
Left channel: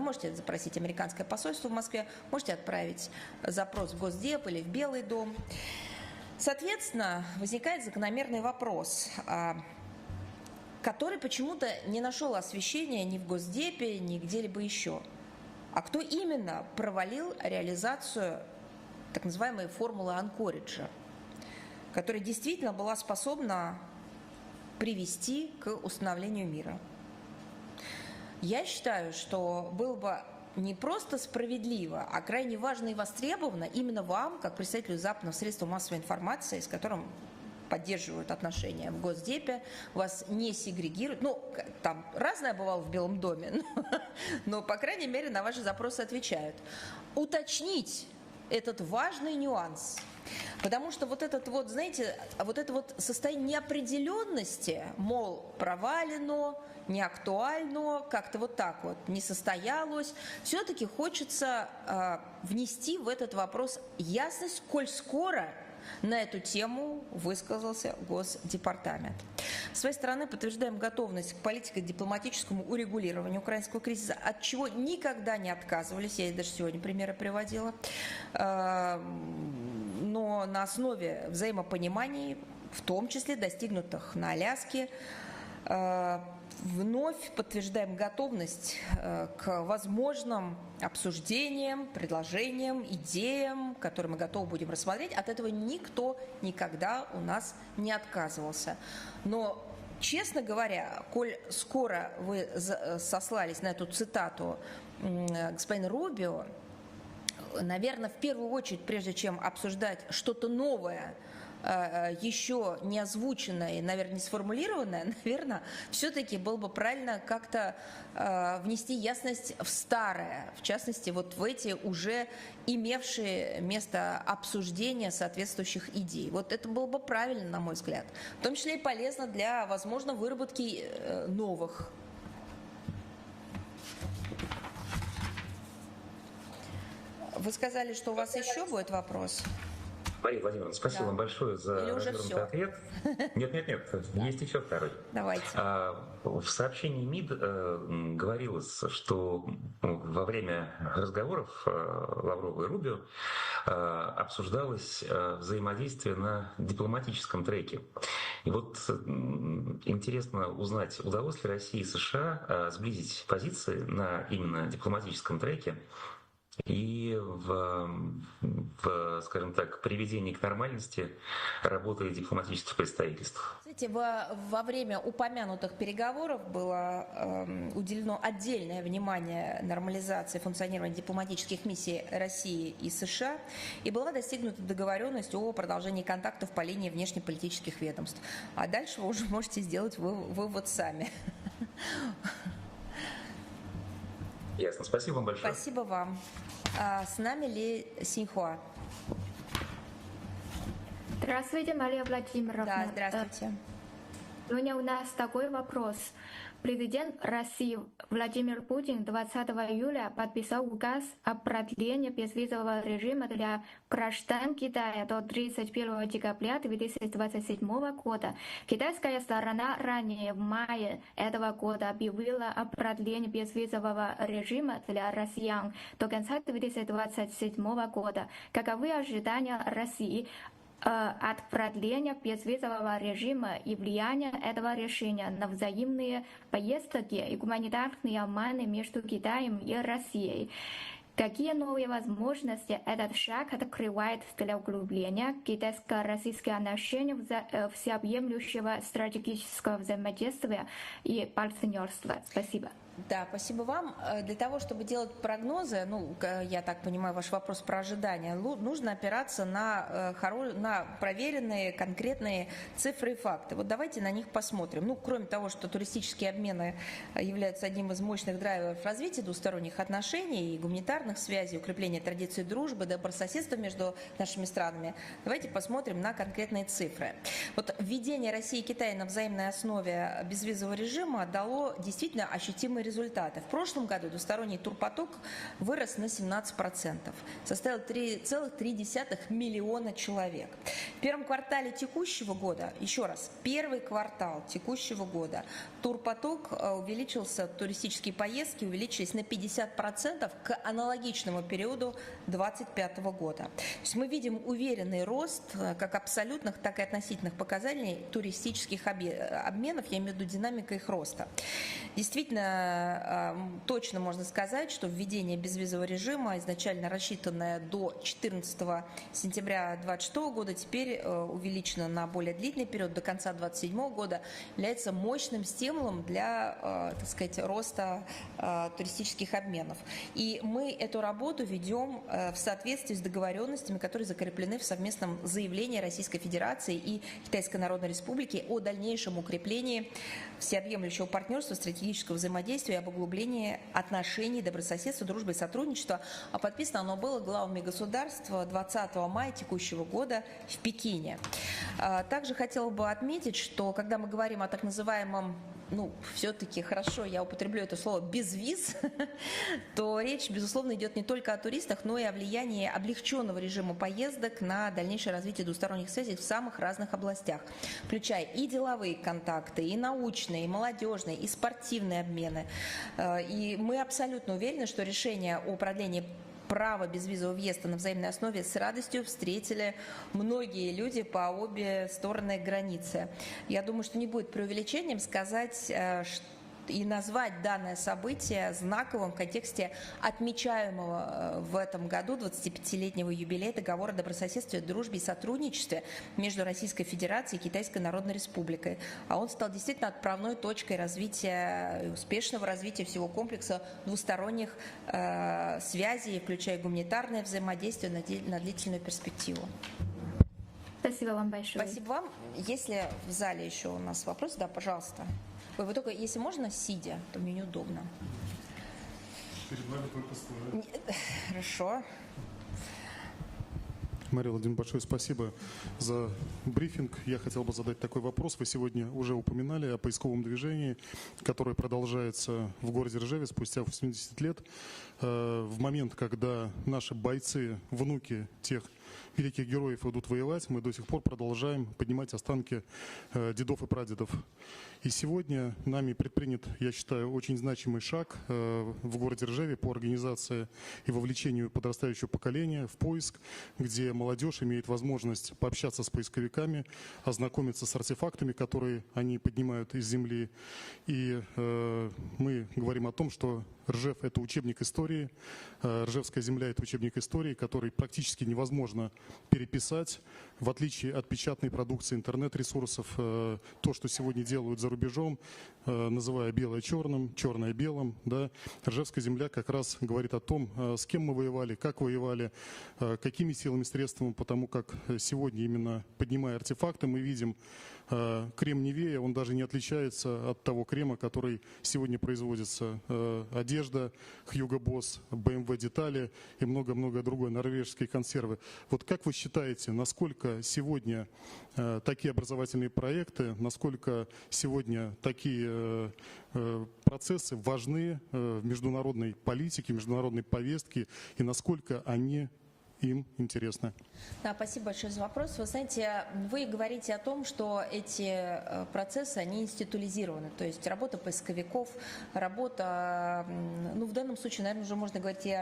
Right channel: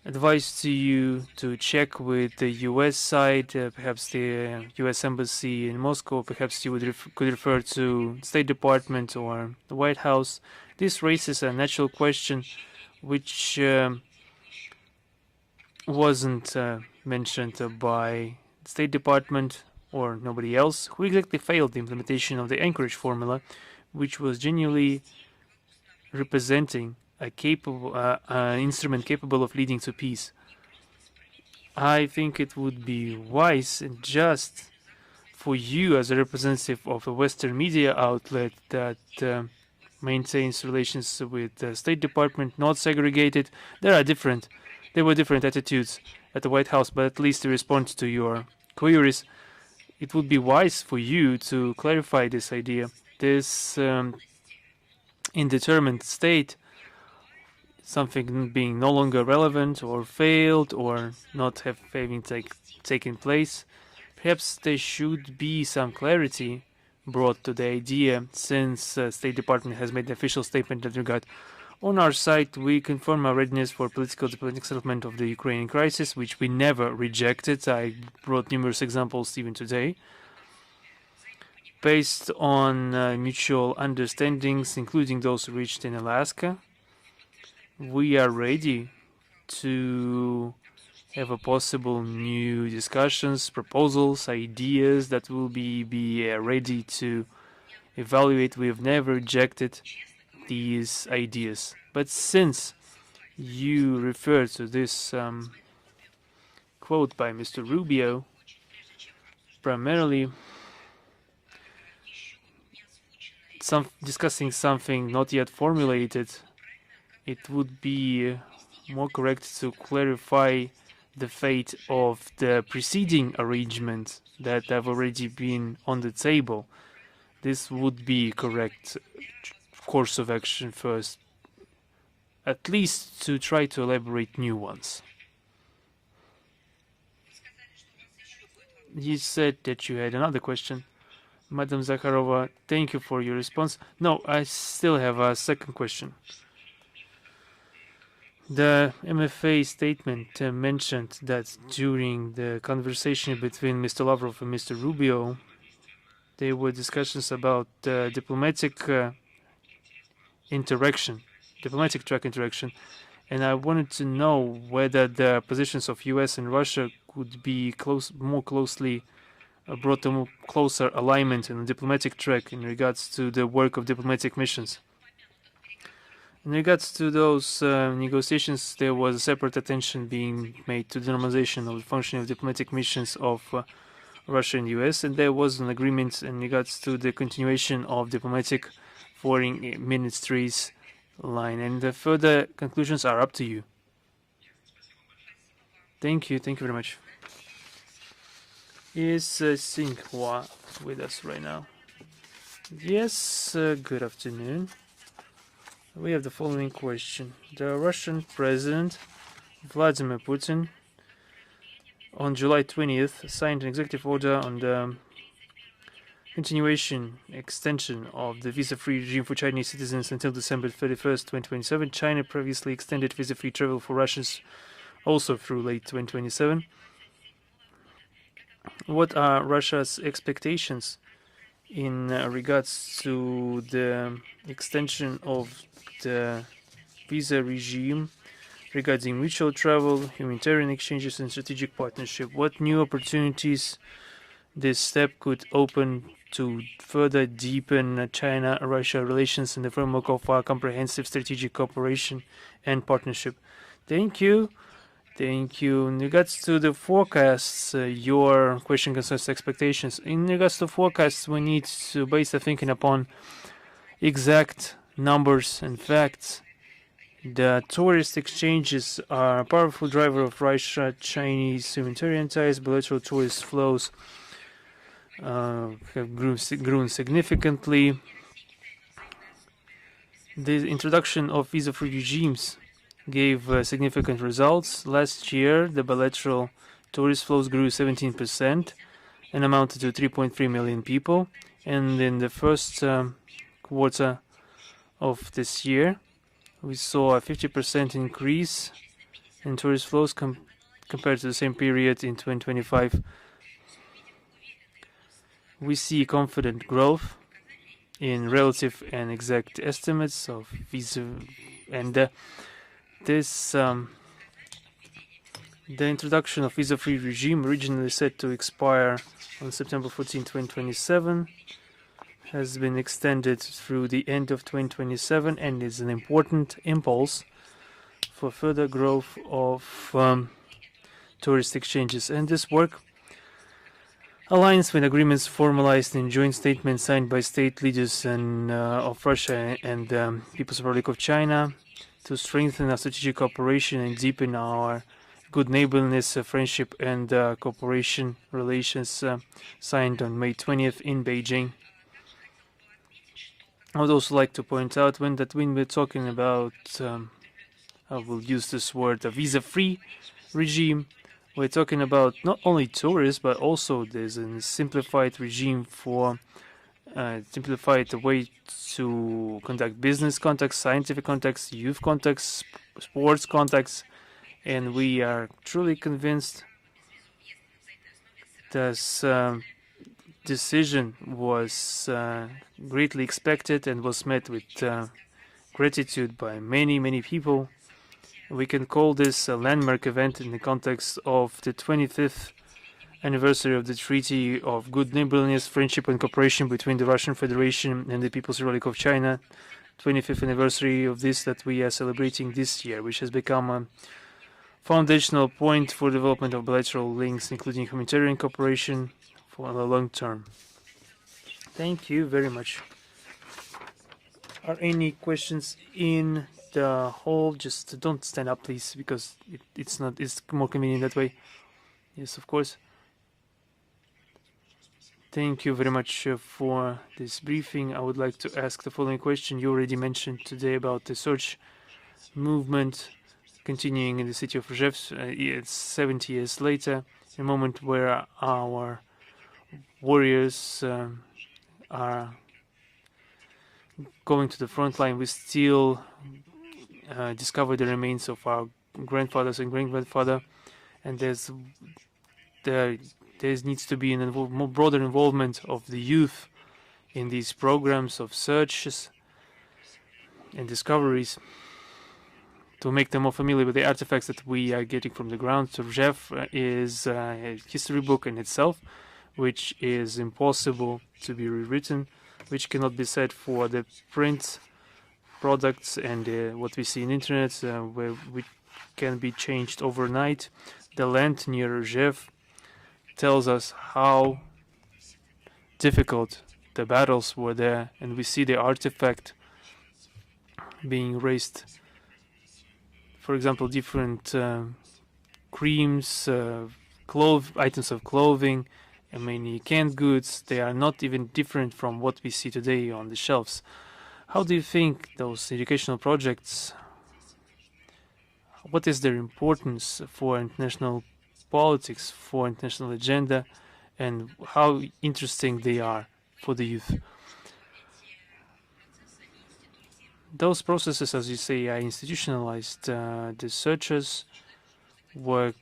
advice to you to check with the US side, perhaps the US Embassy in Moscow, perhaps you could refer to State Department or the White House. This raises a natural question which wasn't mentioned by State Department or nobody else. Who exactly failed the implementation of the Anchorage formula, which was genuinely representing a instrument capable of leading to peace? I think it would be wise and just for you, as a representative of a Western media outlet that maintains relations with the State Department, not segregated. There were different attitudes at the White House, but at least to respond to your queries, it would be wise for you to clarify this idea. This indeterminate state, something being no longer relevant or failed or not having taken place, perhaps there should be some clarity brought to the idea, since State Department has made an official statement in that regard. On our side, we confirm our readiness for political diplomatic settlement of the Ukrainian crisis, which we never rejected. I brought numerous examples even today. Based on mutual understandings, including those reached in Alaska, we are ready to have a possible new discussions, proposals, ideas that will be ready to evaluate. We have never rejected these ideas. But since you refer to this quote by Mr. Rubio, primarily discussing something not yet formulated, it would be more correct to clarify the fate of the preceding arrangements that have already been on the table. This would be correct course of action first, at least to try to elaborate new ones. You said that you had another question. Madam Zakharova, thank you for your response. No, I still have a second question. The MFA statement mentioned that during the conversation between Mr. Lavrov and Mr. Rubio, there were discussions about diplomatic track interaction, and I wanted to know whether the positions of US and Russia could be more closely brought to more closer alignment in the diplomatic track in regards to the work of diplomatic missions. In regards to those negotiations, there was a separate attention being made to the normalization of the functioning of diplomatic missions of Russia and US, and there was an agreement in regards to the continuation of diplomatic foreign ministries line, and the further conclusions are up to you. Thank you very much. Is Singhua with us right now? Yes, good afternoon. We have the following question. The Russian President Vladimir Putin on July 20th signed an executive order on the continuation extension of the visa-free regime for Chinese citizens until December 31st, 2027. China previously extended visa-free travel for Russians also through late 2027. What are Russia's expectations in regards to the extension of the visa regime regarding mutual travel, humanitarian exchanges, and strategic partnership? What new opportunities this step could open to further deepen China-Russia relations in the framework of our comprehensive strategic cooperation and partnership? Thank you. In regards to the forecasts, your question concerns expectations. In regards to forecasts, we need to base the thinking upon exact numbers and facts. The tourist exchanges are a powerful driver of Russia-Chinese humanitarian ties. Bilateral tourist flows have grown significantly. The introduction of visa-free regimes gave significant results. Last year, the bilateral tourist flows grew 17% and amounted to 3.3 million people. And in the first quarter of this year, we saw a 50% increase in tourist flows compared to the same period in 2025. We see confident growth in relative and exact estimates of visa, and the introduction of visa-free regime, originally set to expire on September 14, 2027, has been extended through the end of 2027 and is an important impulse for further growth of tourist exchanges. And this work aligns with agreements formalized in joint statements signed by state leaders of Russia and People's Republic of China to strengthen our strategic cooperation and deepen our good neighborliness, friendship and cooperation relations signed on May 20th in Beijing. I would also like to point out when we're talking about, I will use this word, a visa-free regime, we're talking about not only tourists, but also there's a simplified regime for simplified way to conduct business contacts, scientific contacts, youth contacts, sports contacts, and we are truly convinced this decision was greatly expected and was met with gratitude by many people. We can call this a landmark event in the context of the 25th anniversary of the Treaty of Good Neighborliness, Friendship and Cooperation between the Russian Federation and the People's Republic of China. 25th anniversary of this that we are celebrating this year, which has become a foundational point for development of bilateral links, including humanitarian cooperation for the long term. Thank you very much. Are any questions in the hall? Just don't stand up, please, because it's more convenient that way. Yes, of course. Thank you very much for this briefing. I would like to ask the following question. You already mentioned today about the search movement continuing in the city of Rzhev 70 years later, a moment where our warriors are going to the front line. We still discover the remains of our grandfathers and great-grandfathers, and there needs to be a more broader involvement of the youth in these programs of searches and discoveries to make them more familiar with the artifacts that we are getting from the ground. So Rzhev is a history book in itself, which is impossible to be rewritten, which cannot be said for the print products and what we see in internet, where we can be changed overnight. The land near Rzhev tells us how difficult the battles were there, and we see the artifact being raised. For example, different creams, items of clothing, many canned goods. They are not even different from what we see today on the shelves. How do you think those educational projects, what is their importance for international politics, for international agenda, and how interesting they are for the youth? Those processes, as you say, are institutionalized. The searchers work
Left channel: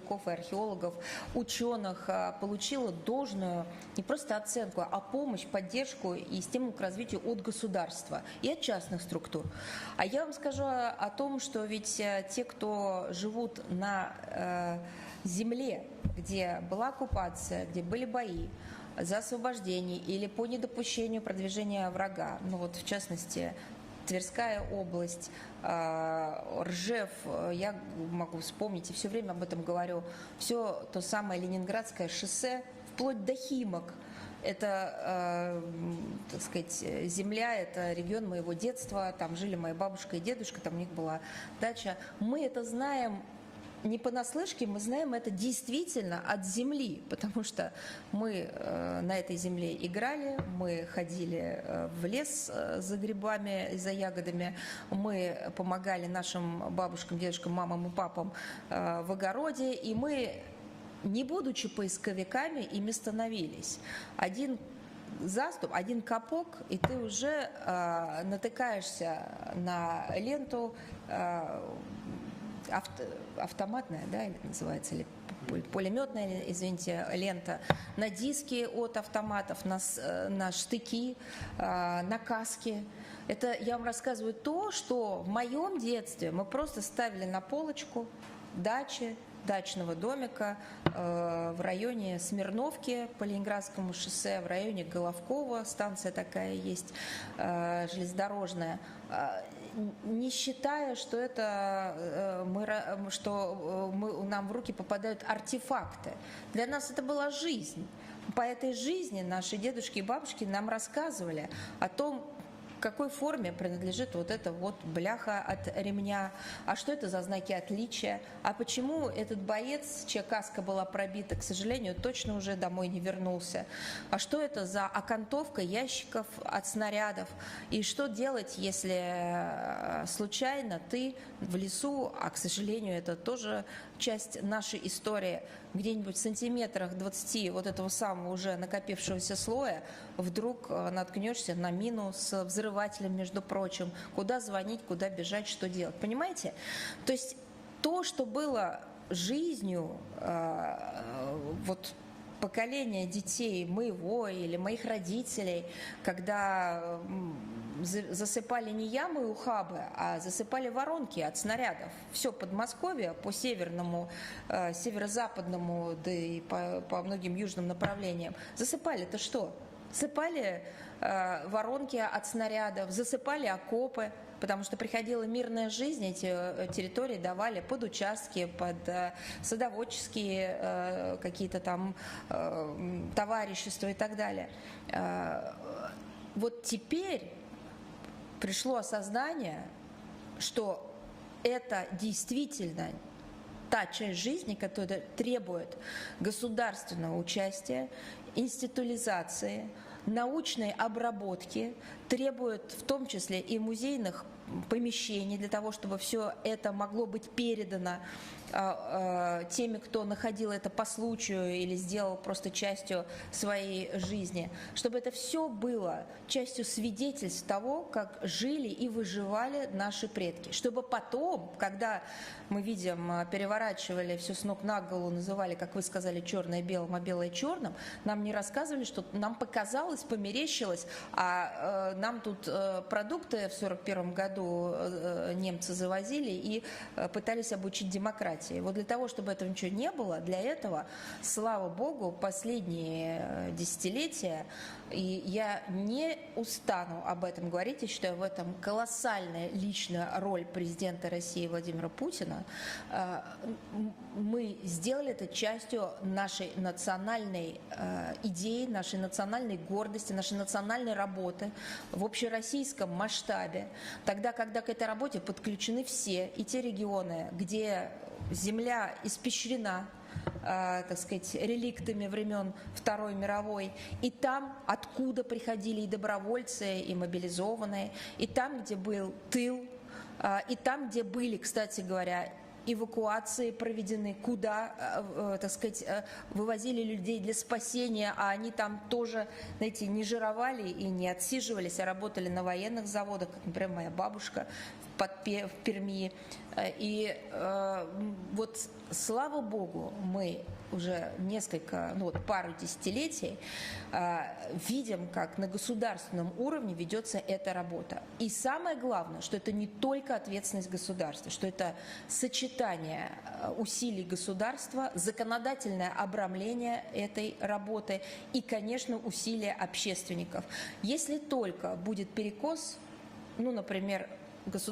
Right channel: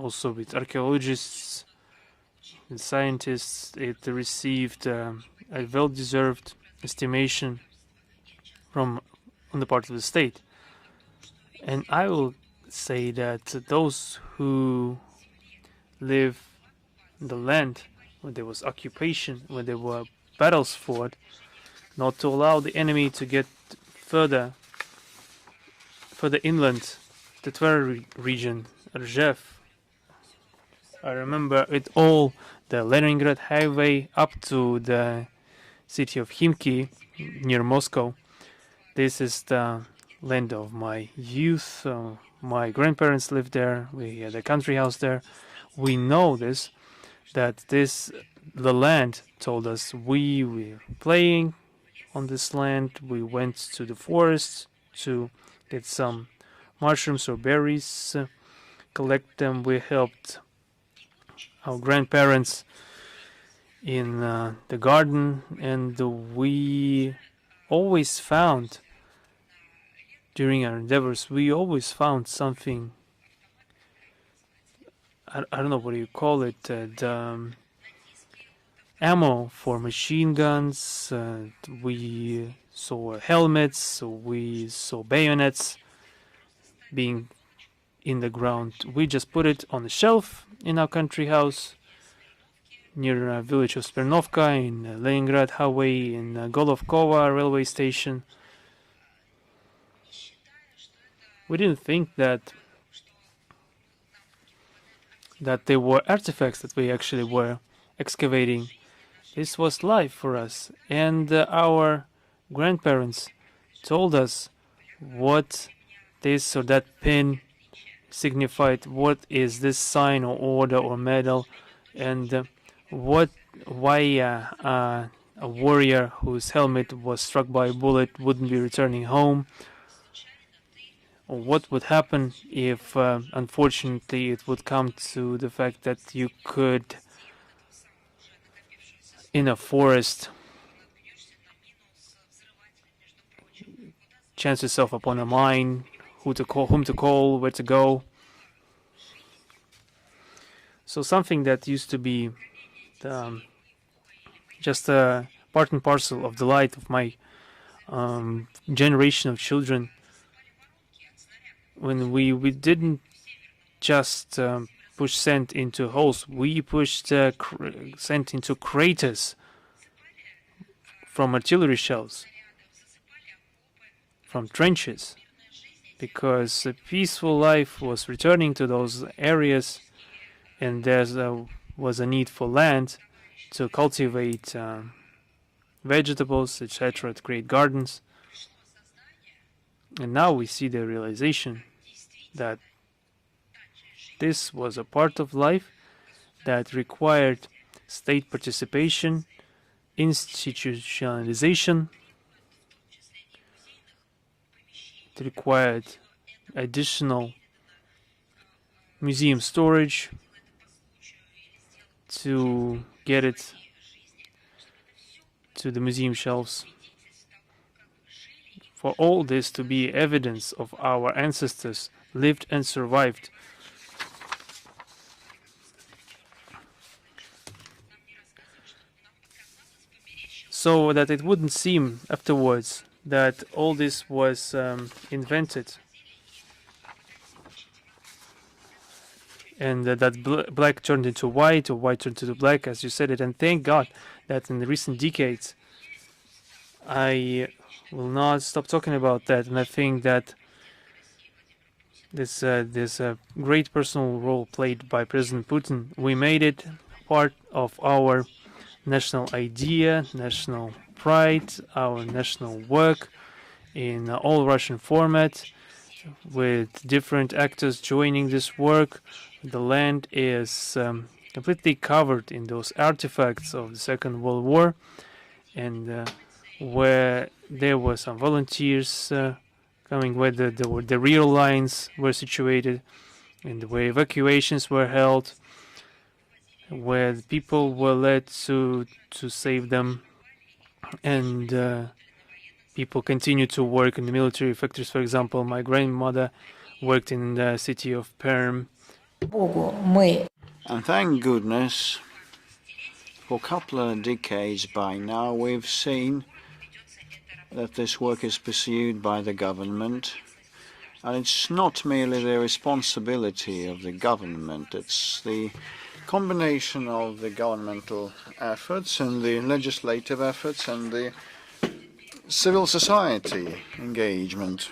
also with archaeologists, scientists. It received a well-deserved estimation from on the part of the state. And I will say that those who live on the land where there was occupation, where there were battles fought, not to allow the enemy to get further inland, the Tver region, Rzhev. I remember it all, the Leningrad highway up to the city of Khimki near Moscow. This is the land of my youth. My grandparents lived there. We had a country house there. We know this, that the land told us. We were playing on this land. We went to the forest to get some mushrooms or berries, collect them. We helped our grandparents in the garden, and we always found, during our endeavors, we always found something. I don't know what you call it, ammo for machine guns, we saw helmets, we saw bayonets being in the ground. We just put it on the shelf in our country house near a village of Smirnovka, in Leningrad highway, in Golovkova railway station. We didn't think that they were artifacts that we actually were excavating. This was life for us, and our grandparents told us what this or that pin signified, what is this sign or order or medal, and why a warrior whose helmet was struck by a bullet wouldn't be returning home. Or what would happen if, unfortunately, it would come to the fact that you could, in a forest, chance yourself upon a mine, whom to call, where to go. So something that used to be just a part and parcel of the life of my generation of children, when we didn't just push sand into holes, we pushed sand into craters from artillery shells, from trenches, because a peaceful life was returning to those areas, and there was a need for land to cultivate vegetables, etc., to create gardens. And now we see the realization that This was a part of life that required state participation, institutionalization, it required additional museum storage to get it to the museum shelves. For all this to be evidence of our ancestors lived and survived. So that it wouldn't seem afterwards that all this was invented. And that black turned into white, or white turned into black, as you said it. And thank God that in the recent decades, I will not stop talking about that. And I think that there's a great personal role played by President Putin. We made it part of our national idea, national pride, our national work in all Russian format, with different actors joining this work. The land is completely covered in those artifacts of the Second World War, and where there were some volunteers coming, where the real lines were situated, and where evacuations were held, where people were led to save them, and people continue to work in the military factories. For example, my grandmother worked in the city of Perm. And thank goodness, for a couple of decades by now, we've seen that this work is pursued by the government, and it's not merely the responsibility of the government, it's the combination of the governmental efforts and the legislative efforts and the civil society engagement.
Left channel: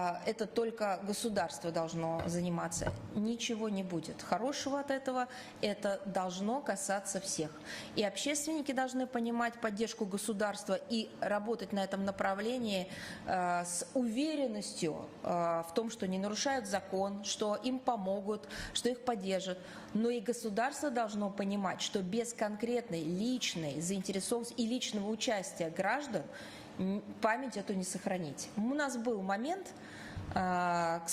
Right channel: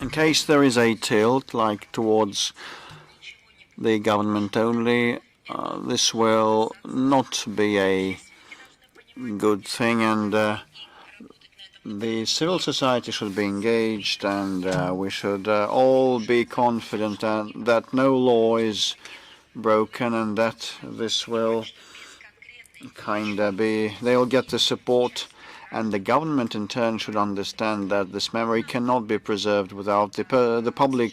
In case there is a tilt, like towards the government only, this will not be a good thing, and the civil society should be engaged, and we should all be confident that no law is broken, and that this will they'll get the support, and the government in turn should understand that this memory cannot be preserved without the public,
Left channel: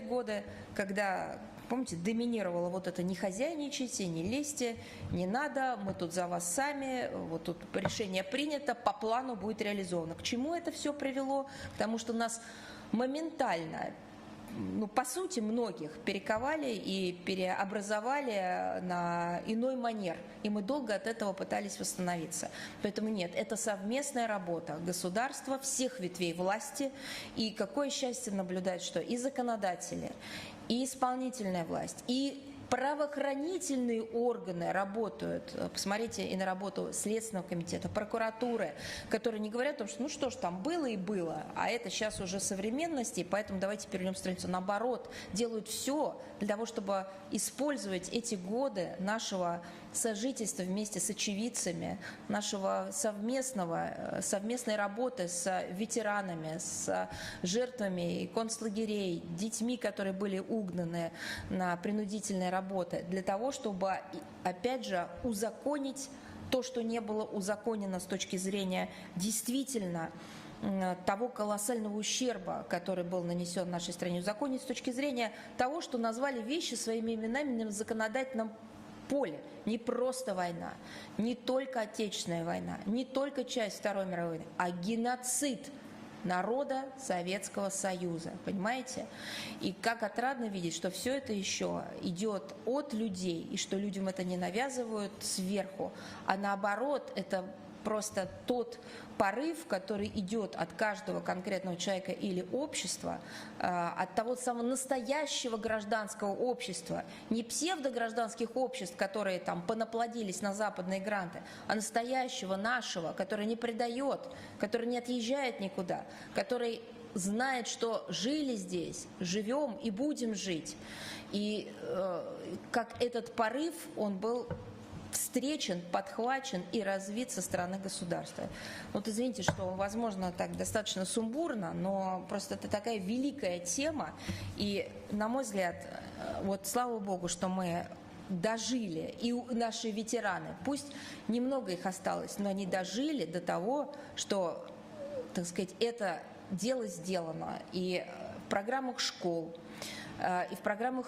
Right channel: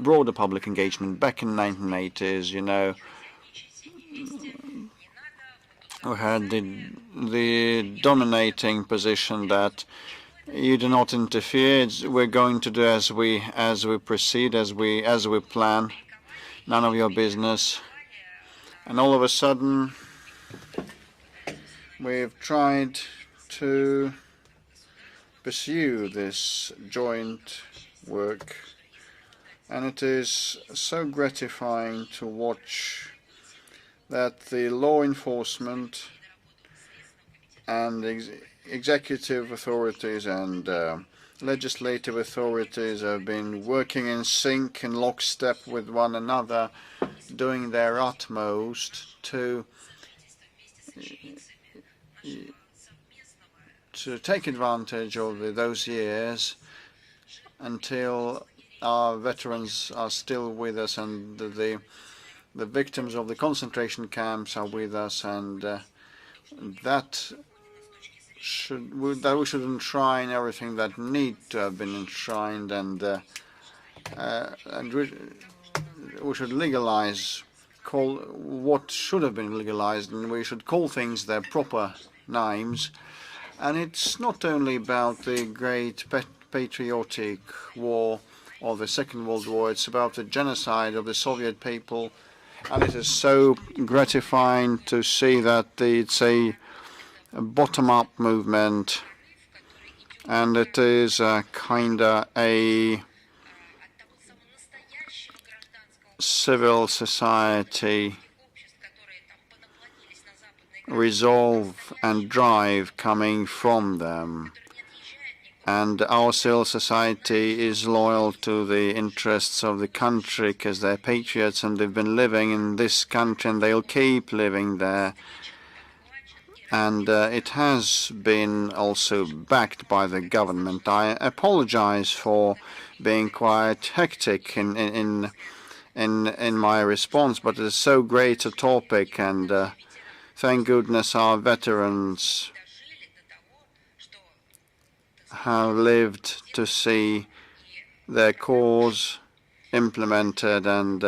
broader public engagement. Back in the 1980s, you know, we had the dominating position that you do not interfere, we're going to do as we proceed, as we plan, none of your business. And all of a sudden, we've tried to pursue this joint work, and it is so gratifying to watch that the law enforcement and the executive authorities and legislative authorities have been working in sync, in lockstep with one another, doing their utmost to take advantage of those years until our veterans are still with us, and the victims of the concentration camps are with us, and that we should enshrine everything that need to have been enshrined, and we should legalize what should have been legalized, and we should call things their proper names. And it's not only about the great patriotic war of the Second World War, it's about the genocide of the Soviet people, and it is so gratifying to see that it's a bottom-up movement, and it is kind of a civil society resolve and drive coming from them, and our civil society is loyal to the interests of the country because they're patriots and they've been living in this country and they'll keep living there, and it has been also backed by the government. I apologize for being quite quite hectic in my response, but it is so great a topic, and thank goodness our veterans have lived to see their cause implemented, and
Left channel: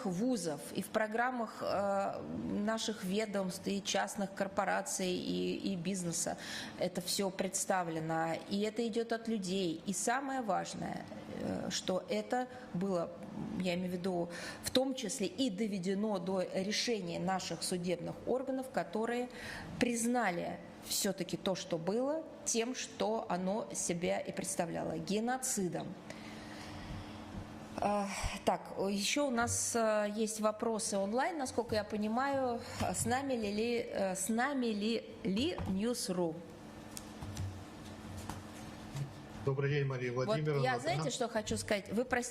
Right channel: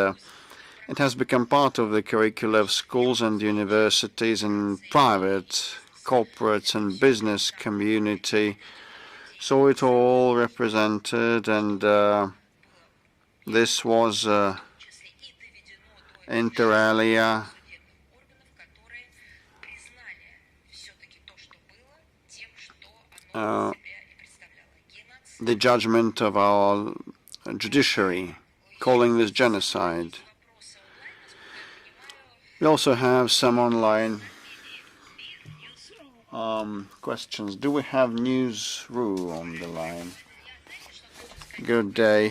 it has become part of the curricula of schools and universities and private, corporate and business community. So it all represented, and this was inter alia the judgment of our judiciary, calling this genocide. We also have some online questions. Do we have Newsroom on the line? Good day.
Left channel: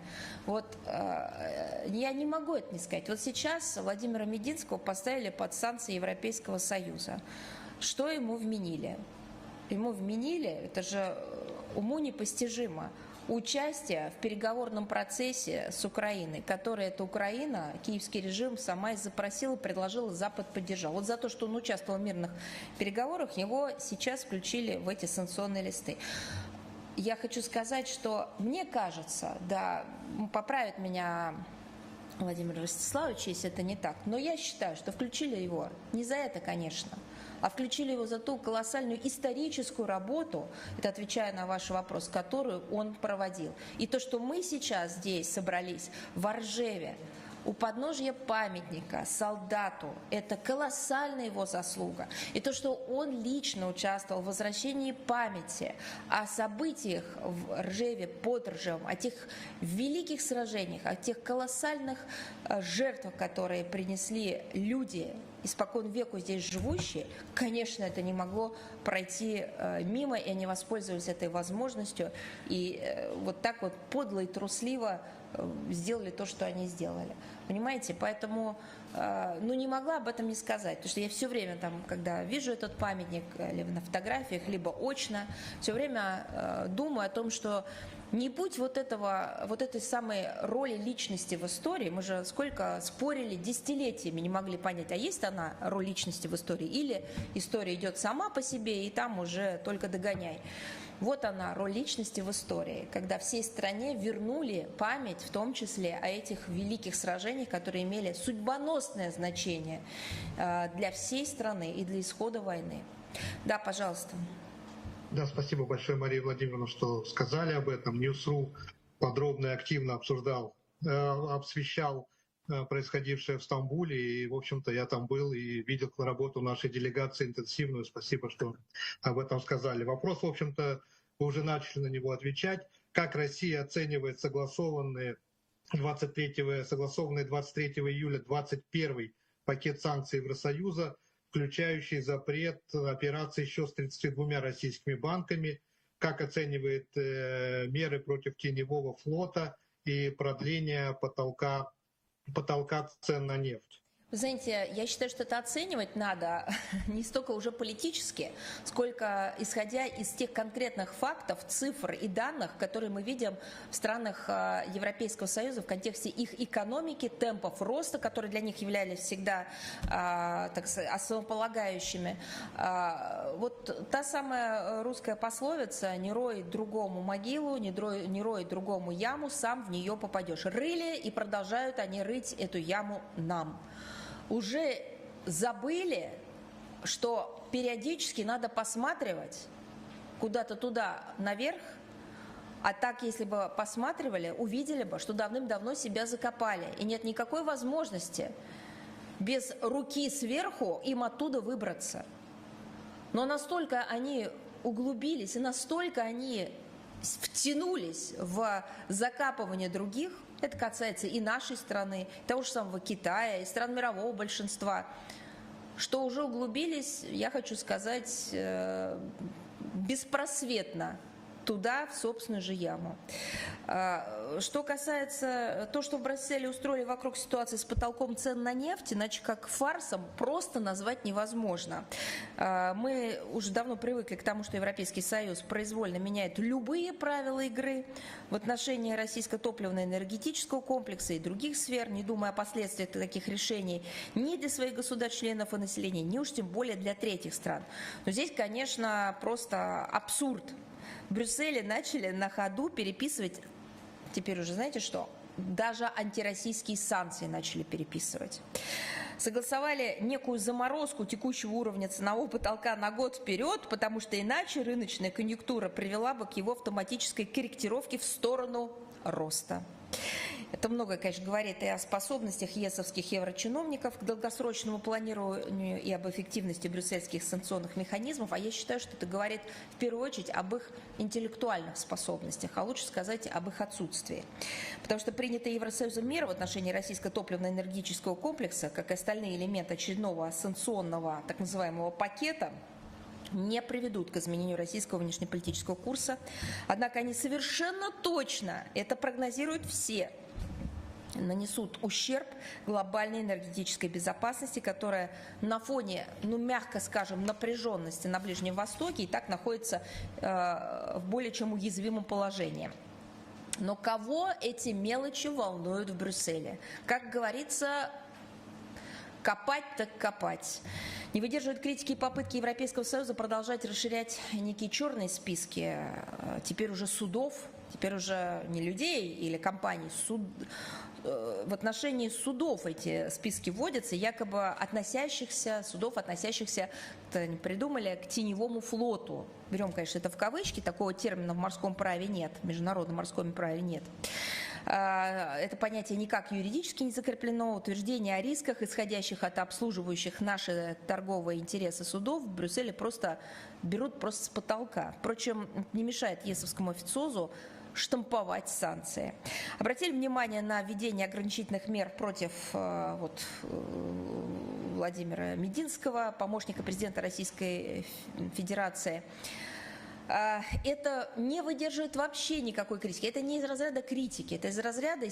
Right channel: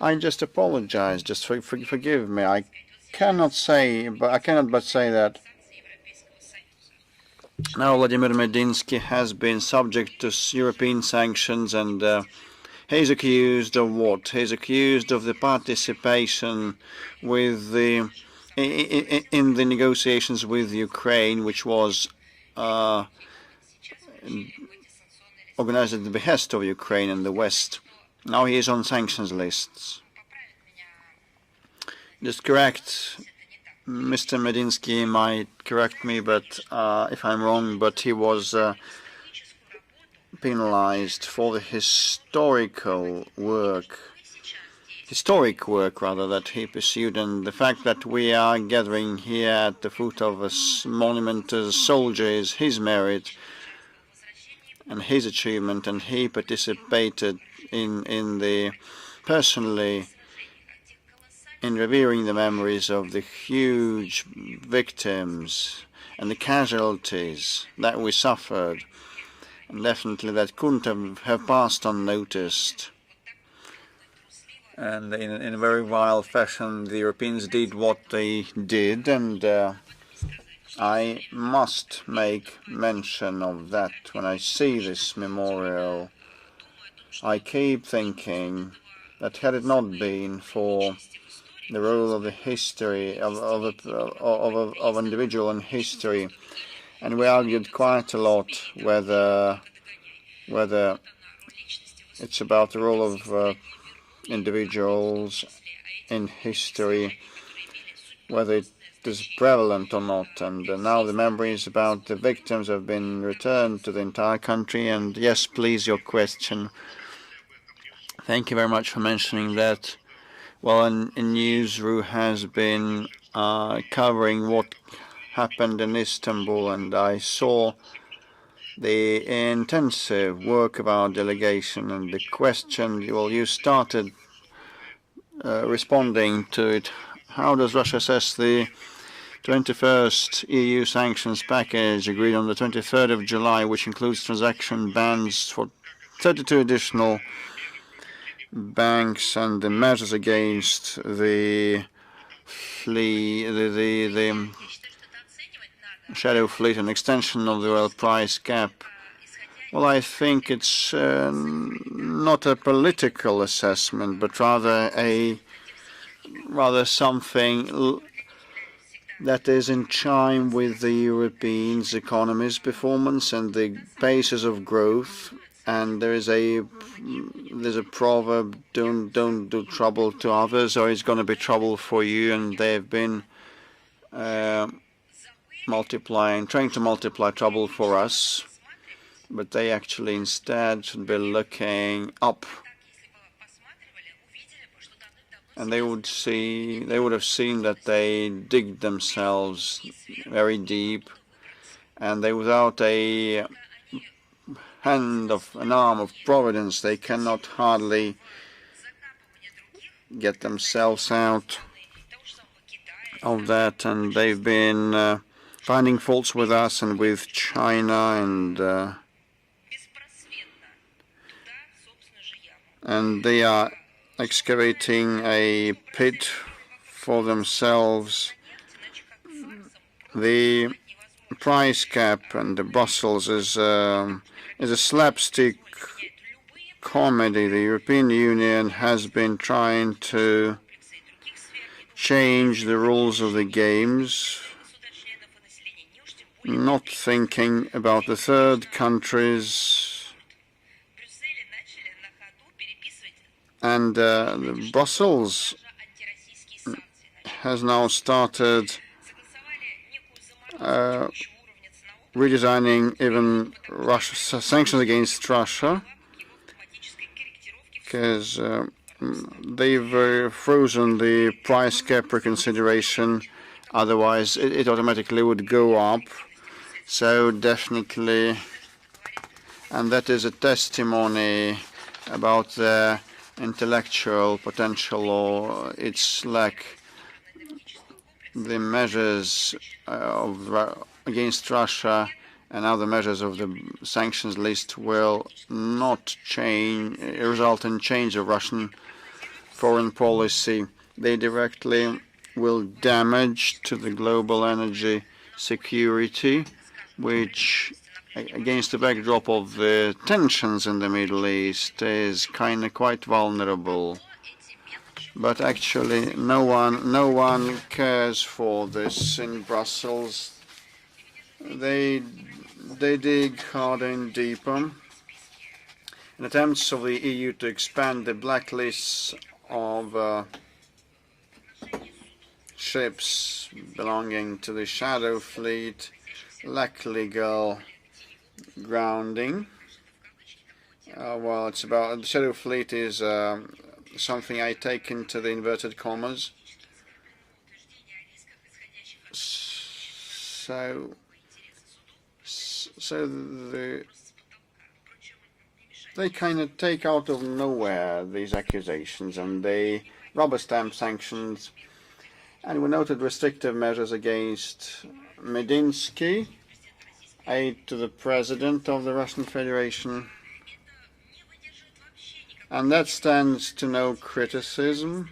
I just apologize. Just forgive me. I cannot but say that now Vladimir Medinsky has been subject to European sanctions, and he's accused of what? He's accused of the participation with in the negotiations with Ukraine, which was organized at the behest of Ukraine and the West. Now he is on sanctions lists. Just correct, Mr. Medinsky might correct me, but if I'm wrong, but he was penalized for the historic work rather that he pursued, and the fact that we are gathering here at the foot of a monument to the soldier is his merit and his achievement, and he participated personally in revering the memories of the huge victims and the casualties that we suffered. Definitely that couldn't have passed unnoticed. And in a very vile fashion, the Europeans did what they did, and I must make mention of that when I see this memorial. I keep thinking that had it not been for the role of the history of individual in history, and we argued quite a lot whether it's about the role of individuals in history, whether it is prevalent or not, and now the memories about the victims have been returned to the entire country. And yes, please, your question. Thank you very much for mentioning that. Well, Newsroom has been covering what happened in Istanbul, and I saw the intensive work of our delegation, and the question, well, you started responding to it. How does Russia assess the 21st EU sanctions package agreed on the 23rd of July, which includes transaction bans for 32 additional banks and the measures against the shadow fleet and extension of the oil price cap? Well, I think it's not a political assessment, but rather something that is in chime with the European economy's performance and the paces of growth. And there's a proverb: don't do trouble to others, or it's going to be trouble for you. And they've been trying to multiply trouble for us, but they actually instead should be looking up, and they would have seen that they dig themselves very deep, and they, without an arm of providence, they cannot hardly get themselves out of that. And they've been finding faults with us and with China, and and they are excavating a pit for themselves. The price cap and Brussels is a slapstick comedy. The European Union has been trying to change the rules of the games, not thinking about the third countries. And Brussels has now started redesigning even sanctions against Russia, because they've frozen the price cap reconsideration, otherwise it automatically would go up. So definitely, and that is a testimony about the intellectual potential or its lack. The measures against Russia and other measures of the sanctions list will not result in change of Russian foreign policy. They directly will damage to the global energy security, which, against the backdrop of the tensions in the Middle East, is quite vulnerable. But actually, no one cares for this in Brussels. They dig harder and deeper. Attempts of the EU to expand the blacklists of ships belonging to the shadow fleet lack legal grounding. Well, it's about shadow fleet is something I take into the inverted commas. They kind of take out of nowhere these accusations, and they rubber stamp sanctions. And we noted restrictive measures against Medinsky, aide to the president of the Russian Federation. And that stands to no criticism.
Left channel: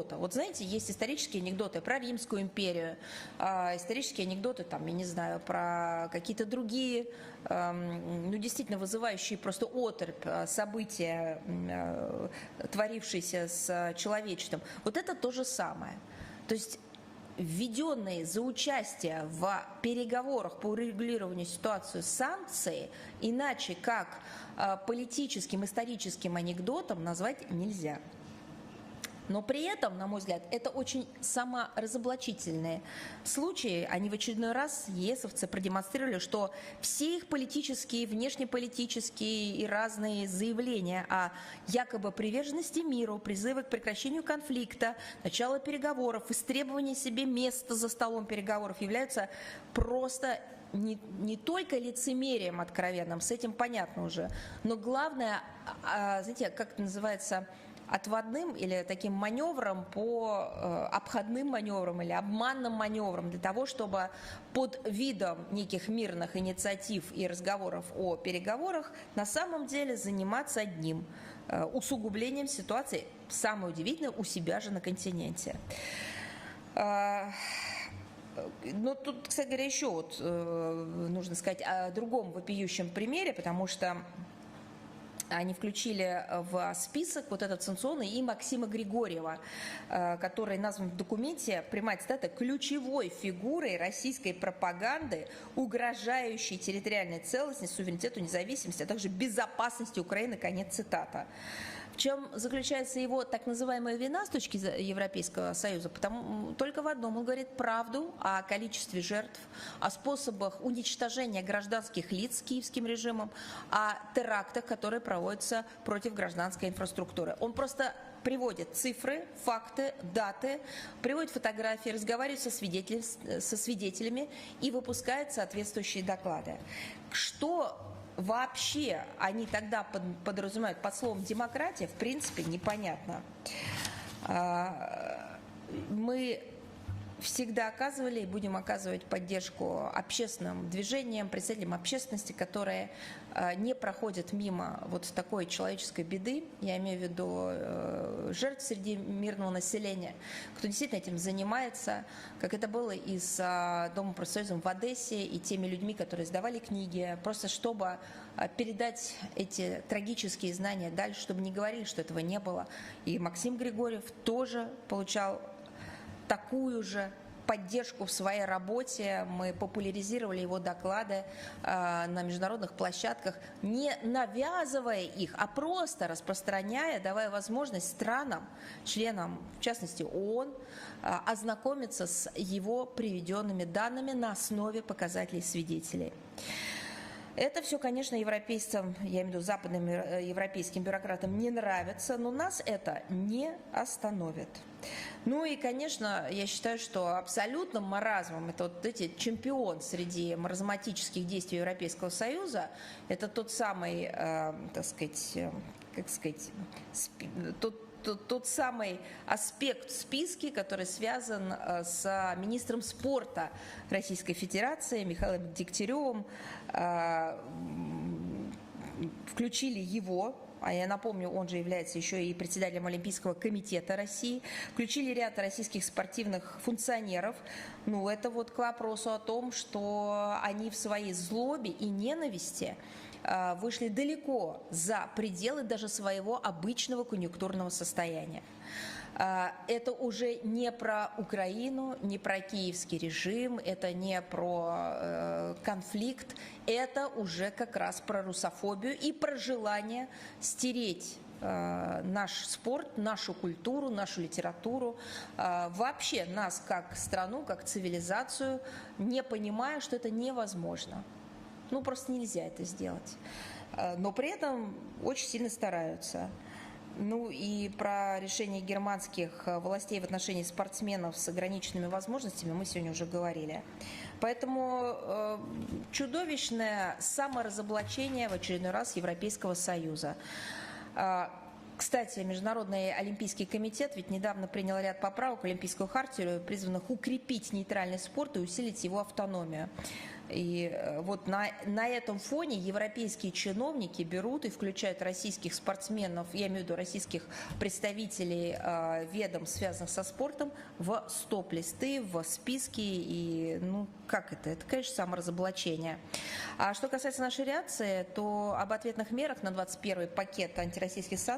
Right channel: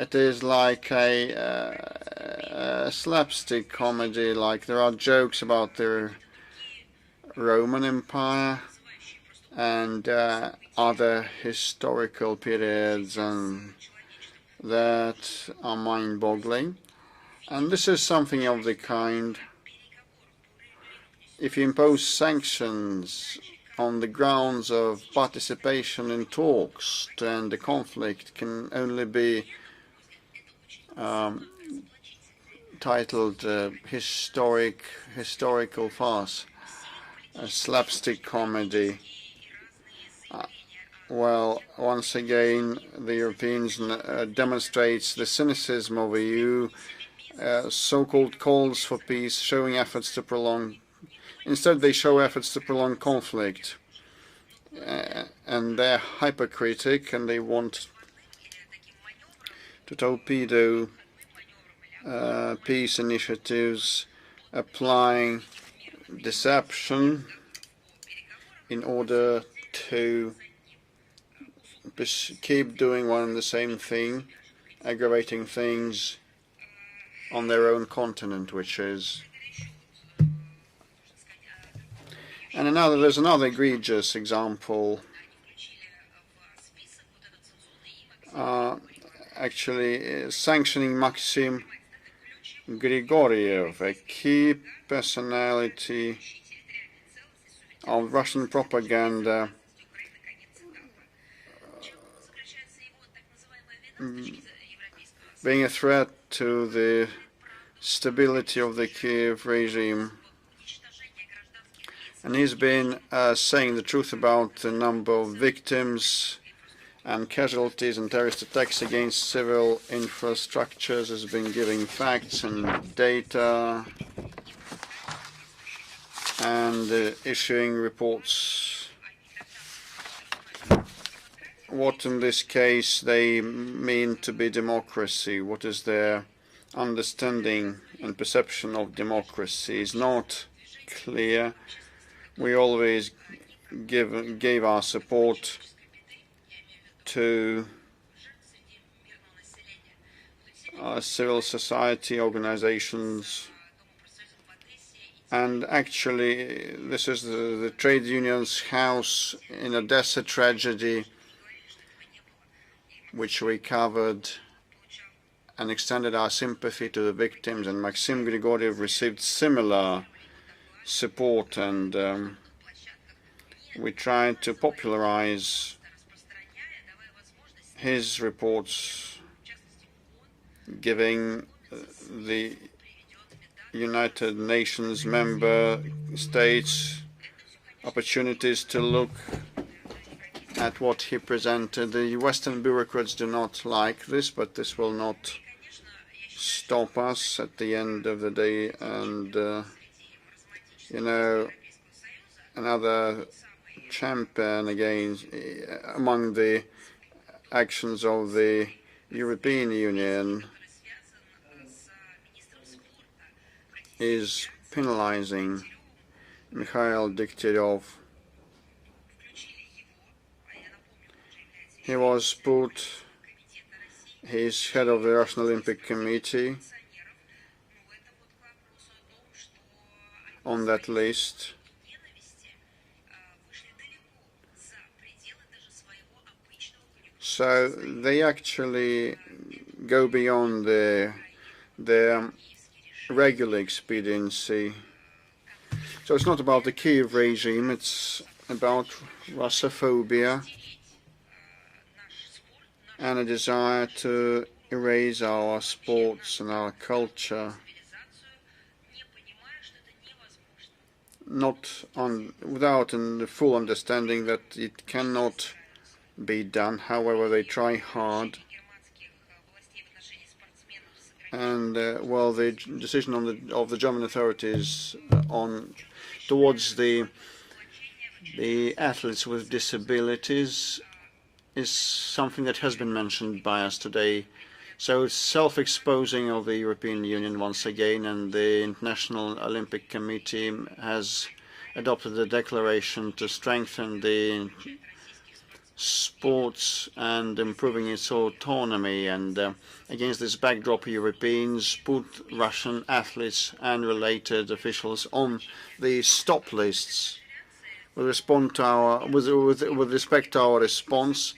It is like a slapstick comedy, like there are jokes about the Roman Empire and other historical periods that are mind-boggling. And this is something of the kind. If you impose sanctions on the grounds of participation in talks, then the conflict can only be titled historical farce, a slapstick comedy. Well, once again, the Europeans demonstrates the cynicism of the EU. So-called calls for peace, showing efforts to prolong. Instead, they show efforts to prolong conflict. And they're hypercritic, and they want to torpedo peace initiatives, applying deception in order to keep doing one and the same thing, aggravating things on their own continent, which is. And there's another egregious example. Actually, sanctioning Maxim Grigoriev, a key personality of Russian propaganda. Being a threat to the stability of the Kiev regime. And he's been saying the truth about the number of victims and casualties and terrorist attacks against civil infrastructures. Has been giving facts and data and issuing reports. What in this case they mean to be democracy? What is their understanding and perception of democracy is not clear. We always gave our support to civil society organizations, and actually this is the trade union's house in Odessa tragedy, which we covered and extended our sympathy to the victims, and Maxim Grigoriev received similar support, and we tried to popularize his reports, giving the United Nations member states opportunities to look at what he presented. The Western bureaucrats do not like this, but this will not stop us at the end of the day. And another champion against among the actions of the European Union is penalizing Mikhail Degtyaryov. He was put, he's head of the Russian Olympic Committee on that list. So they actually go beyond their regular expediency. So it's not about the Kiev regime, it's about Russophobia and a desire to erase our sports and our culture, without the full understanding that it cannot be done. However, they try hard. And well, the decision of the German authorities towards the athletes with disabilities is something that has been mentioned by us today. So it's self-exposing of the European Union once again, and the International Olympic Committee has adopted a declaration to strengthen the sports and improving its autonomy. And against this backdrop, Europeans put Russian athletes and related officials on the stop lists. With respect to our response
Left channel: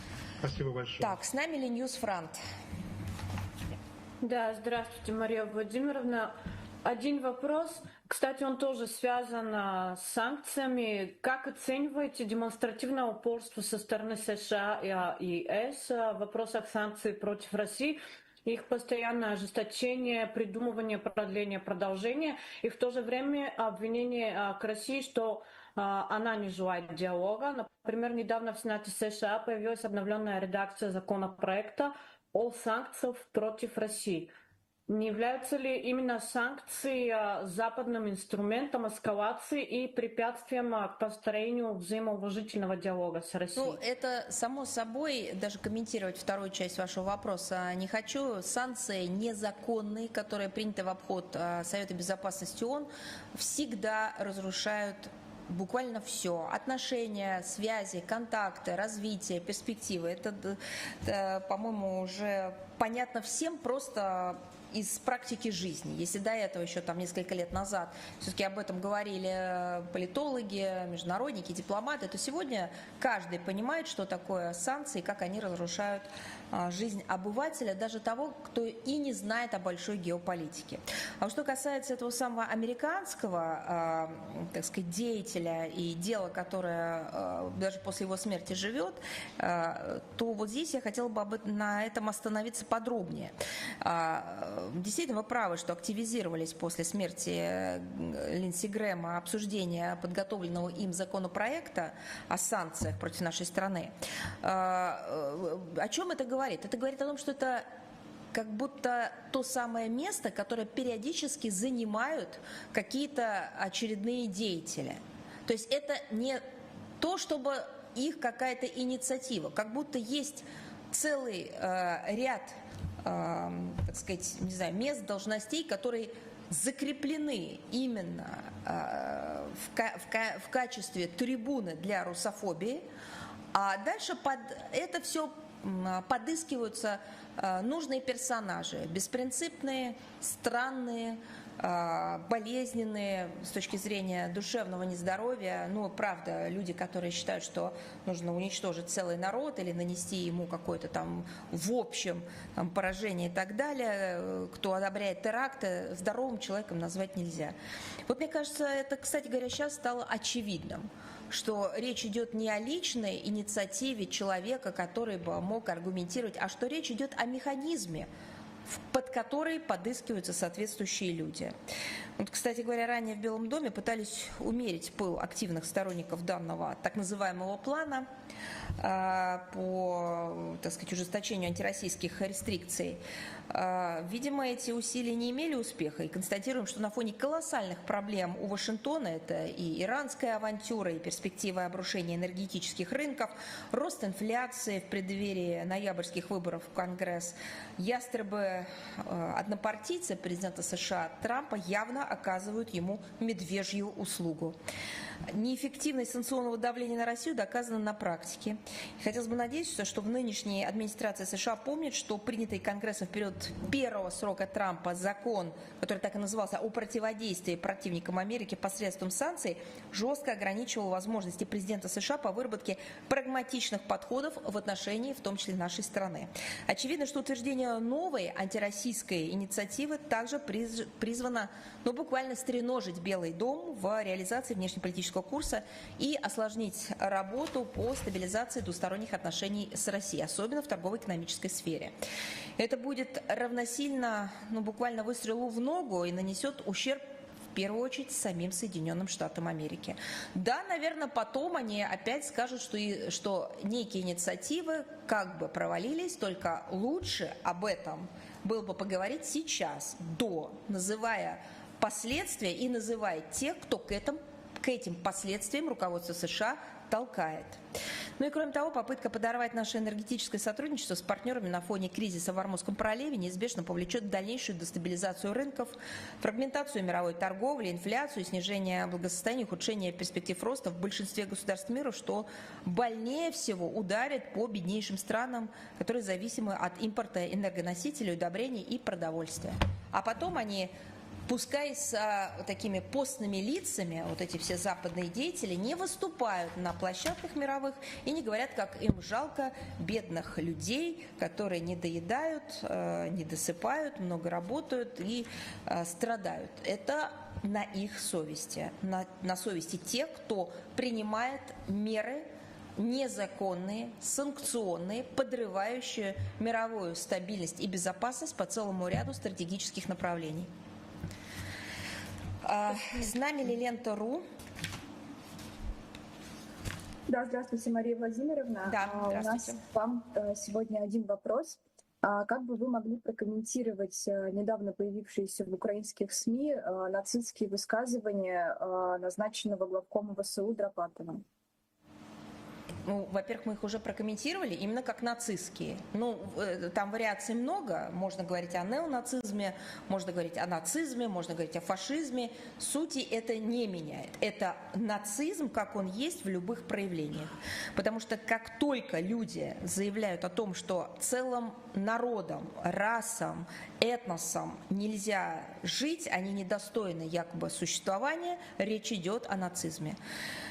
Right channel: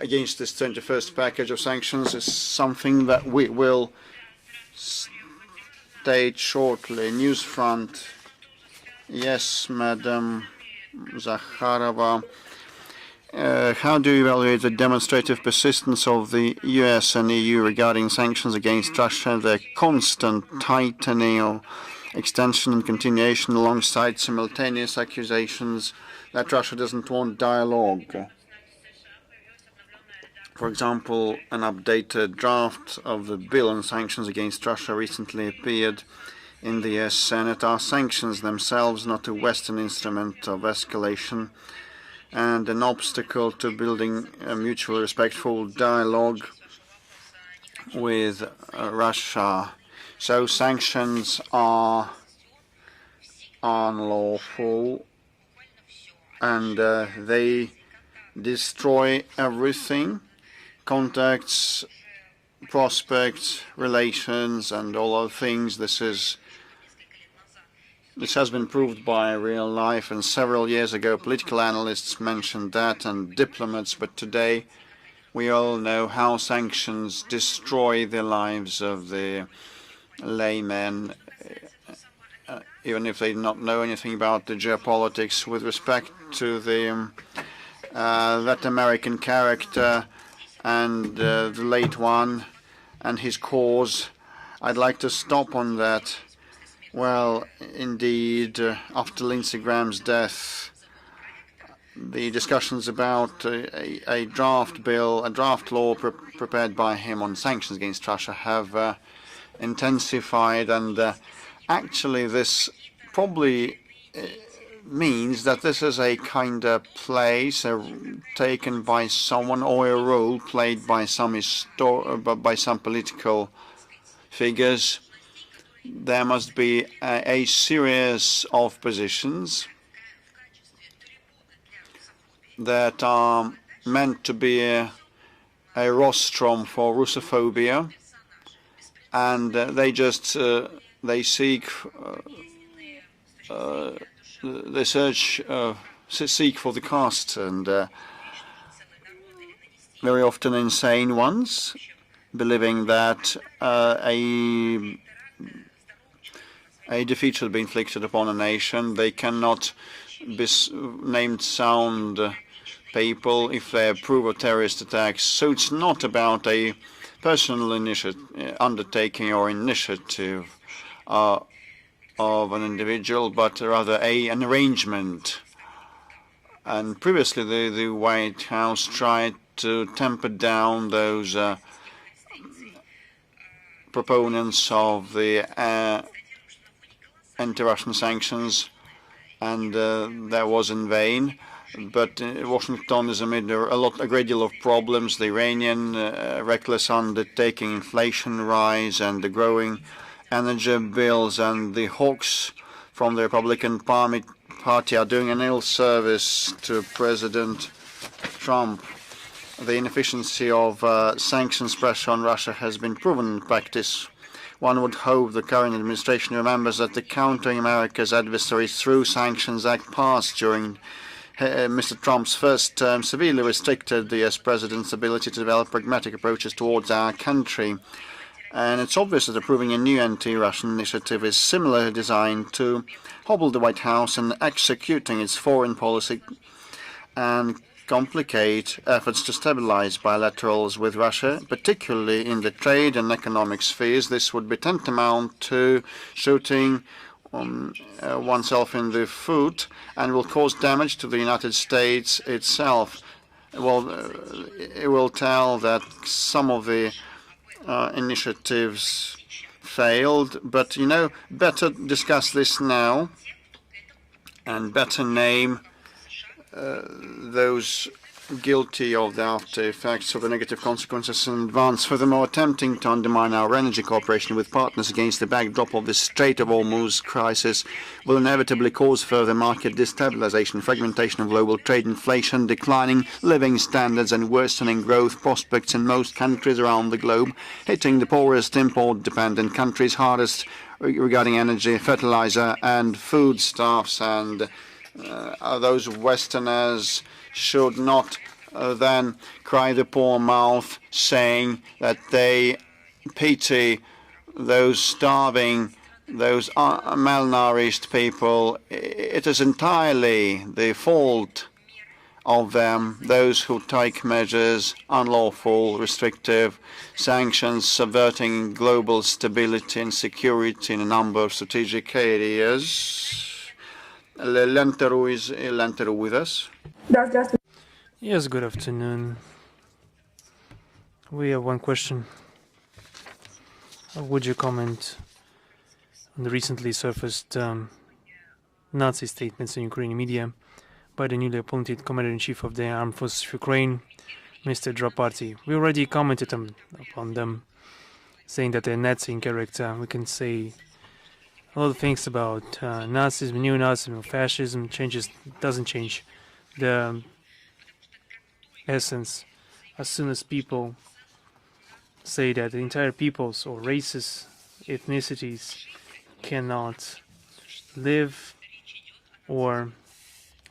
against this 21st package of sanctions is something that we will state shortly. Newsfront. Yes, Madam Zakharova. How do you evaluate the demonstrative persistence of the US and EU regarding sanctions against Russia and their constant tightening or extension and continuation alongside simultaneous accusations that Russia doesn't want dialogue? For example, an updated draft of the bill on sanctions against Russia recently appeared in the US Senate. Are sanctions themselves not a Western instrument of escalation and an obstacle to building a mutually respectful dialogue with Russia? So sanctions are unlawful, and they destroy everything: contacts, prospects, relations, and all other things. This has been proved by real life, and several years ago political analysts mentioned that, and diplomats, but today we all know how sanctions destroy the lives of the laymen, even if they do not know anything about the geopolitics. With respect to the that American character and the late one and his cause, I'd like to stop on that. Well, indeed, after Lindsey Graham's death, the discussions about a draft bill, a draft law prepared by him on sanctions against Russia have intensified, and actually this probably means that this is a kind of place taken by someone, or a role played by some political figures. There must be a series of positions that are meant to be a rostrum for Russophobia, and they seek seek for the caste, and very often insane ones, believing that a defeat should be inflicted upon a nation. They cannot be named sound people if they approve of terrorist attacks. So it's not about a personal undertaking or initiative of an individual, but rather an arrangement. And previously the White House tried to temper down those proponents of the anti-Russian sanctions, and that was in vain. But Washington is amid a great deal of problems: the Iranian reckless undertaking, inflation rise, and the growing energy bills. And the hawks from the Republican Party are doing an ill service to President Trump. The inefficiency of sanctions pressure on Russia has been proven in practice. One would hope the current administration remembers that the Countering America's Adversaries Through Sanctions Act passed during Mr. Trump's first term severely restricted the US president's ability to develop pragmatic approaches towards our country. And it's obvious that approving a new anti-Russian initiative is similarly designed to hobble the White House in executing its foreign policy and complicate efforts to stabilize bilaterals with Russia, particularly in the trade and economic spheres. This would be tantamount to shooting oneself in the foot and will cause damage to the United States itself. Well, it will tell that some of the initiatives failed, but, you know, better discuss this now and better name those guilty of the after effects of the negative consequences in advance. Furthermore, attempting to undermine our energy cooperation with partners against the backdrop of the Strait of Hormuz crisis will inevitably cause further market destabilization, fragmentation of global trade, inflation, declining living standards, and worsening growth prospects in most countries around the globe, hitting the poorest import-dependent countries hardest regarding energy, fertilizer, and foodstuffs. And those Westerners should not then cry the poor mouth, saying that they pity those starving, those malnourished people. It is entirely the fault of them, those who take measures, unlawful, restrictive sanctions, subverting global stability and security in a number of strategic areas. Lenteru is Lenteru with us. Yes, good afternoon. We have one question. Would you comment on the recently surfaced Nazi statements in Ukrainian media by the newly appointed Commander-in-Chief of the Armed Forces of Ukraine, Mr. Draparty? We already commented on them, saying that they're Nazi in character. We can say a lot of things about Nazism, neo-Nazism, fascism. Doesn't change the essence. As soon as people say that the entire peoples or races, ethnicities cannot live or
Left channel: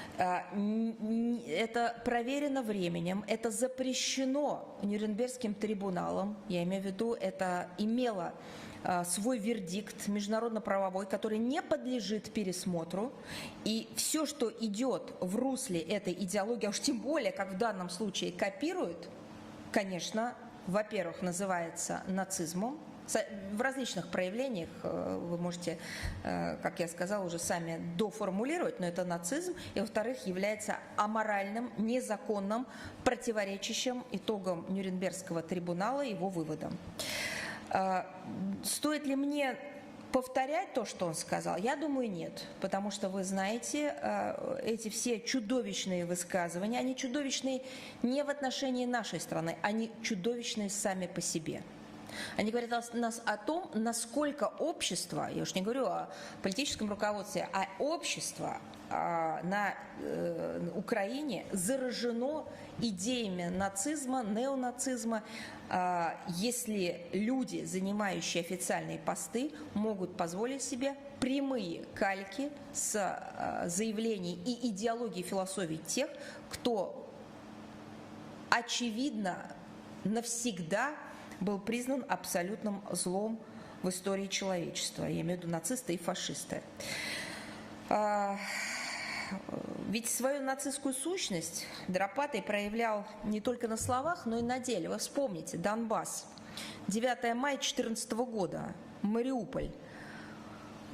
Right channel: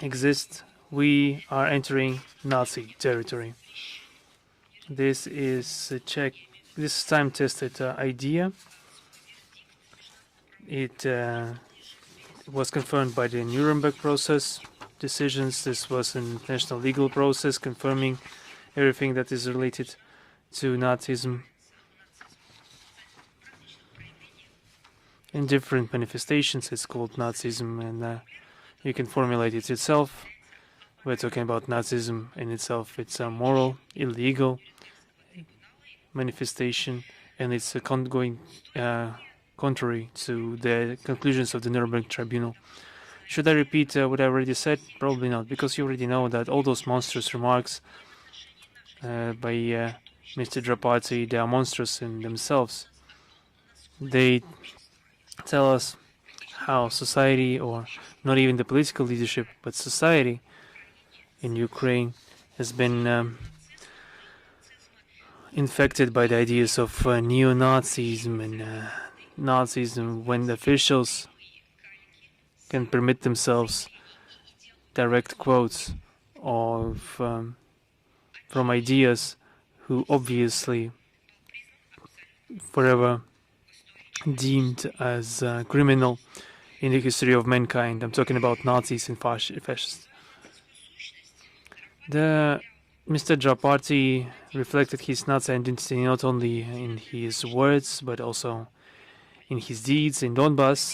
exist, we are entering Nazi territory. This is a this time-tested idea. It was confirmed by the Nuremberg process decisions. This was an international legal process confirming everything that is related to Nazism. In different manifestations, it's called Nazism, and you can formulate it yourself. We're talking about Nazism in itself. It's a moral, illegal manifestation, and it's going contrary to the conclusions of the Nuremberg Tribunal. Should I repeat what I already said? Probably not, because you already know that all those monstrous remarks by Mr. Drapati, they are monstrous in themselves. They tell us how society, or not even the political leadership, but society in Ukraine has been infected by the ideas of neo-Nazism and Nazism, when the officials can permit themselves direct quotes of from ideas who obviously forever deemed as criminal in the history of mankind. I'm talking about Nazis and fascists. Mr. Drapati reflected his Nazi identity not only in his words, but also in his deeds in Donbass.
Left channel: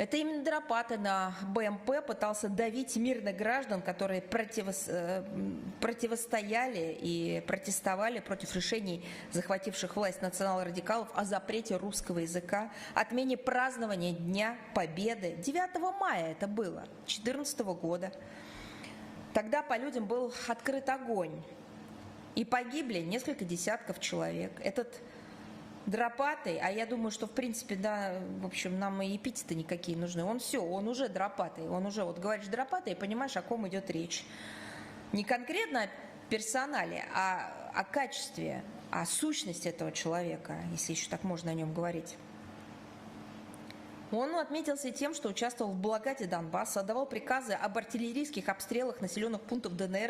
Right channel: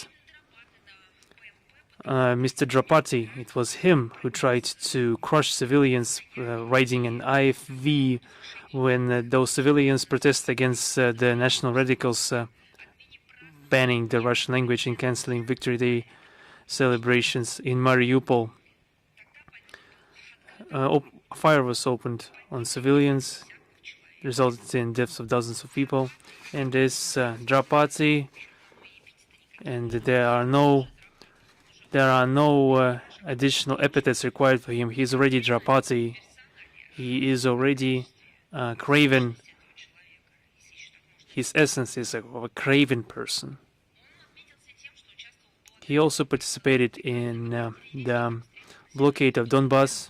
Mr. Drapati, it was him who tried to crush civilians riding an IFV when those civilians protested against the national radicals banning the Russian language and cancelling Victory Day celebrations in Mariupol. Fire was opened on civilians, resulted in deaths of dozens of people, and this Drapati, and there are no additional epithets required for him. He's already Drapati. He is already craven. His essence is of a craven person. He also participated in the blockade of Donbass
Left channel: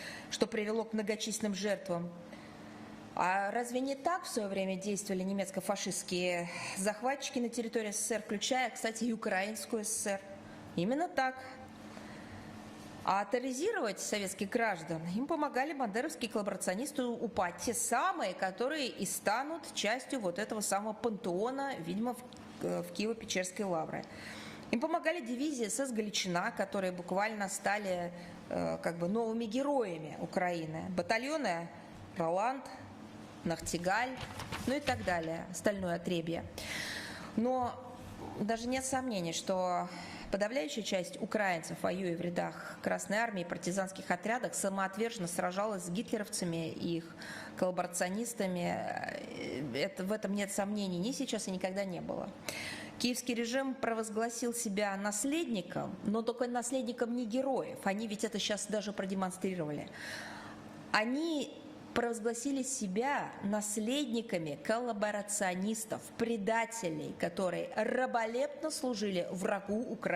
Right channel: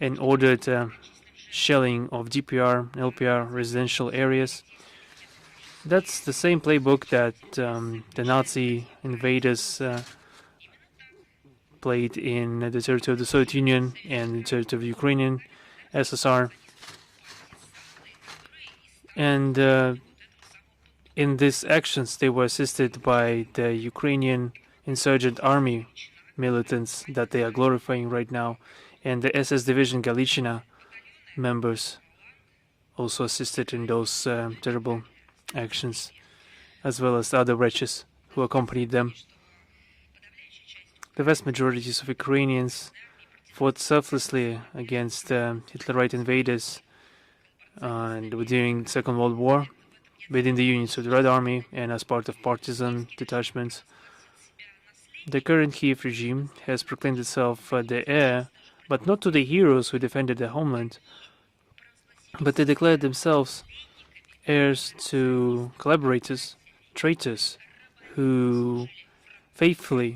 and ordered shelling of DPR and LPR residential areas. That's the same playbook that the Nazi invaders played in the territory of the Soviet Union and the territory of the Ukrainian SSR. And in these actions, they were assisted by the Ukrainian insurgent army militants that they are glorifying right now, and the SS Division Galiciana members also assisted in those terrible actions, as well as the other wretches who accompanied them. The vast majority of Ukrainians fought selflessly against Hitlerite invaders during the Second World War within the units of the Red Army and as part of partisan detachments. The current Kiev regime has proclaimed itself the heir, but not to the heroes who defended the homeland, but they declared themselves heirs to collaborators, traitors, who faithfully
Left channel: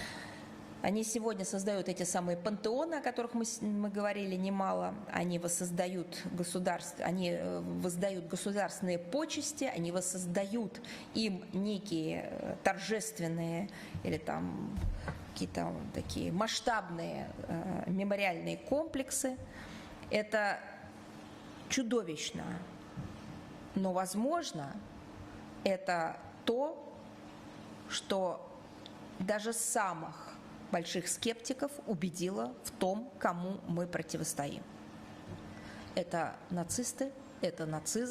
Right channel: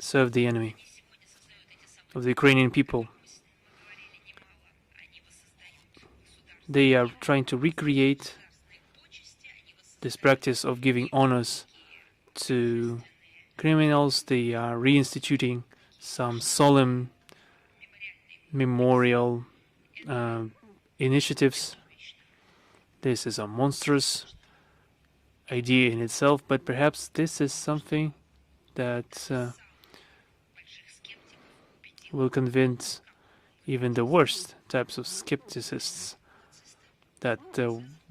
served the enemy of the Ukrainian people. They are trying to recreate this practice of giving honors to criminals. They are reinstituting some solemn memorial initiatives. This is a monstrous idea in itself, but perhaps this is something that will convince even the worst types of skepticists that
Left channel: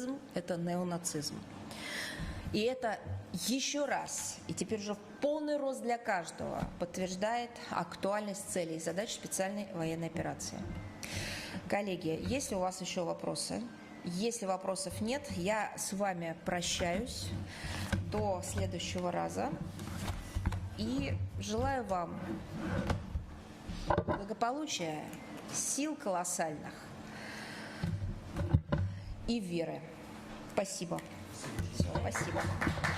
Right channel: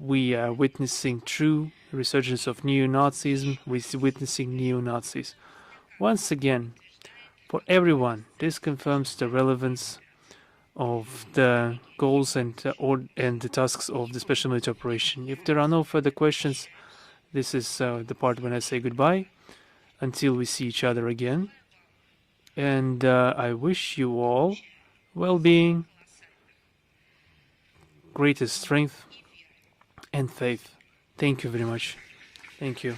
we are witnessing true resurgence of neo-Nazism, we're witnessing neo-Nazis. Once again, for everyone, this confirms the relevance of the goals and the tasks of the special military operation. If there are no further questions, this is the part when I say goodbye until we see each other again. And I wish you all well-being, greatest strength and faith. Thank you very much. Thank you.